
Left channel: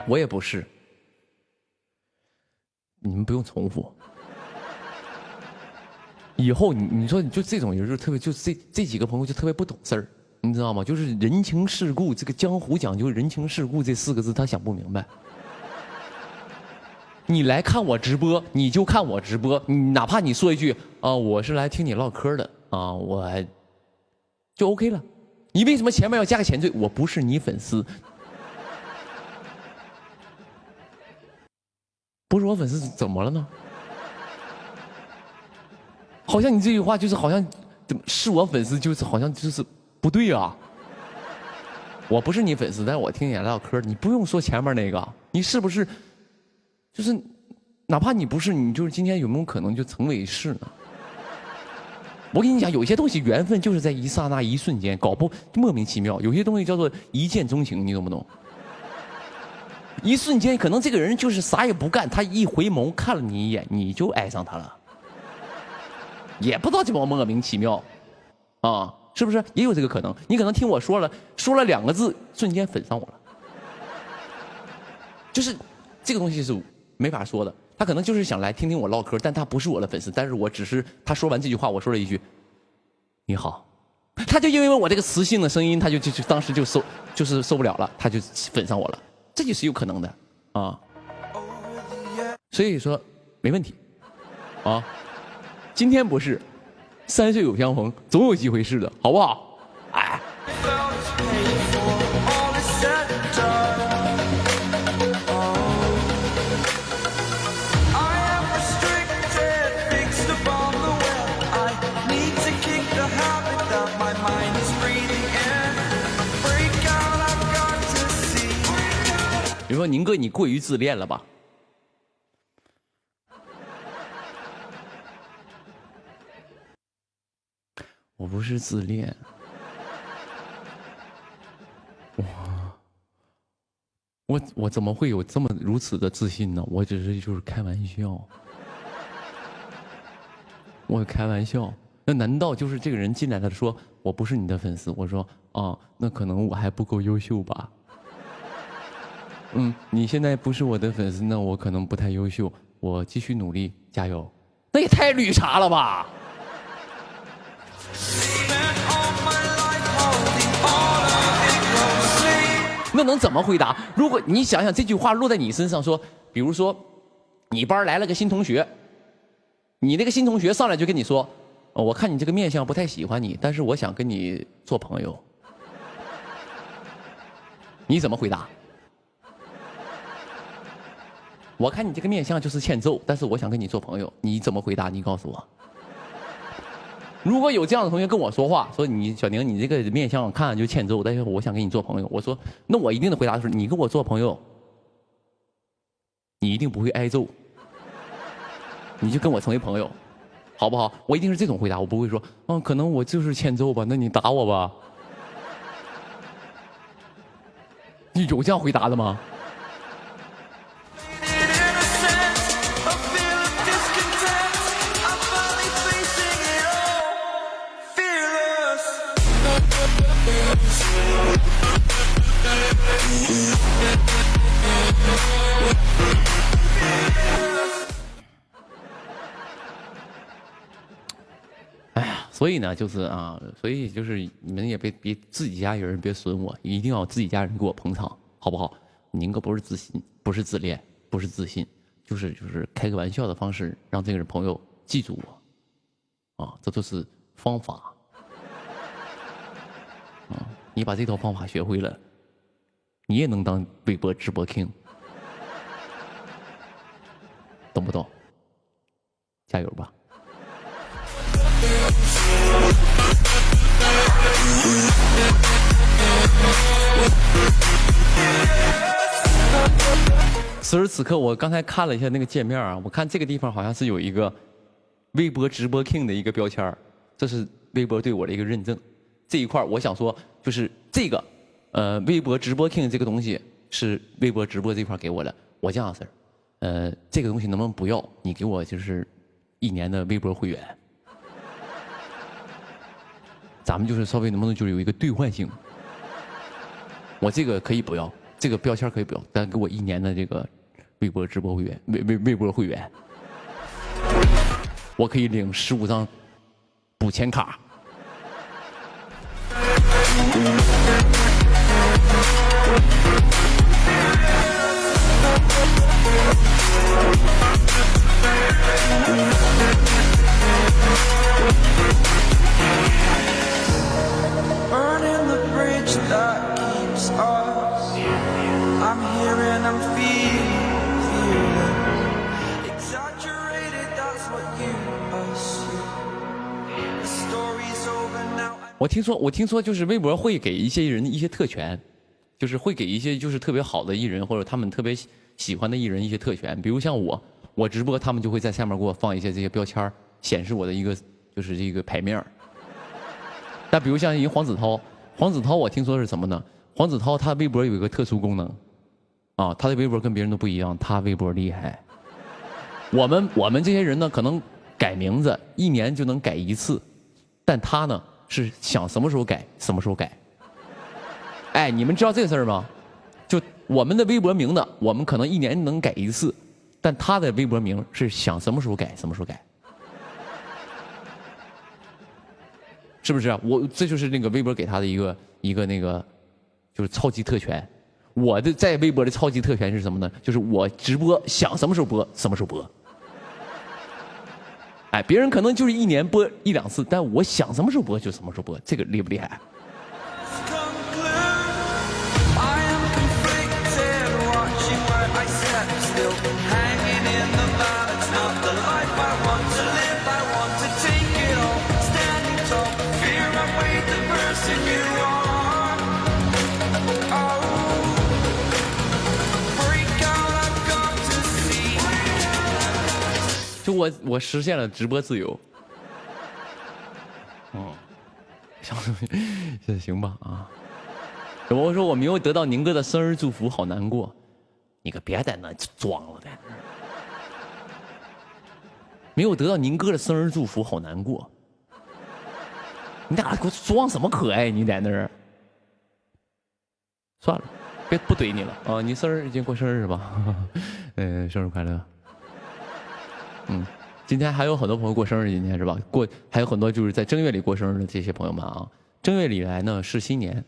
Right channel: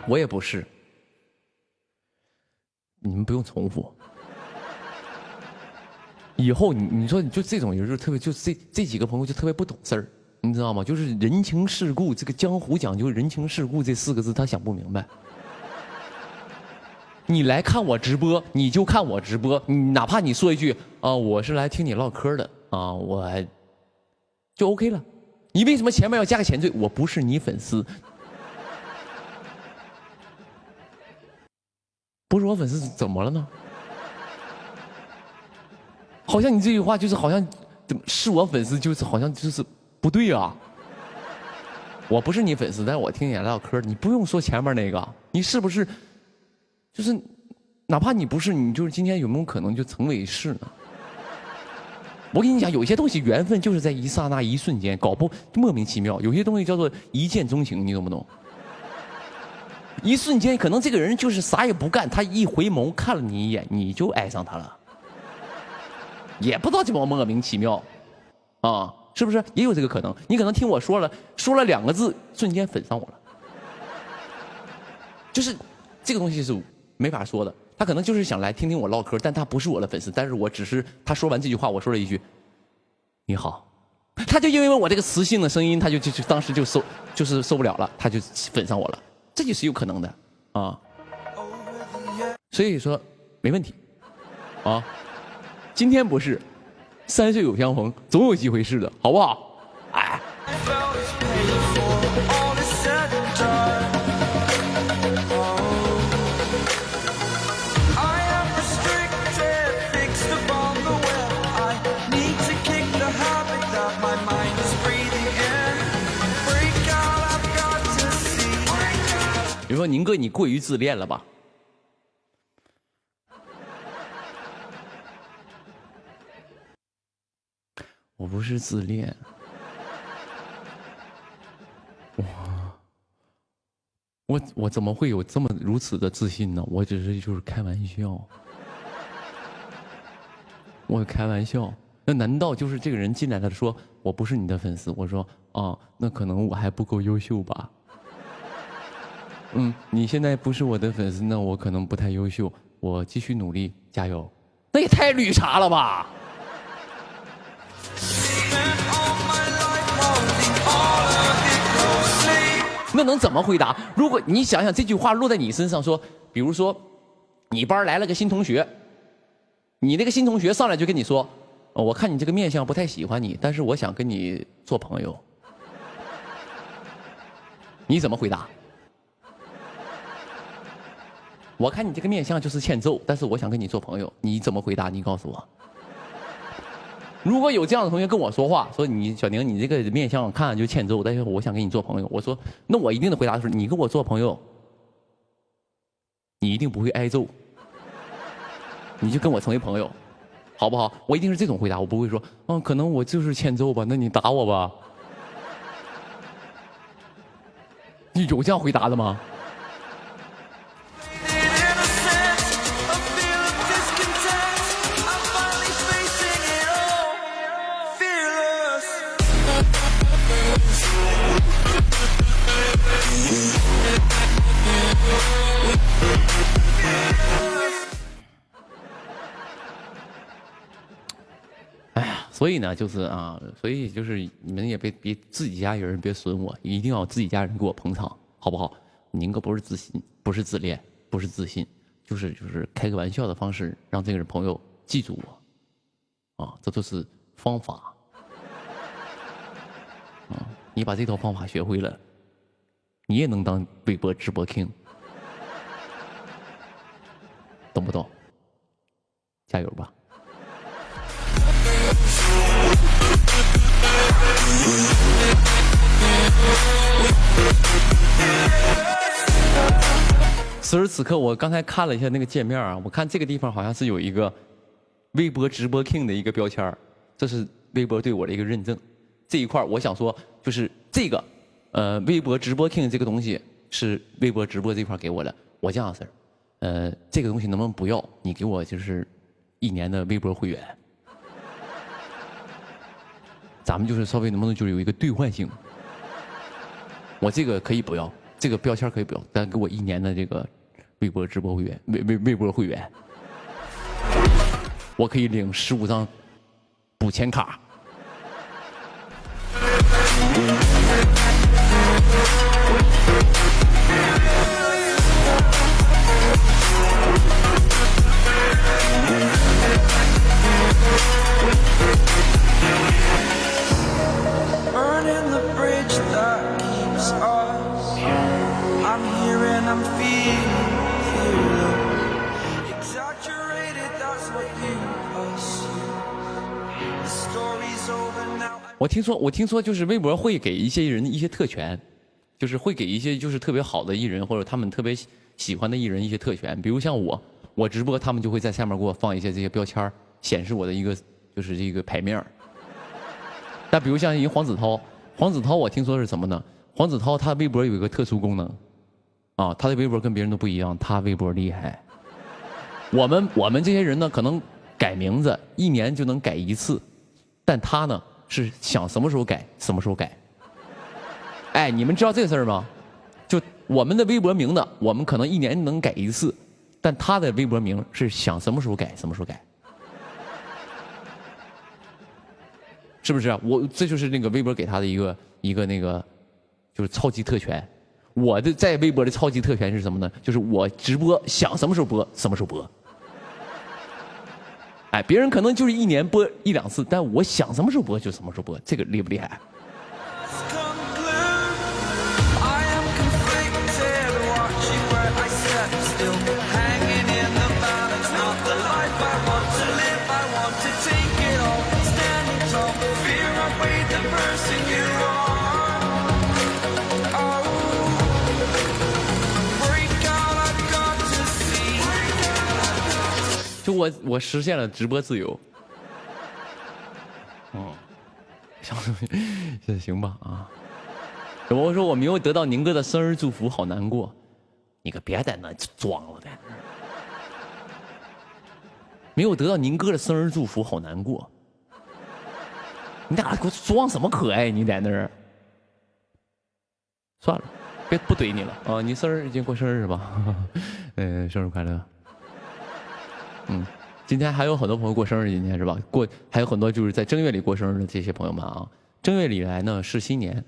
我也不是，你们不用重复。以后你说你就这种人就特别，就这几个朋友就特别不懂事儿，你知道吗？就是人情世故，这个江湖讲究人情世故这4个字他想不明白。你来看我直播，你就看我直播，你哪怕你说一句啊，我是来听你唠嗑的啊，我就 OK 了。你为什么前面要加个前缀？我不是你粉丝，不是我粉丝怎么了呢？好像你这句话就是好像是我粉丝，就是好像就是不对啊。我不是你粉丝，但是我听你唠嗑，你不用说前面那个，你是不是？就是哪怕你不是，你就是今天有没有可能就成为是呢？我跟你讲，有些东西缘分就是在一刹那、一瞬间，搞不莫名其妙。有些东西叫做一见钟情，你懂不懂？一瞬间，可能这个人就是啥也不干，他一回眸看了你一眼，你就爱上他了。也不知道怎么莫名其妙，啊，是不是也有这个可能？你可能听我说了2个字，瞬间粉上我了。就是这个东西是没法说的，他可能就是想来听听我唠嗑，但他不是我的粉丝，但是我只是他说完这句话，我说了一句你好，他就因为我这个磁性的声音，他就当时就受不了了，他就粉上我了，这就是有可能的啊。所以说没问题啊。今天不是，3岁有相逢，总有机会是的，好不好？哎。比如说宁哥，你过于自恋了吧？我不是自恋。我怎么会有这么如此的自信呢？我只是就是开玩笑，我开玩笑。那难道就是这个人进来了说我不是你的粉丝？我说啊，那可能我还不够优秀吧。你现在不是我的粉丝，那我可能不太优秀，我继续努力，加油。那也太绿茶了吧！那能怎么回答？如果你想想这句话落在你身上说，比如说，你班来了个新同学，你那个新同学上来就跟你说，我看你这个面相不太喜欢你，但是我想跟你做朋友，你怎么回答？我看你这个面相就是欠揍，但是我想跟你做朋友，你怎么回答？你告诉我。如果有这样的同学跟我说话，说你小宁，你这个面相看就欠揍，但是我想跟你做朋友，我说那我一定的回答是，你跟我做朋友，你一定不会挨揍，你就跟我成为朋友，好不好？我一定是这种回答，我不会说，可能我就是欠揍吧，那你打我吧。你有这样回答的吗？哎呀，所以呢，就是所以就是你们也别自己家人别损我，一定要自己家人给我捧场，好不好？宁哥不是自信，不是自恋，不是自信，就是开个玩笑的方式，让这个朋友记住我，这都是方法。你把这套方法学会了，你也能当微博直播 king， 懂不懂？加油吧！此时此刻，我刚才看了一下那个界面我看这个地方好像是有一个微博直播 king 的一个标签，这是微博对我的一个认证。这一块我想说，就是这个微博直播 king 这个东西是微博直播这块给我的。我这样式这个东西能不能不要？你给我就是1年的微博会员，咱们就是稍微能不能就是有一个兑换性？我这个可以不要，这个标签可以不要，但给我1年的这个微博直播会员，微博会员，我可以领15张补钱卡。我听说就是微博会给一些人一些特权，就是会给一些就是特别好的艺人或者他们特别喜欢的艺人一些特权，比如像我直播，他们就会在下面给我放一些这些标签，显示我的一个就是这个牌面。但比如像一个黄子韬，我听说是什么呢？黄子韬他微博有一个特殊功能，他的微博跟别人都不一样，他微博厉害。我们这些人呢，可能改名字1年就能改1次，但他呢是想什么时候改什么时候改。哎，你们知道这个事儿吗？就我们的微博名字，我们可能1年能改1次，但他的微博名是想什么时候改什么时候改。是不是这就是那个微博给他的一个那个就是超级特权。我的在微博的超级特权是什么呢？就是我直播想什么时候播什么时候播。哎，别人可能就是1年播1、2次，但我想什么时候播就什么时候播，这个厉不厉害？就我实现了直播自由。行吧啊。我说我没有得到宁哥的生日祝福，好难过。你可别在那装了，在那没有得到宁哥的生日祝福，好难过。你俩给我装什么可爱？你在那儿？算了，不怼你了啊！你生日已经过生日是吧？生日快乐。今天还有很多朋友过生日，今天是吧？还有很多就是在正月里过生日的这些朋友们啊。正月里来呢是新年，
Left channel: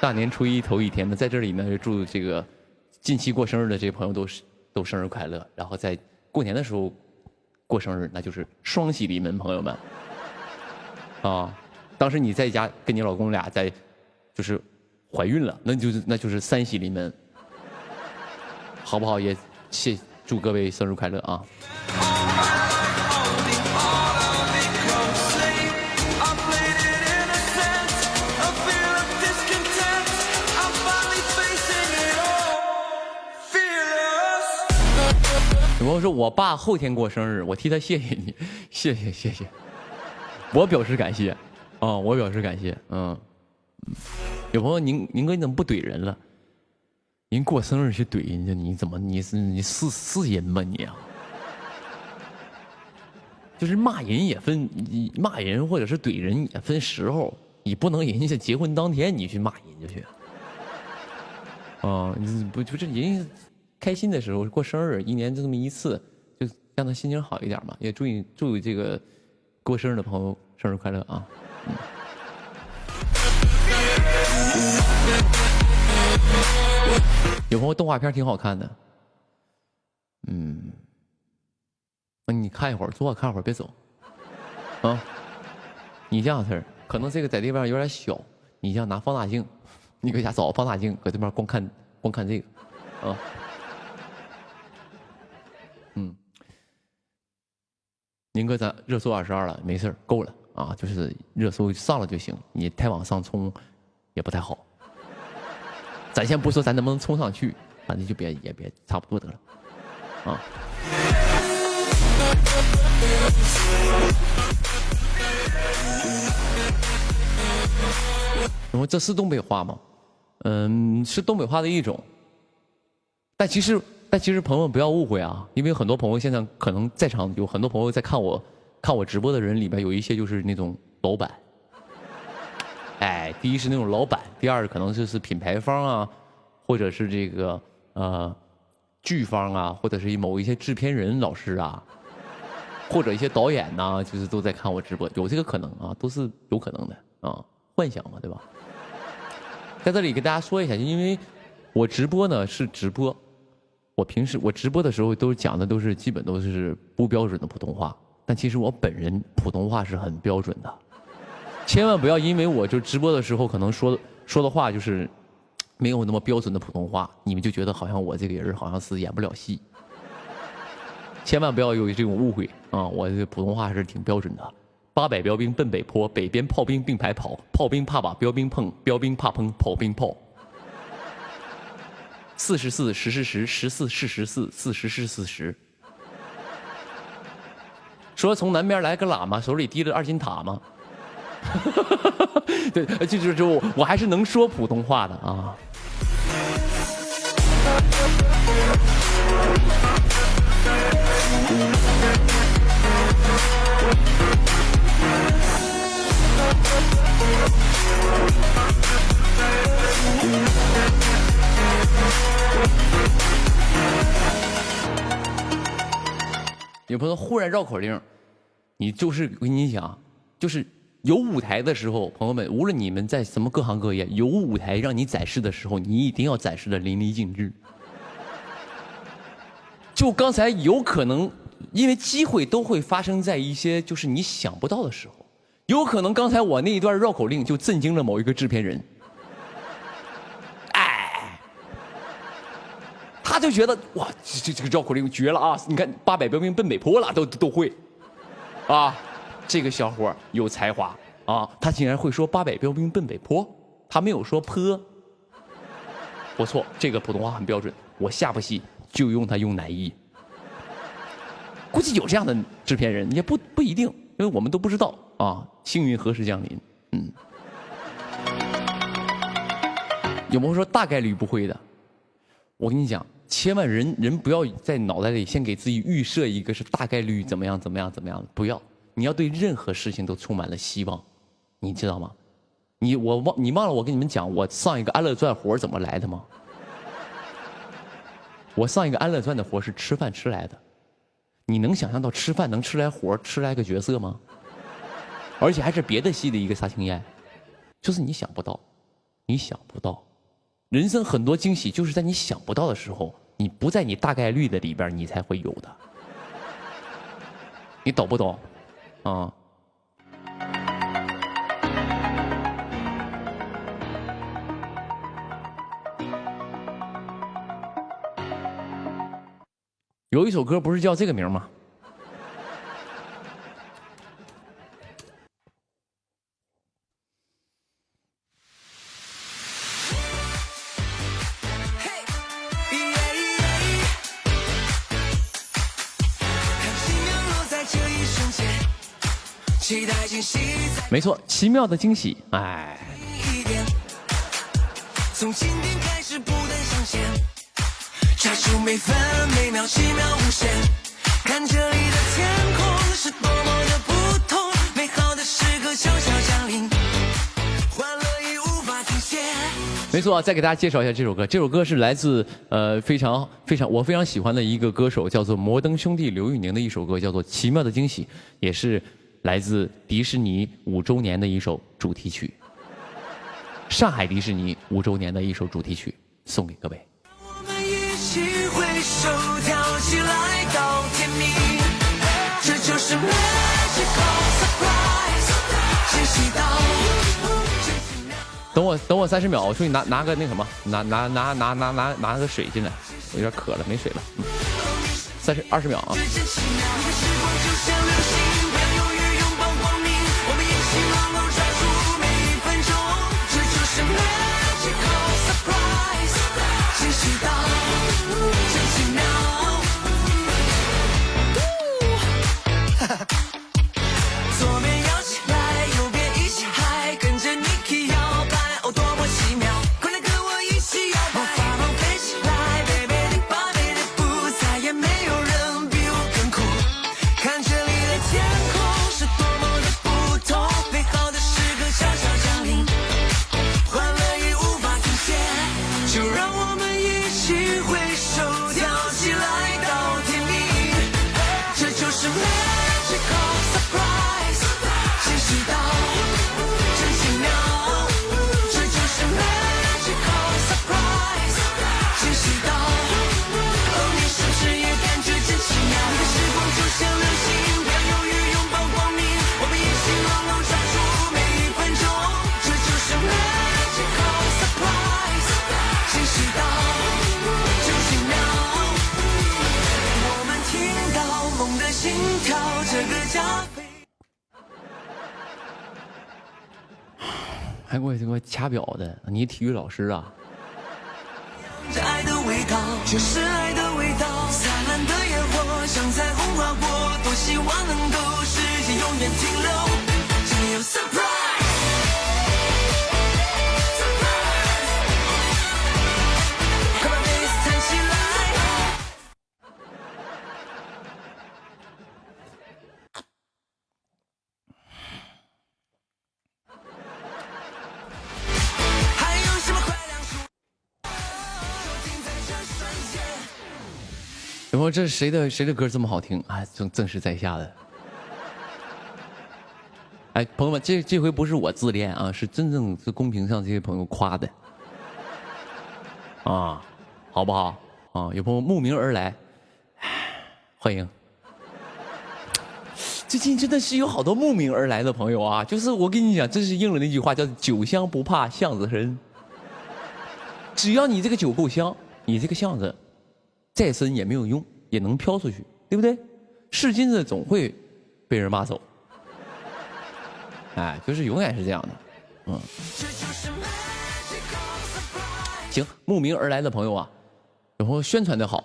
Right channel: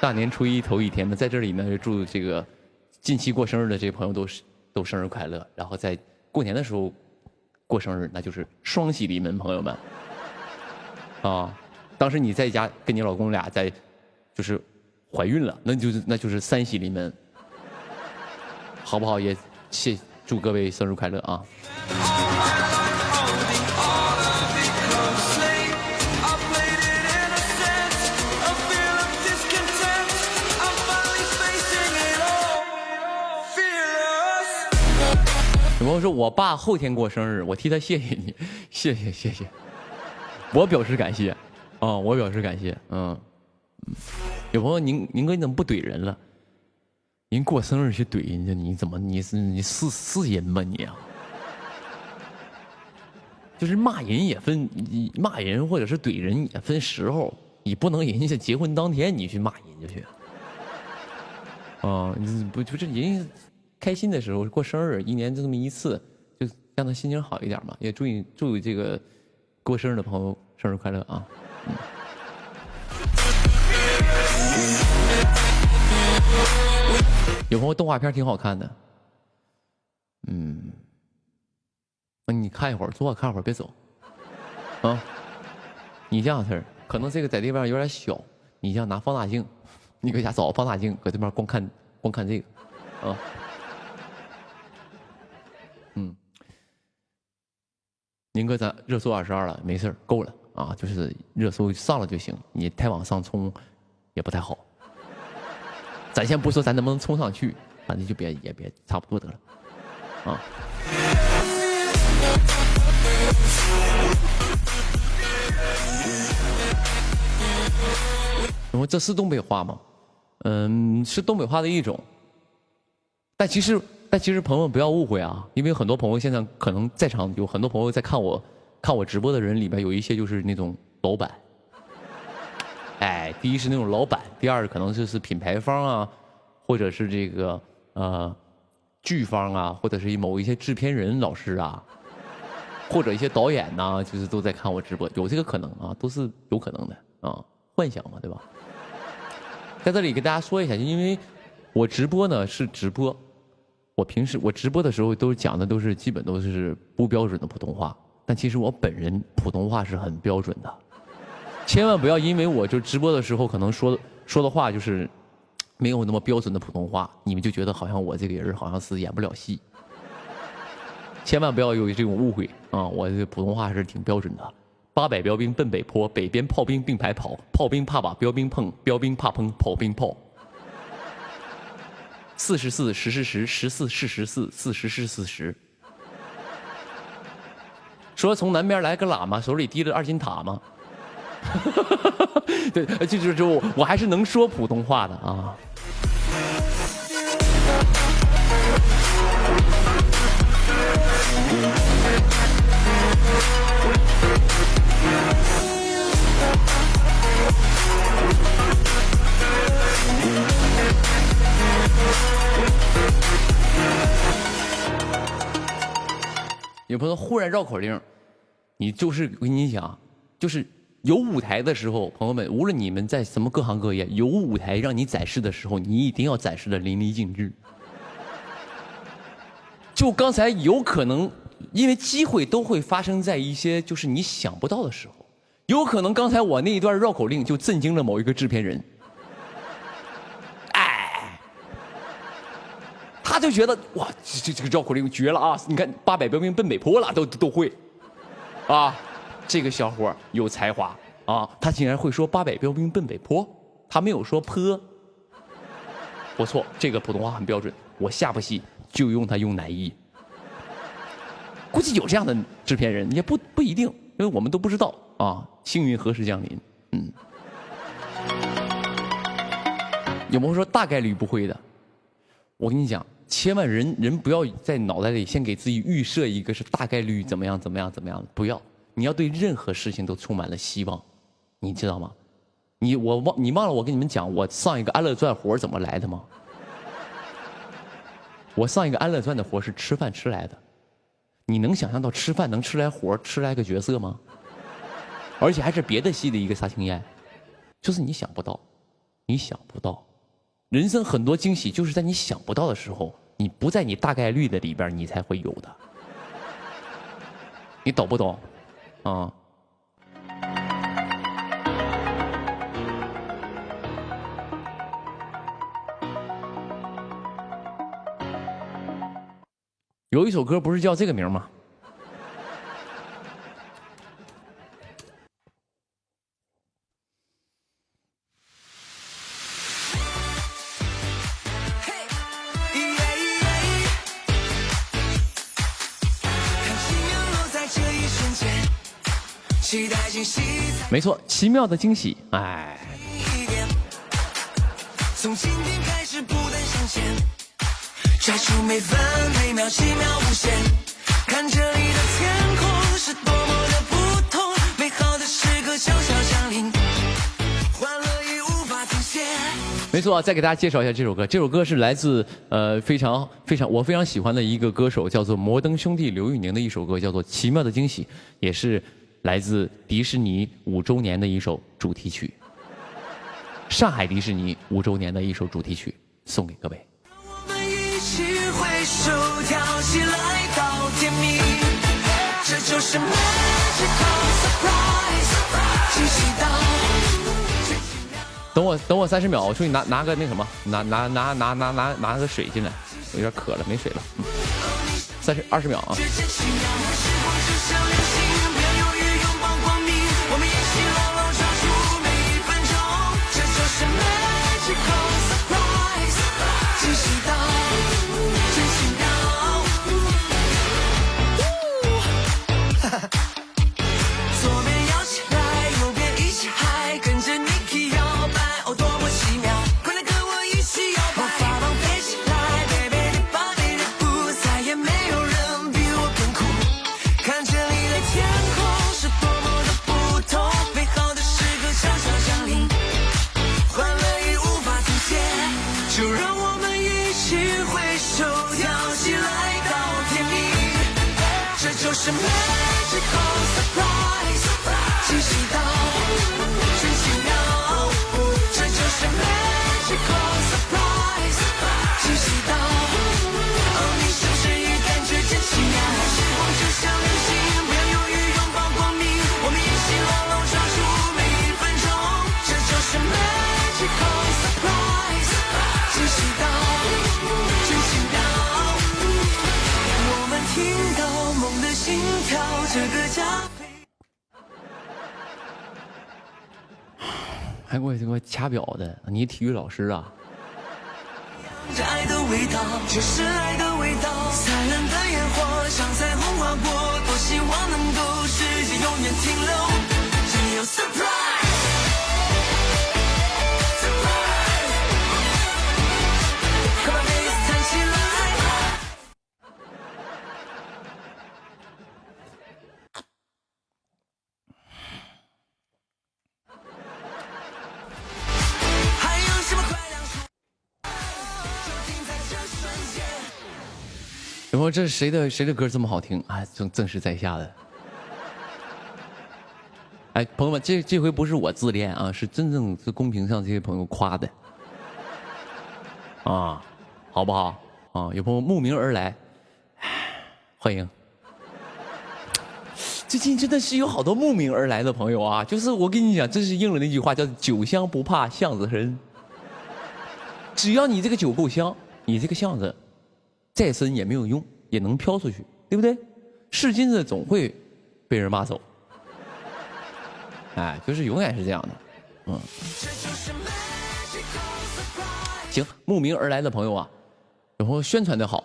大年初一头一天呢，在这里呢祝这个近期过生日的这些朋友都生日快乐。然后在过年的时候过生日，那就是双喜临门，朋友们。啊，当时你在家跟你老公俩就是怀孕了，那就是三喜临门，好不好？也祝各位生日快乐啊！有朋友说我爸后天过生日，我替他谢谢你，谢谢。我表示感谢，我表示感谢，有朋友宁哥你怎么不怼人了？人过生日去怼人家，你是人吗你啊？就是骂人也分，骂人或者是怼人也分时候，你不能人家结婚当天你去骂人家去。不就是人家开心的时候过生日，一年就这么一次，就让他心情好一点嘛，也祝这个。过生日的朋友生日快乐啊！有朋友动画片挺好看的，那你看一会儿，坐看会儿，别走啊！你这样式儿，可能这个在这边有点小，你这样拿放大镜，你搁家找放大镜，搁这边光看这个啊。宁哥，咱热搜22了，没事够了啊，就是热搜上了就行，你太往上冲也不太好。咱先不说咱能不能冲上去，反正就也别差不多得了啊。然后这是东北话吗？是东北话的一种，但其实朋友们不要误会啊，因为很多朋友现在可能在场有很多朋友在看我直播的人里边有一些就是那种老板，第一是那种老板，第二可能就是品牌方啊，或者是这个剧方啊，或者是某一些制片人老师啊，或者一些导演呐，就是都在看我直播，有这个可能啊，都是有可能的啊，幻想嘛，对吧？在这里给大家说一下，因为我直播呢是直播。我直播的时候都讲的基本都是不标准的普通话，但其实我本人普通话是很标准的，千万不要因为我就直播的时候可能说的话就是没有那么标准的普通话，你们就觉得好像我这个人好像是演不了戏，千万不要有这种误会啊！我这普通话是挺标准的。800标兵奔北坡，北边炮兵并排跑，炮兵怕把标兵碰，标兵怕碰炮兵炮。4410是10，14是14，40是40。说从南边来个喇嘛，手里提着2斤塔吗？对，就是我还是能说普通话的啊。有朋友忽然绕口令，你就是我跟你讲，就是有舞台的时候，朋友们，无论你们在什么各行各业，有舞台让你展示的时候，你一定要展示的淋漓尽致。就刚才有可能，因为机会都会发生在一些就是你想不到的时候，有可能刚才我那一段绕口令就震惊了某一个制片人。他就觉得哇，这个绕口令绝了啊！你看800标兵奔北坡了，都会，啊，这个小伙有才华啊！他竟然会说800标兵奔北坡，他没有说坡。不错，这个普通话很标准。我下部戏就用它用南艺。估计有这样的制片人，也不一定，因为我们都不知道啊，幸运何时降临。有没有说大概率不会的？我跟你讲，千万人不要在脑袋里先给自己预设一个是大概率怎么样，不要，你要对任何事情都充满了希望，你知道吗？你忘了我跟你们讲，我上一个安乐传活怎么来的吗？我上一个安乐传的活是吃饭吃来的，你能想象到吃饭能吃来活，吃来个角色吗？而且还是别的戏的一个杀青宴，就是你想不到，人生很多惊喜就是在你想不到的时候，你不在你大概率的里边，你才会有的。你懂不懂？啊？有一首歌不是叫这个名吗？没错，奇妙的惊喜，哎。从今天开始不断向前，追逐每分每秒奇妙无限，看这里的天空是多么的不同，美好的时刻悄悄降临，欢乐已无法停歇。没错，再给大家介绍一下这首歌。这首歌是来自我非常喜欢的一个歌手，叫做摩登兄弟刘宇宁的一首歌，叫做《奇妙的惊喜》，也是来自迪士尼5周年的一首主题曲，上海迪士尼5周年的一首主题曲，送给各位。我们一起挥手跳起来到天明，这就是 magical surprise， 惊喜到。等我30秒，我出去拿个那什么，拿个水进来，我有点渴了，没水了。20秒啊。还给我掐表的，你体育老师啊？爱的味道就是爱的味道，灿烂的烟火像彩虹划过，多希望能够时间永远停留，只有 surprise， 弹起来。有没有这是谁的歌这么好听啊？正是在下的。哎，朋友们，这回不是我自恋啊，是真正是公屏上这些朋友夸的啊，好不好啊？有朋友慕名而来，欢迎。最近真的是有好多慕名而来的朋友啊，就是我跟你讲，这是应了那句话，叫酒香不怕巷子深。只要你这个酒够香，你这个巷子再深也没有用，也能飘出去，对不对？是金子总会被人挖走，哎，就是永远是这样的，行，慕名而来的朋友啊，然后宣传的好，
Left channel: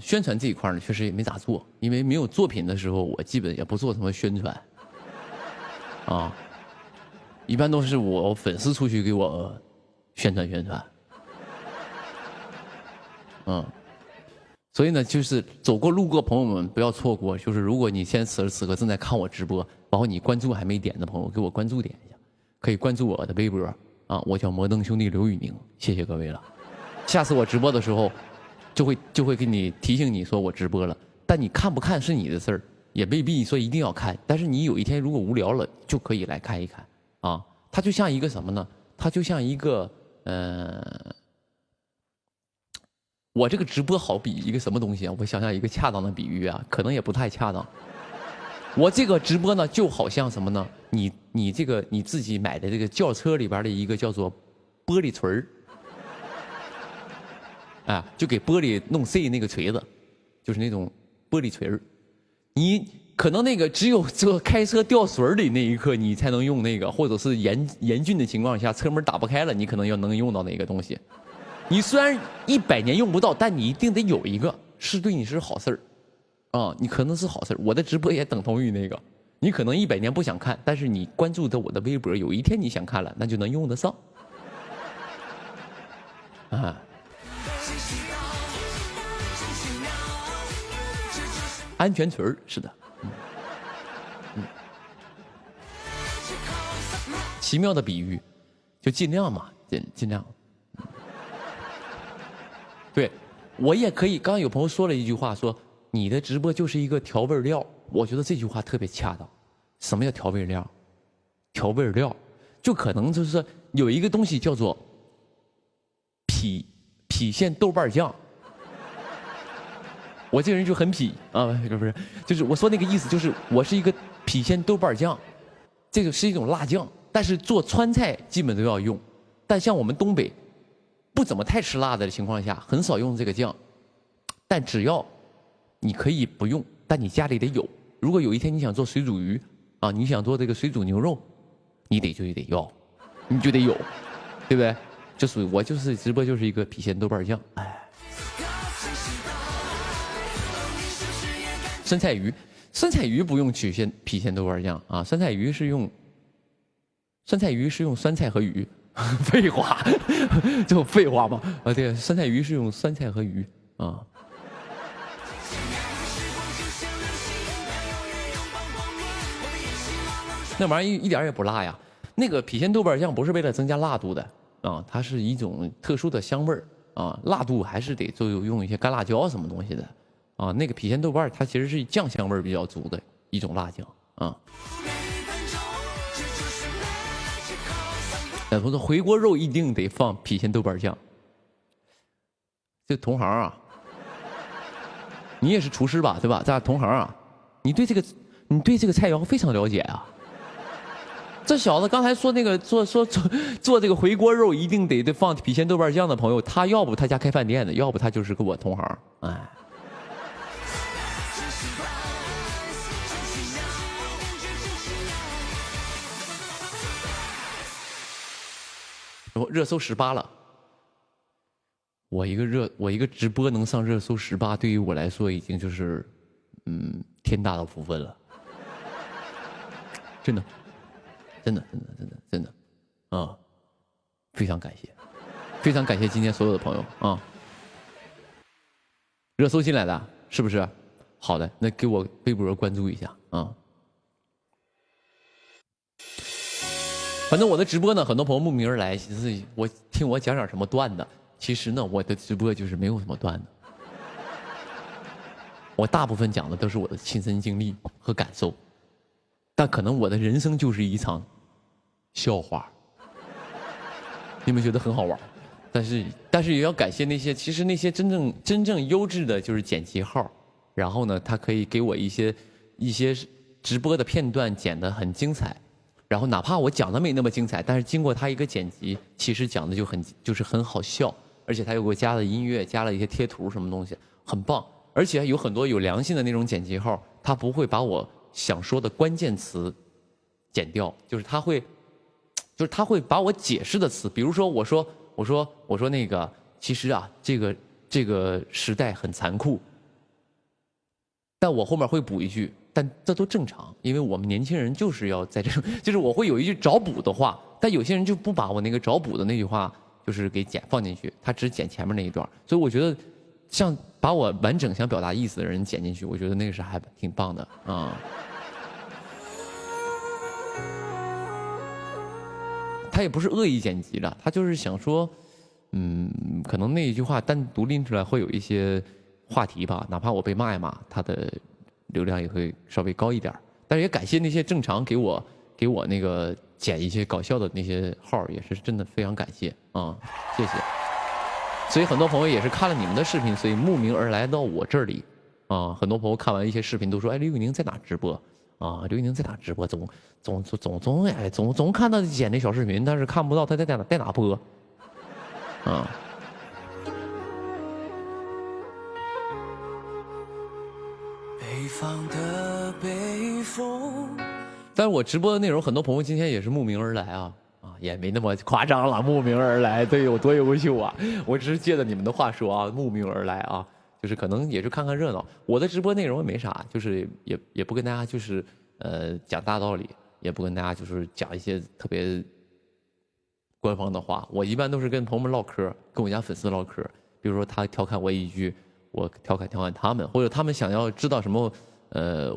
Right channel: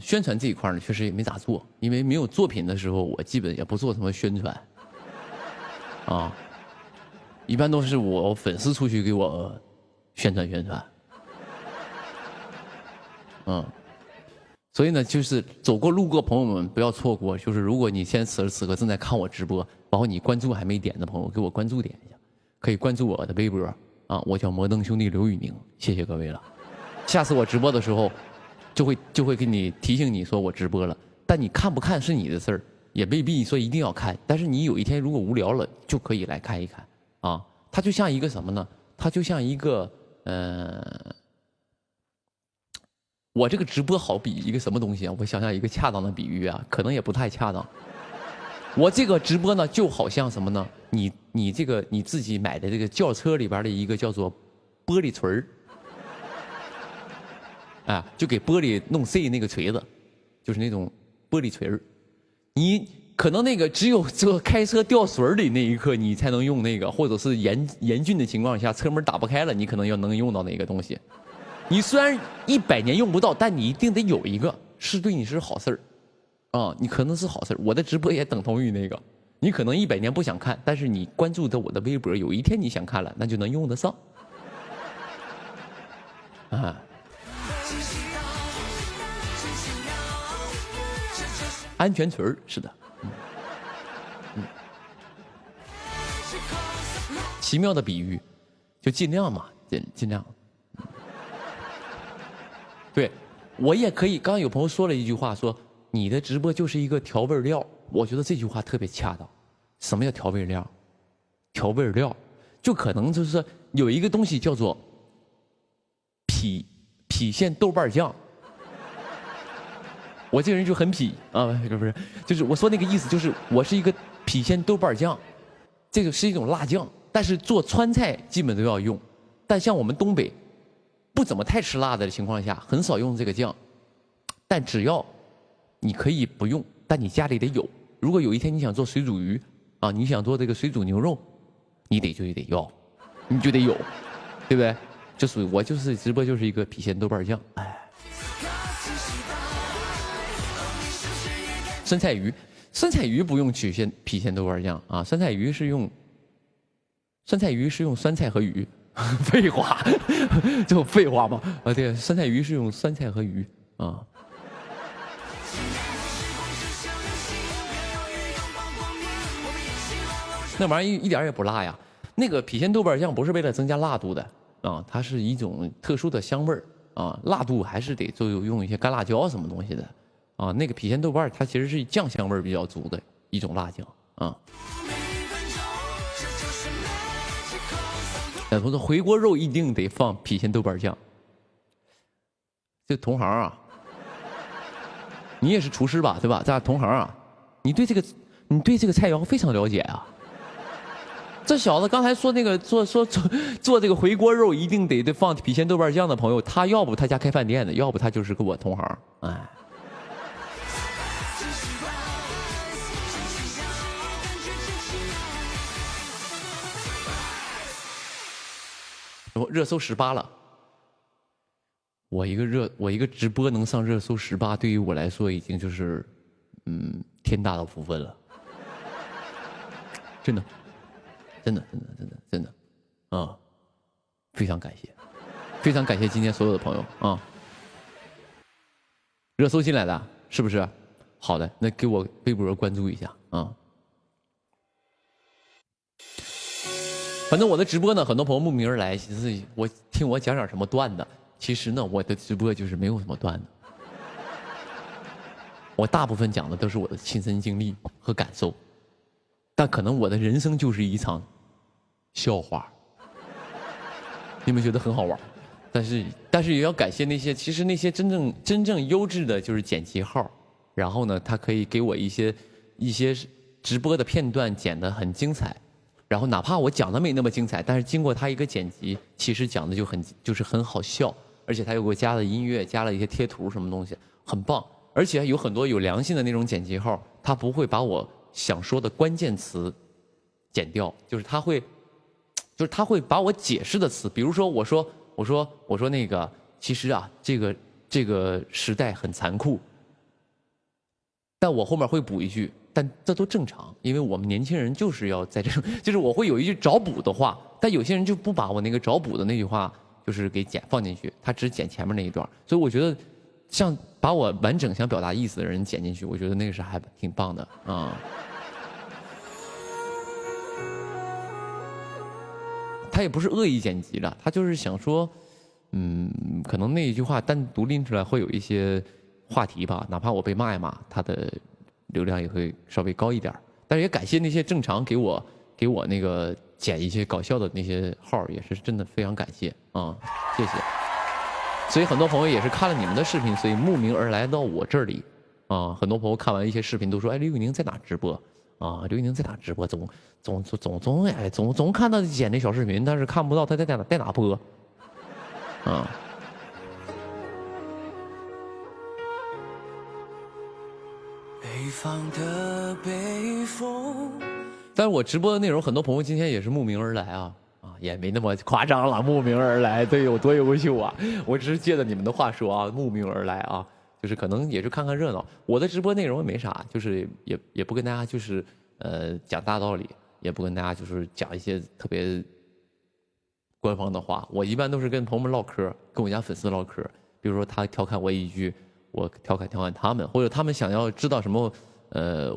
宣传这一块呢，确实也没咋做，因为没有作品的时候，我基本也不做什么宣传，啊，一般都是我粉丝出去给我宣传宣传。所以呢，就是走过路过朋友们不要错过，就是如果你现在此时此刻正在看我直播，然后你关注还没点的朋友，给我关注点一下，可以关注我的微博啊，我叫摩登兄弟刘宇宁，谢谢各位了。下次我直播的时候，就会给你提醒你说我直播了，但你看不看是你的事儿，也未必说一定要看，但是你有一天如果无聊了，就可以来看一看啊。它就像一个什么呢？它就像一个我这个直播好比一个什么东西啊？我想想一个恰当的比喻啊，可能也不太恰当。我这个直播呢，就好像什么呢？你这个你自己买的这个轿车里边的一个叫做玻璃锤儿，啊，就给玻璃弄碎那个锤子，就是那种玻璃锤儿。你可能那个只有这开车掉水里那一刻，你才能用那个，或者是严峻的情况下，车门打不开了，你可能能用到那个东西。你虽然100年用不到，但你一定得有一个，是对你是好事儿，啊，你可能是好事儿。我的直播也等同于那个，你可能100年不想看，但是你关注的我的微博，有一天你想看了，那就能用得上，啊。安全锤儿是的，奇妙的比喻，就尽量嘛，尽量。对，我也可以。刚刚有朋友说了一句话，说你的直播就是一个调味料，我觉得这句话特别恰当。什么叫调味料？调味料就可能就是有一个东西叫做郫县豆瓣酱。我这个人就很痞啊，不是，就是我说那个意思，就是我是一个郫县豆瓣酱，这个是一种辣酱，但是做川菜基本都要用，但像我们东北不怎么太吃辣的情况下，很少用这个酱，但只要你可以不用，但你家里得有。如果有一天你想做水煮鱼啊，你想做这个水煮牛肉，你就得要，你就得有，对不对？就属于我就是直播就是一个郫县豆瓣酱，哎。酸菜鱼不用郫县豆瓣酱啊，酸菜鱼是用酸菜和鱼，废话，这废话吗？啊，对，酸菜鱼是用酸菜和鱼啊。那玩意儿一点也不辣呀，那个郫县豆瓣酱不是为了增加辣度的啊，它是一种特殊的香味儿啊，辣度还是得就用一些干辣椒什么东西的。啊，那个郫县豆瓣它其实是酱香味比较足的一种辣酱啊。不是回锅肉一定得放郫县豆瓣酱。这同行啊，你也是厨师吧，对吧？咱俩同行啊，你对这个菜肴非常了解啊。这小子刚才说那个做这个回锅肉一定得放郫县豆瓣酱的朋友，他要不他家开饭店的，要不他就是跟我同行，哎。热搜18了，我一个直播能上热搜18，对于我来说已经就是天大的福分了，真的啊，非常感谢今天所有的朋友啊，热搜进来的是不是？好的，那给我微博关注一下啊。反正我的直播呢，很多朋友慕名而来，其实我听我讲点什么段子。其实呢，我的直播就是没有什么段子，我大部分讲的都是我的亲身经历和感受，但可能我的人生就是一场笑话，你们觉得很好玩，但是也要感谢那些其实那些真正优质的就是剪辑号，然后呢，他可以给我一些直播的片段剪得很精彩。然后哪怕我讲的没那么精彩，但是经过他一个剪辑，其实讲的就是很好笑，而且他又给我加了音乐，加了一些贴图什么东西，很棒。而且有很多有良心的那种剪辑号，他不会把我想说的关键词剪掉，就是他会把我解释的词，比如说我说那个其实啊，这个时代很残酷，但我后面会补一句。但这都正常，因为我们年轻人就是要在这种，就是我会有一句找补的话，但有些人就不把我那个找补的那句话就是给放进去，他只剪前面那一段，所以我觉得像把我完整想表达意思的人剪进去，我觉得那个是还挺棒的啊。他也不是恶意剪辑的，他就是想说，可能那一句话单独拎出来会有一些话题吧，哪怕我被骂一骂，他的流量也会稍微高一点。但是也感谢那些正常给我那个剪一些搞笑的那些号，也是真的非常感谢啊，谢谢。所以很多朋友也是看了你们的视频，所以慕名而来到我这里啊。很多朋友看完一些视频都说，哎，刘宇宁在哪直播？啊，刘宇宁在哪直播？总看到剪那小视频，但是看不到他在哪播，啊。但是我直播的内容，很多朋友今天也是慕名而来啊，也没那么夸张了，慕名而来，对，有多优秀啊！我只是借着你们的话说啊，慕名而来啊。就是可能也是看看热闹，我的直播内容也没啥，就是也不跟大家就是讲大道理，也不跟大家就是讲一些特别官方的话。我一般都是跟朋友们唠嗑，跟我家粉丝唠嗑。比如说他调侃我一句，我调侃他们，或者他们想要知道什么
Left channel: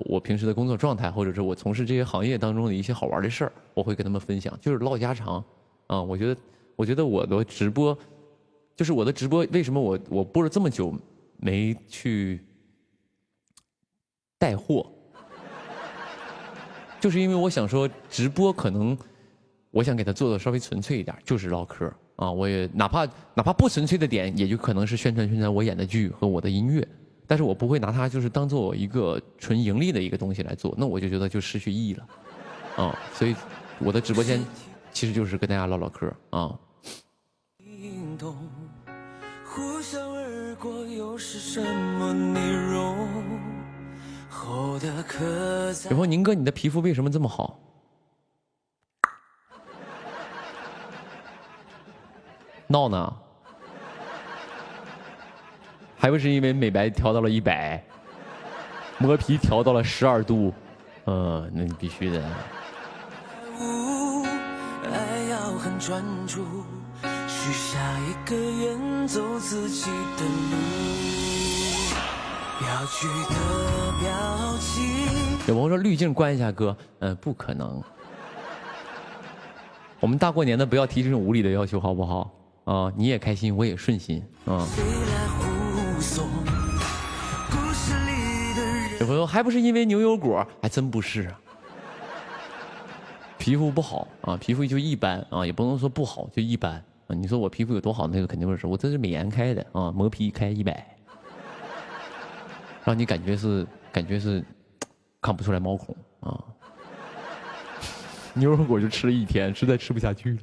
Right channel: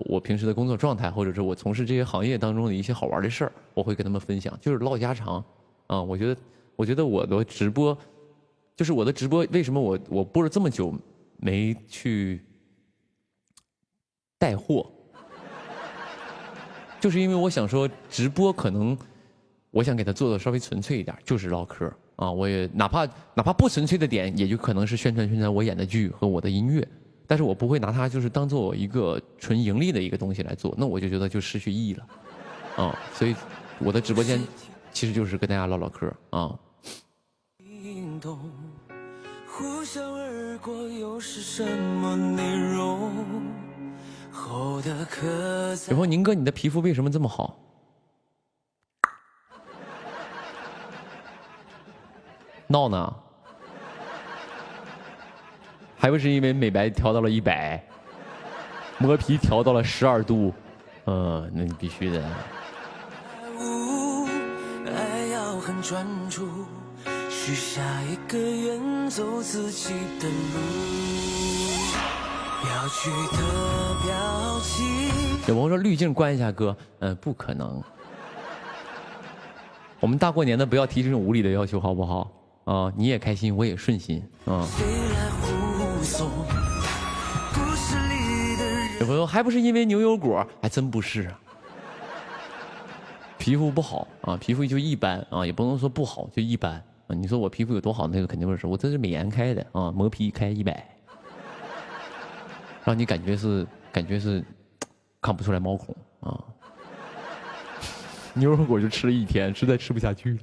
我平时的工作状态，或者是我从事这些行业当中的一些好玩的事儿，我会跟他们分享，就是唠家常啊。我觉得我的直播，就是我的直播，为什么我播了这么久没去带货，就是因为我想说直播可能我想给它做的稍微纯粹一点，就是唠嗑啊。我也哪怕不纯粹的点，也就可能是宣传我演的剧和我的音乐，但是我不会拿它就是当做一个纯盈利的一个东西来做，那我就觉得就失去意义了啊。所以我的直播间其实就是跟大家唠唠嗑啊。有朋友，宁哥，你的皮肤为什么这么好？闹呢？还不是因为美白调到了100，磨皮调到了12度，那你必须的。爱要很专注，许下一个愿走自己的路。有朋友说滤镜关一下哥，不可能。我们大过年的不要提这种无理的要求好不好？啊，你也开心，我也顺心啊。有朋友还不是因为牛油果，还真不是啊。皮肤不好啊，皮肤就一般啊，也不能说不好，就一般啊。你说我皮肤有多好，那个肯定不是，我这是美颜开的啊，磨皮开100。让你感觉是看不出来毛孔啊！牛肉果就吃了1天，实在吃不下去了。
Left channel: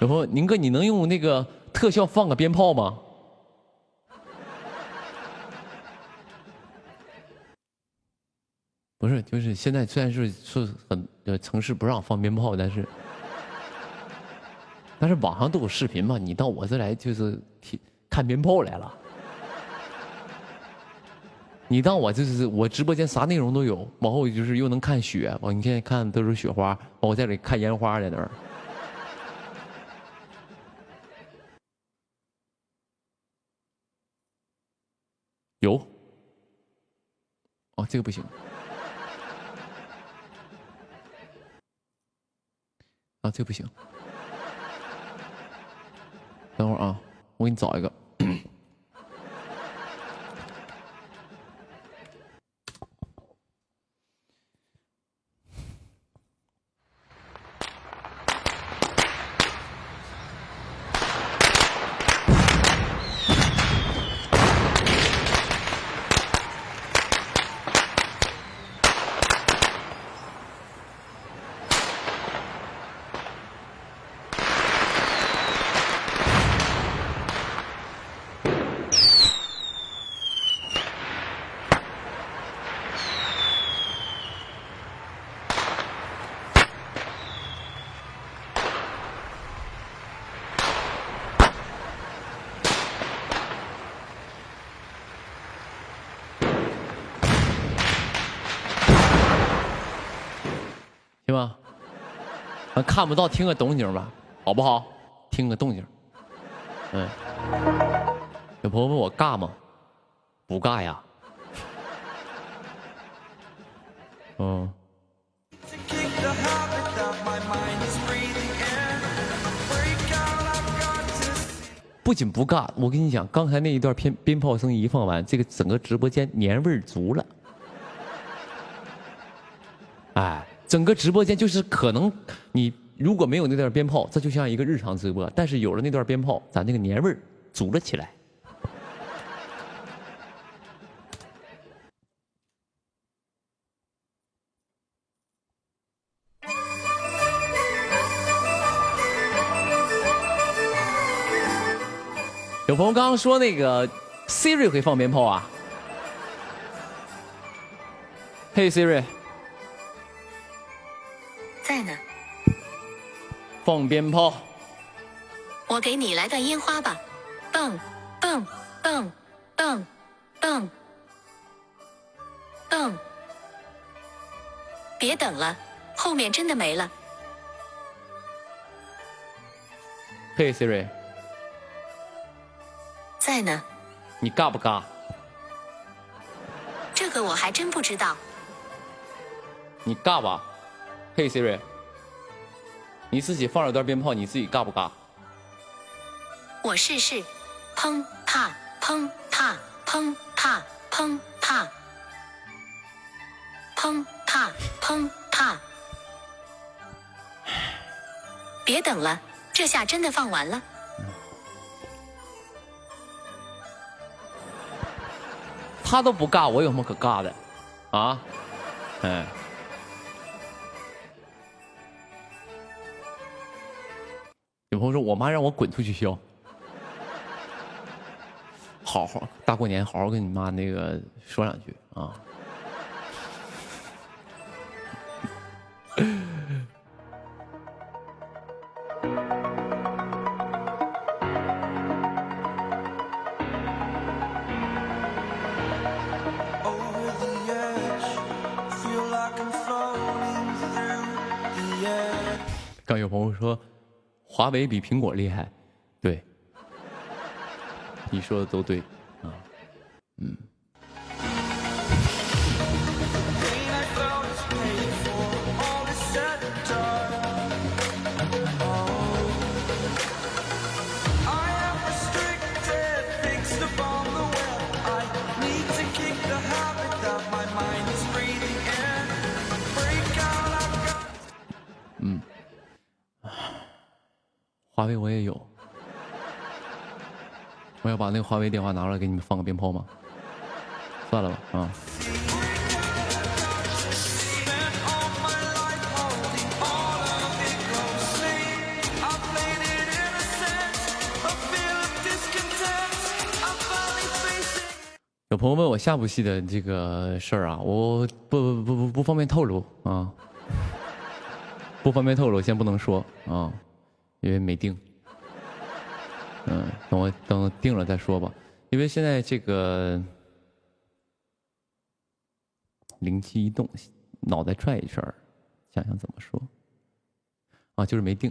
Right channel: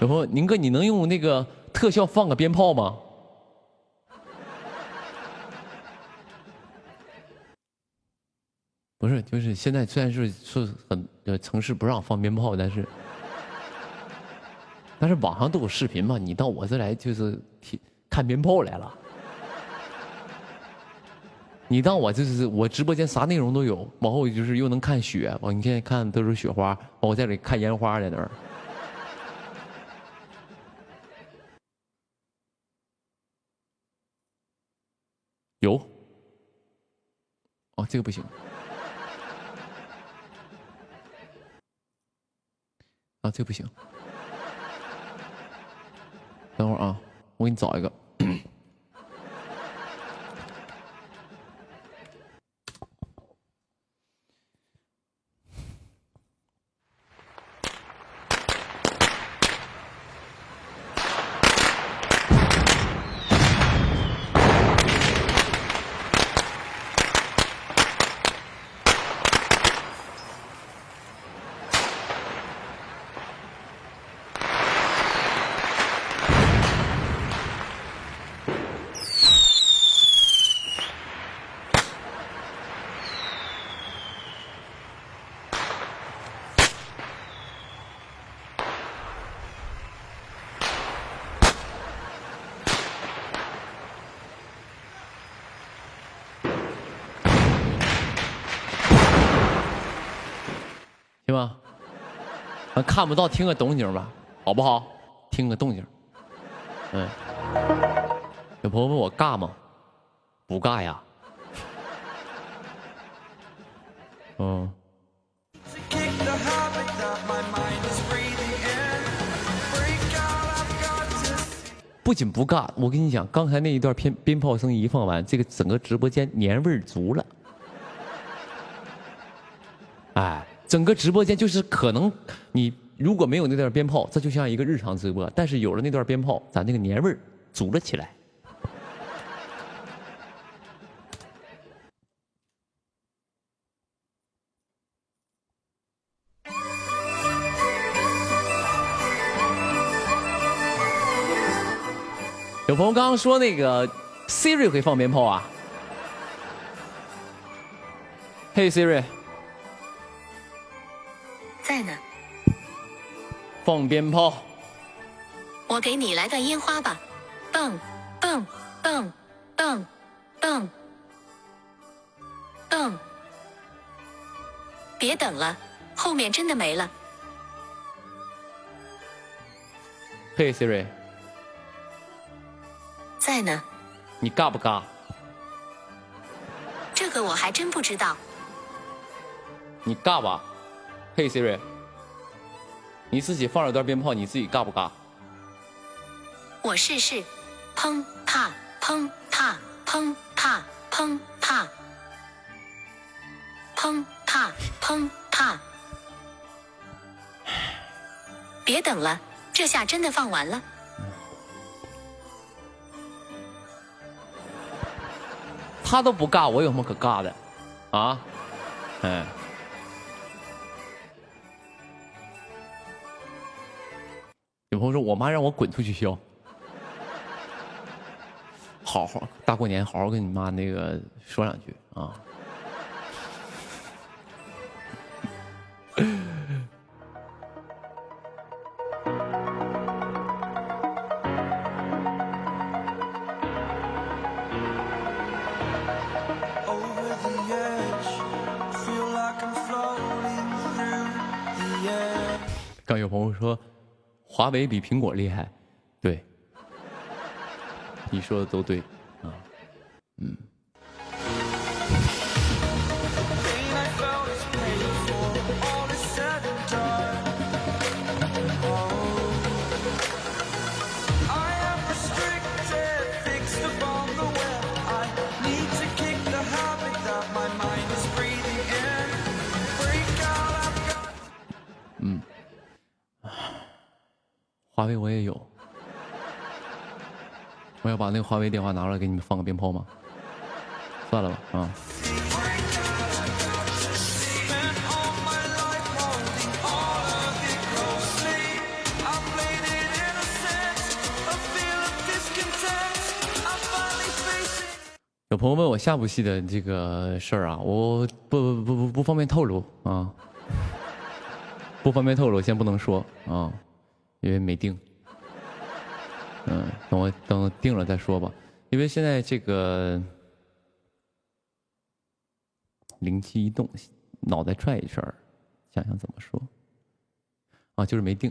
有朋友，宁哥，你能用那个特效放个鞭炮吗？不是，就是现在虽然是很城市不让放鞭炮，但是网上都有视频嘛，你到我这来就是看鞭炮来了。你当我就是我直播间啥内容都有，往后就是又能看雪，你现在看都是雪花，我在这里看烟花在那儿。有。哦，这个不行。啊，这个不行。等会儿啊，我给你找一个。行吗？看不到，听个动静吧，好不好？听个动静。有朋友问我尬吗？不尬呀。不仅不尬，我跟你讲，刚才那一段鞭炮声一放完，这个整个直播间年味儿足了。哎，整个直播间就是可能你如果没有那段鞭炮，这就像一个日常直播；但是有了那段鞭炮，咱这个年味儿足了起来。有朋友刚刚说那个 Siri 会放鞭炮啊？嘿 Siri， 在呢。放鞭炮。我给你来段烟花吧，蹦蹦蹦蹦蹦蹦。别等了，后面真的没了。嘿 Siri， 在呢。你尬不尬？这个我还真不知道。你尬吧？嘿 Siri， 你自己放了段鞭炮，你自己尬不尬？我试试，砰啪砰啪砰啪砰啪砰啪砰啪。别等了，这下真的放完了。他都不尬，我有什么可尬的？啊？哎。有朋友说，我妈让我滚出去笑。好好大过年，好好跟你妈那个说两句啊。刚有朋友说，华为比苹果厉害，对，你说的都对啊，华为我也有，我要把那个华为电话拿出来给你们放个鞭炮吗？算了吧，啊。有朋友问我下部戏的这个事儿啊，我不方便透露啊，不方便透露，先不能说啊。因为没定，等定了再说吧。因为现在这个灵机一动，脑袋转一圈，想想怎么说啊，就是没定，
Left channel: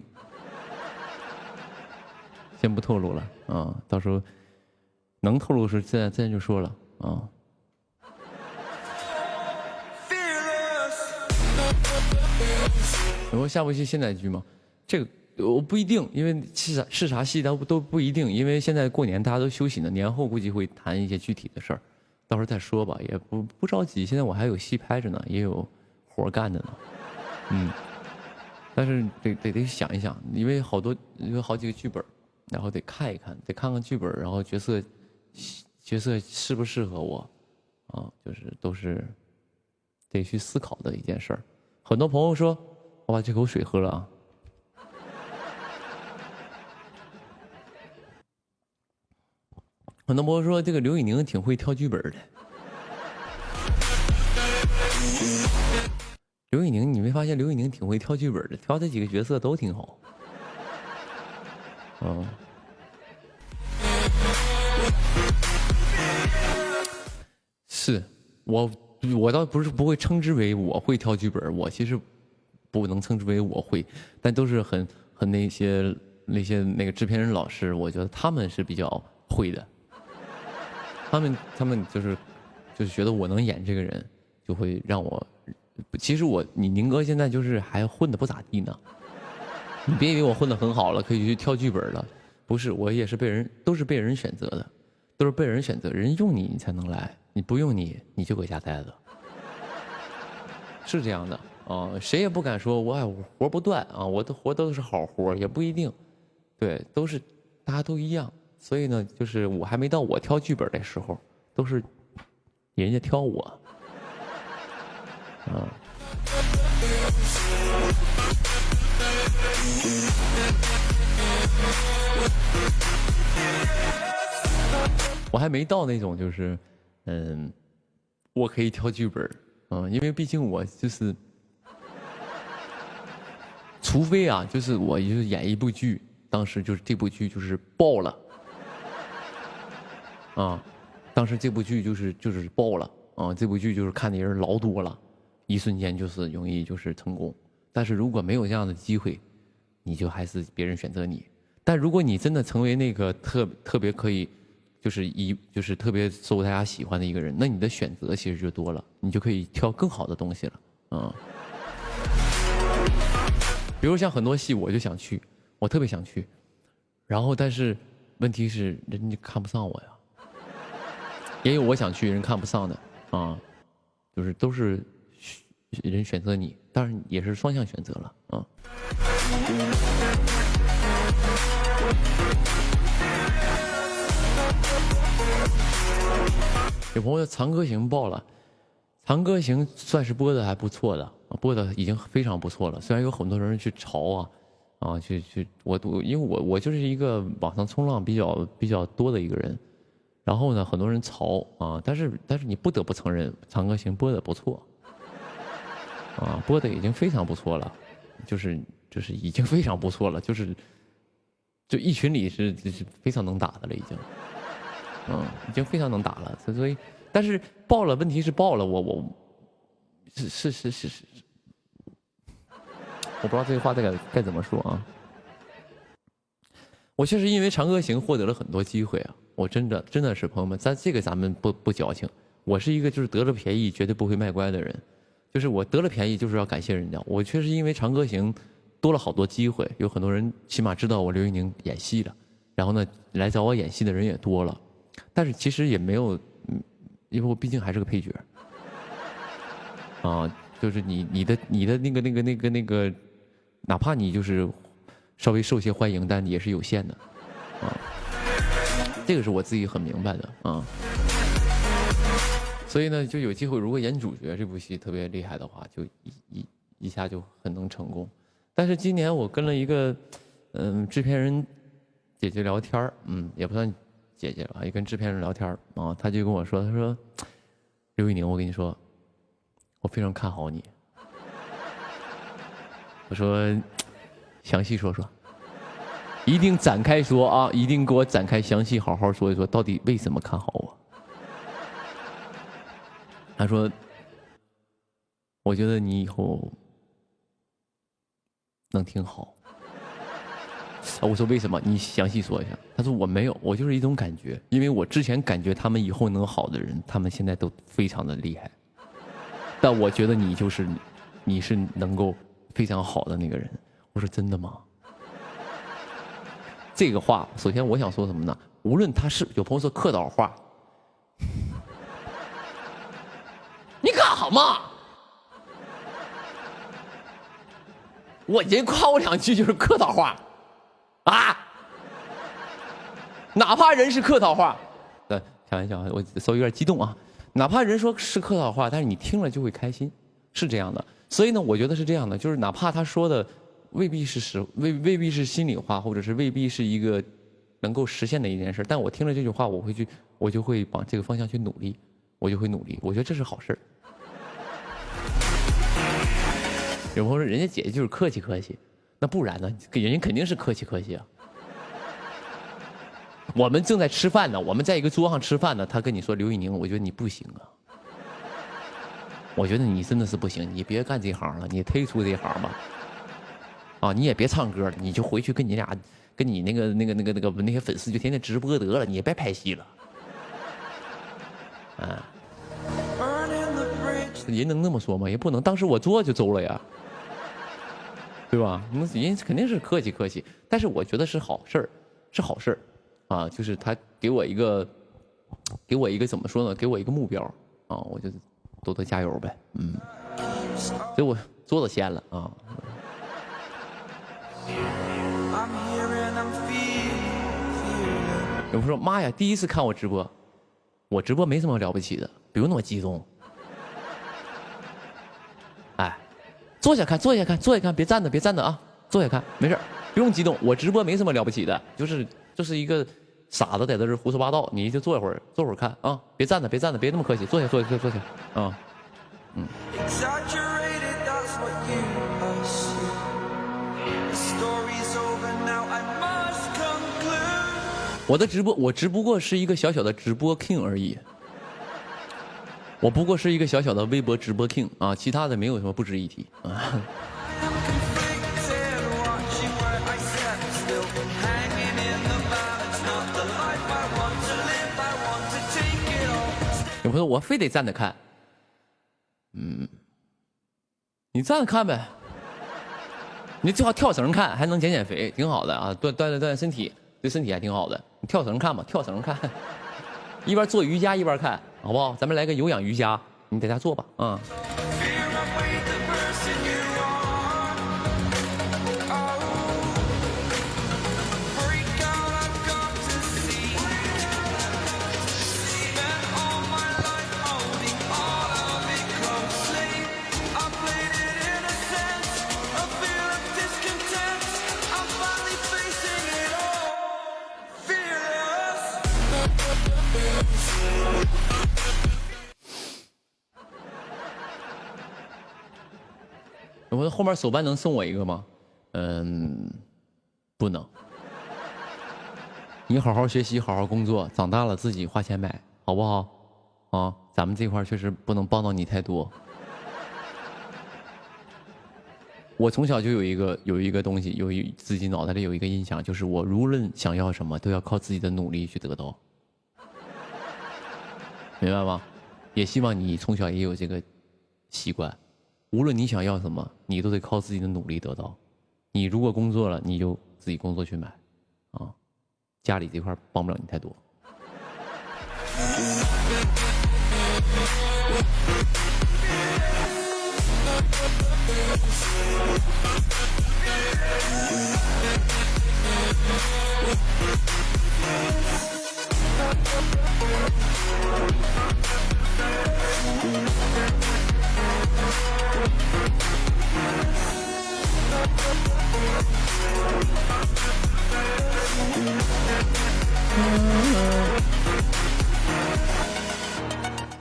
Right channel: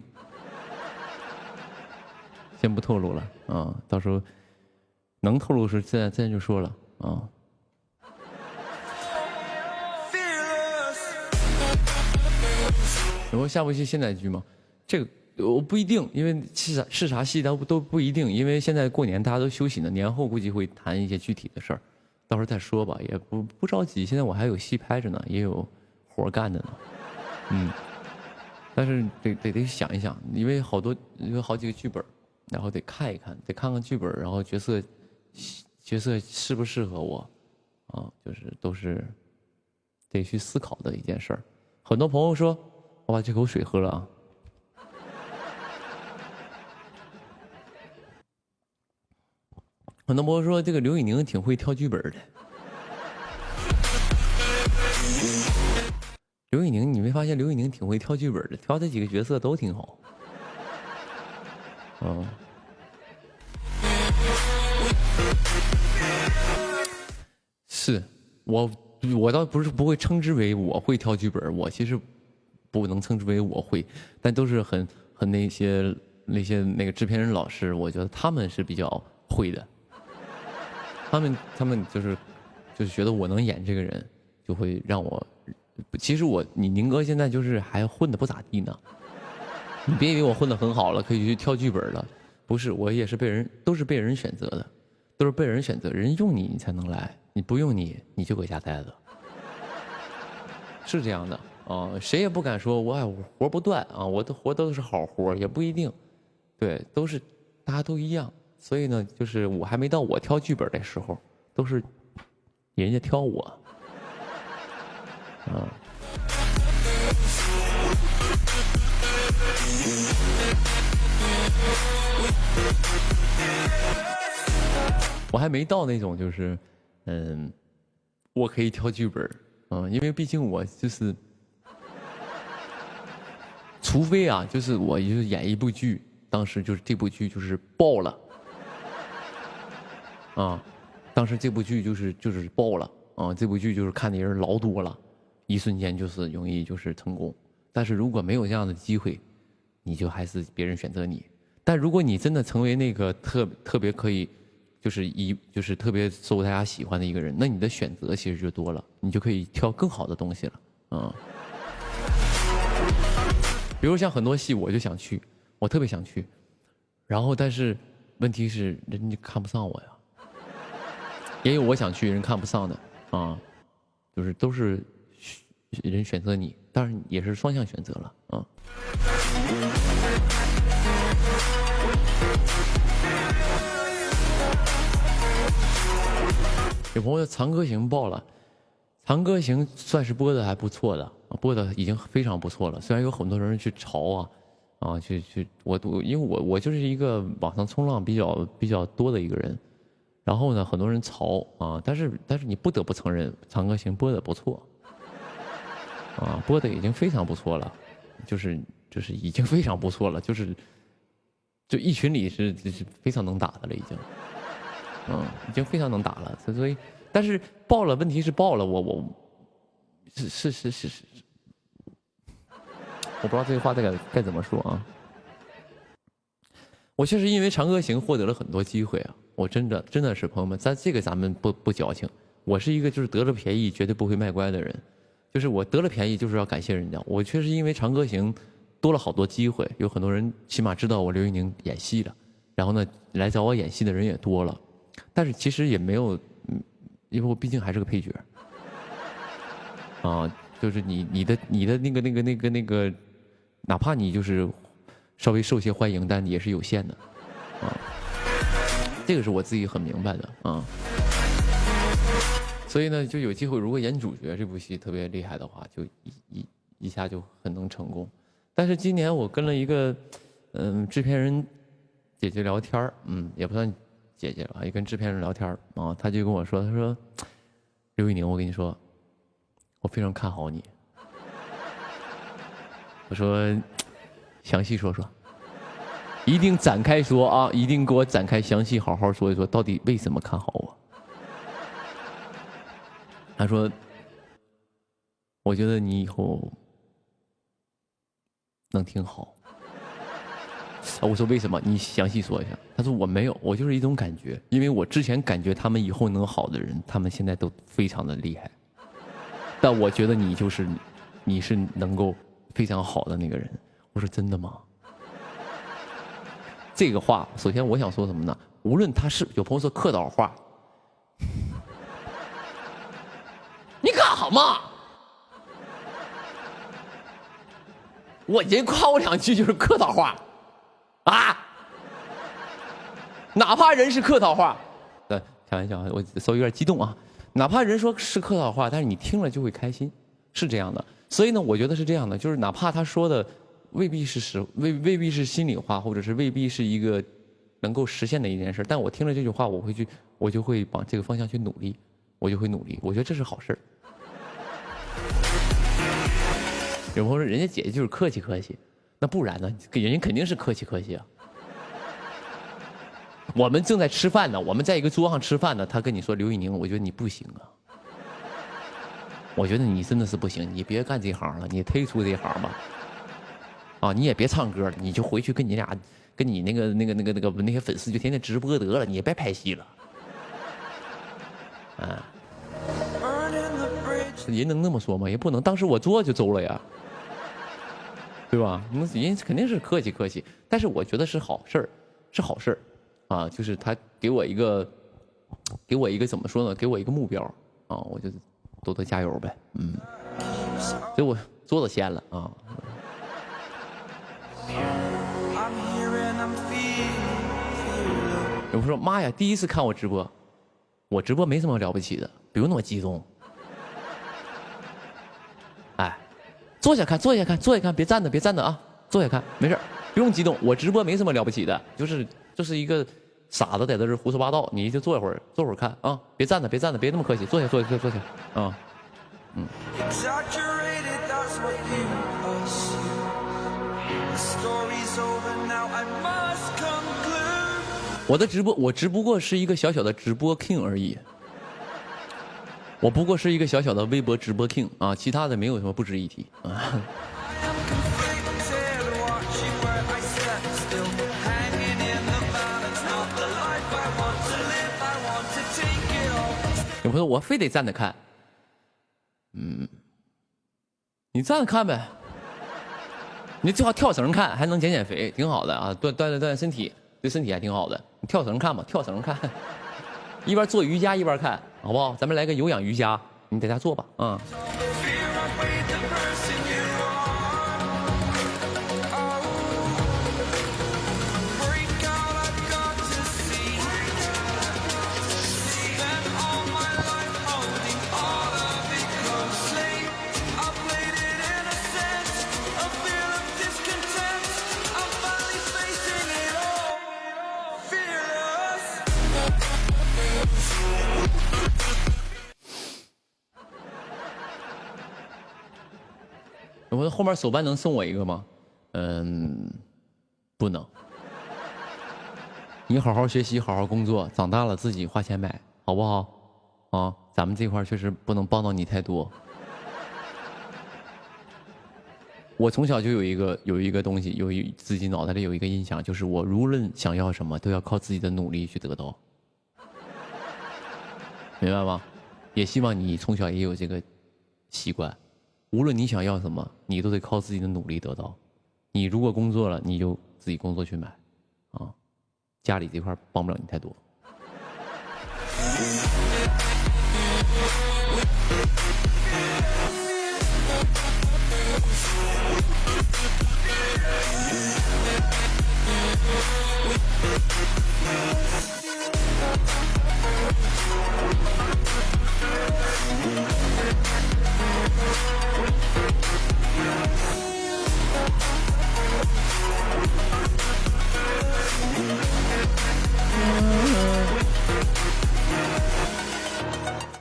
先不透露了啊。到时候能透露时自然就说了啊。然后下部戏现代剧吗？这个。我不一定，因为是啥戏都不一定，因为现在过年大家都休息呢，年后估计会谈一些具体的事儿，到时候再说吧，也不着急。现在我还有戏拍着呢，也有活干着呢，但是得想一想，因为有好几个剧本，然后得看一看，得看看剧本，然后角色适不适合我，啊，就是都是得去思考的一件事儿。很多朋友说，我把这口水喝了啊。很多朋友说这个刘宇宁挺会挑剧本的。刘宇宁，你没发现刘宇宁挺会挑剧本的，挑这几个角色都挺好。是我倒不会称之为我会挑剧本，我其实不能称之为我会，但都是很那些那个制片人老师，我觉得他们是比较会的。他们就是觉得我能演这个人，就会让我。其实你宁哥现在就是还混得不咋地呢。你别以为我混得很好了，可以去挑剧本了。不是，我也是都是被人选择的，都是被人选择，人用你才能来，你不用你就搁家待着，是这样的啊。谁也不敢说我活不断啊，我的活都是好活，也不一定，对，都是大家都一样。所以呢，就是我还没到我挑剧本的时候，都是人家挑我，啊。我还没到那种就是，我可以挑剧本，因为毕竟我就是，除非啊，就是我就是演一部剧，当时就是这部剧就是爆了，啊，当时这部剧就是爆了，啊，这部剧就是看的人老多了，一瞬间就是容易就是成功。但是如果没有这样的机会，你就还是别人选择你。但如果你真的成为那个特别可以，就是特别受大家喜欢的一个人，那你的选择其实就多了，你就可以挑更好的东西了，比如像很多戏，我就想去，我特别想去，然后但是问题是人家看不上我呀，也有我想去人看不上的啊，就是都是人选择你，当然也是双向选择了啊。有朋友《长歌行》爆了，《长歌行》算是播的还不错的，播的已经非常不错了。虽然有很多人去嘲因为我就是一个网上冲浪比较多的一个人，然后呢，很多人嘲啊，但是你不得不承认，《长歌行》播的不错，播的已经非常不错了，就是已经非常不错了，就一群里是非常能打的了，已经。已经非常能打了，所以，但是爆了，问题是爆了，我不知道这个话该怎么说啊。我确实因为《长歌行》获得了很多机会啊，我真的是朋友们，咱们不矫情，我是一个就是得了便宜绝对不会卖乖的人，就是我得了便宜就是要感谢人家，我确实因为《长歌行》多了好多机会，有很多人起码知道我刘宇宁演戏了，然后呢来找我演戏的人也多了。但是其实也没有，因为我毕竟还是个配角，就是你的那个，哪怕你就是稍微受些欢迎，但也是有限的，这个是我自己很明白的啊。所以呢，就有机会，如果演主角这部戏特别厉害的话，就一下就很能成功。但是今年我跟了一个制片人姐姐聊天，也不算。姐姐吧，也跟制片人聊天啊，他就跟我说，他说：“刘宇宁，我跟你说，我非常看好你。”我说：“详细说说，一定展开说啊，一定给我展开详细好好说一说，到底为什么看好我？”他说：“我觉得你以后能挺好。”我说为什么？你详细说一下。他说我没有，我就是一种感觉，因为我之前感觉他们以后能好的人，他们现在都非常的厉害。但我觉得你是能够非常好的那个人。我说真的吗？这个话，首先我想说什么呢？无论他是有朋友说客套话，你干好嘛？我人夸我两句就是客套话。哪怕人是客套话，开玩笑，我稍微有点激动啊。哪怕人说是客套话，但是你听了就会开心，是这样的。所以呢，我觉得是这样的，就是哪怕他说的未必是未必是心里话，或者是未必是一个能够实现的一件事，但我听了这句话，我就会往这个方向去努力，我就会努力。我觉得这是好事。有朋友说人家姐姐就是客气客气，那不然呢？人家肯定是客气客气啊。我们正在吃饭呢，我们在一个桌上吃饭呢，他跟你说刘宇宁，我觉得你不行啊。我觉得你真的是不行，你别干这行了，你退出这行吧。啊，你也别唱歌了，你就回去跟你那些粉丝就天天直播得了，你也别拍戏了。啊，人能那么说吗？也不能，当时我做就走了呀，对吧？那人肯定是客气客气，但是我觉得是好事儿，是好事儿啊，就是他给我一个怎么说呢？给我一个目标啊，我就多多加油呗，所以我做了先了啊。有朋友说：“妈呀，第一次看我直播，我直播没什么了不起的，不用那么激动。哎，坐下看，坐下看，坐下看，别站着，别站着啊，坐下看，没事，不用激动。我直播没什么了不起的，就是一个傻子在这胡说八道，你就坐一会儿，坐会儿看啊，别站着，别站着，别那么客气，坐下，坐下，坐下啊，我的直播，我只不过是一个小小的直播 king 而已，我不过是一个小小的微博直播 king 啊，其他的没有什么不值一提啊。有朋友说我非得站着看，你站着看呗，你最好跳绳看，还能减减肥，挺好的啊，锻炼身体。对身体还挺好的，你跳绳看吧，跳绳看，一边做瑜伽一边看，好不好？咱们来个有氧瑜伽，你在家做吧，啊。我后面手办能送我一个吗？不能。你好好学习，好好工作，长大了自己花钱买，好不好？啊，咱们这块确实不能帮到你太多。我从小就有一个东西，自己脑袋里有一个印象，就是我无论想要什么，都要靠自己的努力去得到，明白吗？也希望你从小也有这个习惯。无论你想要什么，你都得靠自己的努力得到。你如果工作了，你就自己工作去买，啊，家里这块帮不了你太多。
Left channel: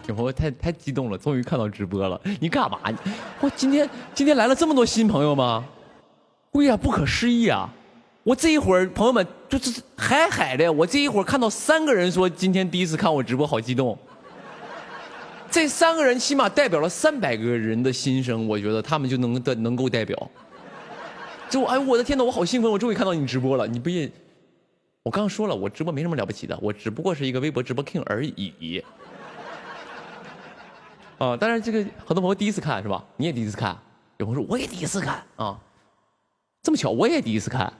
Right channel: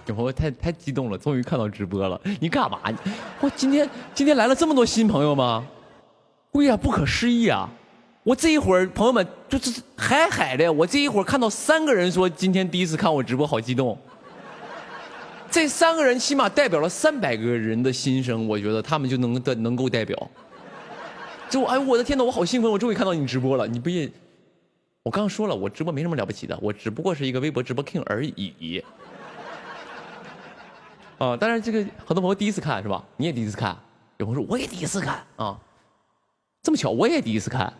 有朋友太激动了，终于看到直播了。你干嘛？我今天来了这么多新朋友吗？哎呀，不可思议啊！我这一会儿朋友们就是海的，我这一会儿看到3个人说今天第一次看我直播，好激动。这3个人起码代表了300个人的心声，我觉得他们就能够代表。就哎，我的天哪，我好兴奋！我终于看到你直播了。你不也？我刚刚说了，我直播没什么了不起的，我只不过是一个微博直播 king 而已。啊，当然这个很多朋友第一次看是吧？你也第一次看，有朋友说我也第一次看啊，这么巧我也第一次看。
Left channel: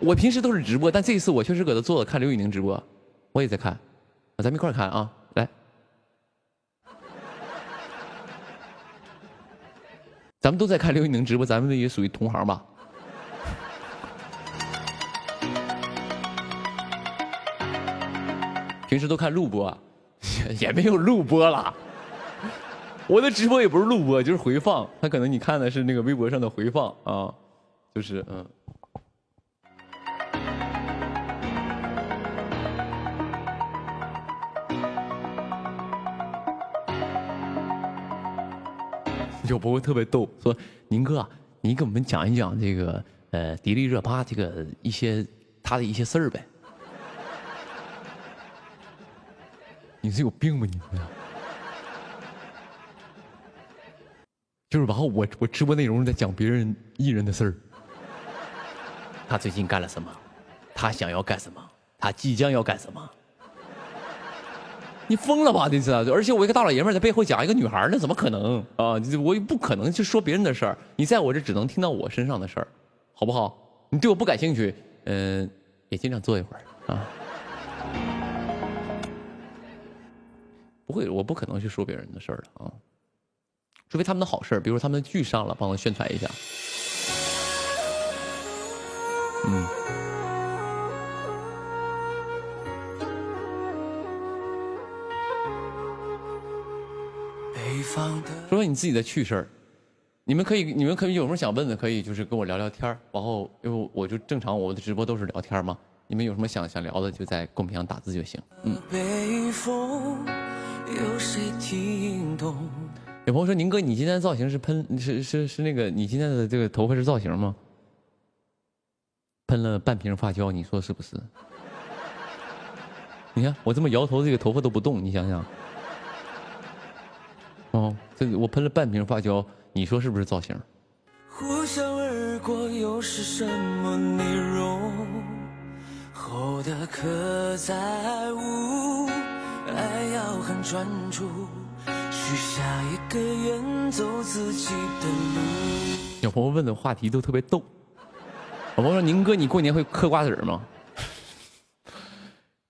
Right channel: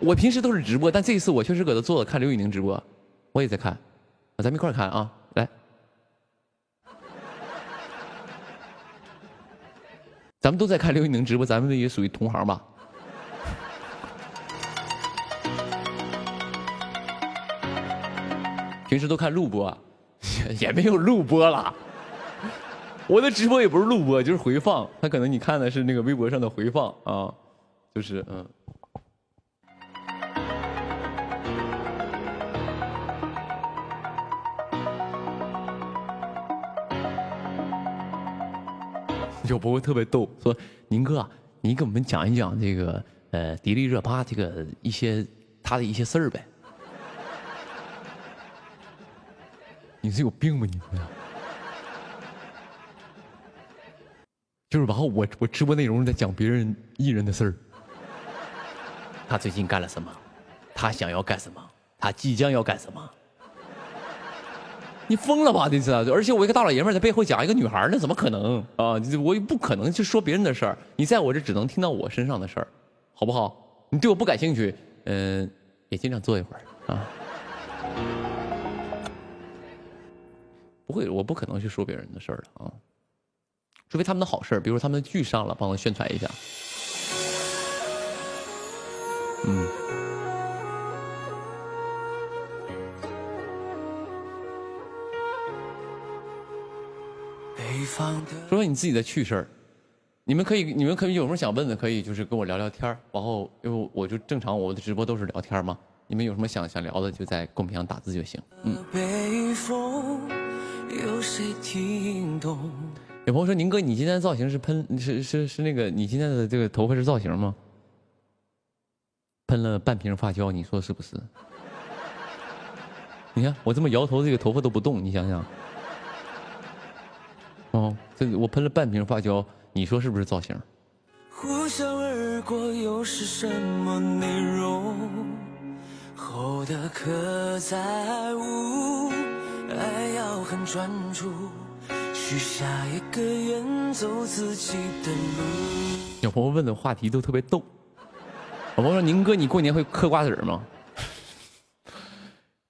我平时都是直播，但这一次我确实搁这坐着看刘宇宁直播，我也在看，咱们一块看啊，来，咱们都在看刘宇宁直播，咱们也属于同行吧？平时都看录播。也没有录播了，我的直播也不是录播，就是回放。他可能你看的是那个微博上的回放啊，就是有朋友特别逗，说宁哥，你给我们讲一讲这个迪丽热巴这个他的一些事儿呗。你是有病吧你？就是然后我直播内容在讲别人艺人的事儿，他最近干了什么，他想要干什么，他即将要干什么。你疯了吧？你知道？而且我一个大老爷们在背后讲一个女孩，那怎么可能啊？我不可能去说别人的事儿，你在我这只能听到我身上的事儿，好不好？你对我不感兴趣，也尽量坐一会儿啊。不会，我不可能去说别人的事儿的啊，除非他们的好事儿，比如说他们的剧上了，帮我宣传一下。说说你自己的趣事儿，你们可以有什么想问的，可以就是跟我聊聊天儿，然后因为我就正常我的直播都是聊天嘛，你们有什么想聊的，就在公屏上打字就行。有朋友说宁哥，你今天的造型是是那个你今天的这个头发是造型吗？喷了半瓶发胶，你说是不是？你看我这么摇头，这个头发都不动，你想想。哦，这我喷了半瓶发胶，你说是不是造型？呼啸而过又是什么内容？后的刻在无，爱要很专注，许下一个远走自己的路。有朋友问的话题都特别逗。有朋友说宁哥，你过年会嗑瓜子吗？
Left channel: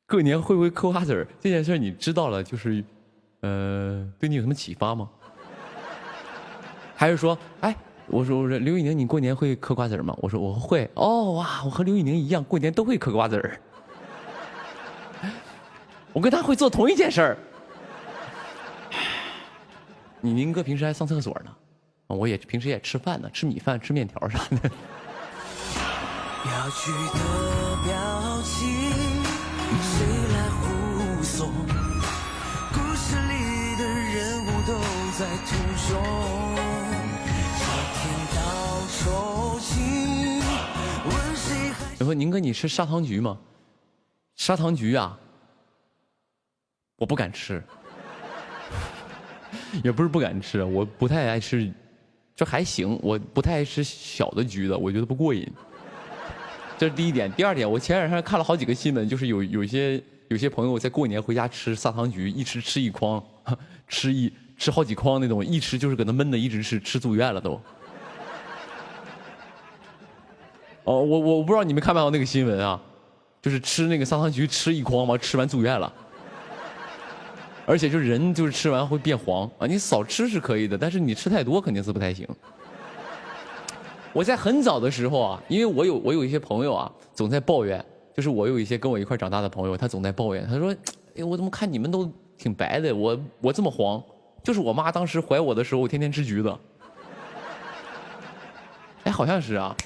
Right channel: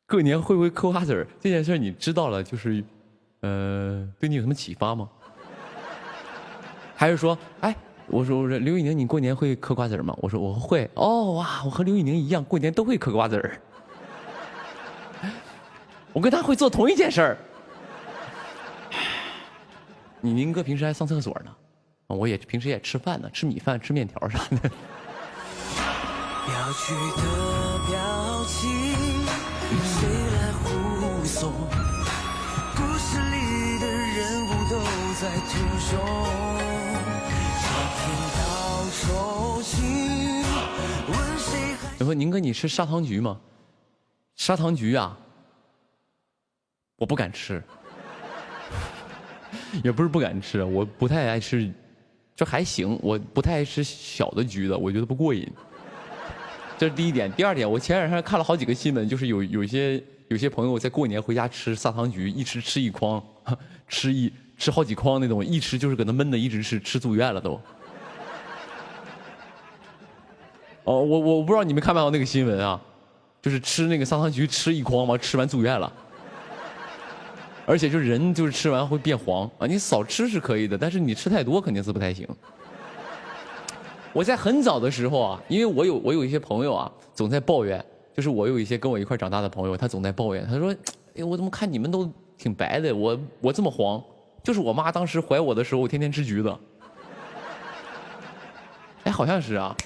过年会不会嗑瓜子这件事你知道了，就是对你有什么启发吗？还是说，哎，我说刘宇宁，你过年会嗑瓜子吗？我说我会。哦哇，我和刘宇宁一样，过年都会嗑瓜子。我跟他会做同一件事儿。你宁哥平时还上厕所呢，我也平时也吃饭呢，吃米饭、吃面条啥的。我说宁哥，你吃砂糖橘吗？砂糖橘啊，我不敢吃，也不是不敢吃，我不太爱吃，就还行，我不太爱吃小的橘子，我觉得不过瘾。这是第一点。第二点，我前两天看了好几个新闻，就是有些朋友在过年回家吃砂糖橘，一吃一筐，吃好几筐那种，一吃就是搁那闷的，一直吃住院了都。哦，我不知道你们看没看到那个新闻啊，就是吃那个砂糖橘吃一筐嘛，吃完住院了，而且就是人就是吃完会变黄啊，你少吃是可以的，但是你吃太多肯定是不太行。我在很早的时候啊，因为我有一些朋友啊，总在抱怨，就是我有一些跟我一块长大的朋友，他总在抱怨，他说：“哎，我怎么看你们都挺白的，我这么黄，就是我妈当时怀我的时候，天天吃橘子。”哎，好像是啊，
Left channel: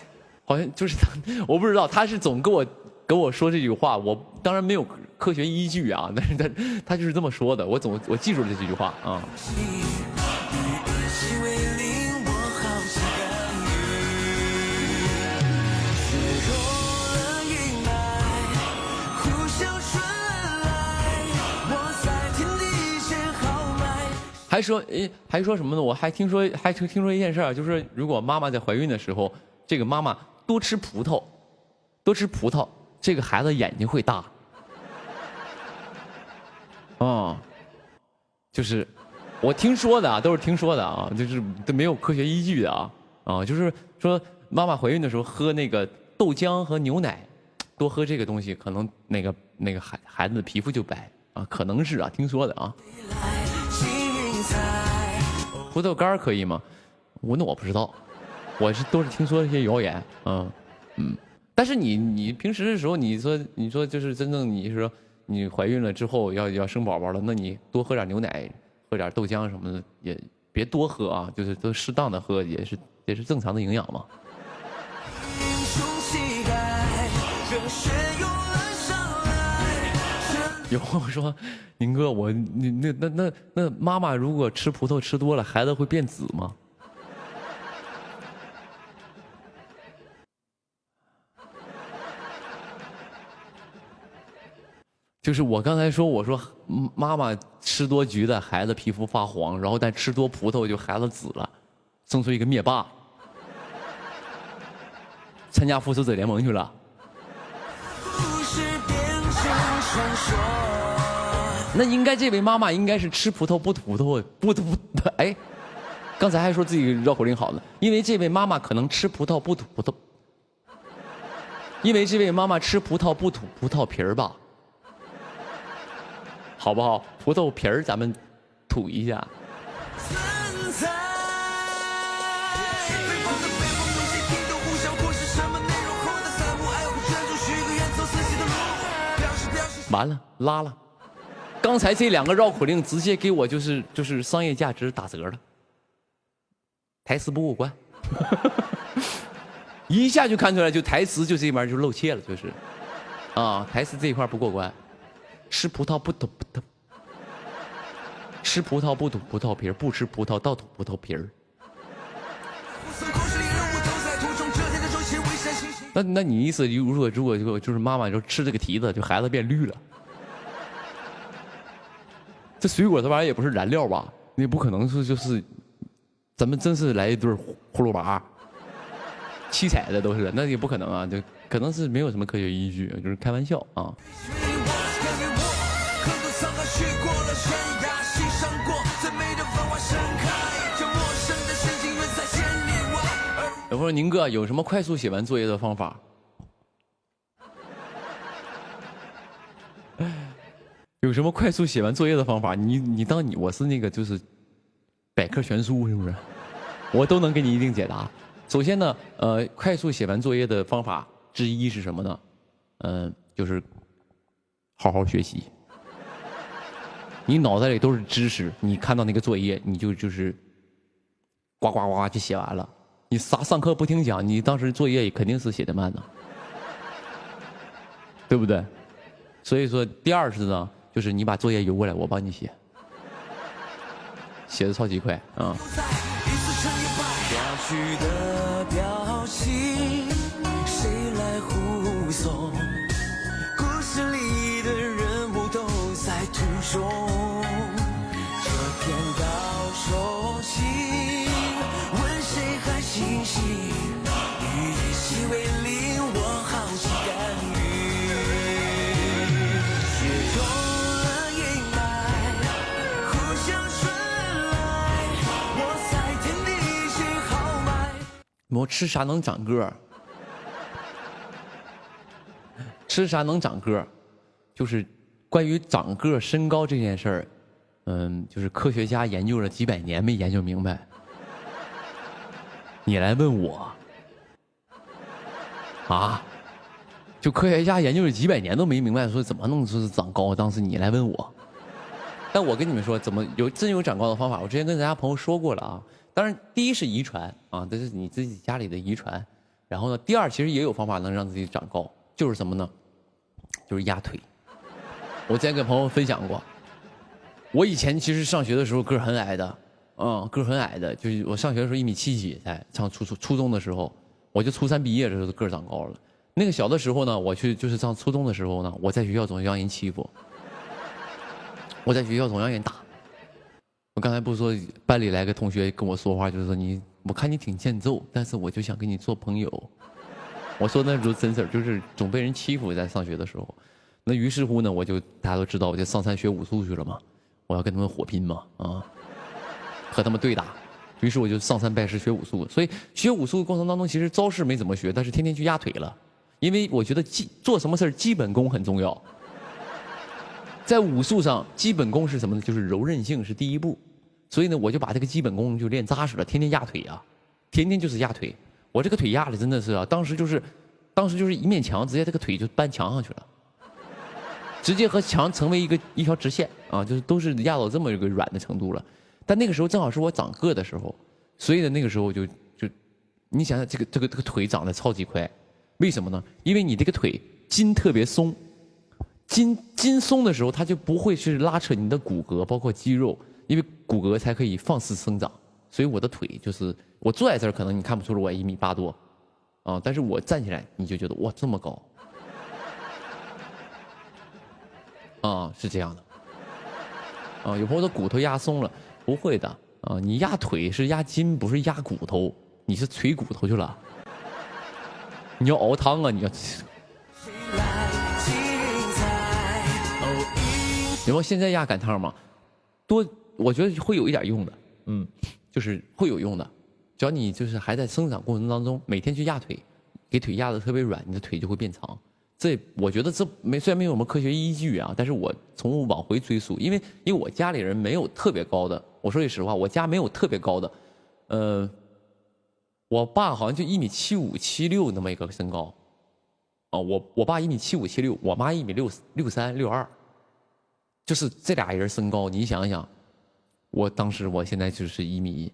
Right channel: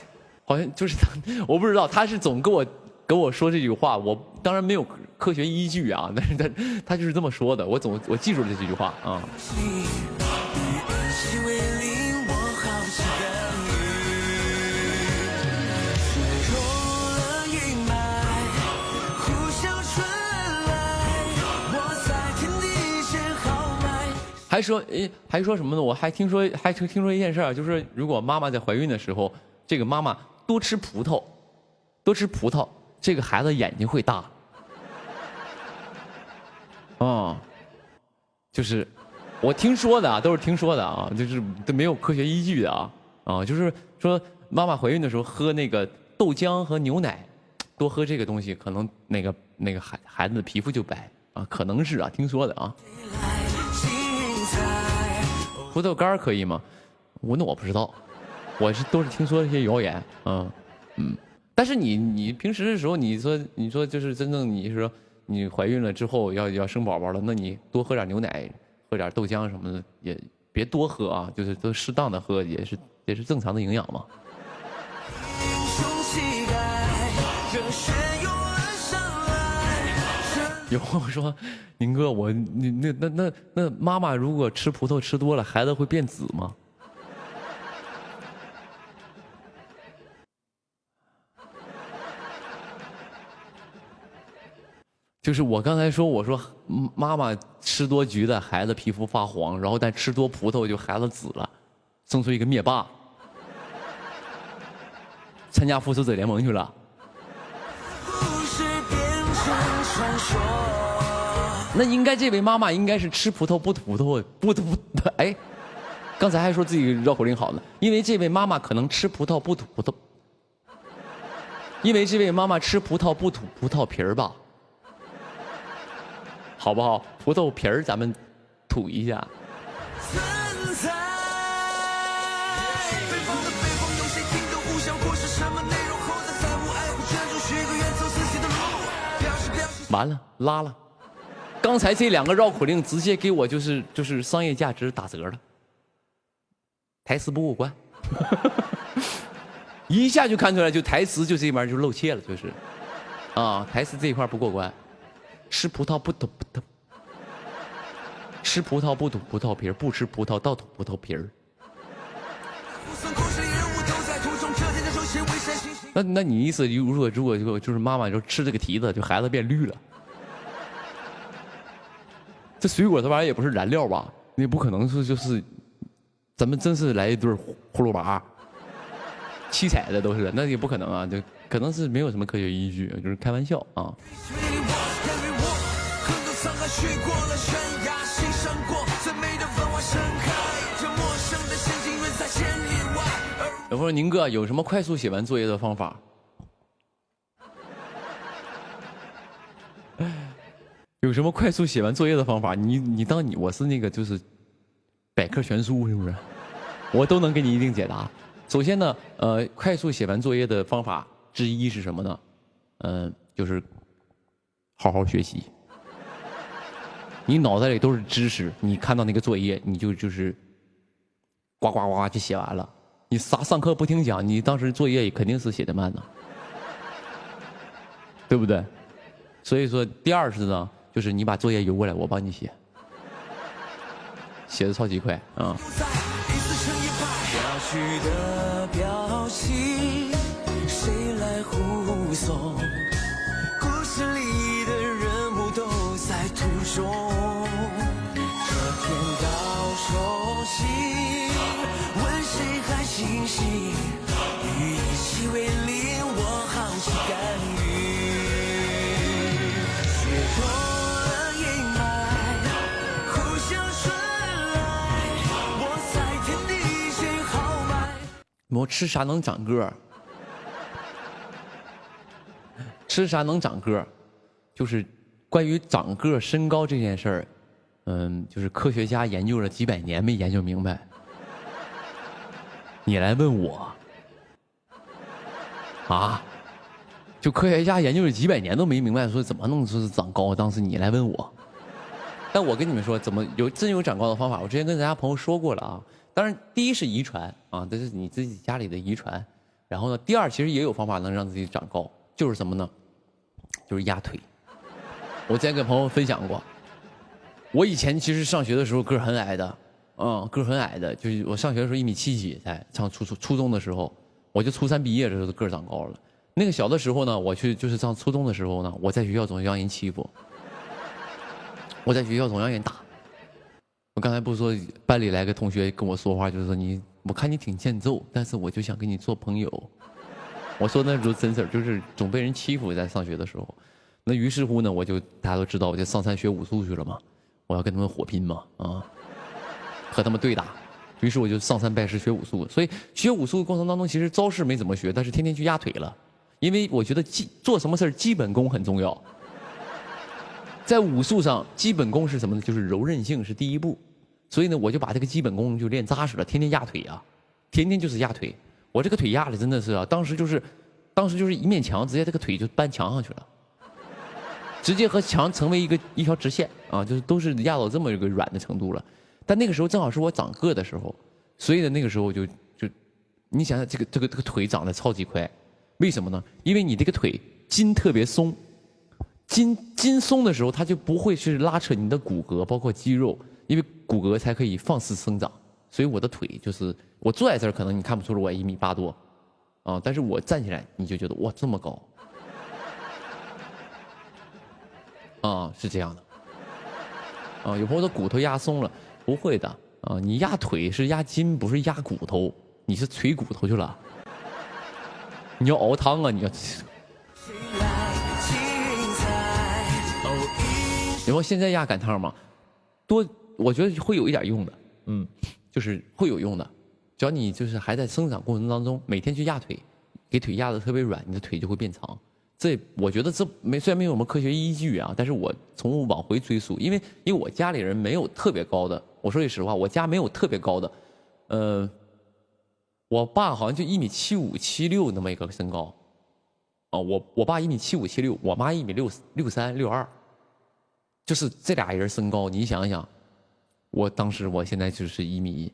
好像就是他，我不知道他是总跟我说这句话，我当然没有科学依据啊，但是他就是这么说的，我记住了这句话啊。还说什么呢？我还听说一件事儿，就是如果妈妈在怀孕的时候，这个妈妈多吃葡萄，这个孩子眼睛会大。就是我听说的啊，都是听说的啊，就是都没有科学依据的啊，就是说妈妈怀孕的时候喝那个豆浆和牛奶，多喝这个东西，可能那个孩子的皮肤就白啊，可能是啊，听说的啊。葡萄干可以吗？我不知道，都是听说一些谣言，但是你平时的时候，你说就是真正你说你怀孕了之后要生宝宝了，那你多喝点牛奶，喝点豆浆什么的，也别多喝啊，就是都适当的喝，也是正常的营养嘛。有朋友说，宁哥，那妈妈如果吃葡萄吃多了，孩子会变紫吗？就是我刚才说，我说妈妈吃多橘子，孩子皮肤发黄，然后但吃多葡萄就孩子紫了，生出一个灭霸，参加复仇者联盟去了。那应该这位妈妈应该是吃葡萄不吐葡萄，不吐哎，刚才还说自己绕口令好呢，因为这位妈妈可能吃葡萄不吐葡萄，因为这位妈妈吃葡萄不吐葡萄皮儿吧，好不好？葡萄皮儿咱们吐一下。完了，拉了。刚才这两个绕口令直接给我就是商业价值打折了，台词不过关，一下就看出来，就台词就这边就露怯了，就是啊，台词这一块不过关。吃葡萄不吐葡萄，吃葡萄不吐葡萄皮儿，不吃葡萄倒吐葡萄皮儿。那你意思，如果就是妈妈就吃这个提子，就孩子变绿了。这水果这玩意儿也不是燃料吧？你不可能是就是咱们真是来一对葫芦娃，七彩的都是，那也不可能啊，就可能是没有什么科学依据，就是开玩笑啊。有朋友宁哥有什么快速写完作业的方法？有什么快速写完作业的方法？你当我是那个就是百科全书是不是？我都能给你一定解答。首先呢，快速写完作业的方法之一是什么呢？就是好好学习。你脑袋里都是知识，你看到那个作业，你就是呱呱呱就写完了。你上课不听讲，你当时作业肯定是写的慢的，对不对？所以说，第二是呢，就是你把作业邮过来，我帮你写，写的超级快啊。我吃啥能长个儿？吃啥能长个儿？就是关于长个儿、身高这件事儿，就是科学家研究了几百年没研究明白。你来问我啊？就科学家研究了几百年都没明白，说怎么能说是长高？当时你来问我，但我跟你们说，怎么真有长高的方法？我之前跟咱家朋友说过了啊。当然，第一是遗传啊，这是你自己家里的遗传。然后呢，第二其实也有方法能让自己长高，就是什么呢？就是压腿。我之前跟朋友分享过，我以前其实上学的时候个儿很矮的，个儿很矮的，就是我上学的时候1.7米几才上初中的时候，我就初3毕业的时候个儿长高了。那个小的时候呢，我就是上初中的时候呢，我在学校总让人欺负，我在学校总让人打。我刚才不是说班里来个同学跟我说话，就是说我看你挺欠揍，但是我就想跟你做朋友。我说那时候真事儿，就是总被人欺负，在上学的时候。那于是乎呢，大家都知道，我就上山学武术去了嘛，我要跟他们火拼嘛，和他们对打。于是我就上山拜师学武术。所以学武术的过程当中，其实招式没怎么学，但是天天去压腿了，因为我觉得做什么事儿基本功很重要。在武术上，基本功是什么呢？就是柔韧性是第一步。所以呢，我就把这个基本功就练扎实了，天天压腿啊，天天就是压腿。我这个腿压的真的是啊，当时就是一面墙，直接这个腿就搬墙上去了，直接和墙成为一条直线啊，就是都是压到这么一个软的程度了。但那个时候正好是我长个的时候，所以呢，那个时候就你想想这个腿长得超级快，为什么呢？因为你这个腿筋特别松，筋松的时候，它就不会去拉扯你的骨骼，包括肌肉。因为骨骼才可以放肆生长，所以我的腿就是我坐在这儿，可能你看不出来我1.8米多，啊，但是我站起来你就觉得哇这么高，啊是这样的，啊有朋友说骨头压松了，不会的，啊，你压腿是压筋，不是压骨头，你是捶骨头去了。你要熬汤啊，你要。然后现在压赶汤嘛，我觉得会有一点用的，就是会有用的。只要你就是还在生长过程当中，每天去压腿，给腿压得特别软，你的腿就会变长。我觉得虽然没有什么科学依据啊，但是我从往回追溯，因为我家里人没有特别高的，我说句实话，我家没有特别高的，我爸好像就1.75米76那么一个身高，啊，我爸1.75米76，我妈1.63米62，就是这俩人身高，你想想，我现在就是1.89米，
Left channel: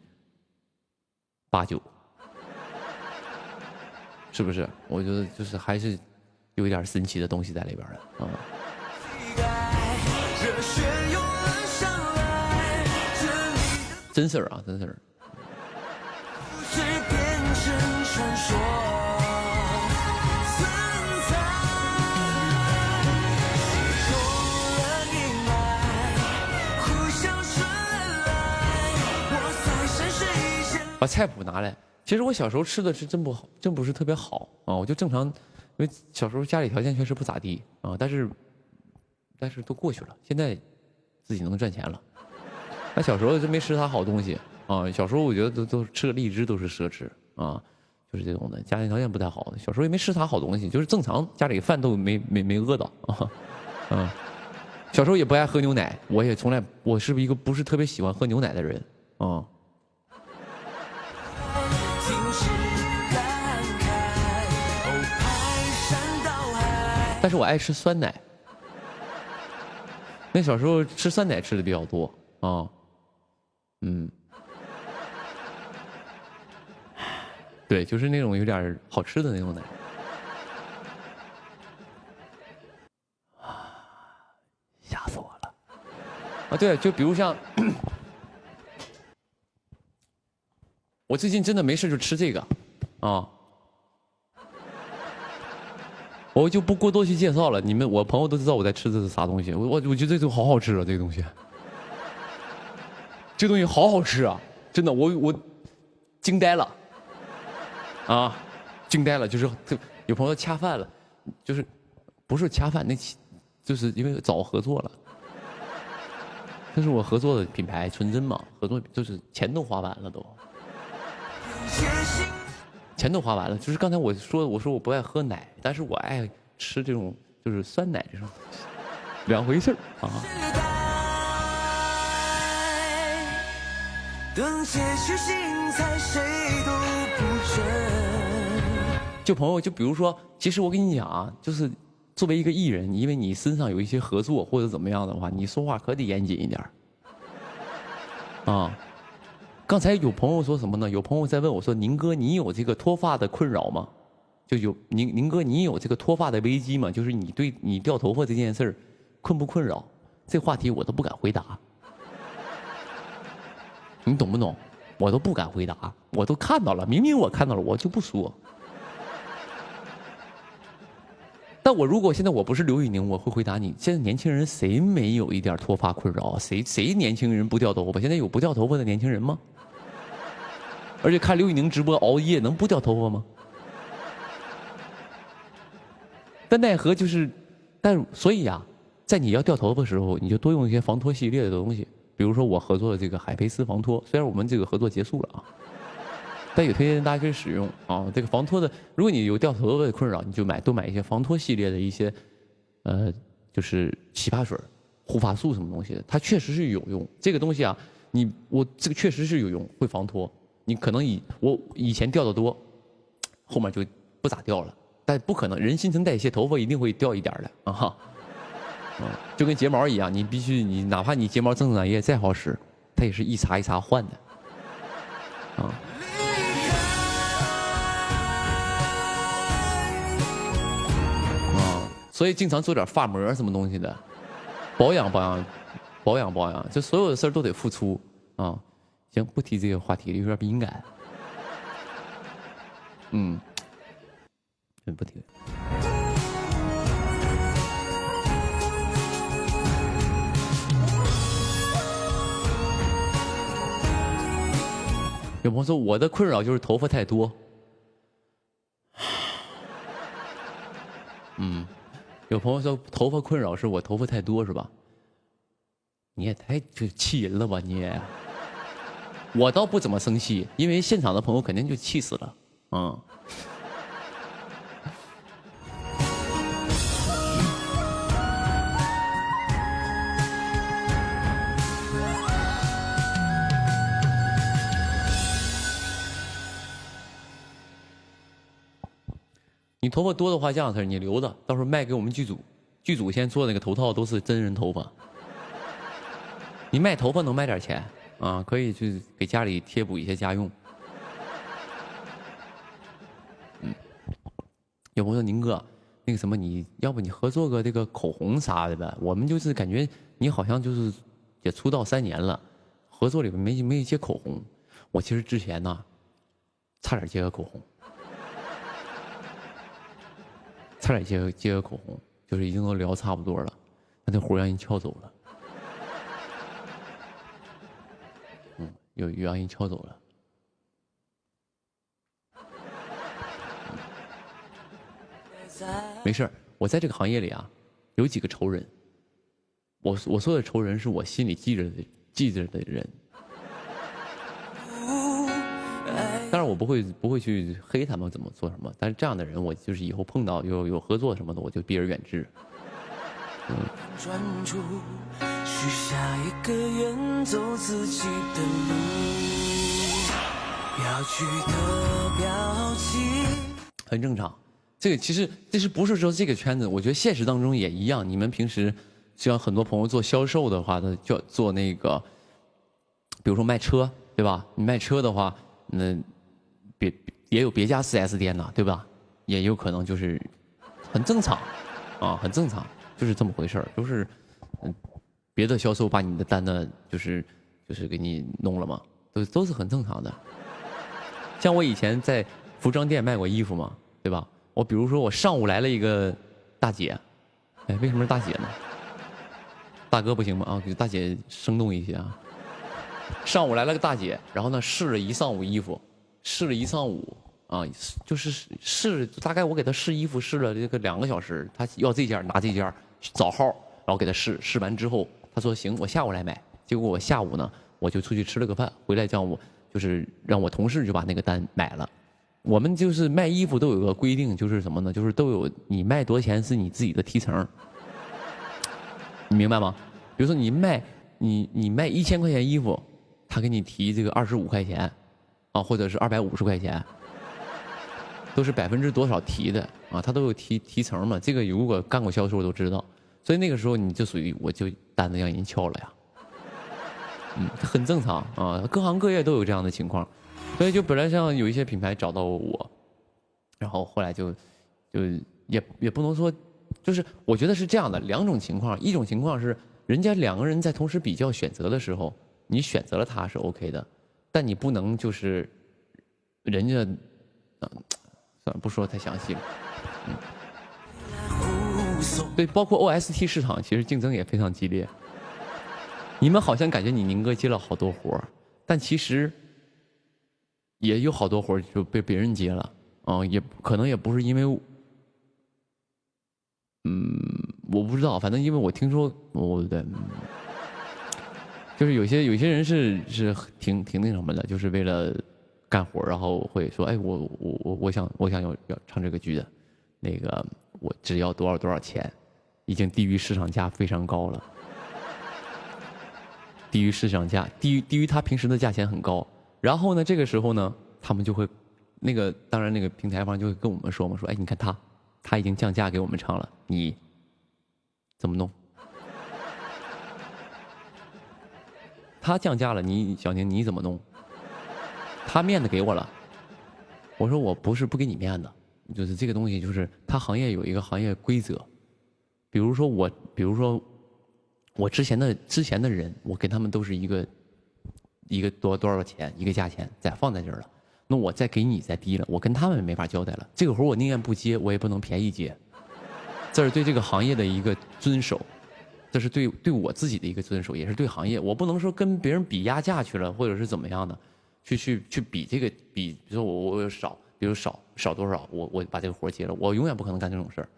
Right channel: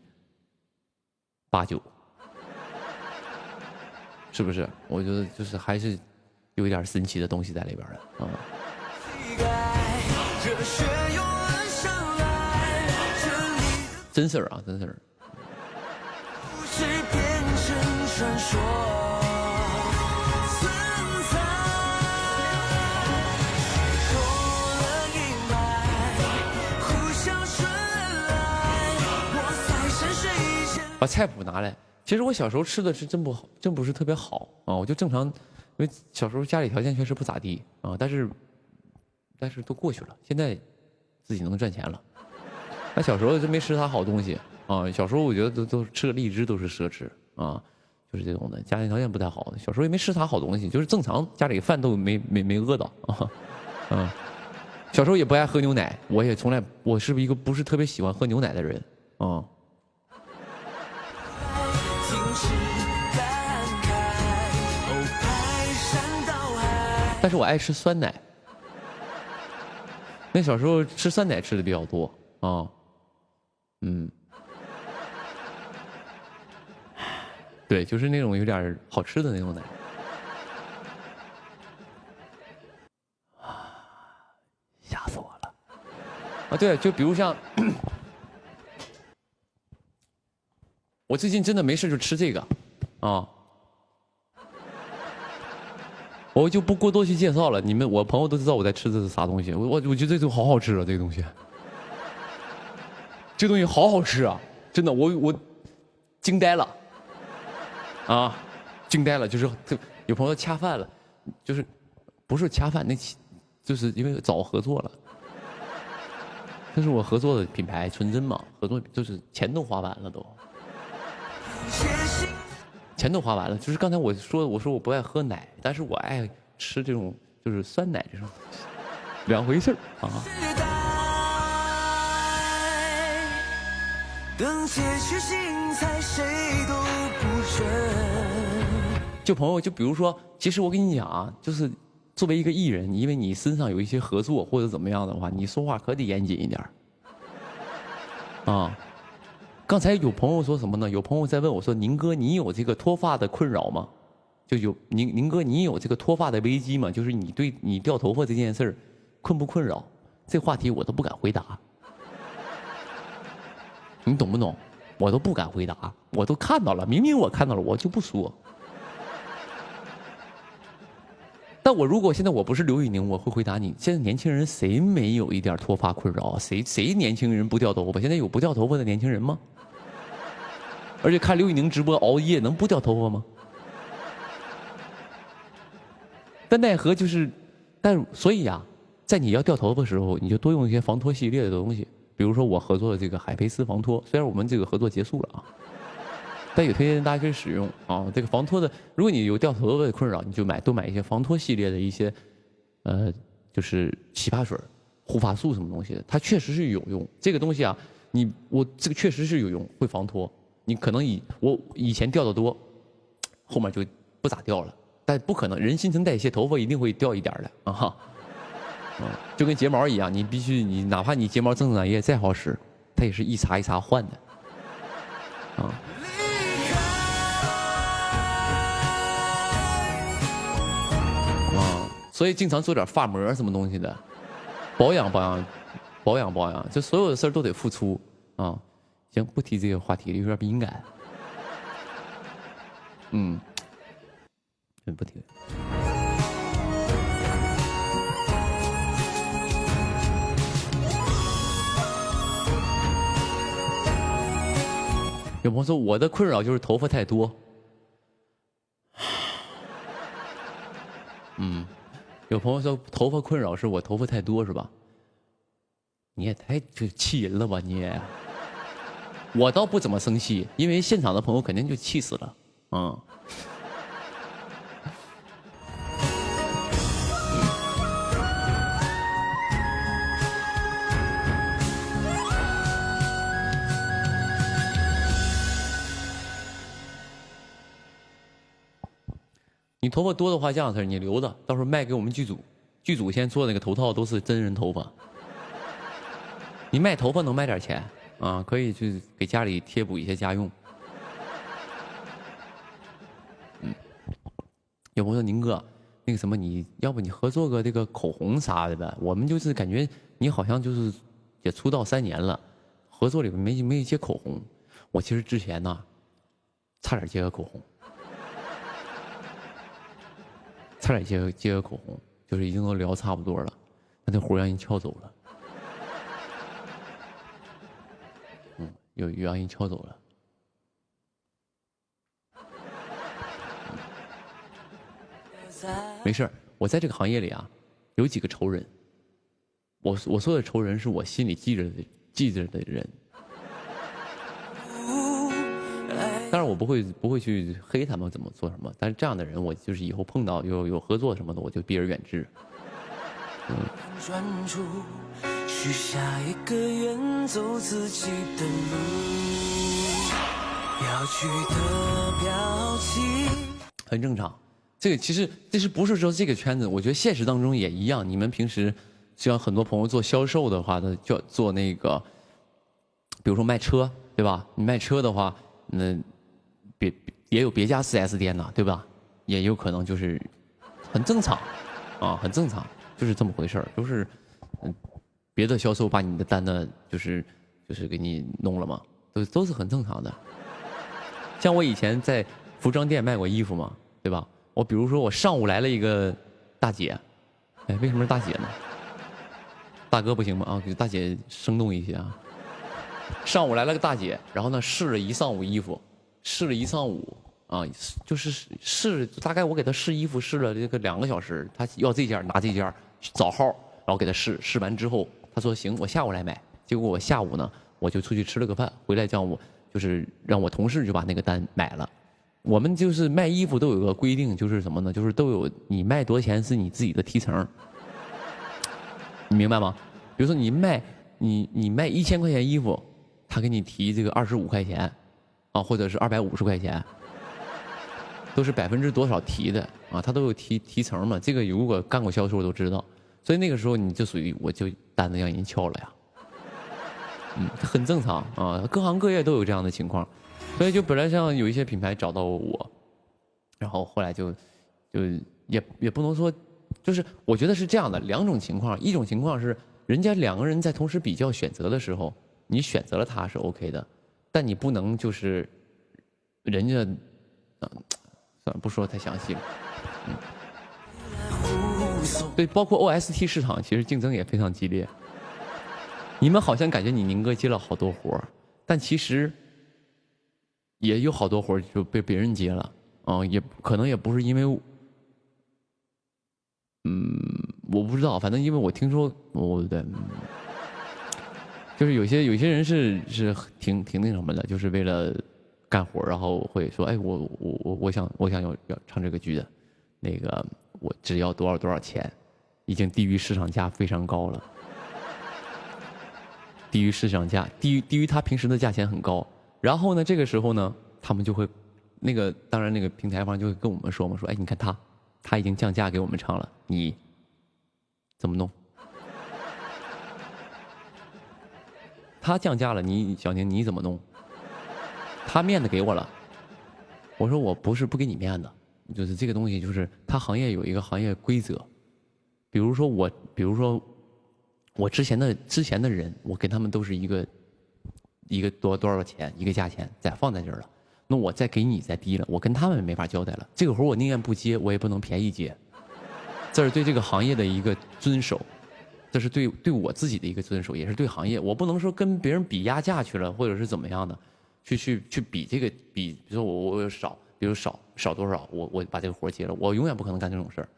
是不是？我觉得就是还是有一点神奇的东西在里边的啊。真事儿啊，真事儿。把菜谱拿来。其实我小时候吃的是真不是特别好啊，我就正常，因为小时候家里条件确实不咋地啊，但是都过去了，现在自己能赚钱了。那小时候就没吃啥好东西啊，小时候我觉得都吃个荔枝都是奢侈啊，就是这种的，家庭条件不太好的，小时候也没吃啥好东西，就是正常家里饭都没饿到啊，小时候也不爱喝牛奶，我是一个不是特别喜欢喝牛奶的人啊。但是我爱吃酸奶，那小时候吃酸奶吃的比较多啊，对，就是那种有点好吃的那种奶。吓死我了！啊，对，就比如像我最近真的没事就吃这个啊。我就不过多去介绍了，我朋友都知道我在吃的是啥东西。我觉得这个好好吃啊，这个东西，这东西好好吃啊，真的，我惊呆了，啊，惊呆了，就是有朋友恰饭了，就是不是恰饭，就是因为早合作了，这是我合作的品牌纯真嘛，合作就是钱都花完了都。钱都花完了，就是刚才我说我不爱喝奶，但是我爱吃这种就是酸奶这种东西，两回事啊。就朋友，就比如说，其实我跟你讲啊，就是作为一个艺人，因为你身上有一些合作或者怎么样的话，你说话可得严谨一点啊。刚才有朋友说什么呢？有朋友在问我说：“宁哥，你有这个脱发的困扰吗？就有宁哥，你有这个脱发的危机吗？就是你对你掉头发这件事儿困不困扰？”这话题我都不敢回答，你懂不懂？我都不敢回答，我都看到了，明明我看到了，我就不说。但我如果现在我不是刘宇宁，我会回答你：现在年轻人谁没有一点脱发困扰？谁年轻人不掉头发？现在有不掉头发的年轻人吗？而且看刘宇宁直播熬夜能不掉头发吗？但奈何就是，所以呀，在你要掉头发的时候，你就多用一些防脱系列的东西，比如说我合作的这个海飞丝防脱，虽然我们这个合作结束了啊，但也推荐大家可以使用啊。这个防脱的，如果你有掉头发的困扰，你就多买一些防脱系列的一些，就是洗发水、护发素什么东西的，它确实是有用。这个东西啊，这个确实是有用，会防脱。你可能我以前掉的多，后面就不咋掉了，但不可能，人新陈代谢，头发一定会掉一点的啊。就跟睫毛一样，你必须哪怕你睫毛增长液再好使，它也是一茬一茬换的啊。所以经常做点发膜什么东西的，保养，这所有的事儿都得付出啊。行，不提这个话题了，有点敏感。不提。有朋友说我的困扰就是头发太多。有朋友说头发困扰是我头发太多是吧？你也太就气人了吧你！我倒不怎么生气，因为现场的朋友肯定就气死了。你头发多的话，这样式你留着，到时候卖给我们剧组。剧组现在做那个头套都是真人头发。你卖头发能卖点钱啊，可以去给家里贴补一些家用。有朋友说宁哥，那个什么，你要不你合作个这个口红啥的呗？我们就是感觉你好像就是也出道3年了，合作里面没接口红。我其实之前呢，差点接个口红。差点接个口红，就是已经都聊差不多了，但那活让人撬走了。有让人撬走了。没事，我在这个行业里啊，有几个仇人。我说的仇人是我心里记着的人。当然我不会去黑他们怎么做什么，但是这样的人我就是以后碰到有合作什么的，我就避而远之。专注许下一个远走自己的路，要去的表情很正常。这个其实这是不是说这个圈子？我觉得现实当中也一样。你们平时像很多朋友做销售的话，他就做那个，比如说卖车，对吧？你卖车的话，那也有别家4S 店呢，对吧？也有可能就是很正常啊，很正常，就是这么回事儿。就是别的销售把你的单呢，就是给你弄了嘛，都是很正常的。像我以前在服装店卖过衣服嘛，对吧？我比如说我上午来了一个大姐，哎，为什么是大姐呢？大哥不行吗？啊，给大姐生动一些啊。上午来了个大姐，然后呢试了一上午衣服，试了一上午啊，就是试大概我给她试衣服试了这个2个小时，她要这件拿这件找号，然后给她试完之后，她说行，我下午来买。结果我下午呢，我就出去吃了个饭，回来让我同事就把那个单买了。我们就是卖衣服都有个规定，就是什么呢？就是都有你卖多少钱是你自己的提成，你明白吗？比如说你卖1000块钱衣服，他给你提这个25块钱，啊，或者是250块钱，都是%多少提的啊，他都有提成嘛。这个如果干过销售都知道，所以那个时候你就属于我就单子让人撬了呀，很正常啊，各行各业都有这样的情况。所以就本来像有一些品牌找到我，然后后来就也不能说，就是我觉得是这样的2种情况，一种情况是人家2个人在同时比较选择的时候，你选择了他是 OK 的，但你不能就是人家，算了不说太详细了，对，包括 OST 市场其实竞争也非常激烈。你们好像感觉你宁哥接了好多活，但其实也有好多活就被别人接了，也可能也不是因为，我不知道，反正因为我听说，就是有些人是挺那什么的，就是为了干活，然后会说，哎，我想要唱这个剧的，那个我只要多少钱，已经低于市场价非常高了，低于市场价，低于他平时的价钱很高。然后呢，这个时候呢，他们就会，当然那个平台方就会跟我们说嘛，说，哎，你看他已经降价给我们唱了，你怎么弄？他降价了，小宁你怎么弄？他面子给我了，我说我不是不给你面子，就是这个东西就是他行业有一个行业规则，比如说我之前的人，我跟他们都是一个多少钱一个价钱放在这儿了，那我再给你再低了，我跟他们没法交代了。这个活我宁愿不接，我也不能便宜接，这是对这个行业的一个遵守，这是对我自己的一个遵守，也是对行业。我不能说跟别人比压价去了，或者是怎么样的，去比这个比，比如说我少，比如少多少，我把这个活接了，我永远不可能干这种事儿。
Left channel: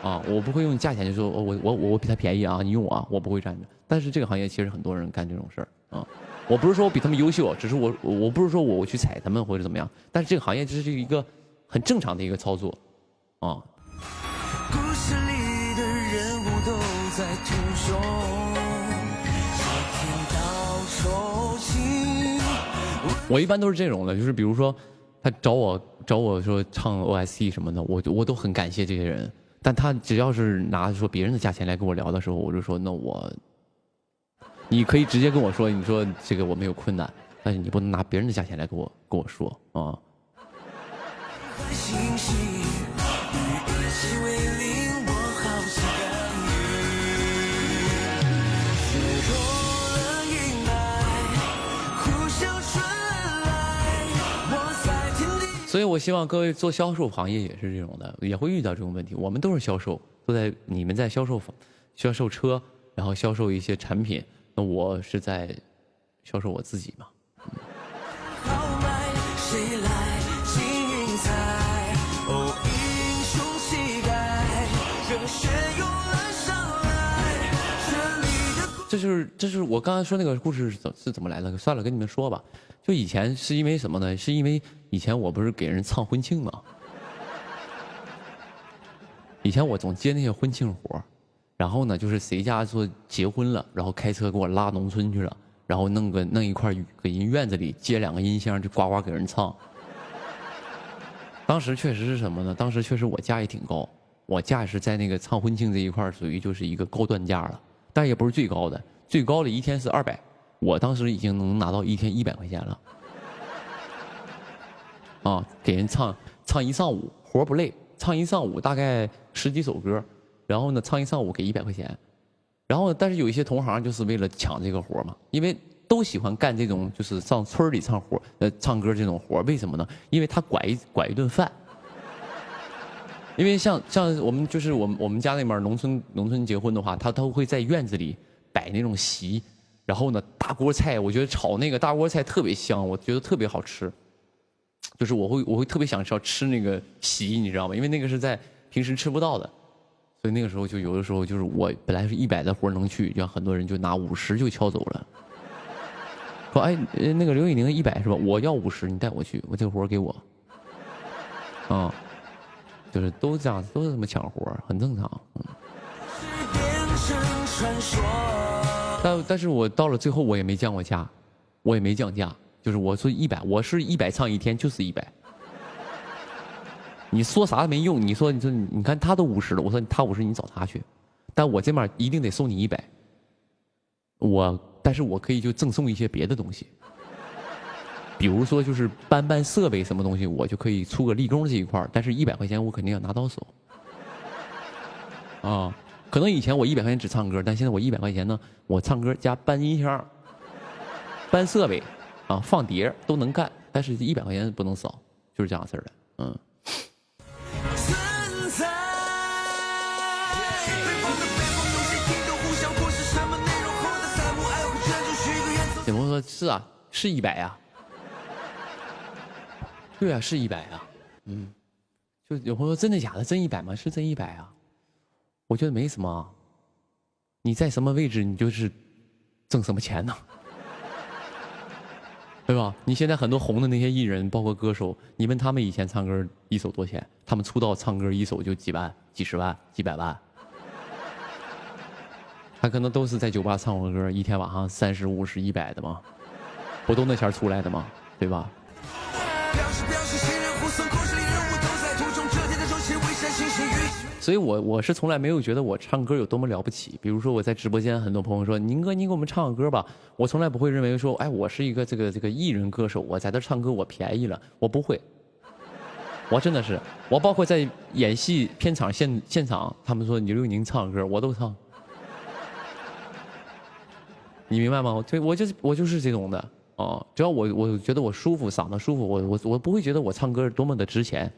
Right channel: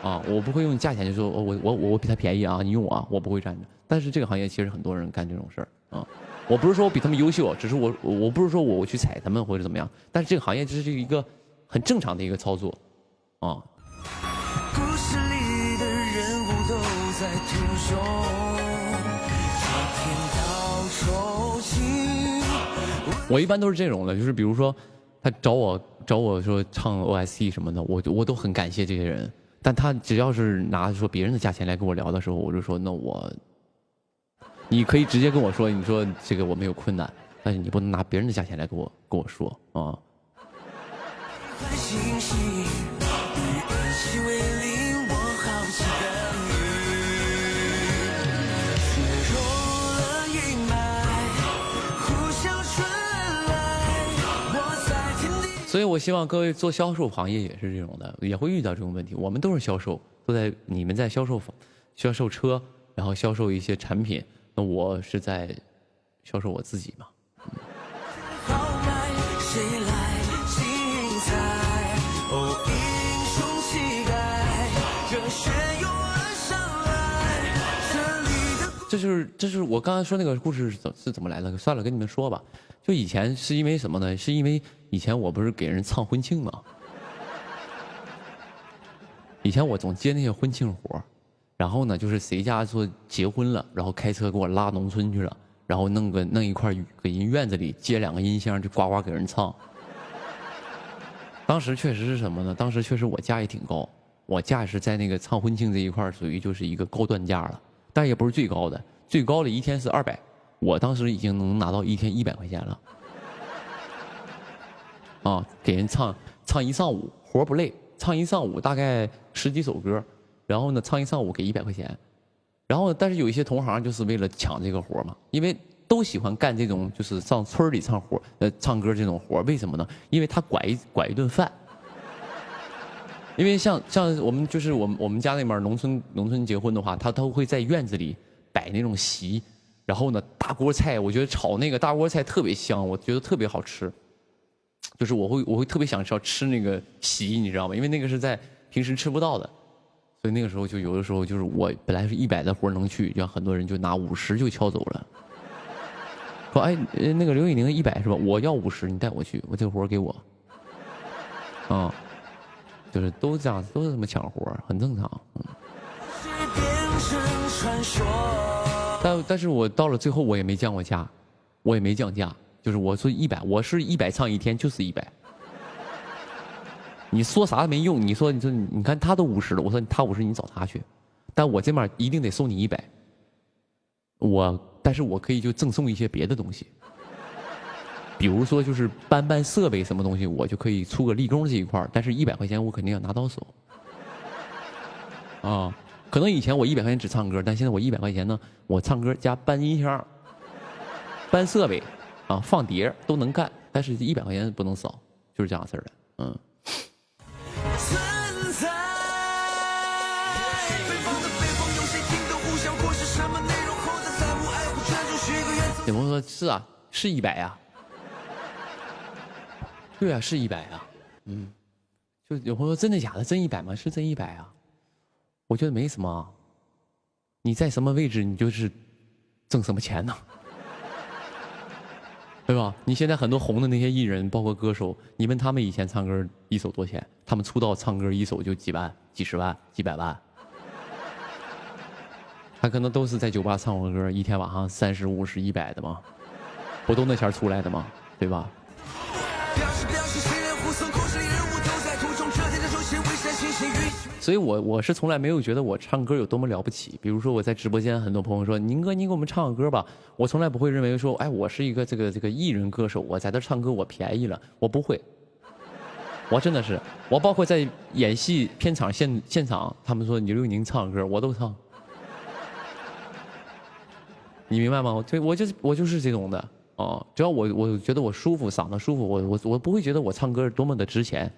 啊，我不会用价钱就说我比他便宜啊，你用我啊，我不会这样的。但是这个行业其实很多人干这种事儿啊。我不是说我比他们优秀，只是我不是说我去踩他们或者怎么样，但是这个行业这是一个很正常的一个操作啊。故事里的人物都在听说，天道酬勤。我一般都是这种的，就是比如说他找我说唱 OST 什么的，我都很感谢这些人。但他只要是拿说别人的价钱来跟我聊的时候，我就说那你可以直接跟我说，你说这个我没有困难，但是你不能拿别人的价钱来跟我说啊。所以我希望各位做销售行业也是这种的，也会遇到这种问题。我们都是销售，你们在销售车，然后销售一些产品，那我是在销售我自己嘛。这就是我刚才说那个故事是怎么来的？算了，跟你们说吧。就以前是因为什么呢？是因为以前我不是给人唱婚庆嘛。以前我总接那些婚庆活，然后呢，就是谁家说结婚了，然后开车给我拉农村去了，然后弄一块给人院子里接2个音箱，就呱呱给人唱。当时确实是什么呢？当时确实我价也挺高，我价是在那个唱婚庆这一块属于就是一个高端价了。但也不是最高的，最高的一天是200，我当时已经能拿到一天100块钱了。啊，给人唱一上午，活不累，唱一上午大概10几首歌，然后呢唱一上午给100块钱，然后但是有一些同行就是为了抢这个活嘛，因为都喜欢干这种就是上村里唱歌这种活，为什么呢？因为他拐一顿饭。因为像我们就是我们家那边农村结婚的话，他都会在院子里摆那种席，然后呢大锅菜，我觉得炒那个大锅菜特别香，我觉得特别好吃。就是我会特别想吃那个席，你知道吗？因为那个是在平时吃不到的，所以那个时候就有的时候就是我本来是100的活能去，就很多人就拿50就敲走了。说哎那个刘宇宁100是吧？我要50，你带我去，我这个活给我。啊。就是都这样，都是这么抢活，很正常。但是我到了最后我也没降过价，我也没降价，就是我说100，我是100唱一天就是100。你说啥没用，你说你看他都50了，我说他50你找他去，但我这边一定得送你100。但是我可以就赠送一些别的东西。比如说就是搬设备什么东西，我就可以出个立功这一块，但是100块钱我肯定要拿到手。啊，可能以前我100块钱只唱歌，但现在我100块钱呢，我唱歌加搬音箱、搬设备，啊，放碟都能干，但是100块钱不能少，就是这样事儿的。嗯。有朋友说是啊，是100呀。对啊，是100啊，嗯，就有朋友说真的假的？真100吗？是真100啊，我觉得没什么。你在什么位置，你就是挣什么钱呢，对吧？你现在很多红的那些艺人，包括歌手，你问他们以前唱歌一首多少钱？他们出道唱歌一首就几万、几十万、几百万，他可能都是在酒吧唱过歌，一天晚上30、50、100的嘛，不都那钱出来的吗？对吧？所以我是从来没有觉得我唱歌有多么了不起。比如说我在直播间，很多朋友说宁哥，你给我们唱个歌吧，我从来不会认为说，哎，我是一个这个艺人歌手，我在这唱歌我便宜了，我不会。我真的是，我包括在演戏片场现场，他们说刘宇宁唱歌，我都唱。你明白吗？我就是这种的哦，只要我觉得我舒服，嗓子舒服，我不会觉得我唱歌多么的值钱，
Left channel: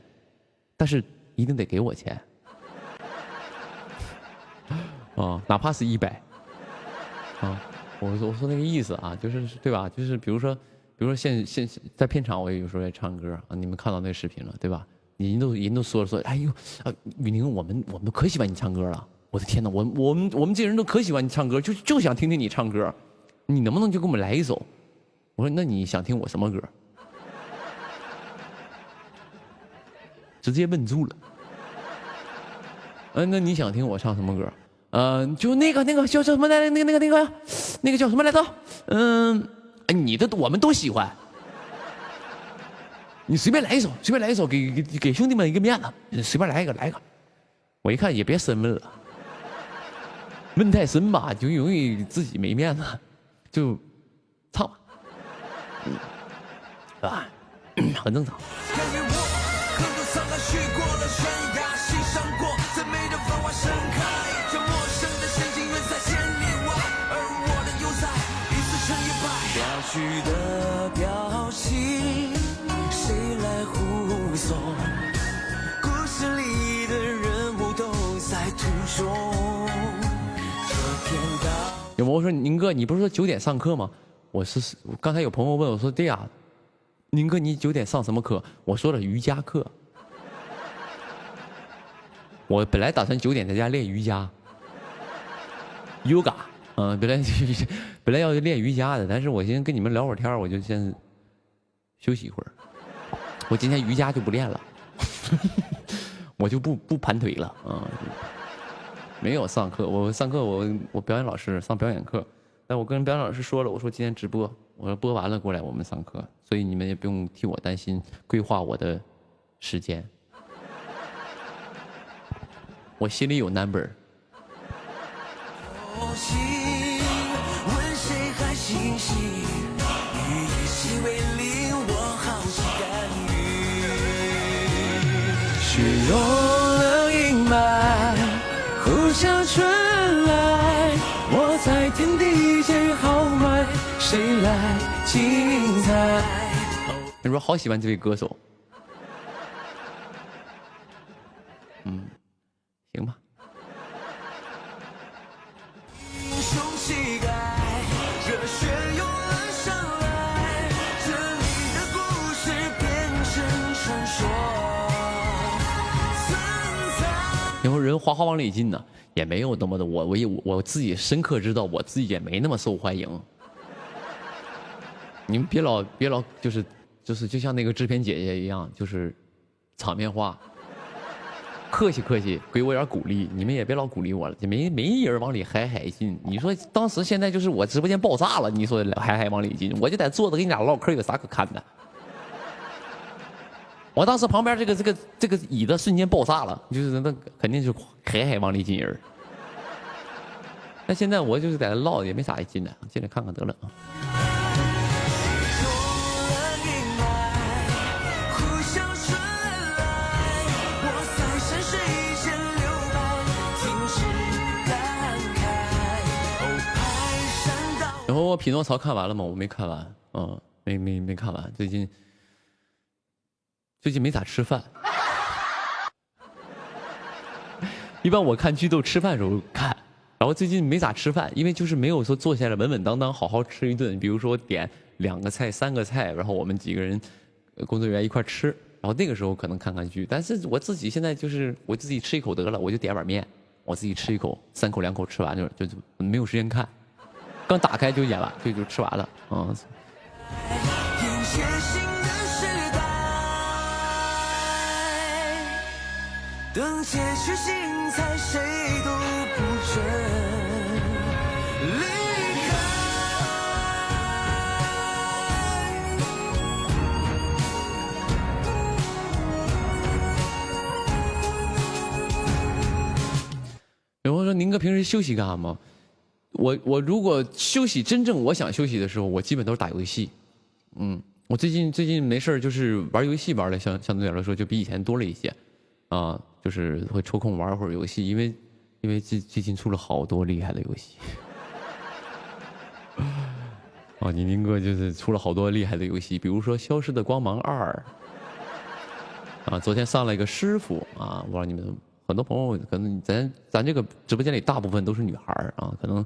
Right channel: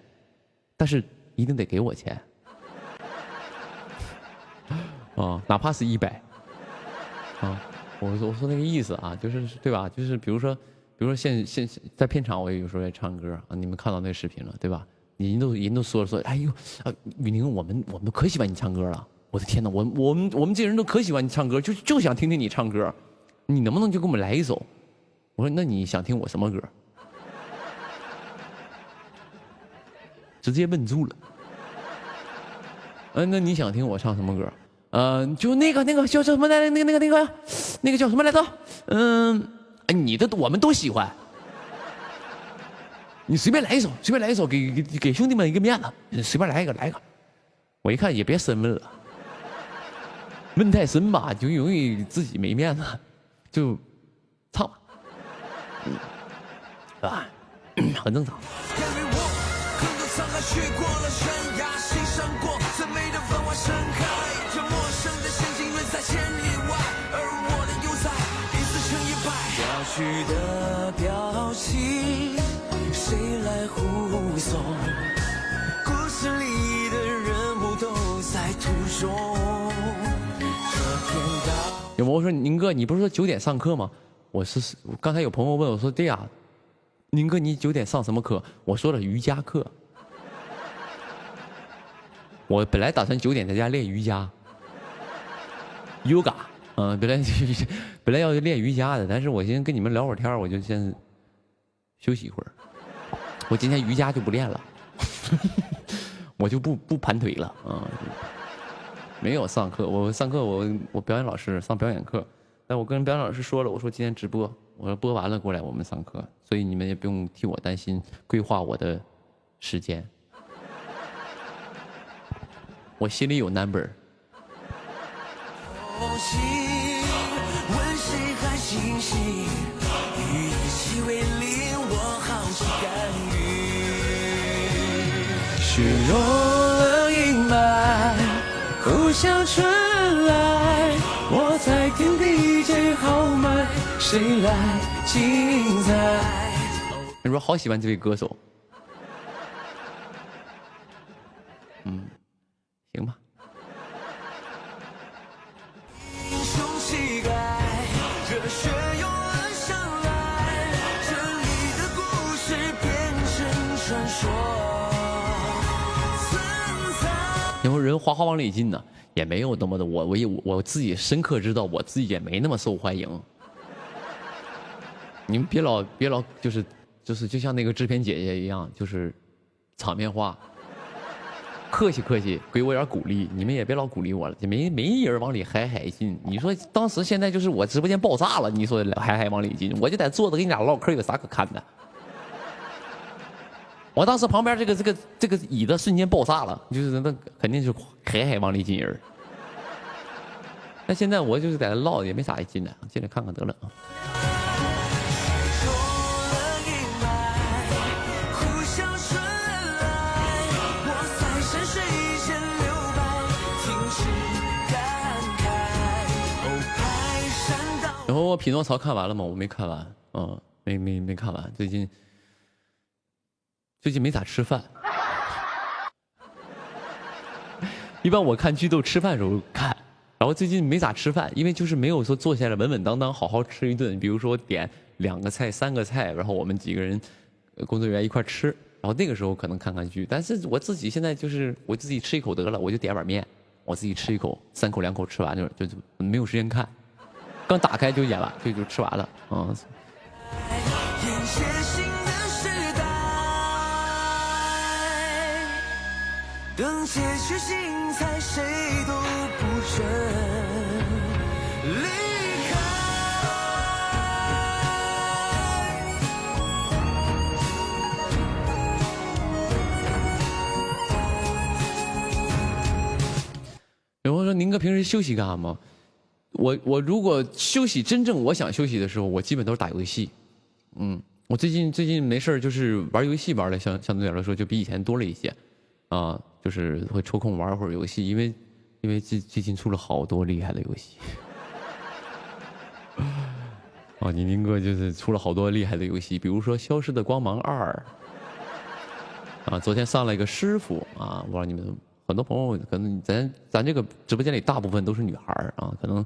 但是一定得给我钱。啊，哪怕是100，啊，我说那个意思啊，就是对吧？就是比如说比如说现在片场，我有时候也唱歌啊，你们看到那个视频了，对吧？人都说，哎呦啊，雨宁，我们都可喜欢你唱歌了。我的天哪，我们这些人都可喜欢你唱歌，就想听听你唱歌，你能不能就给我们来一首？我说那你想听我什么歌？直接问住了。那你想听我唱什么歌？就那个叫什么来着？那个叫什么来着？我们都喜欢。你随便来一首，给兄弟们一个面子，随便来一个。我一看也别深问了，问太深吧，就容易自己没面子，就唱吧，是吧？很正常。有朋友说宁哥，你不是说9点上课吗？刚才有朋友问我说，对呀，宁哥你9点上什么课？我说了瑜伽课。我本来打算9点在家练瑜伽 ，yoga， 本来要练瑜伽的，但是我先跟你们聊会儿天，我就先休息一会儿。我今天瑜伽就不练了，我就不盘腿了啊。没有上课，我上课我表演老师上表演课，但我跟表演老师说了，我说今天直播，我说播完了过来我们上课，所以你们也不用替我担心规划我的时间，我心里有 number。雪落了阴霾，呼啸春来，我在天地间豪迈，谁来精彩？你说好喜欢这位歌手，行吧。因为人哗哗往里进呢，也没有那么的，我自己深刻知道，我自己也没那么受欢迎。你们别老就是就像那个制片姐姐一样，就是场面话，客气，给我点鼓励。你们也别老鼓励我了，也没人往里嗨进。你说当时现在就是我直播间爆炸了，你说嗨往里进，我就在坐着跟你俩唠嗑，有啥可看的？我当时旁边这个椅子瞬间爆炸了，就是那肯定是嗨往里进人。那现在我就是在那唠，也没啥进来，进来看看得了啊。然后我匹诺曹看完了吗？我没看完，没看完，最近没咋吃饭。一般我看剧都吃饭时候看，然后最近没咋吃饭，因为就是没有说坐下来稳稳当当好好吃一顿。比如说点2个菜、3个菜，然后我们几个人工作人员一块吃，然后那个时候可能看看剧。但是我自己现在就是我自己吃一口得了，我就点碗面，我自己吃一口，3口2口吃完就没有时间看。刚打开就演完，就吃完了，等结局精彩，谁都不准离开。有朋友说：“宁哥平时休息干嘛？”我如果休息，真正我想休息的时候，我基本都是打游戏。我最近没事就是玩游戏玩的相对来说就比以前多了一些，就是会抽空玩会儿游戏，因为最近出了好多厉害的游戏。你宁哥就是出了好多厉害的游戏，比如说《消失的光芒2》昨天上了一个师傅我不知道你们很多朋友可能咱这个直播间里大部分都是女孩可能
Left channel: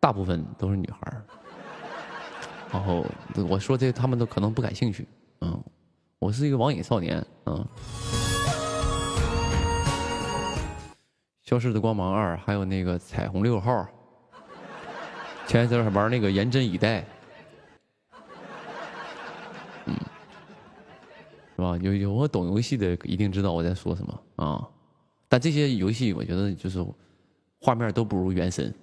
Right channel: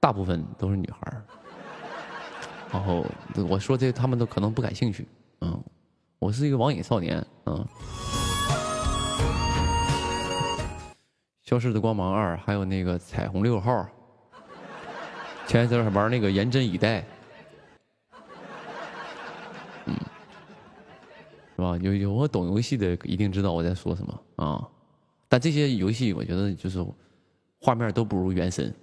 大部分都是女孩然后我说这他们都可能不感兴趣。我是一个网瘾少年。消失的光芒2，还有那个彩虹6号。前一阵还玩那个严阵以待。是吧？有我懂游戏的一定知道我在说什么啊。但这些游戏我觉得就是画面都不如原神。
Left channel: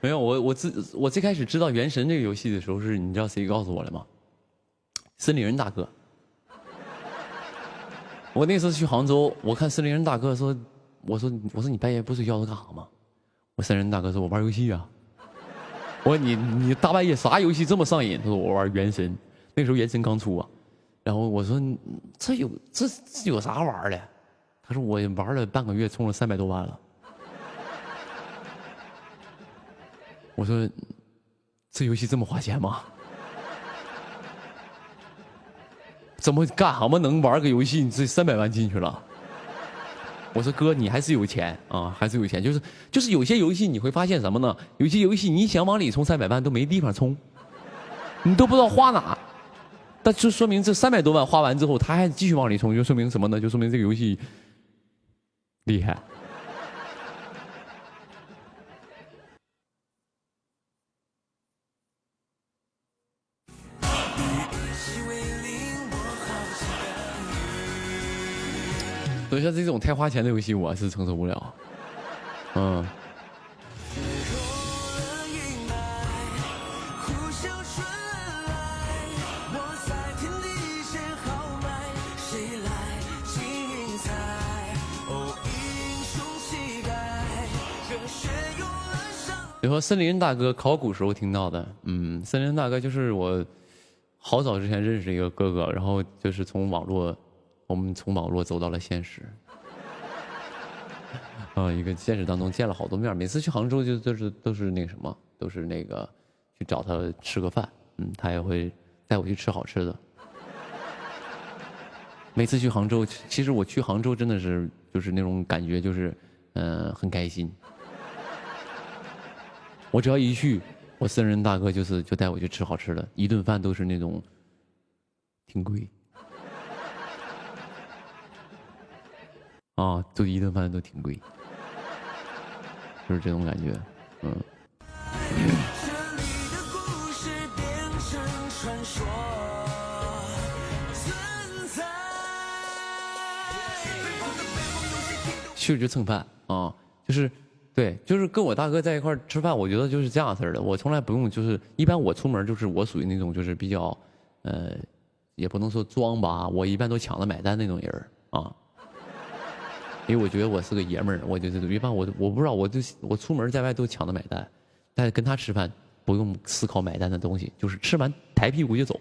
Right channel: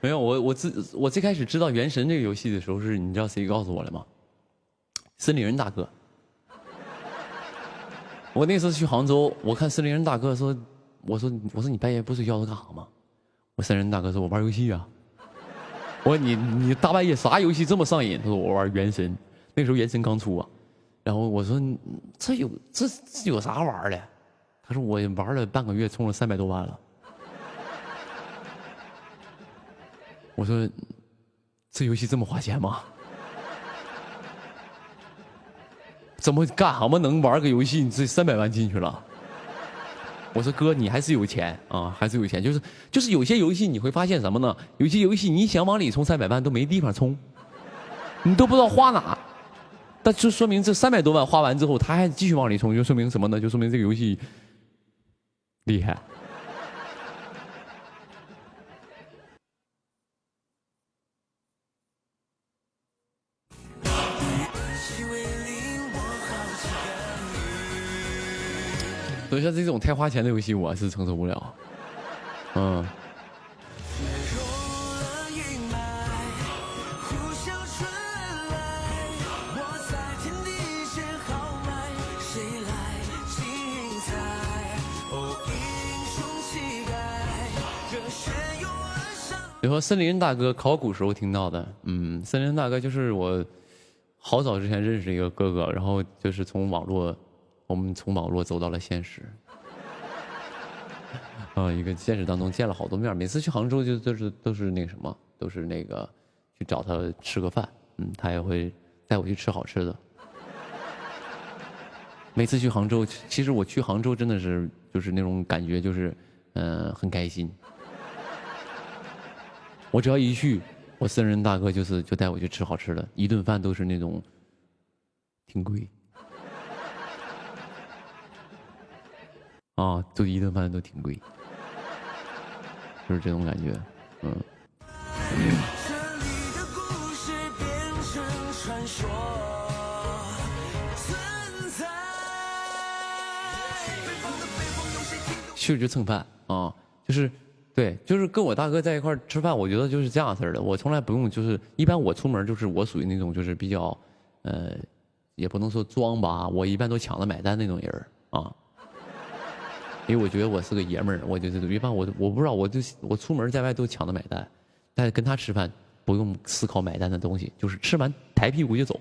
没有，我最开始知道原神这个游戏的时候，是你知道谁告诉我的吗？森林人大哥。我那次去杭州，我看森林人大哥说，我说你半夜不睡觉都干啥吗？我森林人大哥说，我玩游戏啊。我说你大半夜啥游戏这么上瘾？他说我玩原神，那时候原神刚出啊。然后我说这有啥玩的？他说我玩了半个月，充了300多万了。我说这游戏这么花钱吗？怎么干什么能玩个游戏你这300万进去了？我说哥，你还是有钱啊，还是有钱。就是有些游戏你会发现什么呢？有些游戏你想往里充300万都没地方充，你都不知道花哪。但就说明这300多万花完之后，他还继续往里充，就说明什么呢？就说明这个游戏厉害。所以像这种太花钱的游戏，我是承受不了。比如说森林大哥考古时候听到的，森林大哥就是我好早之前认识一个哥哥，然后就是我们从网络走到了现实。一个现实当中见了好多面，每次去杭州都是那个什么，都是那个去找他吃个饭，他也会带我去吃好吃的。每次去杭州，其实我去杭州真的是就是那种感觉，就是很开心。我只要一去，我森人大哥就带我去吃好吃的，一顿饭都是那种挺贵。就一顿饭都挺贵，就是这种感觉。去就蹭饭啊，就是对，就是跟我大哥在一块吃饭，我觉得就是这样式的。我从来不用，就是一般我出门就是我属于那种就是比较也不能说装吧，我一般都抢着买单那种人啊。因为我觉得我是个爷们儿，我就是一般我不知道，我出门在外都抢着买单，但是跟他吃饭不用思考买单的东西，就是吃完抬屁股就走。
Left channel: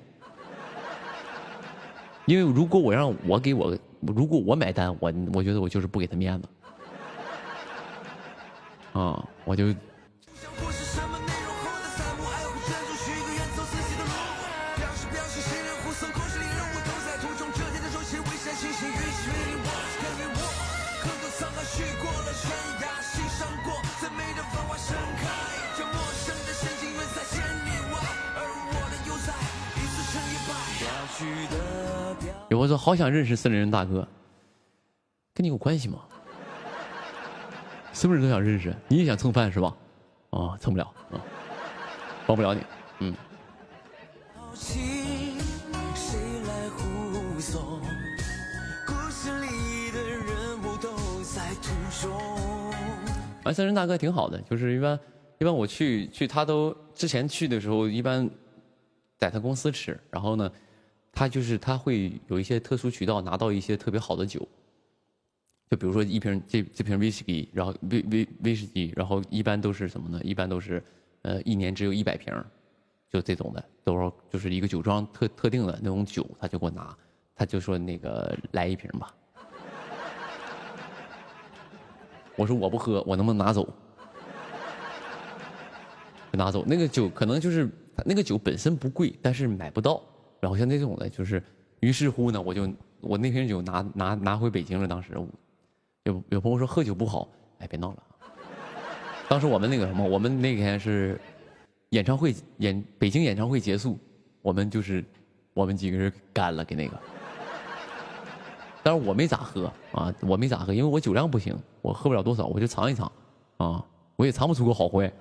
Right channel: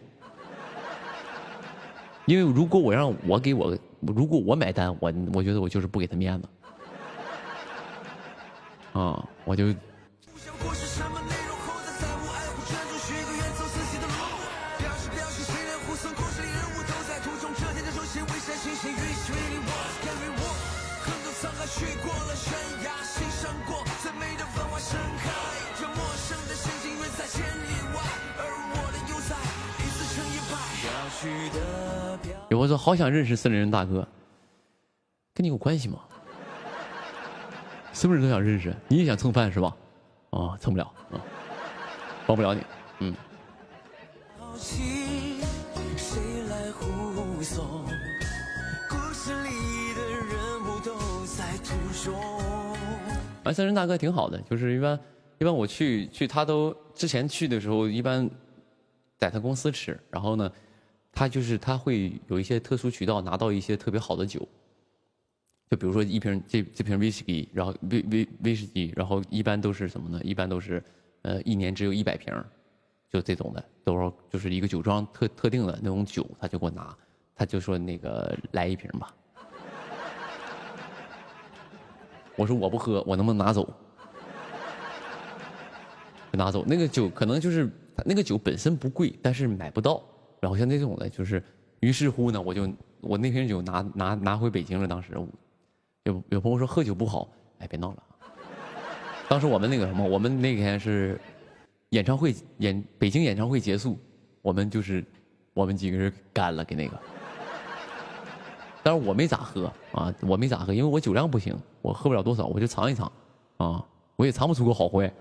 因为如果我买单，我觉得我就是不给他面子。我就。有我说好想认识森林人大哥，跟你有关系吗？是不是都想认识？你也想蹭饭是吧？蹭不了帮不了你。森林人大哥挺好的，就是一般我去他都之前去的时候，一般在他公司吃，然后呢。他会有一些特殊渠道拿到一些特别好的酒，就比如说一瓶这瓶威士忌，然后威士忌，然后一般都是什么呢？一般都是1年只有100瓶，就这种的，都是就是一个酒庄特定的那种酒，他就给我拿，他就说那个来1瓶吧。我说我不喝，我能不能拿走？就拿走。那个酒可能就是那个酒本身不贵，但是买不到。然后像那种的，就是于是乎呢，我那瓶酒拿回北京了。当时有朋友说喝酒不好，哎，别闹了。当时我们那个什么，我们那天是演唱会北京演唱会结束，我们几个人干了给那个。但是我没咋喝啊，我没咋喝，因为我酒量不行，我喝不了多少，我就尝一尝啊，我也尝不出个好坏。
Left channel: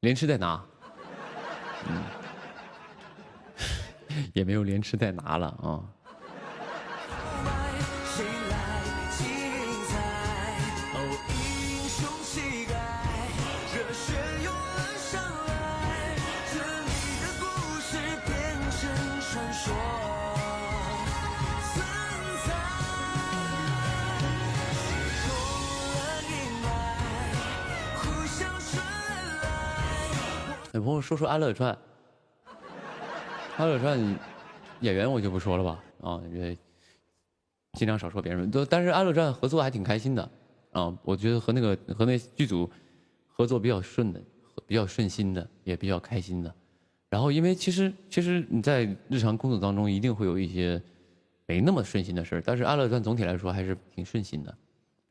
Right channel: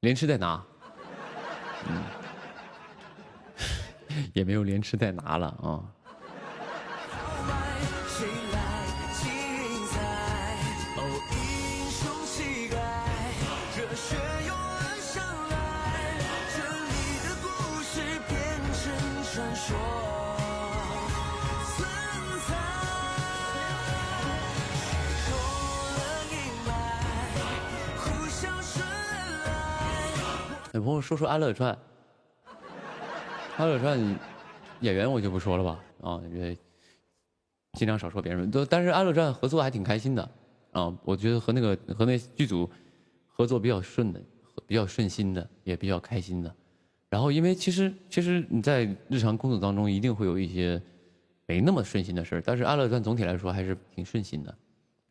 连吃带拿，也没有连吃带拿了啊。有朋友说安乐传，安乐传演员我就不说了吧，啊，因为尽量少说别人。但是安乐传合作还挺开心的，啊，我觉得和那剧组合作比较顺心的，也比较开心的。然后因为其实你在日常工作当中一定会有一些没那么顺心的事儿，但是安乐传总体来说还是挺顺心的。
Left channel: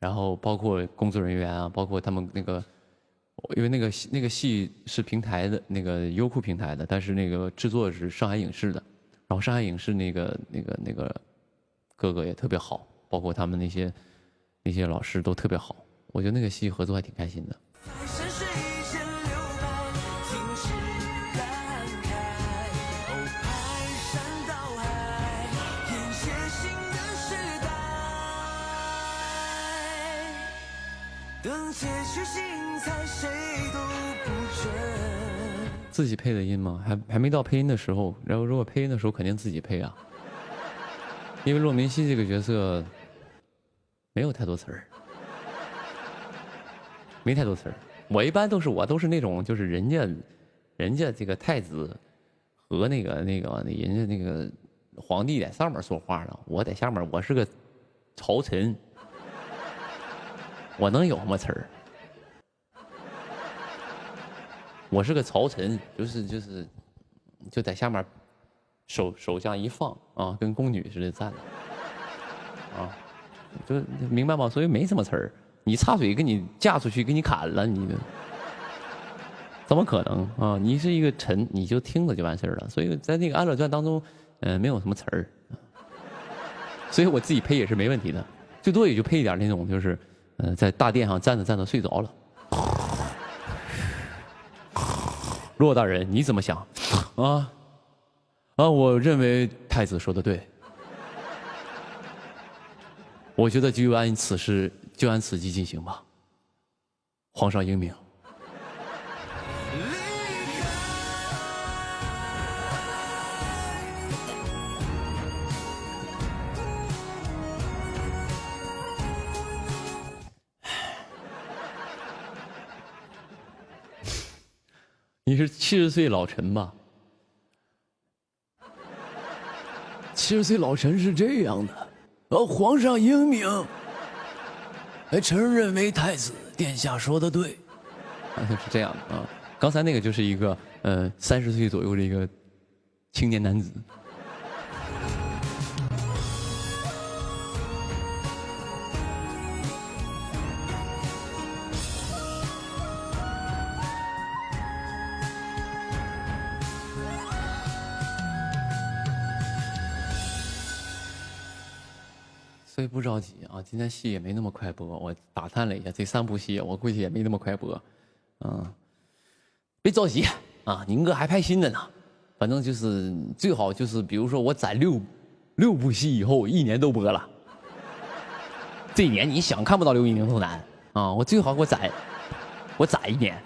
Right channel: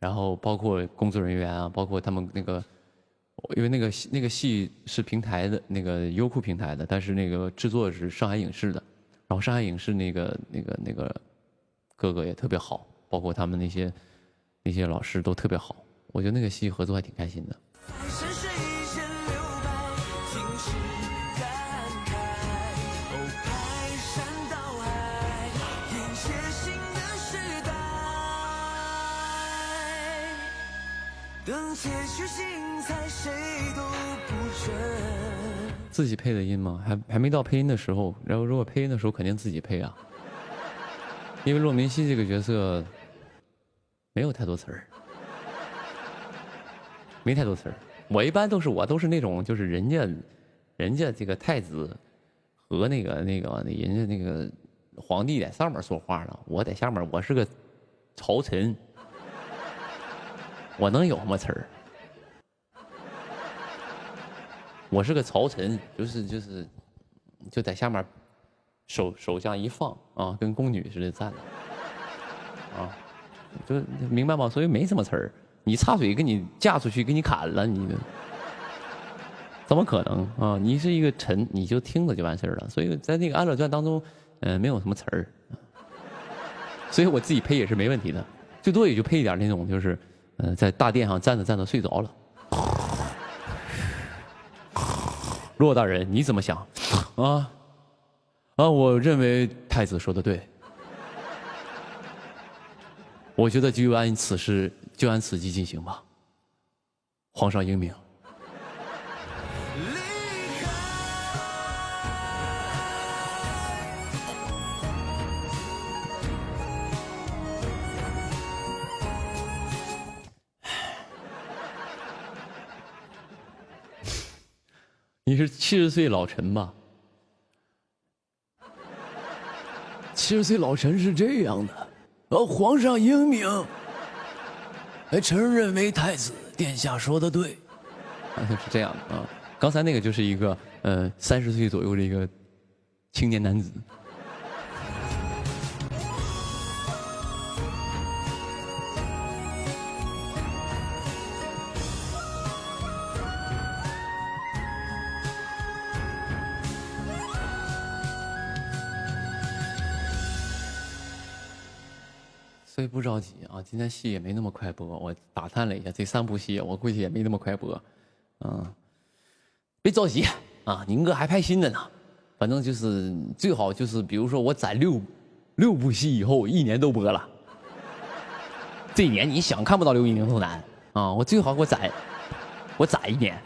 然后包括工作人员啊，包括他们那个。因为那个戏是平台的那个优酷平台的，但是那个制作是上海影视的，然后上海影视那个哥哥也特别好，包括他们那些老师都特别好，我觉得那个戏合作还挺开心的。自己配的音吗？还没到配音的时候。然后如果配音的时候，肯定自己配啊。因为骆明熙这个角色没有太多词儿，没太多词儿。我一般都是那种，就是人家这个太子和人家那个皇帝在上面说话了，我在下面，我是个朝臣，我能有什么词儿？我是个朝臣，就在下面手这样一放啊，跟宫女似的站着啊，就明白吗？所以没什么词儿。你插嘴给你嫁出去，给你砍了，你怎么可能啊？你是一个臣，你就听着就完事儿了。所以在那个《安乐传》当中，没有什么词儿，所以我自己配也是没问题的，最多也就配一点那种，就是在大殿上站着睡着了。骆大人，你怎么想？我认为太子说的对，我觉得就按此计进行吧。皇上英明。你是70岁老臣吧？70岁老臣是这样的，皇上英明，臣认为太子殿下说的对，是这样的啊。刚才那个就是一个30岁左右的一个青年男子。所以不着急啊，今天戏也没那么快播。我打探了一下，这3部戏我估计也没那么快播，别着急啊，宁哥还拍新的呢。反正就是最好就是，比如说我攒6部戏以后，1年都播了。这一年你想看不到刘宇宁都难啊！我最好我攒1年，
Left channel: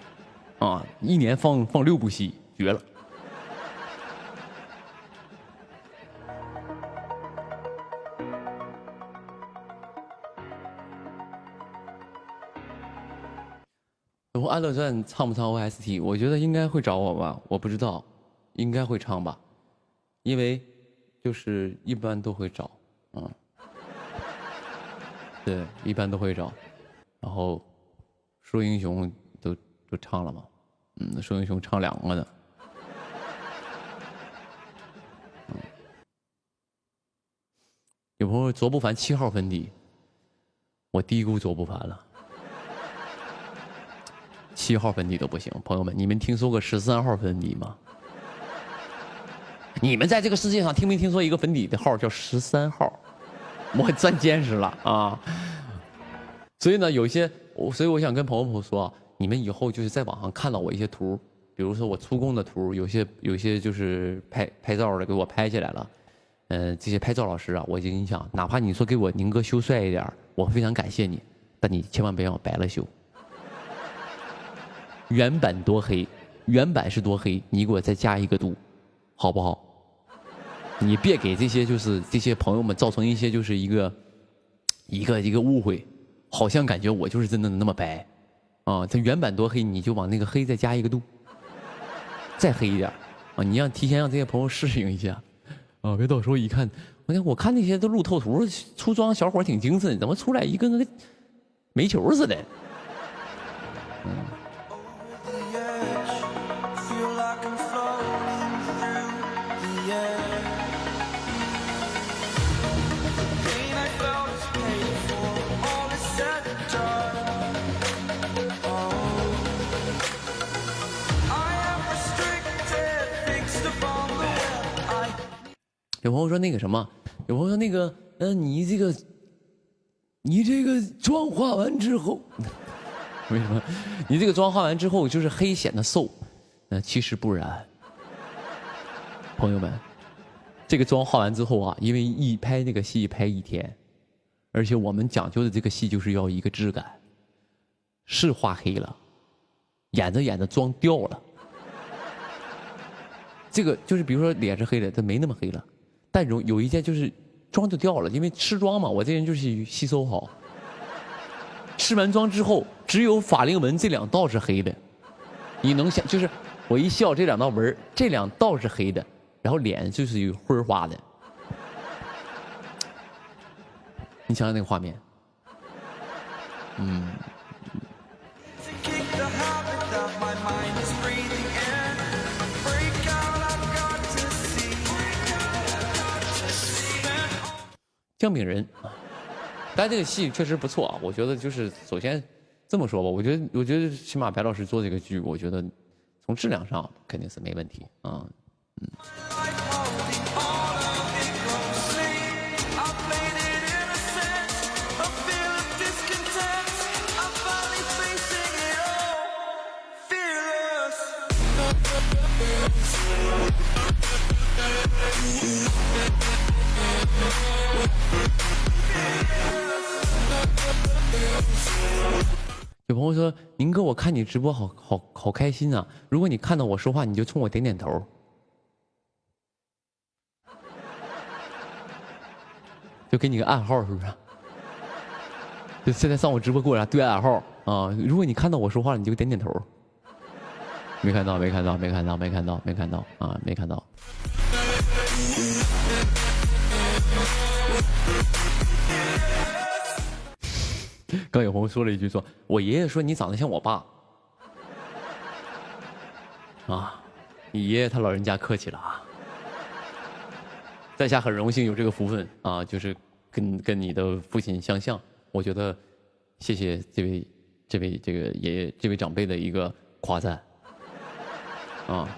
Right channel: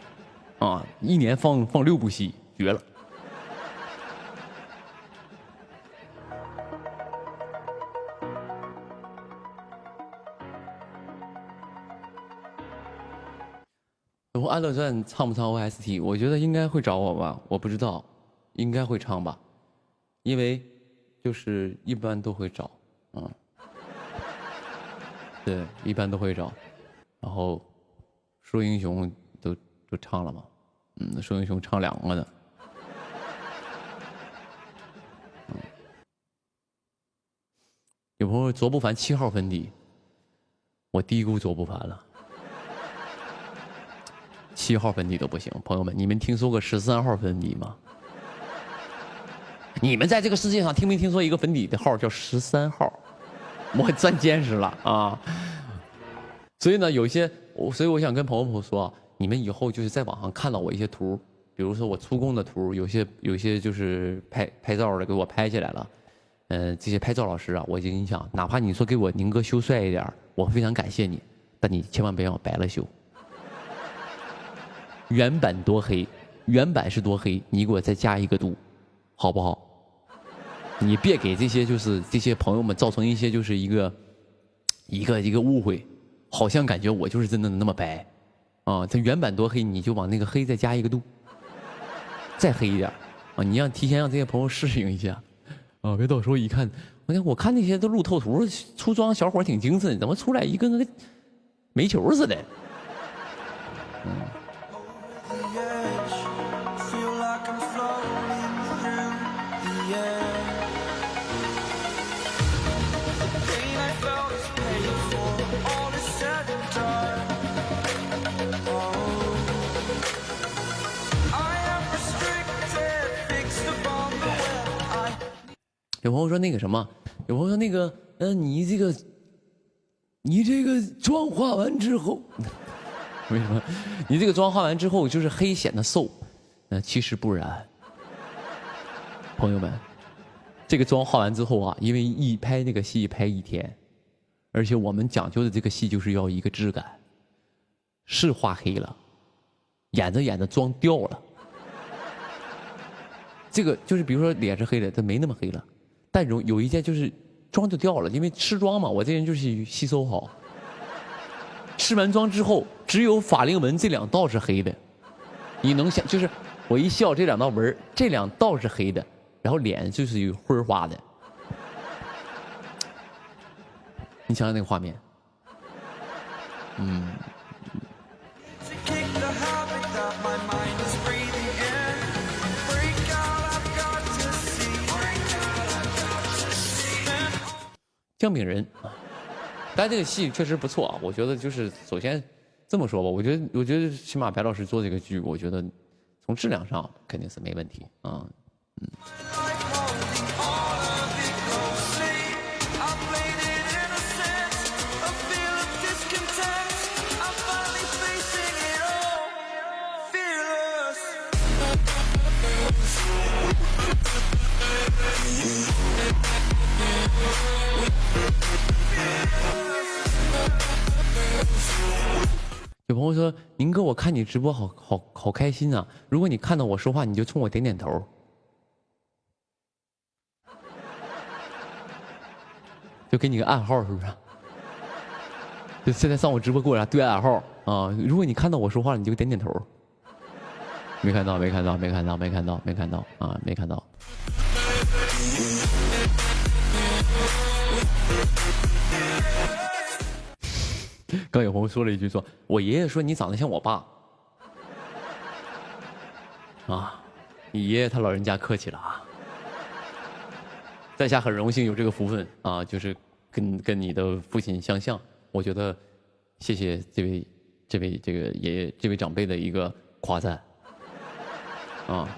啊，1年放6部戏，绝了。然后《安乐传》唱不唱 OST？ 我觉得应该会找我吧，我不知道，应该会唱吧，因为就是一般都会找，对，一般都会找。然后《说英雄》都唱了嘛，《说英雄》唱2个的。有朋友卓不凡7号粉底，我低估卓不凡了。7号粉底都不行，朋友们，你们听说过13号粉底吗？你们在这个世界上听没听说一个粉底的号叫13号？我钻见识了啊！所以呢，所以我想跟朋友们说，你们以后就是在网上看到我一些图，比如说我出工的图，有些就是拍照的给我拍起来了。这些拍照老师啊，我就跟你讲，哪怕你说给我宁哥修帅一点，我非常感谢你，但你千万别让我白了修。原版多黑，原版是多黑，你给我再加1个度，好不好？你别给这些朋友们造成一些就是一个误会，好像感觉我就是真的那么白啊！这原版多黑，你就往那个黑再加1个度，再黑一点啊！你提前让这些朋友适应一下。啊！别到时候一看，我看那些都路透图，出装小伙挺精神，怎么出来一个那个煤球似的？有朋友说那个什么，有朋友说那个，你这个妆化完之后，为什么？你这个妆化完之后就是黑显得瘦，其实不然。朋友们，这个妆化完之后啊，因为一拍那个戏拍1天，而且我们讲究的这个戏就是要一个质感，是画黑了，演着演着妆掉了。这个就是比如说脸是黑的，它没那么黑了。但有一件就是妆就掉了，因为吃妆嘛，我这人就是吸收好。吃完妆之后，只有法令纹这2道是黑的，你能想，就是我一笑这2道纹，这2道是黑的，然后脸就是有灰花的。你想想那个画面，姜饼人，但这个戏确实不错啊。我觉得就是首先这么说吧，我觉得起码白老师做这个剧，我觉得从质量上肯定是没问题啊。有朋友说：“宁哥，我看你直播好开心啊！如果你看到我说话，你就冲我点点头，就给你个暗号，是不是？就现在上我直播给我对暗号啊！如果你看到我说话，你就点点头。没看到啊，没看到。”刚有朋友说了一句说：“我爷爷说你长得像我爸。”啊，你爷爷他老人家客气了啊。在下很荣幸有这个福分啊，就是跟你的父亲相像。我觉得谢谢这位这个爷爷这位长辈的一个夸赞啊。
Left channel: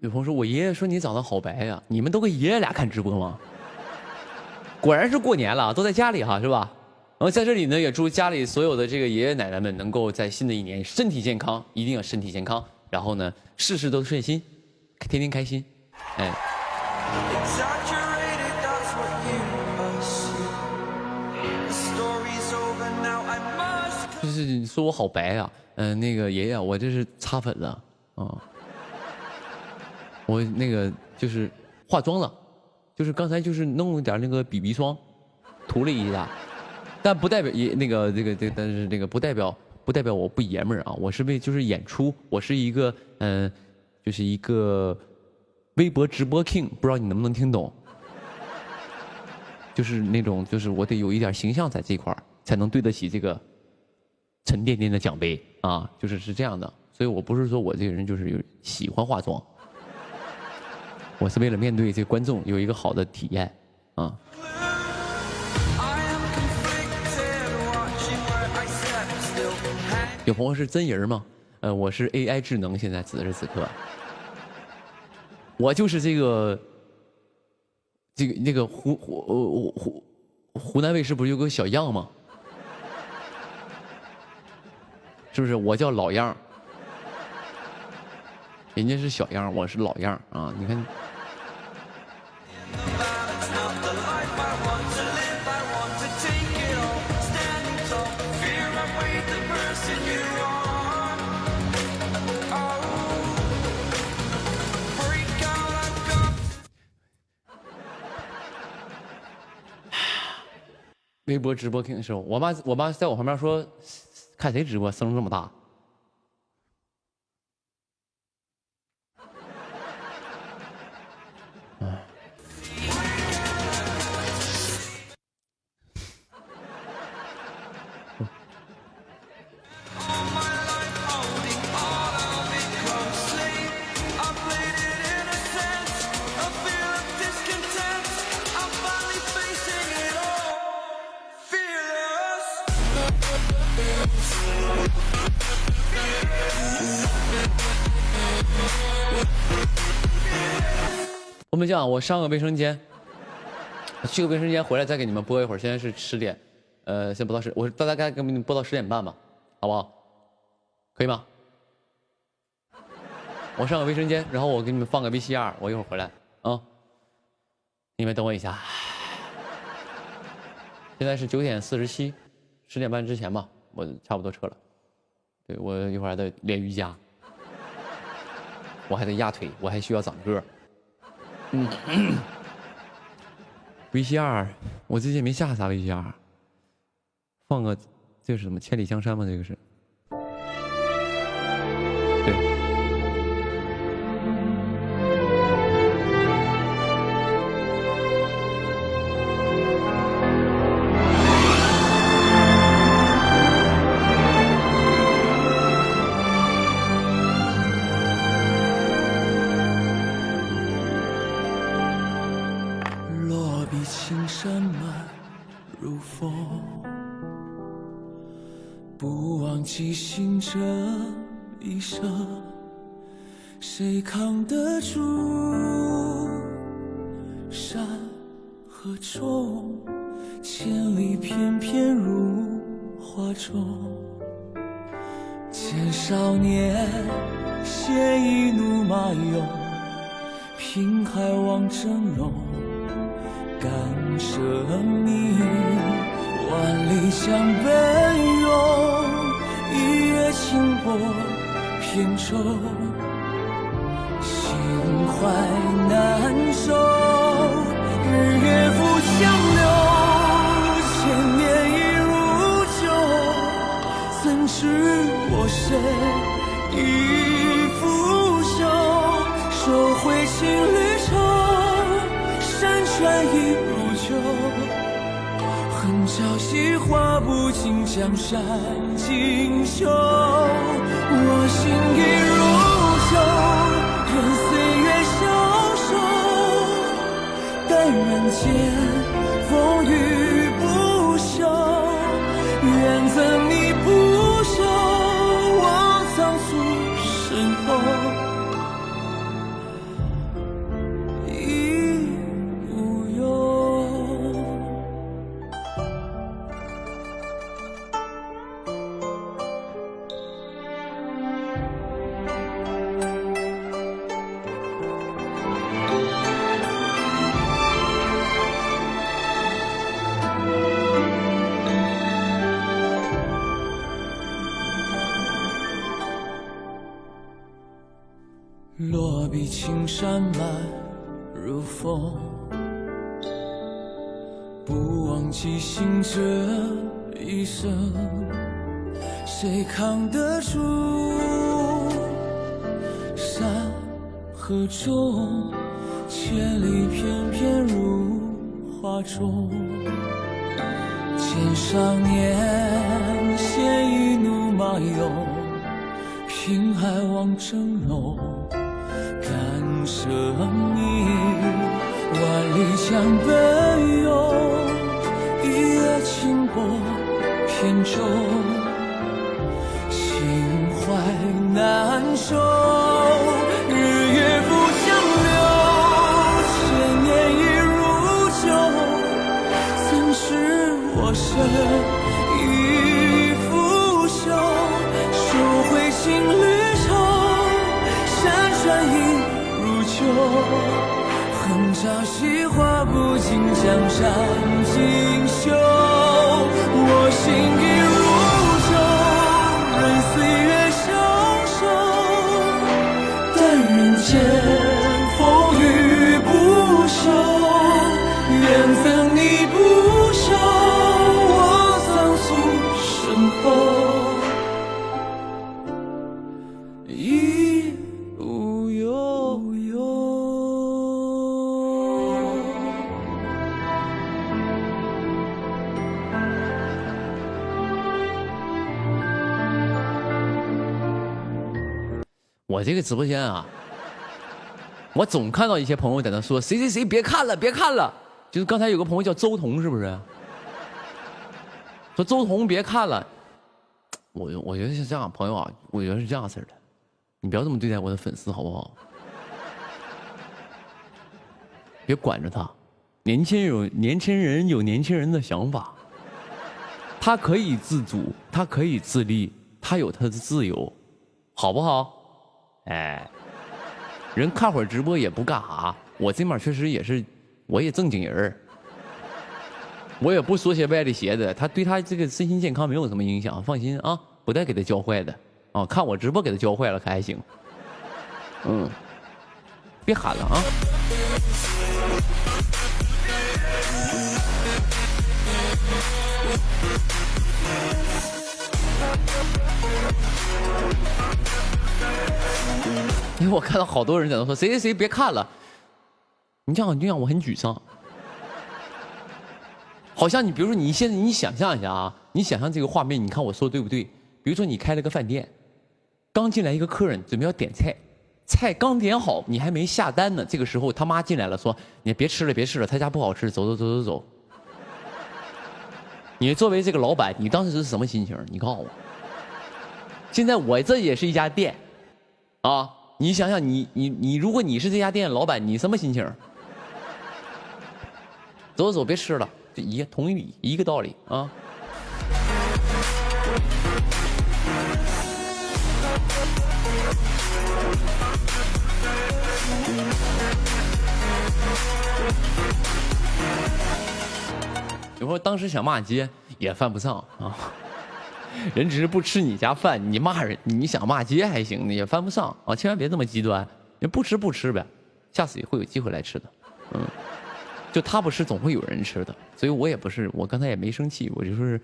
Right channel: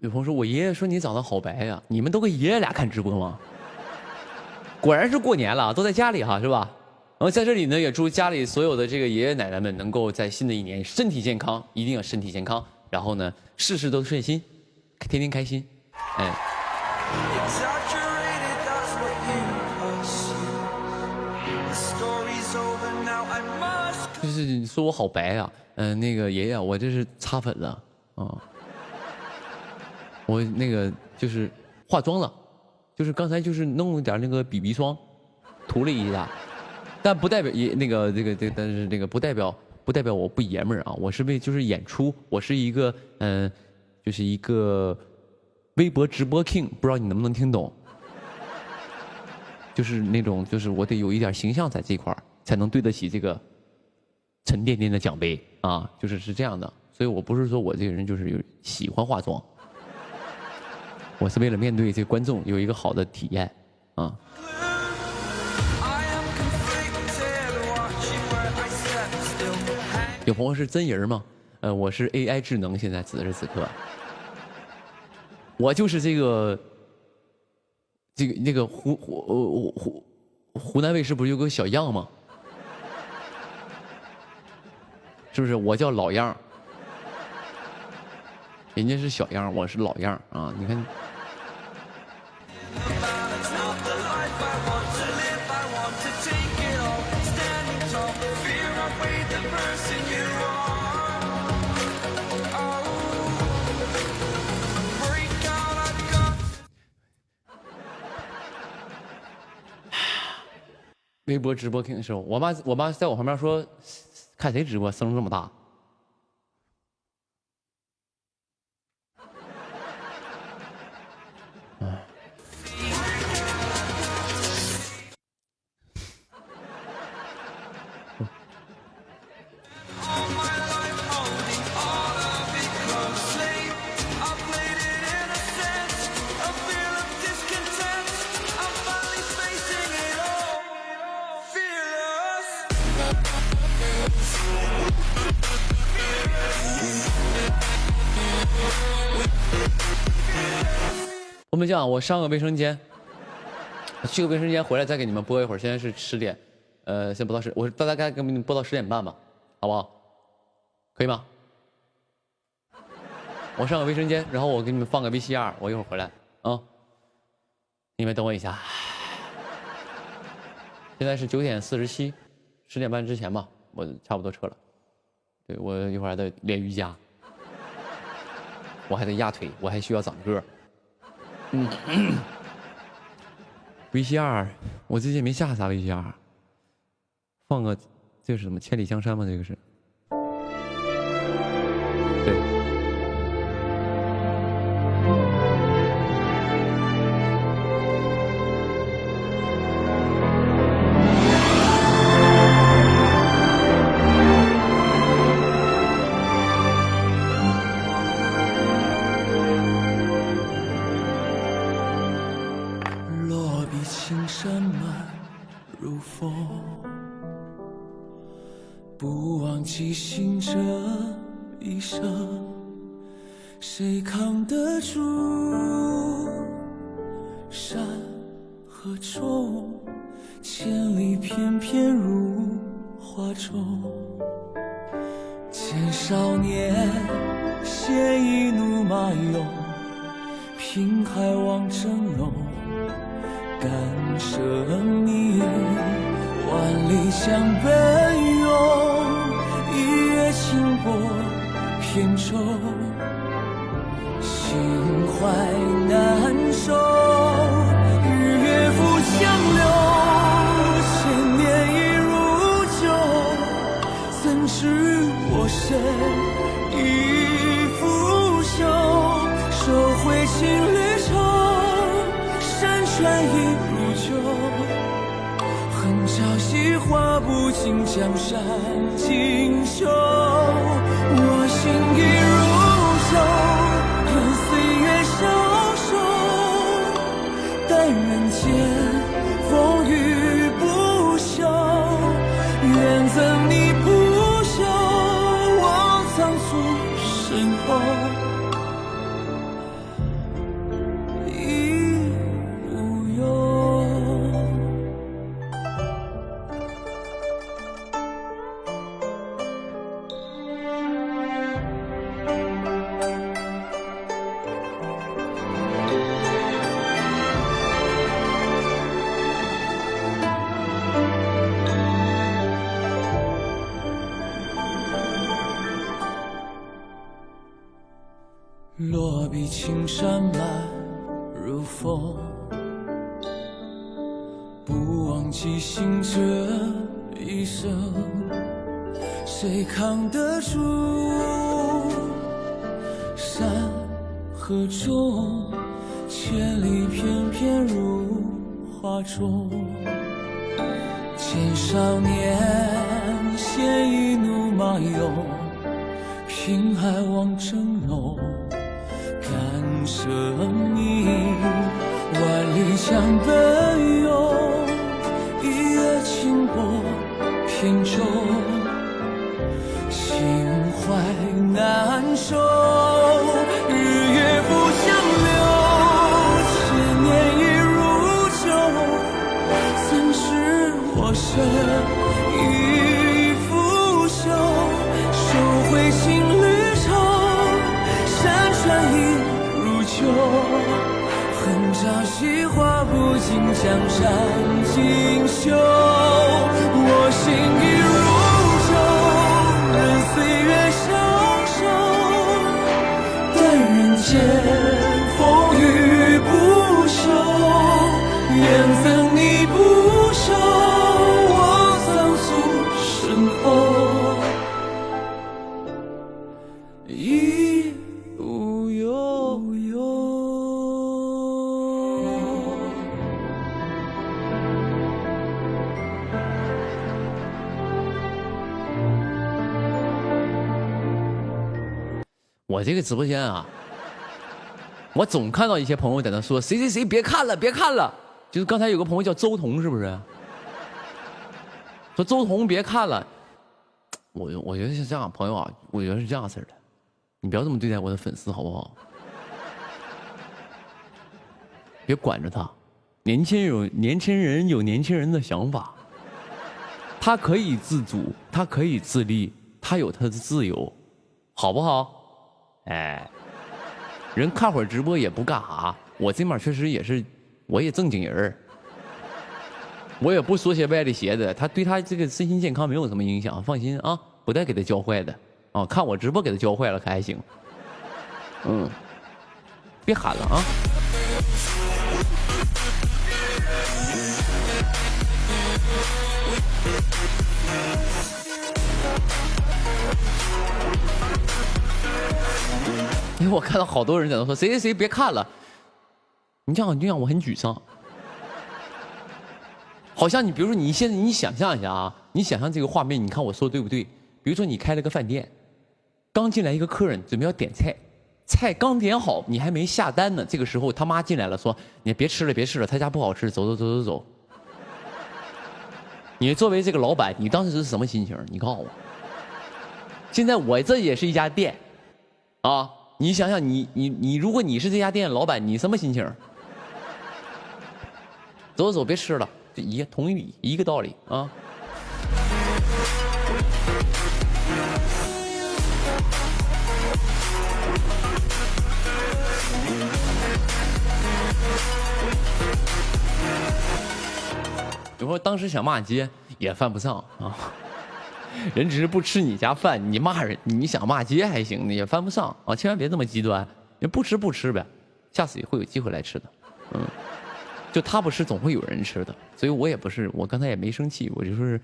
有朋友说，我爷爷说你长得好白呀，你们都跟爷爷俩看直播吗？果然是过年了，都在家里哈，是吧？然后在这里呢，也祝家里所有的这个爷爷奶奶们能够在新的一年身体健康，一定要身体健康。然后呢，事事都顺心，天天开心，哎。就是你说我好白啊，那个爷爷，我这是擦粉了啊，我那个就是化妆了，就是刚才就是弄了点那个 BB 霜，涂了一下，但不代表但是那个不代表我不爷们儿啊，我是为就是演出，我是一个就是一个微博直播 king， 不知道你能不能听懂，就是那种就是我得有一点形象在这块儿，才能对得起这个沉甸甸的奖杯啊，是这样的，所以我不是说我这个人就是喜欢化妆，我是为了面对这个观众有一个好的体验啊。有朋友是真人吗？我是 AI 智能，现在此时此刻，我就是这个那个湖南卫视不是有个小样吗？是不是？我叫老样，人家是小样，我是老样啊！你看，微博直播听的时候，我妈在我旁边说。看谁直播声这么大？我们讲，我上个卫生间，去个卫生间回来再给你们播一会儿。现在是10点，先播到10，我大概给你们播到10点半吧，好不好？可以吗？我上个卫生间，然后我给你们放个 VCR， 我一会儿回来啊。你们等我一下。现在是9点47，10点半之前吧，我差不多撤了。对，我一会儿还得练瑜伽，我还得压腿，我还需要长个。VCR， 我最近没下啥 VCR， 放个这是什么千里江山吗？这个是，对。青山漫如风，不忘记行这一生，谁扛得住山河重？千里翩翩如画中，见少年鲜衣怒马勇，凭海望峥嵘。敢舍命，万里江奔涌，一月清波扁舟，心怀难收。日月浮江流，千年已如旧，怎知我身已腐朽？收回情侣愁。山川已如旧，恨朝夕画不尽江山锦绣。我心已如旧，任岁月消瘦，待人间风雨不休。愿赠你不朽，我藏卒身后。落笔青山漫如风，不忘记醒这一生，谁扛得住山河中千里翩翩如画中，见少年鲜衣怒马涌，凭爱望峥嵘，感生命万里江奔涌，一叶轻波扁舟，心怀难收，日月不相留，千年已如旧，怎知我身已腐朽，收回情侣愁，山川已如旧，恨朝夕画不尽江山锦绣，我心已如旧，任岁月消瘦，但人间风雨不休，缘分你不休，我仓促身后已无忧。我这个直播间啊，我总看到一些朋友在那说谁谁谁别看了别看了，就是刚才有个朋友叫周彤，是不是？说周彤别看了，我觉得是这样，朋友啊，我觉得是这样式的，你不要这么对待我的粉丝好不好？别管着他，年轻人有年轻人的想法，他可以自主，他可以自立，他有他的自由，好不好？哎，人看会儿直播也不干啥，我这面确实也是，我也正经人，我也不说些歪的邪的，他对他这个身心健康没有什么影响，放心啊，不带给他教坏的啊，看我直播给他教坏了可还行，别喊了啊。因为我看到好多人在那说谁谁谁别看了，你这样让我很沮丧。好像你比如说你现在你想象一下啊，你想象这个画面，你看我说对不对？比如说你开了个饭店，刚进来一个客人准备要点菜，菜刚点好，你还没下单呢，这个时候他妈进来了，说你别吃了别吃了，他家不好吃，走走走走走。你作为这个老板，你当时是什么心情？你告诉我。现在我这也是一家店，啊。你想想你如果你是这家店老板，你什么心情？走走，别吃了，这同一个道理啊。有时候当时想骂街也犯不上啊。人只是不吃你家饭，你骂人，你想骂街还行，也犯不上啊！千万别这么极端，人不吃不吃呗，下次也会有机会来吃的，就他不吃，总会有人吃的，所以我也不是，我刚才也没生气，我就是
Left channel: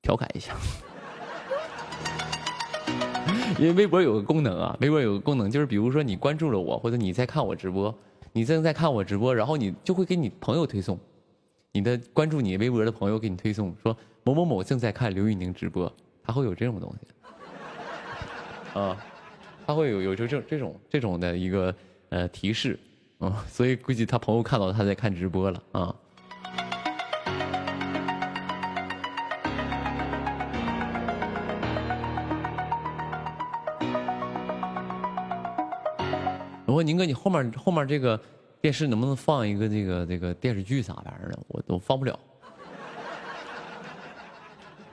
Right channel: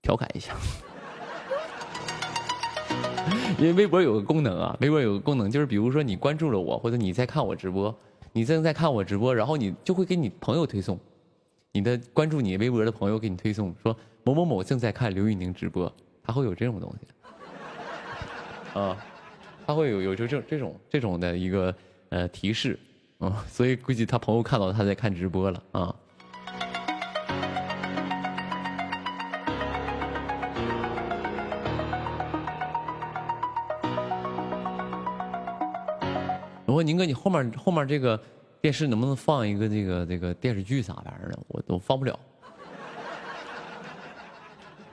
调侃一下，因为微博有个功能啊，微博有个功能就是，比如说你关注了我，或者你在看我直播，你正在看我直播，然后你就会给你朋友推送。你的关注你微博的朋友给你推送说某某某正在看刘玉宁直播，他会有这种东西，啊，他会有这种的一个提示，所以估计他朋友看到他在看直播了啊。我说宁哥，你后面这个。电视能不能放一个这个电视剧啥玩意儿的？我都放不了，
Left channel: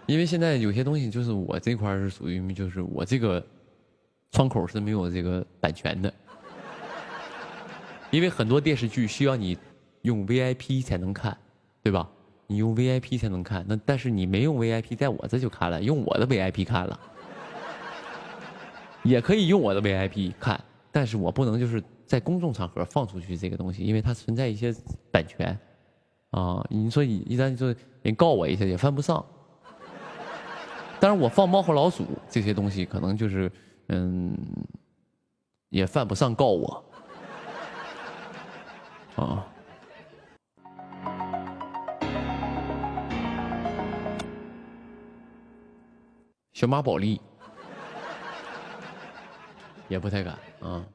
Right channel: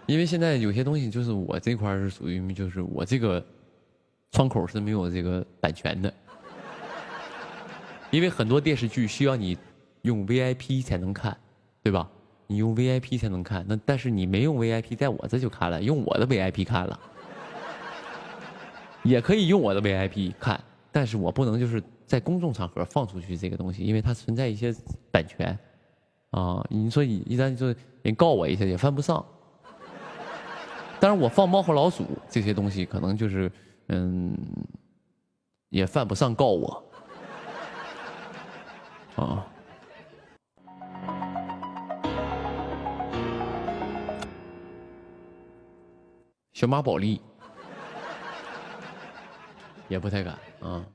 因为现在有些东西就是我这块是属于就是我这个窗口是没有这个版权的，因为很多电视剧需要你用 VIP 才能看，对吧？你用 VIP 才能看，但是你没用 VIP， 在我这就看了，用我的 VIP 看了，也可以用我的 VIP 看，但是我不能就是在公众场合放出去这个东西，因为它存在一些版权啊。你说一旦就人告我一下也犯不上。当然我放猫和老鼠这些东西可能就是也犯不上告我啊。小马宝莉也不太敢啊。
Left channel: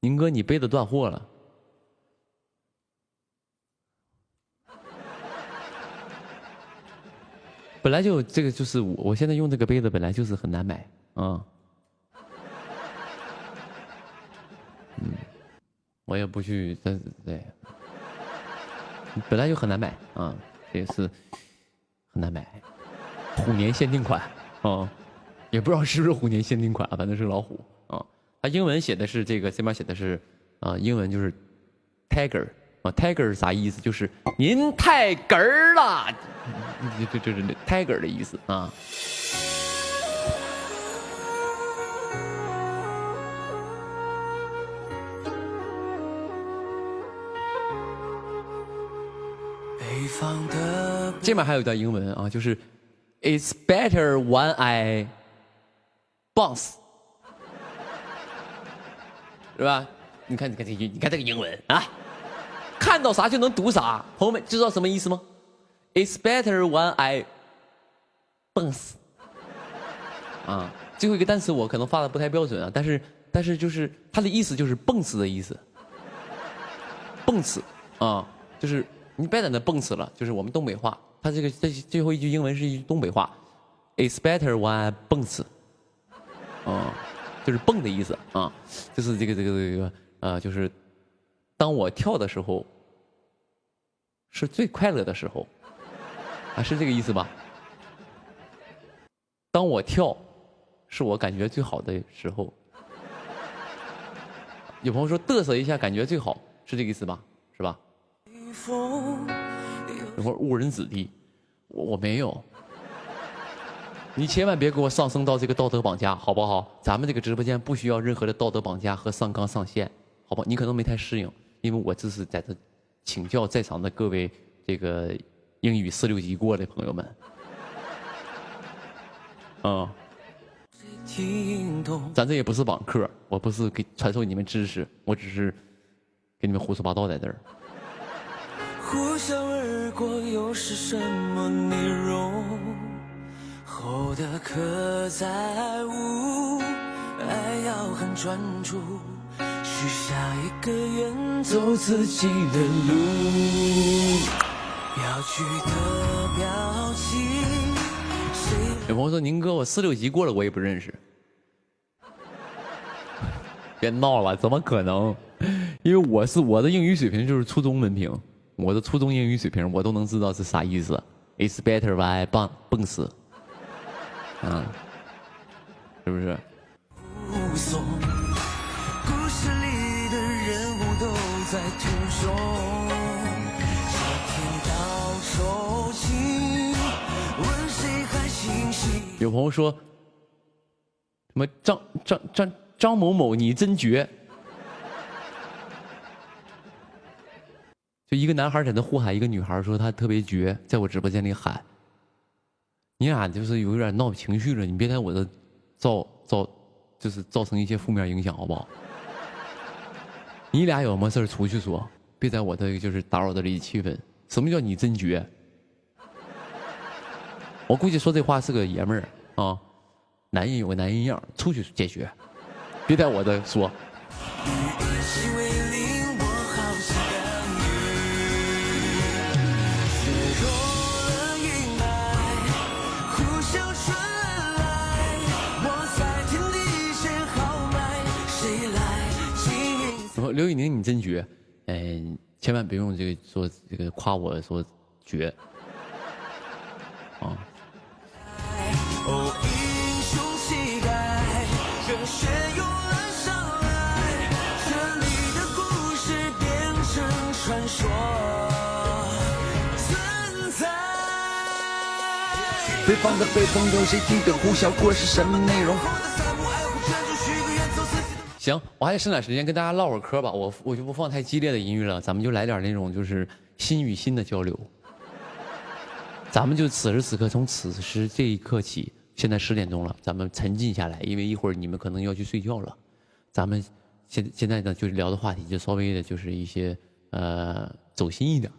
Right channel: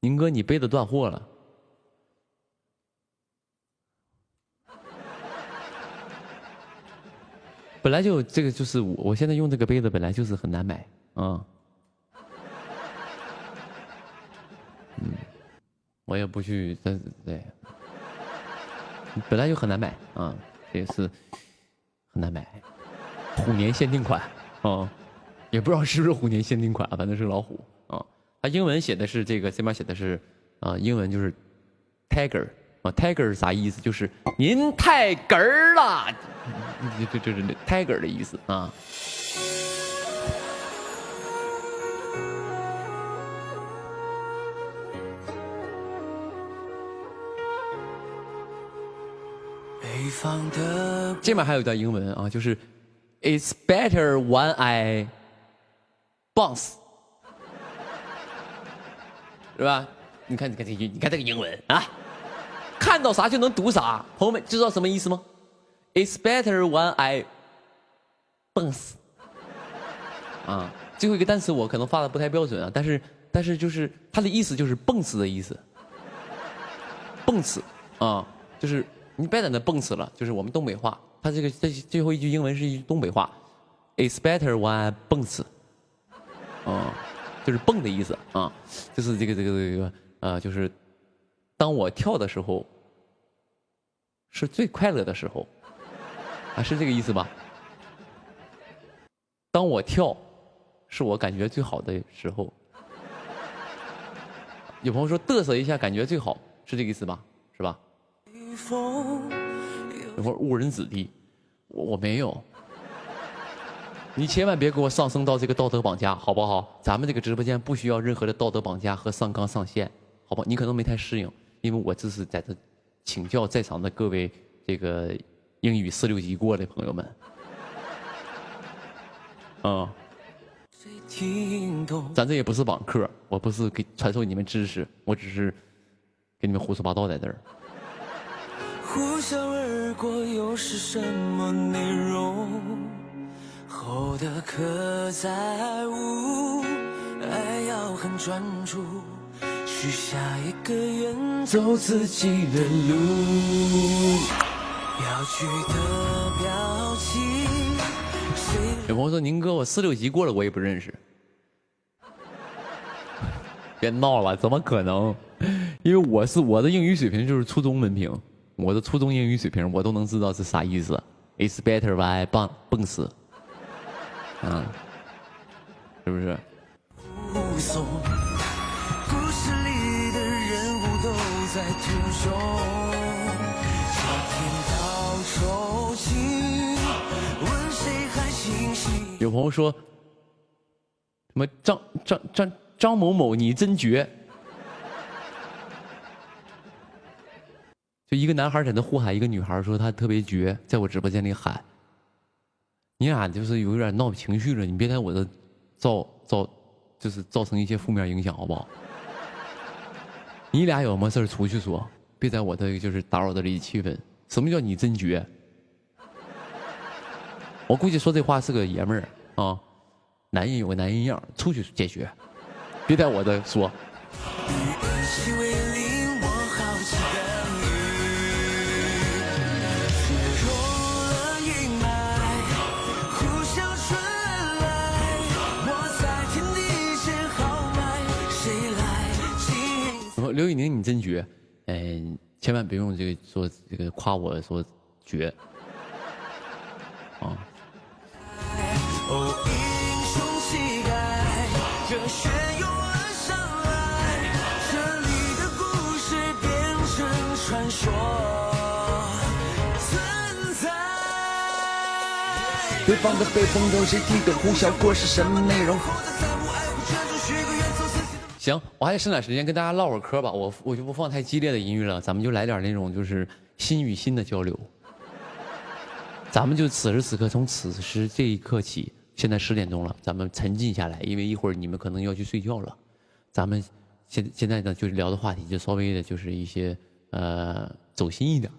宁哥，你杯子断货了。本来就这个就是我现在用这个杯子本来就是很难买啊。我也不去对。本来就很难买啊，这也是很难买，虎年限定款啊，也不知道是不是虎年限定款，反正是老虎啊。它英文写的是这个，这边写的是英文就是 tiger 啊 ，tiger 是啥意思？就是您太哏儿了，就是 tiger 的意思啊。这边还有一段英文啊，就是 "It's better when I bounce"， 是吧？你看这个英文啊，看到啥就能读啥。朋友们知道什么意思吗 ？"It's better when I bounce"。啊，最后一个单词我可能发的不太标准啊，但是就是它的意思就是蹦死的意思，蹦死啊，就是你别在那蹦死了，就是我们东北话。它这最后一句英文是一句东北话 ，"It's better when I 蹦死"，就是蹦的意思啊，就是这个就是当我跳的时候是最快乐的时候啊，是这个意思吧？当我跳是我感觉最好的时候。有朋友说嘚瑟一下感觉最好，是这个意思吧？是吧？有会儿误人子弟，我没有，你千万别给我上升到这个道德绑架，好不好？咱们这个直播间不需要任何的道德绑架和上纲上线，好吧？你可能没太适应，因为我这是在这请教在场的各位这个英语4、6级过的朋友们，咱这也不是网课，我不是给传授你们知识，我只是给你们胡说八道在这儿。呼啸而过又是什么内容？厚的刻在无，爱要很专注，许下一个愿，走自己的路。要去的表情。有朋友说宁哥，我4、6级过了，我也不认识。别闹了，怎么可能？因为我的英语水平就是初中文凭。我的初中英语水平，我都能知道是啥意思。It's better when I 蹦死，是不是？故事里的人物都在途中，朝天道酬勤，问谁还清醒？有朋友说，什么张某某你真绝。就一个男孩在那呼喊一个女孩，说他特别绝，在我直播间里喊。你俩就是有点闹情绪了，你别在我这造成一些负面影响，好不好？你俩有什么事出去说，别在我这就是打扰到这气氛。什么叫你真绝？我估计说这话是个爷们儿啊，男人有个男人样，出去解决，别在我这说。刘宇宁，你真绝，千万别用这个说这个夸我说绝，啊。北方的北风有谁听懂？呼啸过是什么内容？行，我还得剩点时间跟大家唠会儿嗑吧。我就不放太激烈的音乐了，咱们就来点那种就是心与心的交流。咱们就此时此刻，从此时这一刻起，现在10点钟了，咱们沉浸下来，因为一会儿你们可能要去睡觉了。咱们现在呢，就是聊的话题就稍微的就是一些走心一点，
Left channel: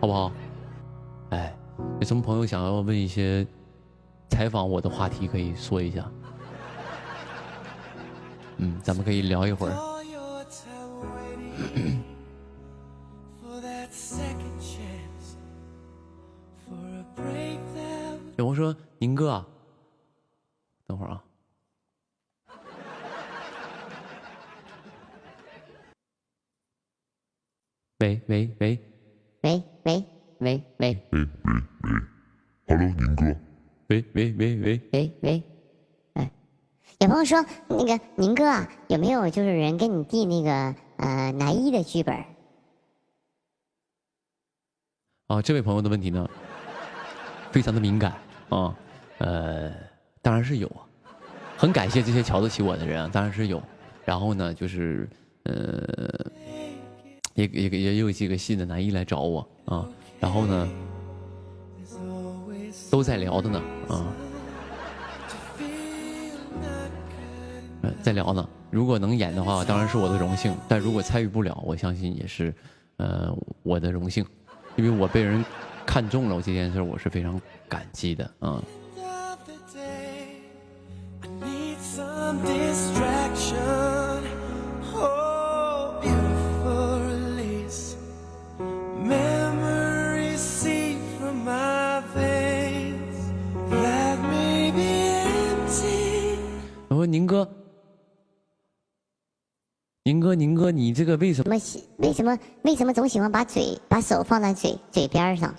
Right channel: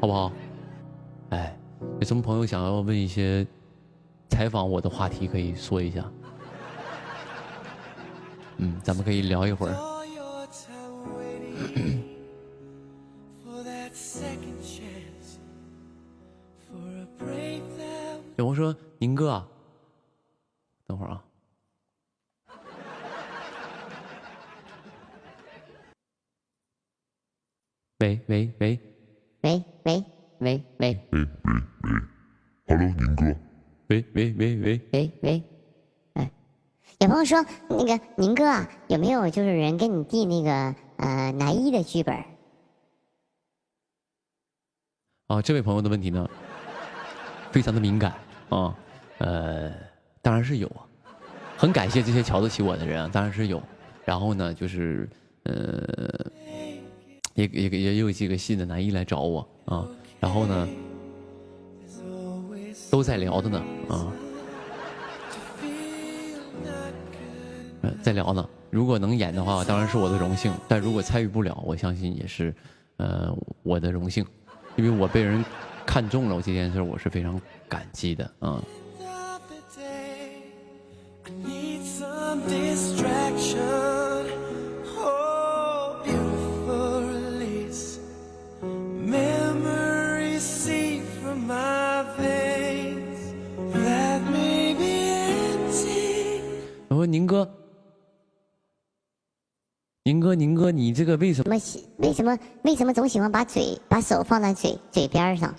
好不好？哎，有什么朋友想要问一些采访我的话题，可以说一下。咱们可以聊一会儿。有朋友说：“宁哥啊，等会儿啊。”喂喂喂喂喂喂喂，Hello， 宁哥。喂喂喂喂喂喂，哎，有朋友说那个宁哥啊，有没有就是人给你递那个男一的剧本？啊，这位朋友的问题呢，非常的敏感啊，当然是有啊，很感谢这些瞧得起我的人啊，当然是有。然后呢，就是也有几个戏的男一来找我啊，然后呢，都在聊的呢啊，在聊呢。如果能演的话，当然是我的荣幸；但如果参与不了，我相信也是我的荣幸，因为我被人看中了这件事，我是非常感激的啊。我说宁哥，你这个为什么总喜欢把手放在嘴边上？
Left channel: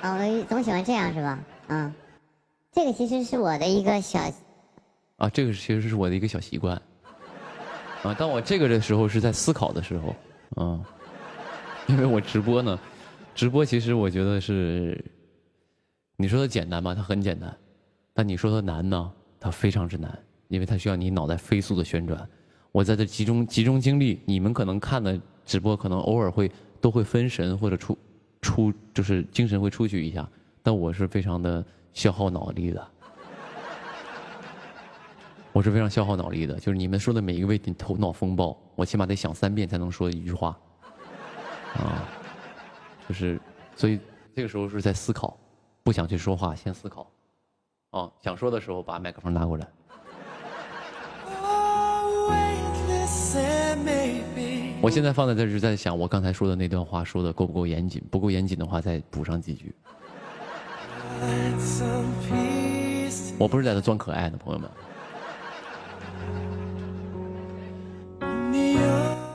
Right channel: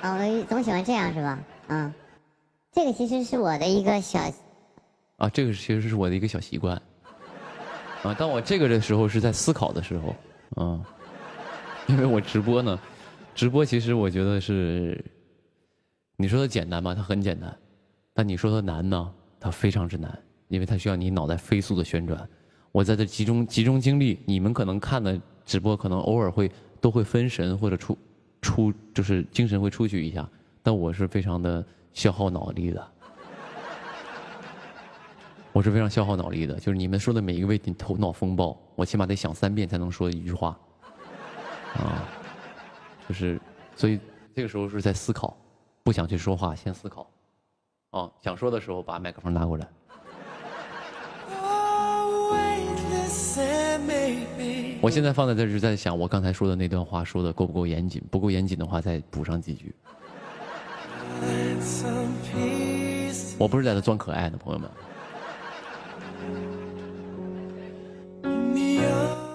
啊，我总喜欢这样是吧？啊，这个其实是我的一个小啊，这个其实是我的一个小习惯啊。当我这个的时候是在思考的时候啊，因为我直播呢，直播其实我觉得是，你说它简单吧，它很简单，但你说它难呢，它非常之难，因为它需要你脑袋飞速的旋转。我在这集中精力，你们可能看的直播可能偶尔都会分神或者出就是精神会出去一下，但我是非常的消耗脑力的。我是非常消耗脑力的，就是你们说的每一个问题头脑风暴，我起码得想3遍才能说一句话，啊，就是所以这个时候是在思考，不想去说话，先思考，啊，想说的时候把麦克风拿过来。我现在放在这是在想，我刚才说的那段话说的够不够严谨？不够严谨的话，再补上几句。我不是在这装可爱的，朋友们。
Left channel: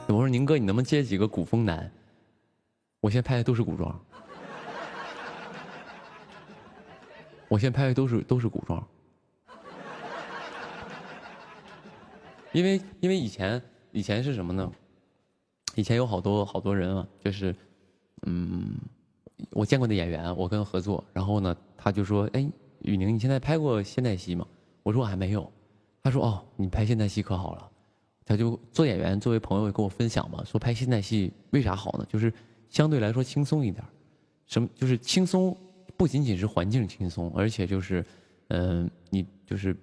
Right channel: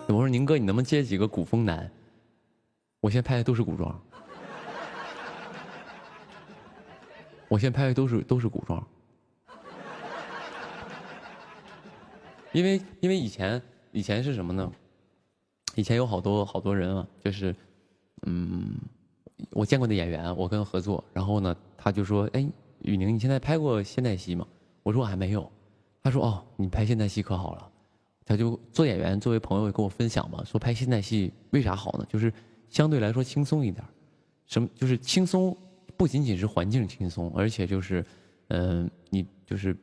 我说宁哥，你能不能接几个古风男？我现在拍的都是古装，我现在拍的都是古装，因为以前是什么呢？以前有好多人啊，就是我见过的演员，我跟他合作，然后呢，他就说，哎，雨宁，你现在拍过现代戏吗？我说我还没有。他说，哦，你拍现代戏可好了。他就做演员，作为朋友跟我分享嘛，说拍现代戏为啥好呢？就是相对来说轻松一点，就是轻松，不仅仅是环境轻松，而且就是你就是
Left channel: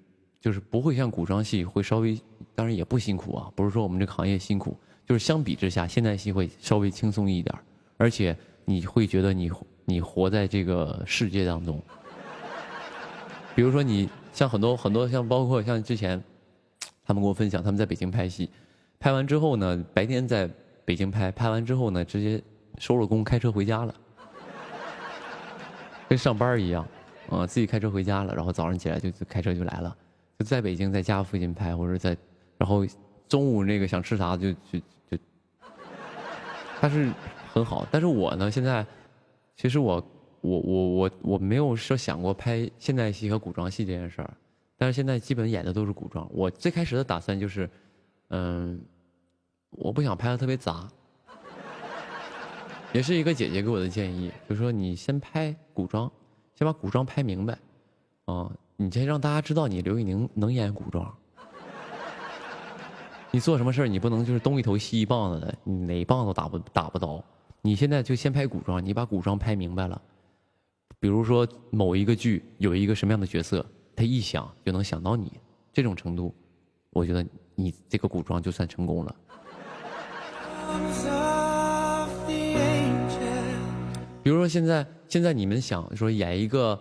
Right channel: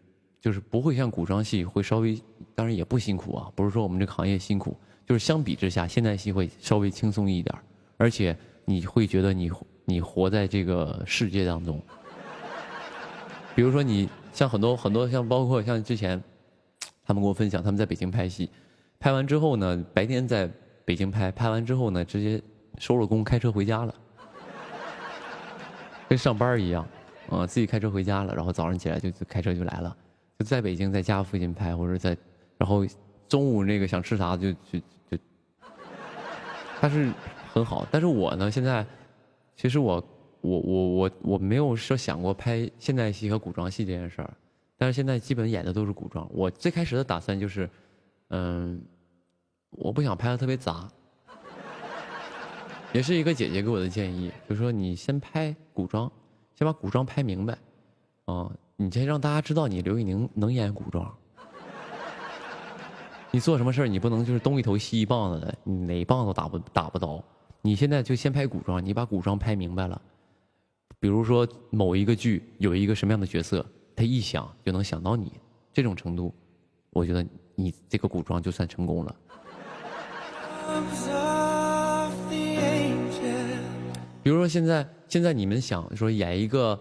不会像古装戏会稍微，当然也不辛苦啊，不是说我们这个行业辛苦，就是相比之下，现代戏会稍微轻松一点，而且你会觉得你活在这个世界当中。比如说你像很多像包括像之前。他们跟我分享，他们在北京拍戏，拍完之后呢，白天在北京拍完之后呢，直接收了工，开车回家了，跟上班一样，自己开车回家了，然后早上起来就开车就来了，就在北京在家附近拍，或者然后中午那个想吃啥就，他是很好，但是我呢，现在其实我没有说想过拍现代戏和古装戏这件事儿。但是现在基本演的都是古装。我最开始的打算就是，我不想拍的特别杂，也是一个姐姐给我的建议，就是说你先拍古装，先把古装拍明白，你先让大家知道你刘宇宁能演古装。你做什么事儿你不能就是东一头西一棒子的，你哪一棒子打不到。你现在就先拍古装，你把古装拍明白了，比如说某一个剧有一个什么样的角色，他一想就能想到你，这种程度，我觉得你这个古装就算成功了。比如说现在你们想说演一个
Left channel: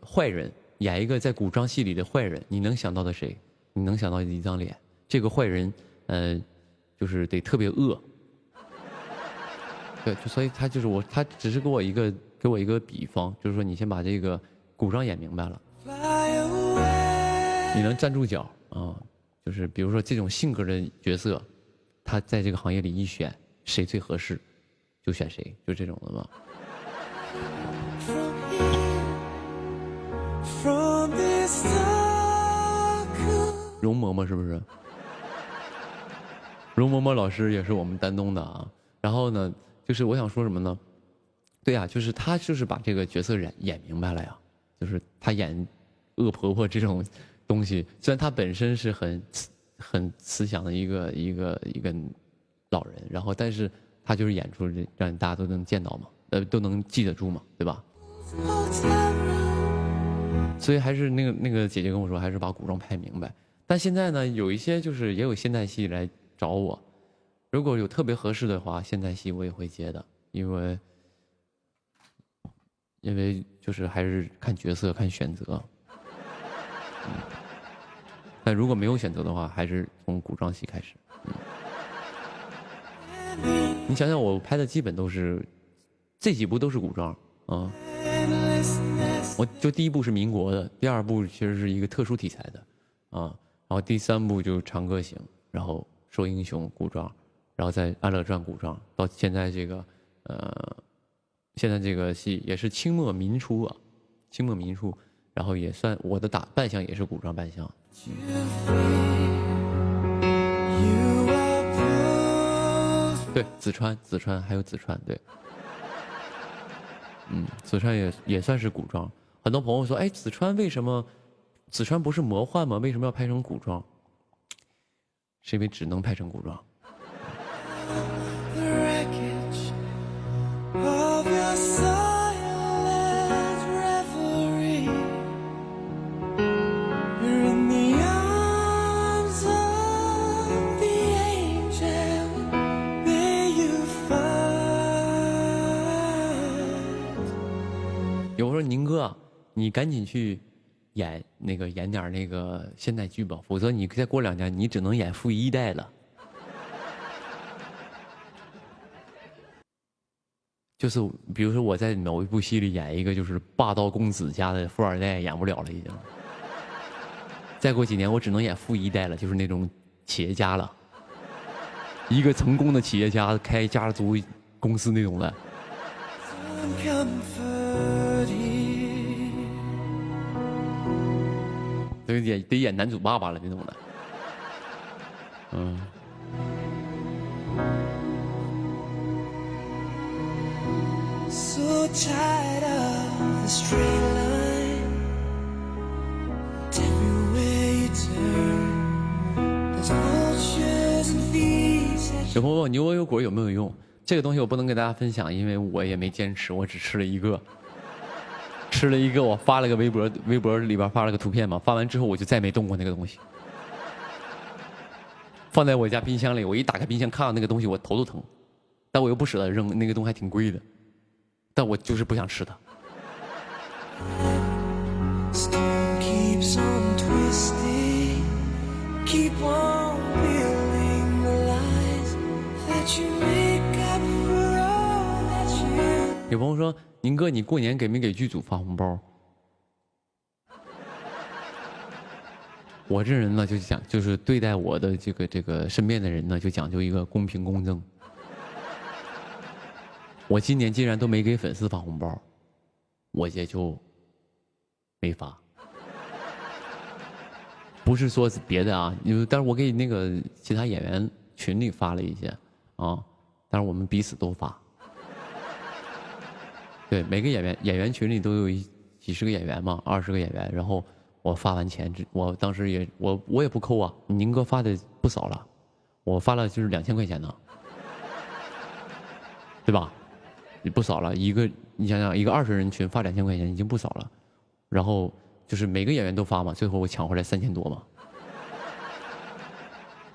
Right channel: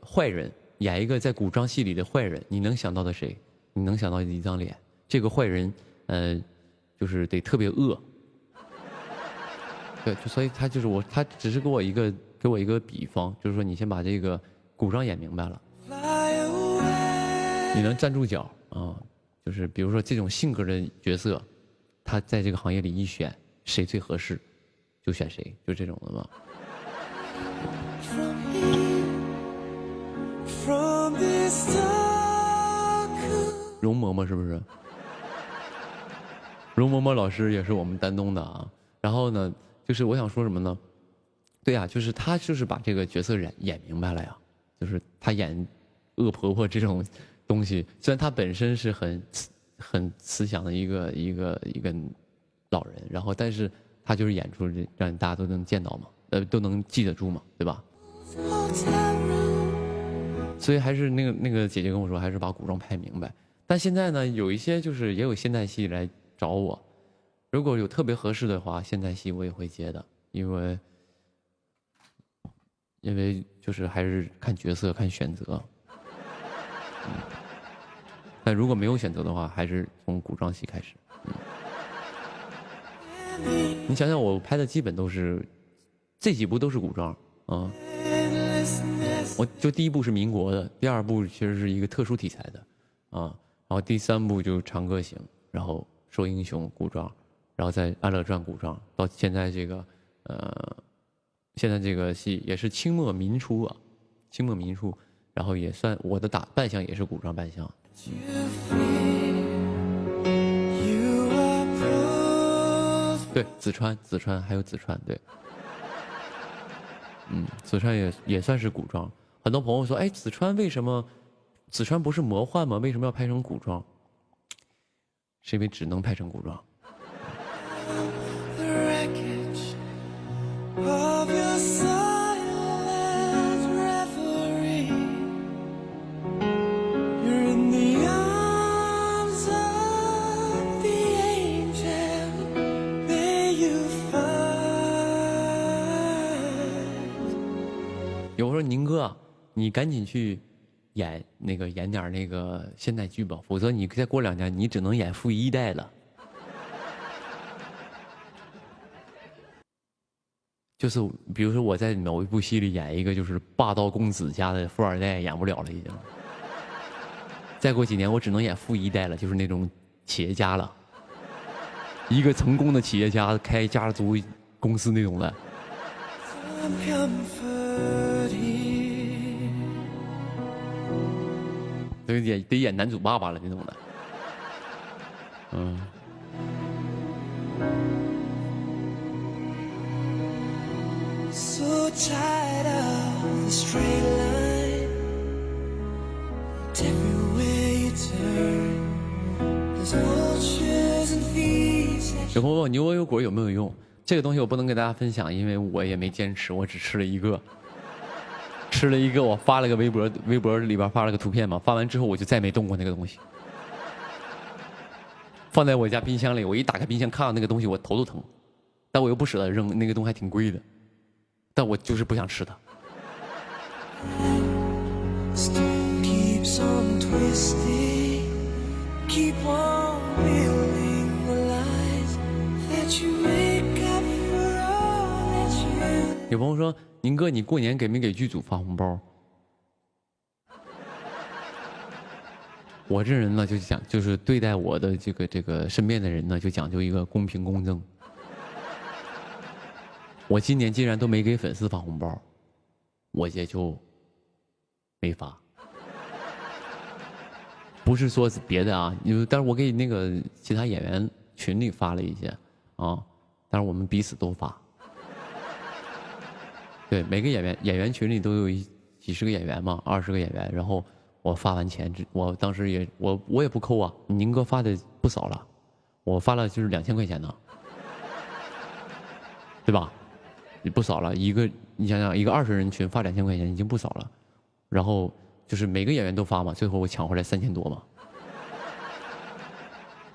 坏人，演一个在古装戏里的坏人，你能想到的谁？你能想到一张脸，这个坏人就是得特别恶。对，所以他就是他只是给我一个比方，就是说你先把这个古装演明白了，你能站住脚啊，就是比如说这种性格的角色，他在这个行业里一选谁最合适就选谁，就这种的嘛。容嬷嬷是不是？容嬷嬷老师也是我们丹东的啊。然后呢，就是我想说什么呢？对呀，就是他就是把这个角色演明白了呀。就是他演恶婆婆这种东西，虽然他本身是很慈祥的一个老人，然后但是他就是演出让大家都能见到嘛，都能记得住嘛，对吧？所以还是那个姐姐跟我说，还是把古装拍明白。但现在呢，有一些就是也有现代戏来找我，如果有特别合适的话，现代戏我也会接的，因为就是还是看角色看选择。但如果没有选择的话，还是从古装戏开始。你想想，我拍的基本都是这几部都是古装啊。我就第一部是民国的，第二部其实是一个特殊题材的啊，然后第三部就长歌行，然后说英雄古装，然后再安乐传古装，到现在这个现在这个戏也是清末民初啊，清末民初，然后也算我的扮相也是古装扮相。对，紫川还有紫川，对，紫川也算是古装。很多朋友说，哎，紫川不是魔幻吗？为什么要拍成古装？是因为只能拍成古装。有说宁哥，你赶紧去演点那个现代剧吧，否则你再过2年你只能演富一代了。就是比如说我在某一部戏里演一个就是霸道公子家的富二代，演不了了已经。再过几年我只能演富一代了，就是那种企业家了，一个成功的企业家开家族公司那种的。得演男主爸爸了那种的，有朋友问牛油果有没有用？这个东西我不能给大家分享，因为我也没坚持，我只吃了一个。我发了个微博里边发了个图片嘛，发完之后我就再没动过那个东西，放在我家冰箱里，我一打开冰箱看到那个东西我头都疼，但我又不舍得扔，那个东西还挺贵的，但我就是不想吃它。有朋友说，宁哥你过年给没给剧组发红包？我这人呢就是对待我的这个身边的人呢就讲究一个公平公正。我今年既然都没给粉丝发红包，我也就没发。不是说别的啊，但是我给那个其他演员群里发了一些啊，但是我们彼此都发。对，每个演员群里都有几十个演员嘛，20个演员。然后我发完钱，我当时也我也不抠啊，宁哥发的不少了，我发了就是2000块钱呢，对吧？也不少了，你想想，一个20人群发2000块钱已经不少了。然后就是每个演员都发嘛，最后我抢回来3000多嘛。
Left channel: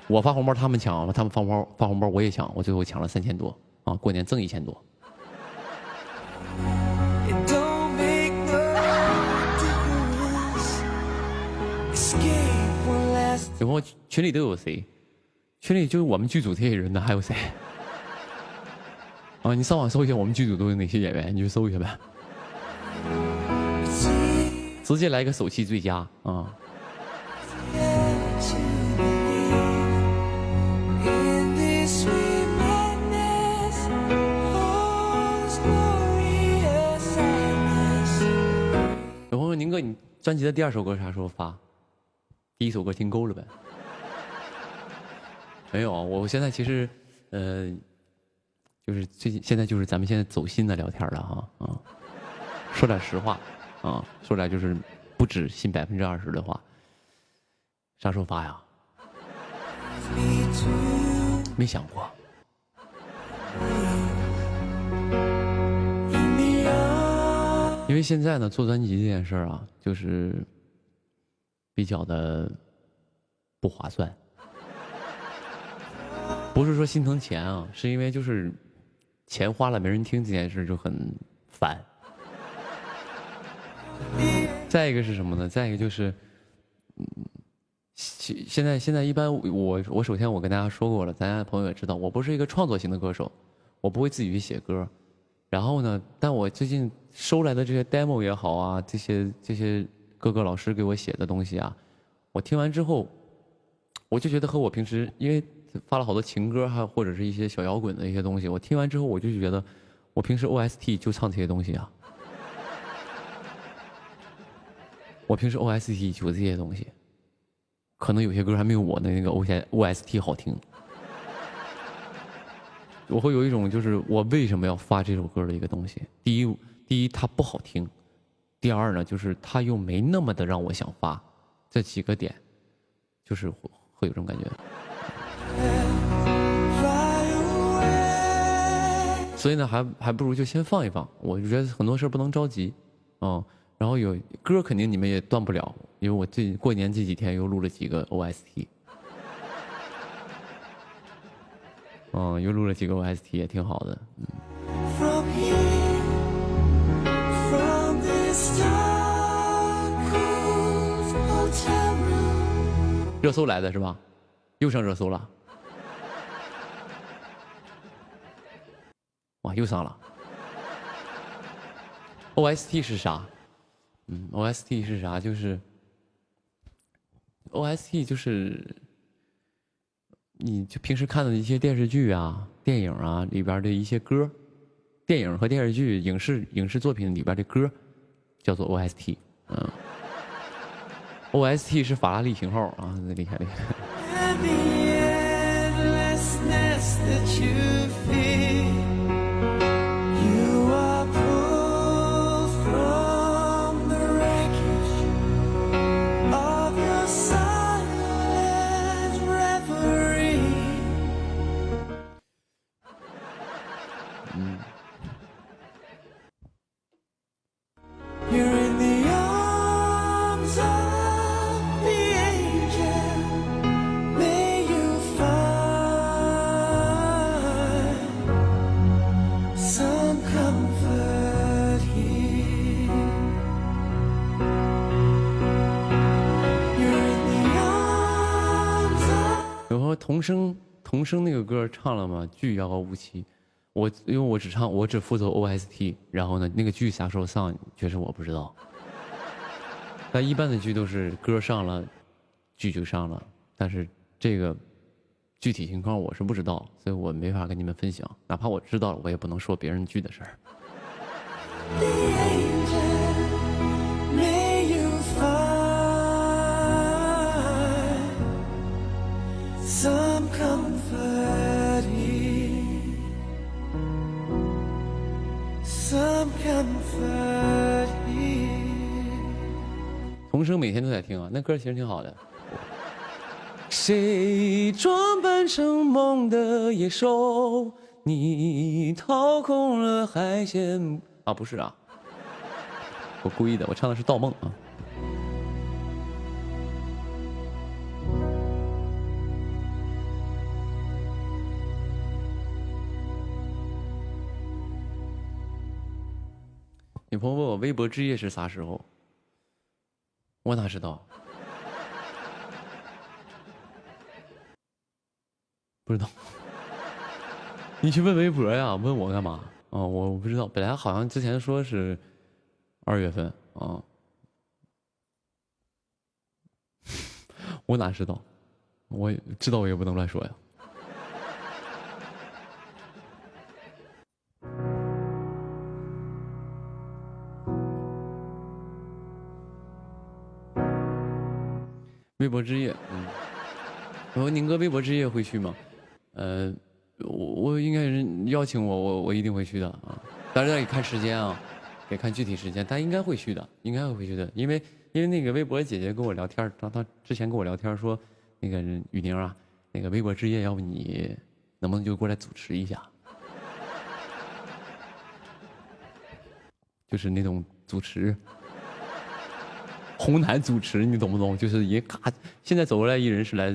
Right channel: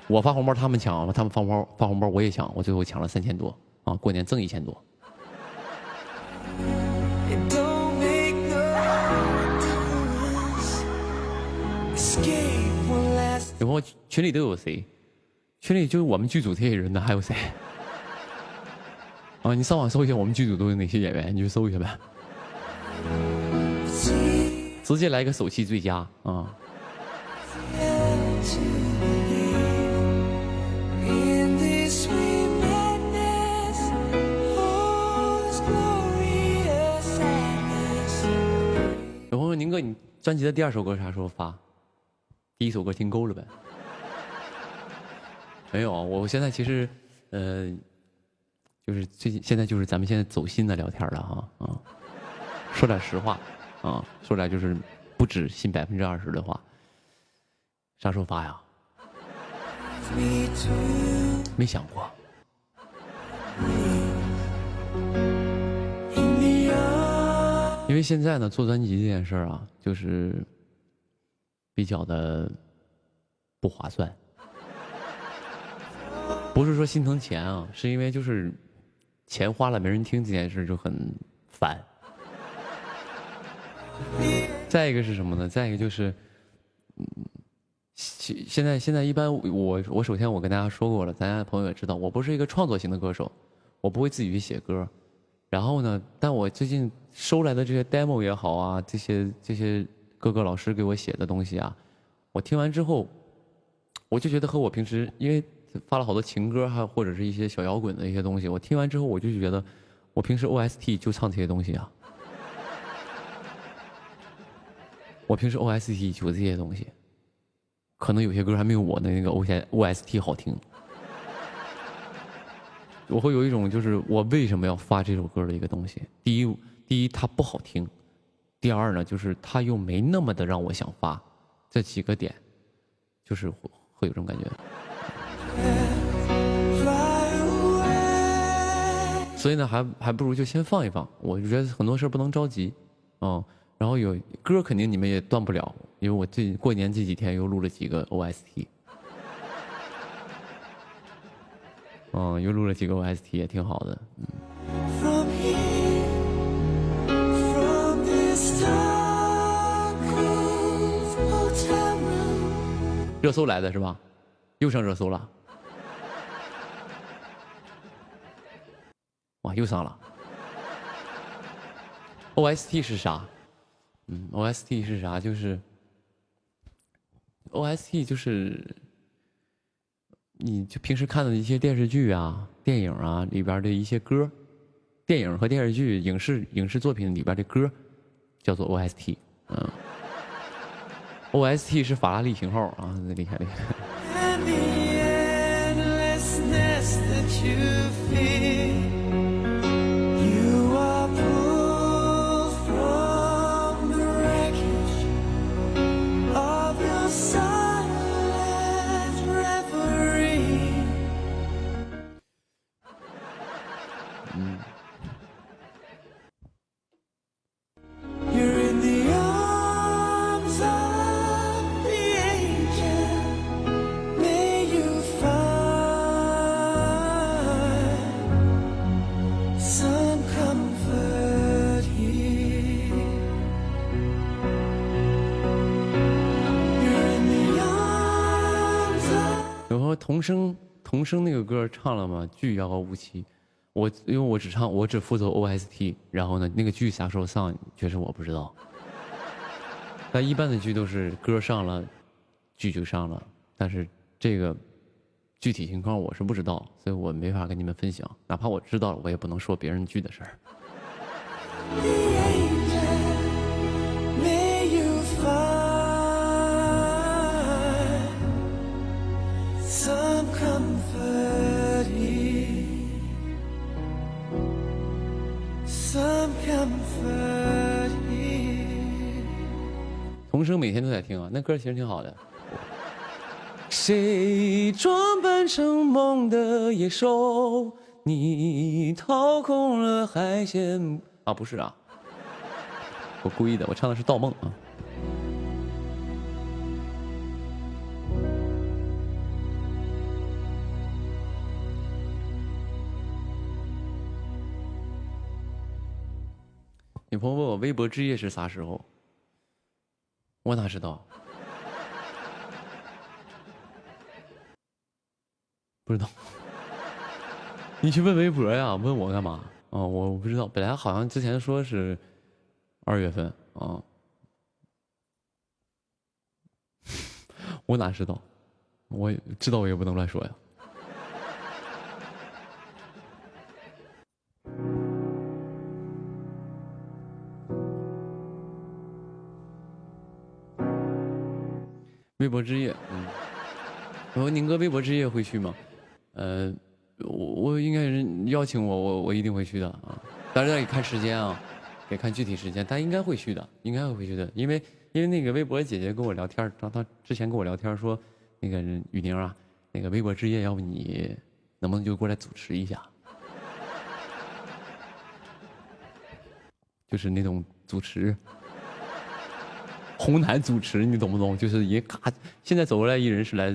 我发红包他们抢，他们发红包我也抢，我最后抢了3000多啊，过年挣1000多。有朋友群里都有谁？群里就是我们剧组这些人呢，还有谁？啊，你上网搜一下我们剧组都有哪些演员，你就搜一下呗。直接来个手气最佳啊！有朋友，宁哥，你专辑的第2首歌啥时候发？第1首歌听够了呗？没有，我现在其实，就是现在就是咱们现在走心的聊天了哈啊，说点实话啊，说点就是不止信20%的话。啥时候发呀？没想过。因为现在呢，做专辑这件事儿啊，就是比较的不划算。不是说心疼钱啊，是因为就是钱花了没人听这件事就很烦。再一个是什么呢？再一个就是，现在一般我首先我跟大家说过了，咱家的朋友也知道，我不是一个创作型的歌手，我不会自己去写歌。然后呢，但我最近收来的这些 demo 也好啊，这些各个老师给我写的东西啊，我听完之后，我就觉得和我平时因为发了好多情歌，还或者是一些小摇滚的一些东西，我听完之后我就觉得，我平时 OST 就唱这些东西啊，我平时 OST 就这些东西，可能有些歌还没有我的那个 OST 好听。我会有一种就是我为什么要发这首歌的一个东西。第一它不好听，第二呢就是它又没那么的让我想发，这几个点就是会有这种感觉。所以呢还不如就先放一放，我就觉得很多事不能着急然后有歌肯定你们也断不了，因为我过年这几天又录了几个 OST。又录了几个 OST 也挺好的，热搜来的是吧？又上热搜了，哇，又上了。OST 是啥？OST 是啥？就是 OST 就是你就平时看的一些电视剧啊、电影啊里边的一些歌，电影和电视剧、影视作品里边的歌，叫做 OST。OST 是法拉利型号啊，厉害厉害。有和童声那个歌唱了吗？剧遥遥无期，因为我只负责 OST， 然后呢那个剧啥时候上，确实我不知道。但一般的剧都是歌上了，剧就上了，但是这个具体情况我是不知道，所以我没法跟你们分享。哪怕我知道了，我也不能说别人剧的事儿。Some comfort here. 童声每天都在听啊，那歌其实挺好的。谁装扮成梦的野兽？你掏空了海鲜啊？不是啊，我故意的，我唱的是《盗梦》啊。女朋友问我微博之夜是啥时候，我哪知道？不知道。你去问微博呀？问我干嘛？哦，我不知道。本来好像之前说是2月份啊，我哪知道？我知道我也不能乱说呀。微博之夜，我说宁哥微博之夜会去吗？我应该是邀请我一定会去的啊，当然得看时间啊，得看具体时间，但应该会去的，应该会去的，因为那个微博姐姐跟我聊天，她之前跟我聊天说，那个雨宁啊，那个微博之夜，要不你能不能就过来主持一下？就是那种主持。红毯主持，你懂不懂？就是一咔，现在走过来一人是来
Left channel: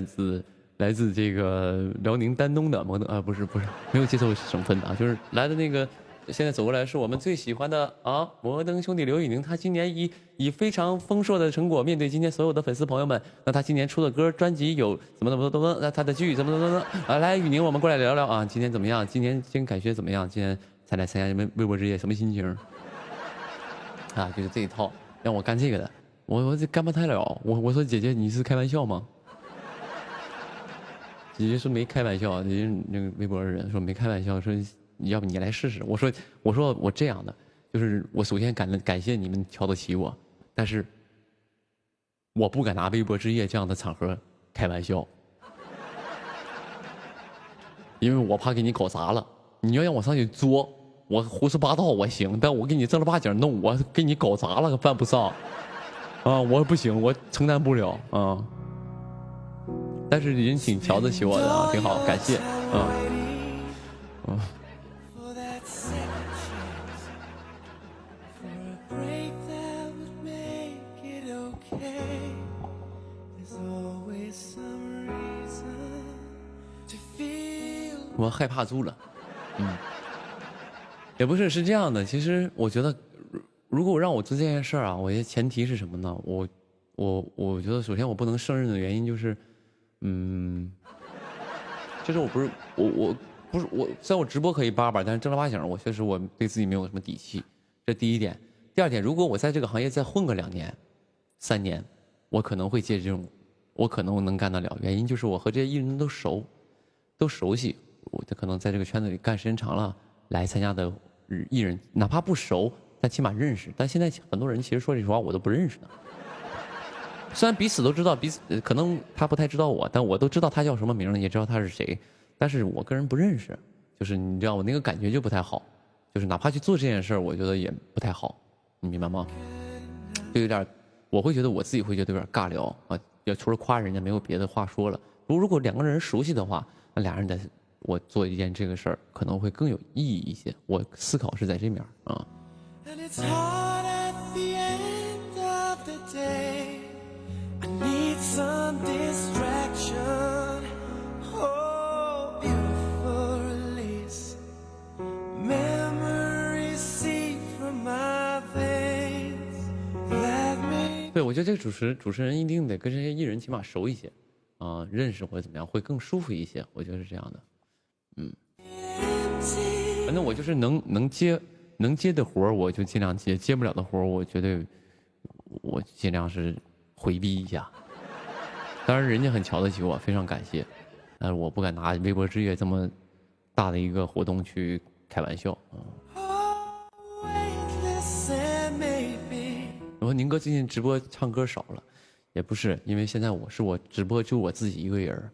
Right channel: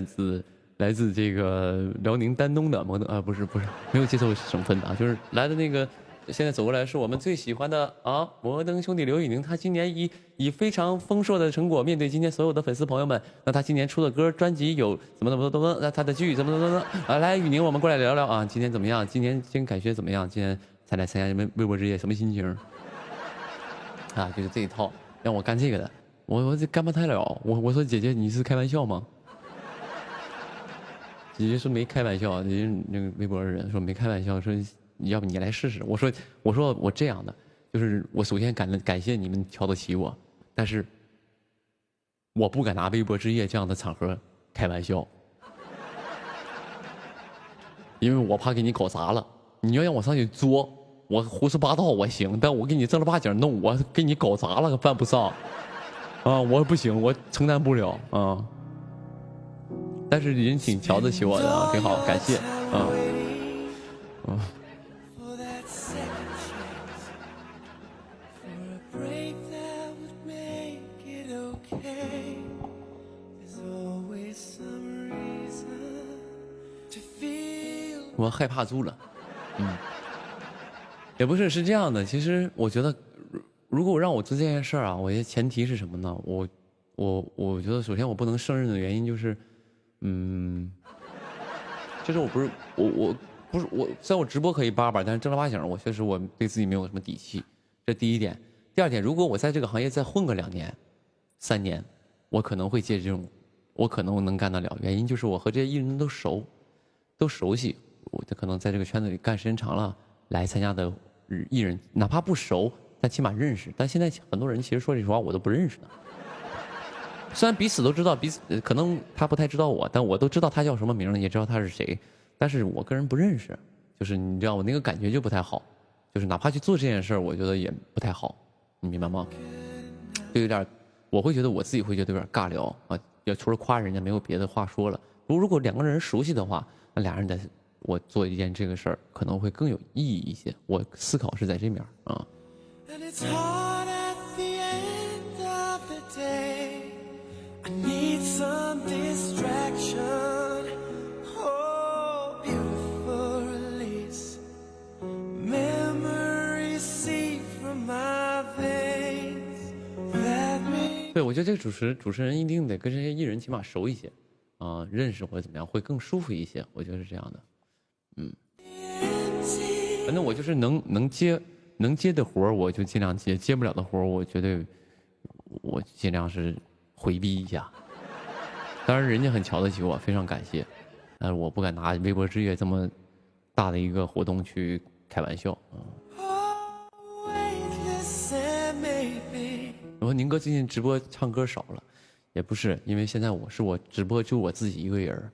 自这个辽宁丹东的摩登啊，不是，没有接受省份的啊，就是来的那个，现在走过来是我们最喜欢的啊，摩登兄弟刘宇宁，他今年以非常丰硕的成果面对今天所有的粉丝朋友们，那他今年出的歌专辑有怎么，那他的剧怎么啊，来宇宁，我们过来聊聊啊，今天怎么样？今年感觉怎么样？今天才来参加微博之夜，什么心情？啊，就是这一套，让我干这个的。我这干不太了，我说姐姐你是开玩笑吗？姐姐说没开玩笑，姐姐那个微博的人说没开玩笑，说要不你来试试。我说我这样的，就是我首先感谢你们瞧得起我，但是我不敢拿微博之夜这样的场合开玩笑，因为我怕给你搞砸了。你要让我上去作，我胡说八道我行，但我给你正儿八经弄，我给你搞砸了犯不上。啊，我不行，我承担不了啊。但是人挺瞧得起我的啊，挺好，感谢。我害怕猪了，也不是，是这样的。其实我觉得。如果让我做这件事儿啊，我觉得前提是什么呢？我觉得首先我不能胜任的原因就是，就是我虽然我直播可以叭叭，但是正儿八经我确实我对自己没有什么底气，这第一点。第二点，如果我在这个行业再混个2年、3年，我可能会接这种，我可能能干得了。原因就是我和这些艺人都熟悉，我就可能在这个圈子里干时间长了，来参加的艺人哪怕不熟。但起码认识，但现在很多人其实说实话我都不认识的。虽然彼此都知道彼此，可能他不太知道我，但我都知道他叫什么名，也知道他是谁，但是我个人不认识，就是你知道我那个感觉就不太好，就是哪怕去做这件事儿，我觉得也不太好，你明白吗？就有点，我会觉得我自己会觉得有点尬聊啊，也除了夸人家没有别的话说了。如果2个人熟悉的话，那俩人我做一件这个事儿可能会更有意义一些。我思考是在这面啊。It's hard at the end of the day. I need some distraction. Oh, beautiful release. Memories seep from my veins. That may 对，我觉得这个主持人一定得跟这些艺人起码熟一些，认识或者怎么样会更舒服一些。我觉得是这样的，反正我就是能接的活我就尽量接，接不了的活我绝对我尽量是回避一下。当然人家很瞧得起我，非常感谢，但是我不敢拿微博之夜这么大的一个活动去开玩笑。我说宁哥最近直播唱歌少了，也不是，因为现在我直播就我自己一个人，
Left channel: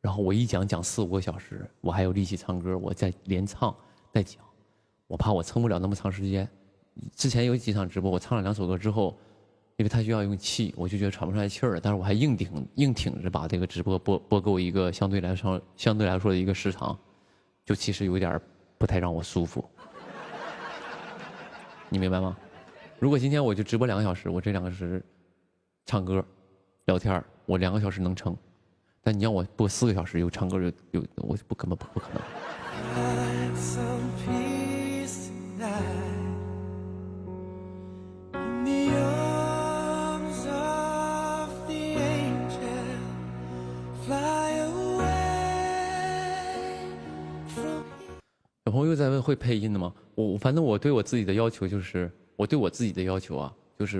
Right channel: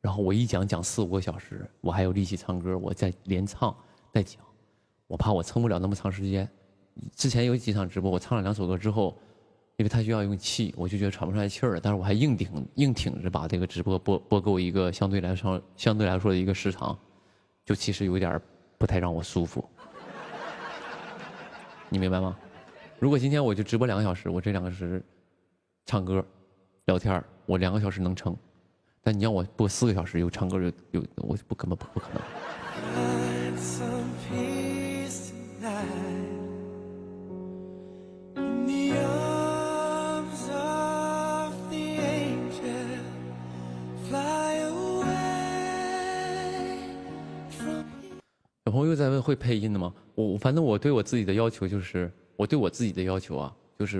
然后我一讲4-5个小时，我还有力气唱歌，我再连唱再讲。我怕我撑不了那么长时间，之前有几场直播，我唱了2首歌之后，因为他需要用气，我就觉得喘不出来气儿了，但是我还硬挺着把这个直播播够一个相对来说的一个时长，就其实有点不太让我舒服，你明白吗？如果今天我就直播2个小时，我这2个小时唱歌、聊天，我2个小时能撑，但你让我播4个小时，又唱歌又我根本不可能。有朋友又在问会配音的吗？反正我对我自己的要求就是，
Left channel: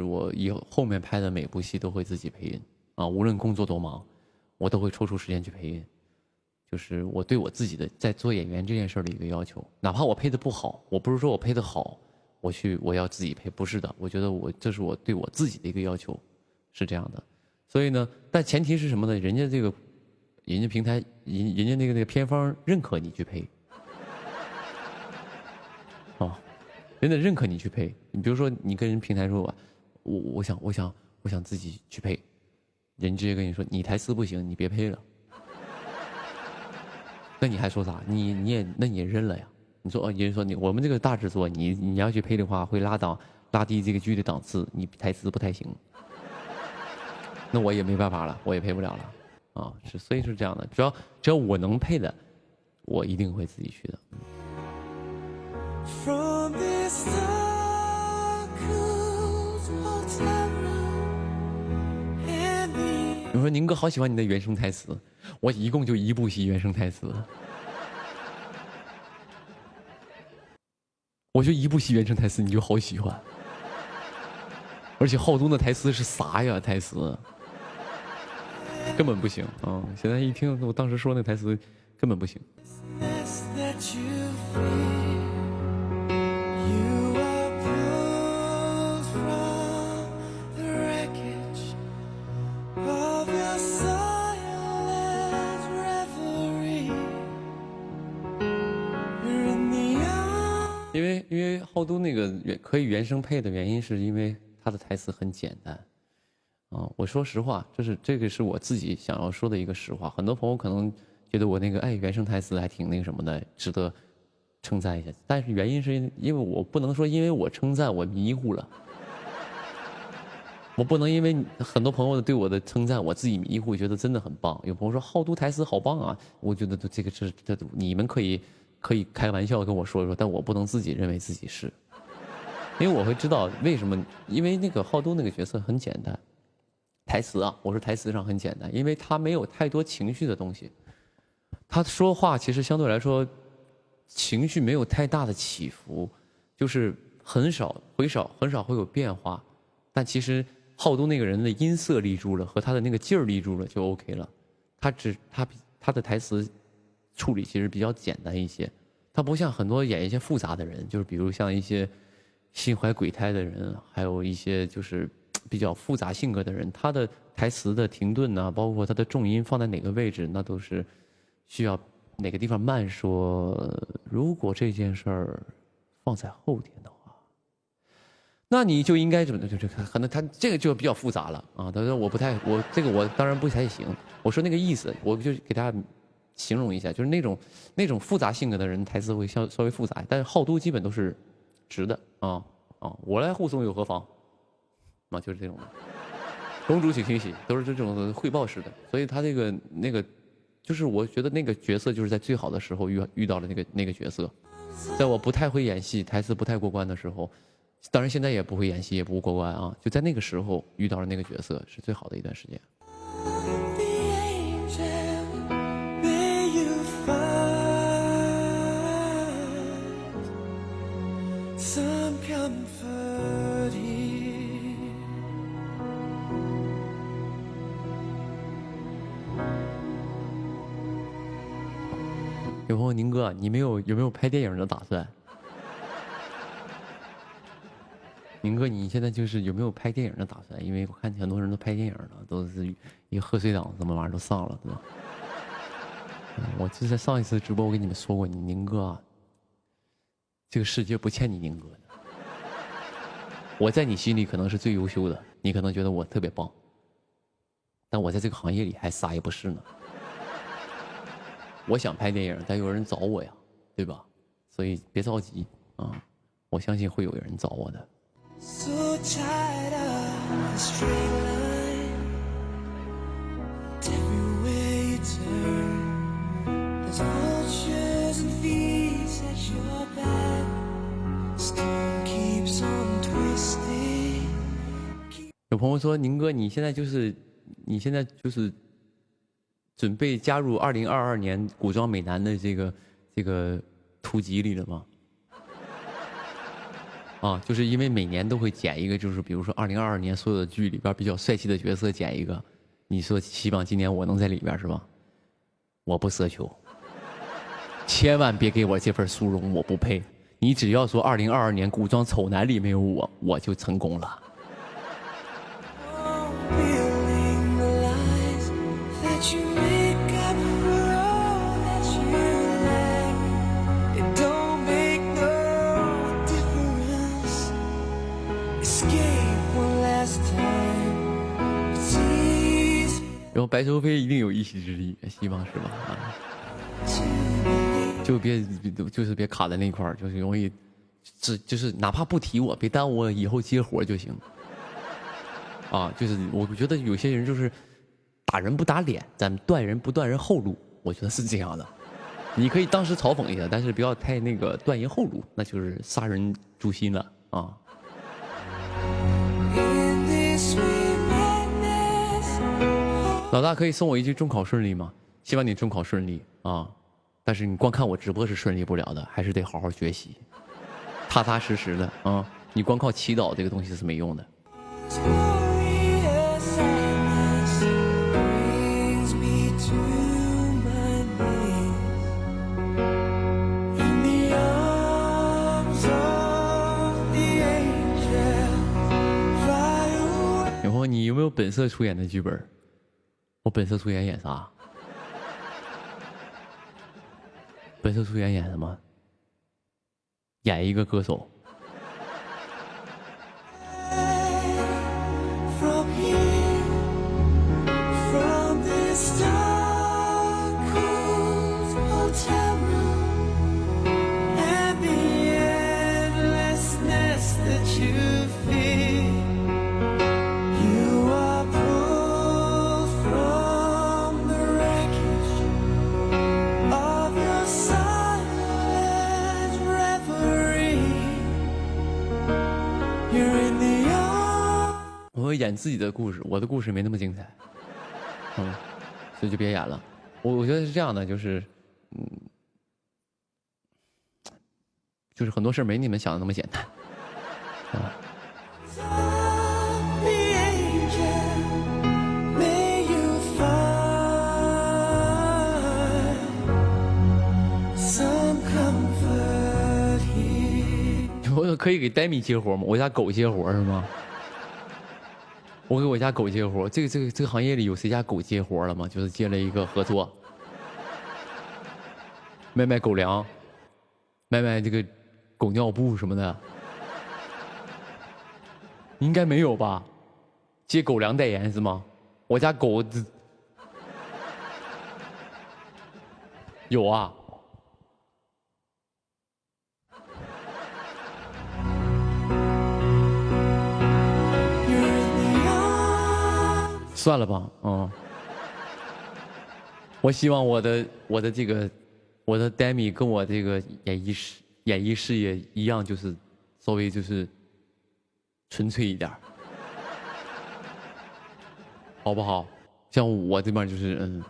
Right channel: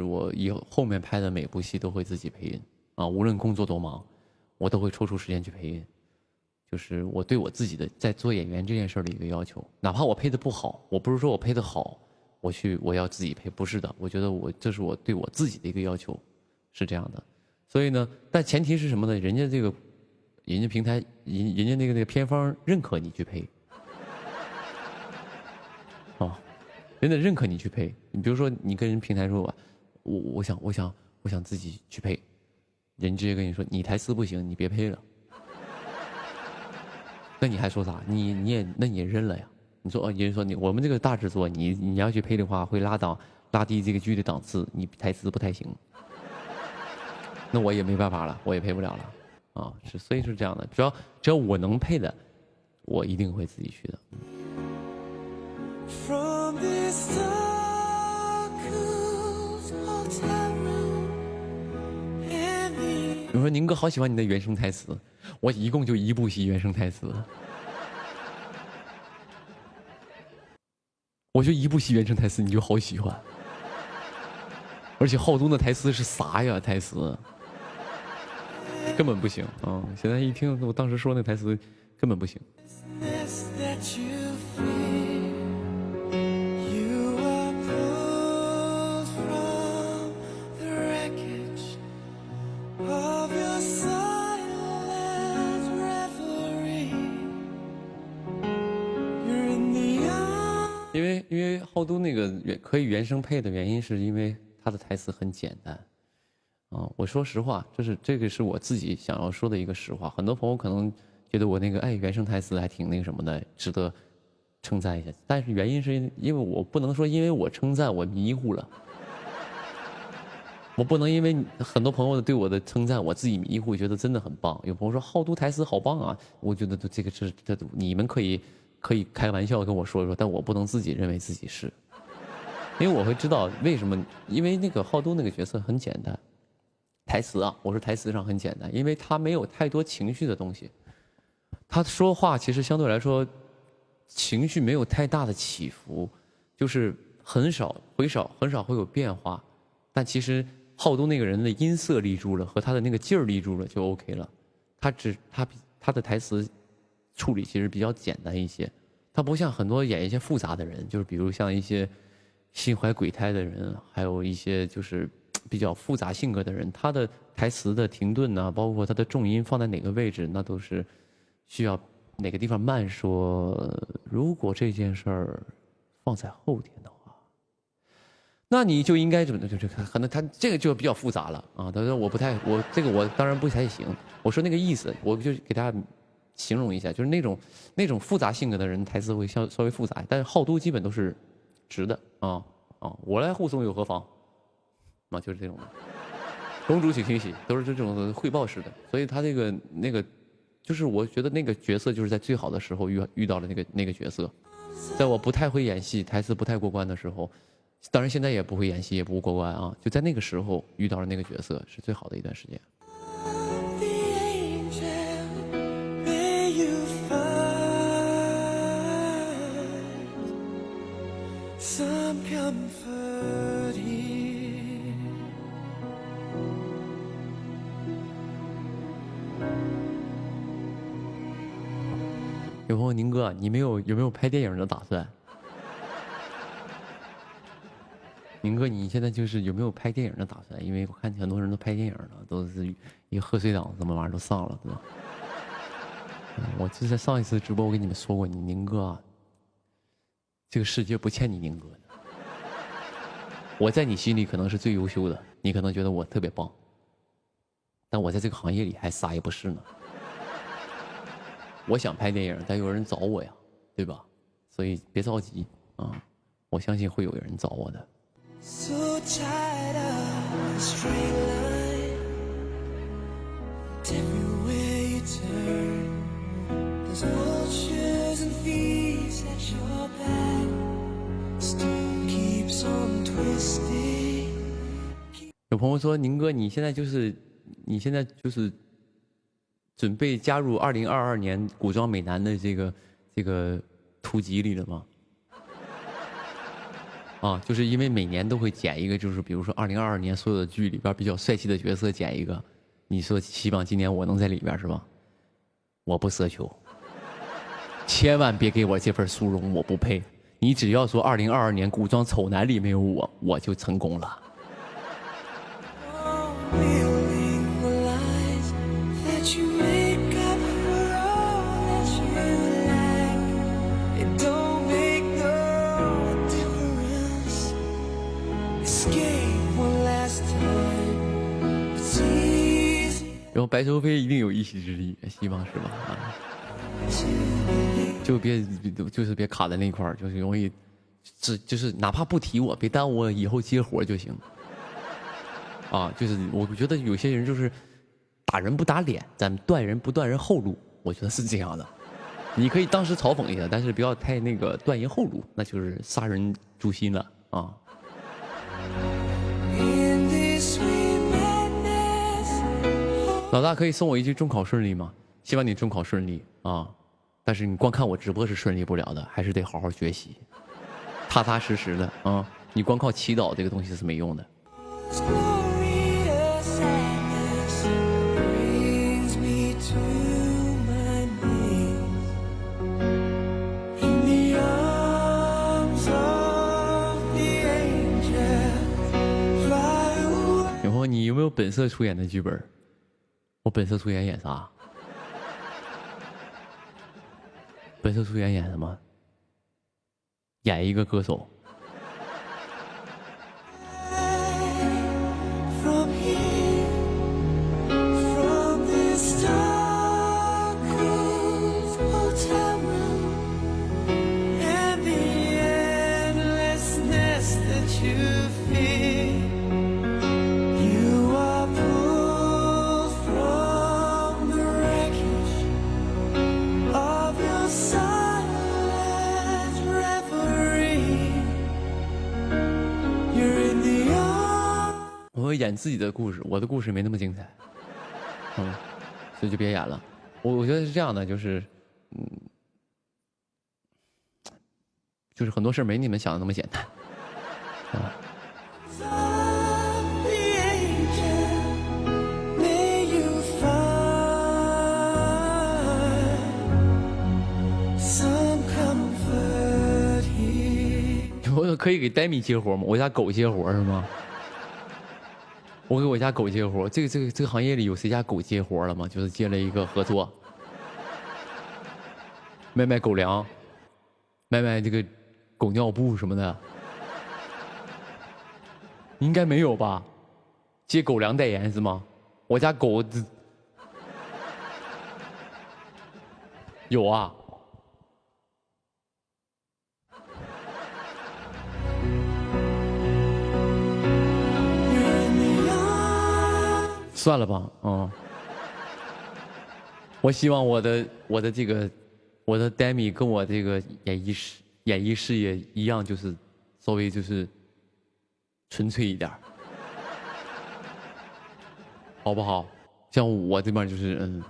我以后面拍的每部戏都会自己配音啊，无论工作多忙，我都会抽出时间去配音。就是我对我自己的在做演员这件事的一个要求，哪怕我配的不好，我不是说我配的好，我要自己配，不是的，我觉得这是我对我自己的一个要求，是这样的。所以呢，但前提是什么呢？人家平台，人家那个片方认可你去配。哦，人家认可你去配。你比如说，你跟人平台说吧，我想自己去配，人直接跟你说你台词不行，你别配了。那你还说啥？你也认了呀？你说人说我们这个大制作，你要去配的话，会拉低这个剧的档次，你台词不太行。那我也没办法了，我也配不了了啊！所以是这样的，只要我能配的，我一定会自己去的。比如说宁哥好喜欢你的原声台词，我一共就1部戏原声台词，我就1部戏原声台词你就好喜欢，而且浩东的台词是啥呀？台词根本不行啊！现在一听我当时说那台词根本不行。因为浩东那个可以原声配的原因，是因为他的台词很简单，我说实话，这个是我自己想要说的一个实话。很多朋友可能觉得我那个原声台词还挺那个什么的，值得称赞一下。但是原因是因为我不能说因为我称赞我迷糊了，我不能因为很多朋友对我的称赞，我自己迷糊，觉得真的很棒。有朋友说浩东台词好棒啊，我觉得这个你们可以开玩笑跟我说，但我不能自己认为自己是，因为我会知道为什么。因为那个浩东那个角色很简单，台词啊，我说台词上很简单，因为他没有太多情绪的东西，他说话其实相对来说情绪没有太大的起伏，就是很少会有变化。但其实浩东那个人的音色立住了，和他的那个劲儿立住了就 OK 了。他的台词处理其实比较简单一些，他不像很多演一些复杂的人，就是比如像一些心怀鬼胎的人，还有一些就是比较复杂性格的人，他的台词的停顿啊，包括他的重音放在哪个位置，那都是需要哪个地方慢说。如果这件事儿放在后天的话，那你就应该怎么就可能他这个就比较复杂了啊。他说我当然不太行，我说那个意思，我就给大家形容一下，就是那种复杂性格的人台词会稍微复杂，但是浩都基本都是直的啊，我来护送又何妨啊，就是这种的。公主请听喜都是这种汇报式的，所以他那个就是我觉得那个角色就是在最好的时候遇到了那个角色，在我不太会演戏，台词不太过关的时候，当然现在也不会演戏，也不过关啊，就在那个时候遇到了那个角色，是最好的一段时间。有朋友宁哥，你有没有拍电影的打算？宁哥，你现在就是有没有拍电影的打算？因为我看很多人都拍电影了，都是一个贺岁档什么玩意儿都上了，对吧？我就在上一次直播，我跟你们说过，你宁哥啊，这个世界不欠你宁哥的。我在你心里可能是最优秀的，你可能觉得我特别棒，但我在这个行业里还啥也不是呢。我想拍电影，但有人找我呀，对吧？所以别着急啊，我相信会有人找我的。有朋友说：“宁哥，你现在就是准备加入2022年古装美男的这个图集里了吗？”啊，就是因为每年都会剪一个，就是比如说2022年所有的剧里边比较帅气的角色剪一个，你说希望今年我能在里边是吧？我不奢求，千万别给我这份殊荣，我不配。你只要说2022年古装丑男里没有我，我就成功了。然后白收飞一定有一席之地，希望是吧？啊，就是别卡在那块儿，就是容易，就是哪怕不提我，别耽误我以后接活就行。啊，就是我觉得有些人就是打人不打脸，咱断人不断人后路，我觉得是这样的。你可以当时嘲讽一下，但是不要太那个断人后路，那就是杀人诛心了啊。老大可以送我一句中考顺利吗？希望你中考顺利啊！但是你光看我直播是顺利不了的，还是得好好学习，踏踏实实的啊！你光靠祈祷这个东西是没用的。然后你有没有本色出演的剧本？我本色出演演啥？本色出演演什么？演一个歌手。我演自己的故事，我的故事没那么精彩，所以就别演了。我觉得是这样的，就是就是很多事没你们想的那么简单，我可以给戴米接活吗？我家狗接活是吗？我给我家狗接活，这个行业里有谁家狗接活了吗？就是接了一个合作，卖狗粮，卖这个狗尿布什么的，应该没有吧？接狗粮代言是吗？我家狗有啊。算了吧，我希望我的 Demi 跟我这个演艺事业一样，就是稍微就是纯粹一点，好不好？像我这边就是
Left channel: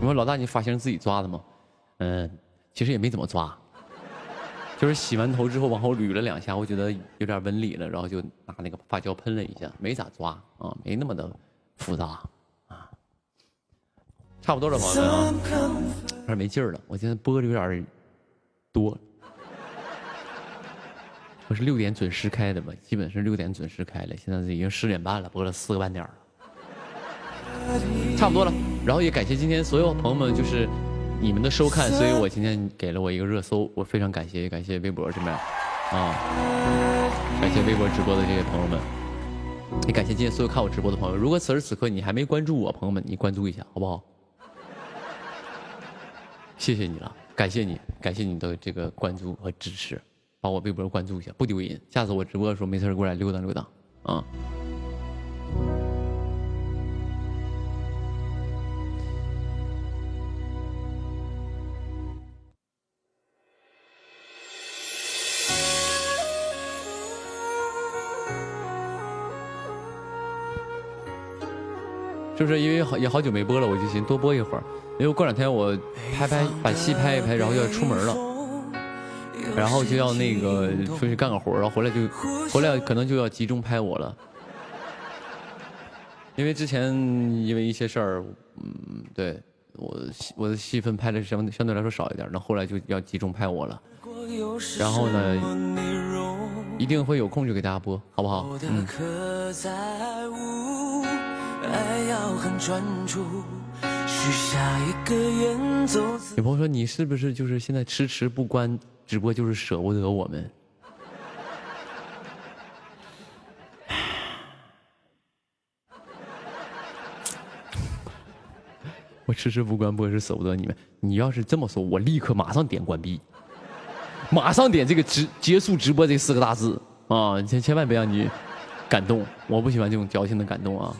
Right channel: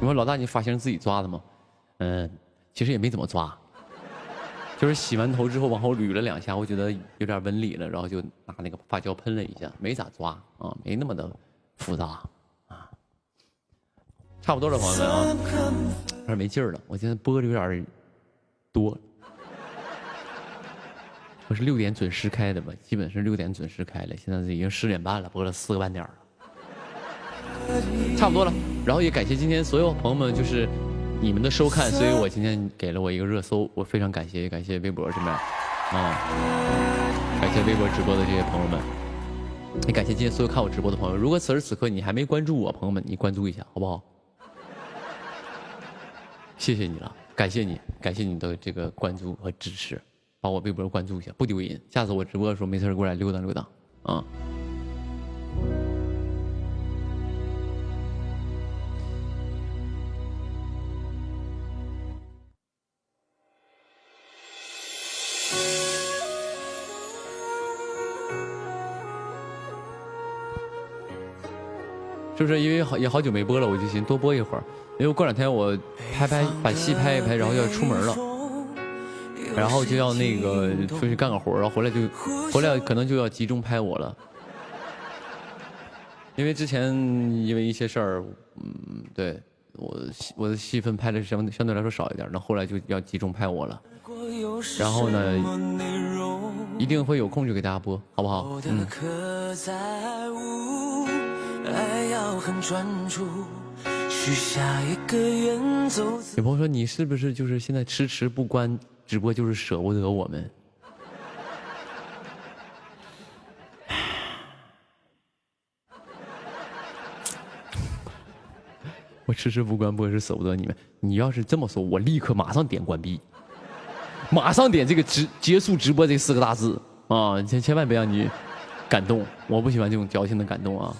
我说老大，你发型自己抓的吗？其实也没怎么抓，就是洗完头之后往后捋了2下，我觉得有点纹理了，然后就拿那个发胶喷了一下，没咋抓啊，没那么的复杂啊。差不多了，朋友们啊，有点没劲儿了，我现在播的有点多。我是6点准时开的吧，基本是6点准时开了，现在已经10点半了，播了4个半点了，差不多了。然后也感谢今天所有朋友们，就是你们的收看，所以我今天给了我一个热搜，我非常感谢，也感谢微博这边啊，感谢微博直播的这些朋友们，也感谢今天所有看我直播的朋友。如果此时此刻你还没关注我，朋友们，你关注一下好不好？谢谢你了，感谢你，感谢你的这个关注和支持，把我微博关注一下，不丢人。下次我直播的时候没事过来溜达溜达啊。是不是因为也好久没播了，我就寻多播一会儿，因为过两天我把戏拍一拍，然后要出门了，然后就要那个出去干个活，然后回来可能就要集中拍我了，因为之前因为一些事儿，对我的戏份拍的相对来说少一点，那后来就要集中拍我了，然后呢，一定会有空就给大家播，好不好？有朋友说你是不是就是现在迟迟不关直播，就是舍不得我们？我迟迟不关播是舍不得你们。你要是这么说，我立刻马上点关闭，马上点这个结束直播这4个大字啊！千万别让你感动，我不喜欢这种矫情的感动啊。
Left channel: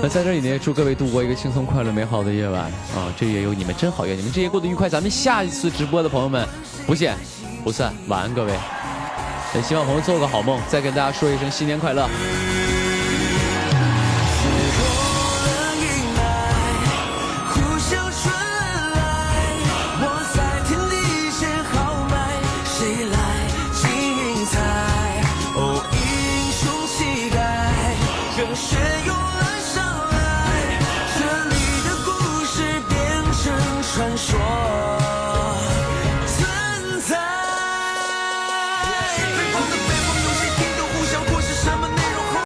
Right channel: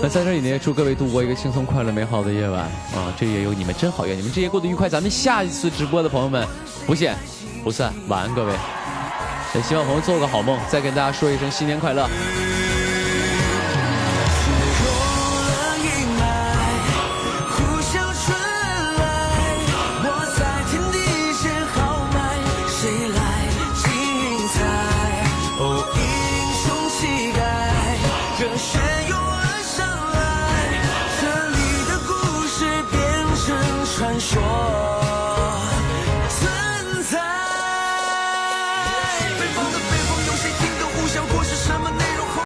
那在这里呢，祝各位度过一个轻松、快乐、美好的夜晚啊！这夜有你们真好，愿你们这夜过得愉快。咱们下一次直播的朋友们，不见不散，晚安各位。也希望朋友做个好梦，再跟大家说一声新年快乐。传说。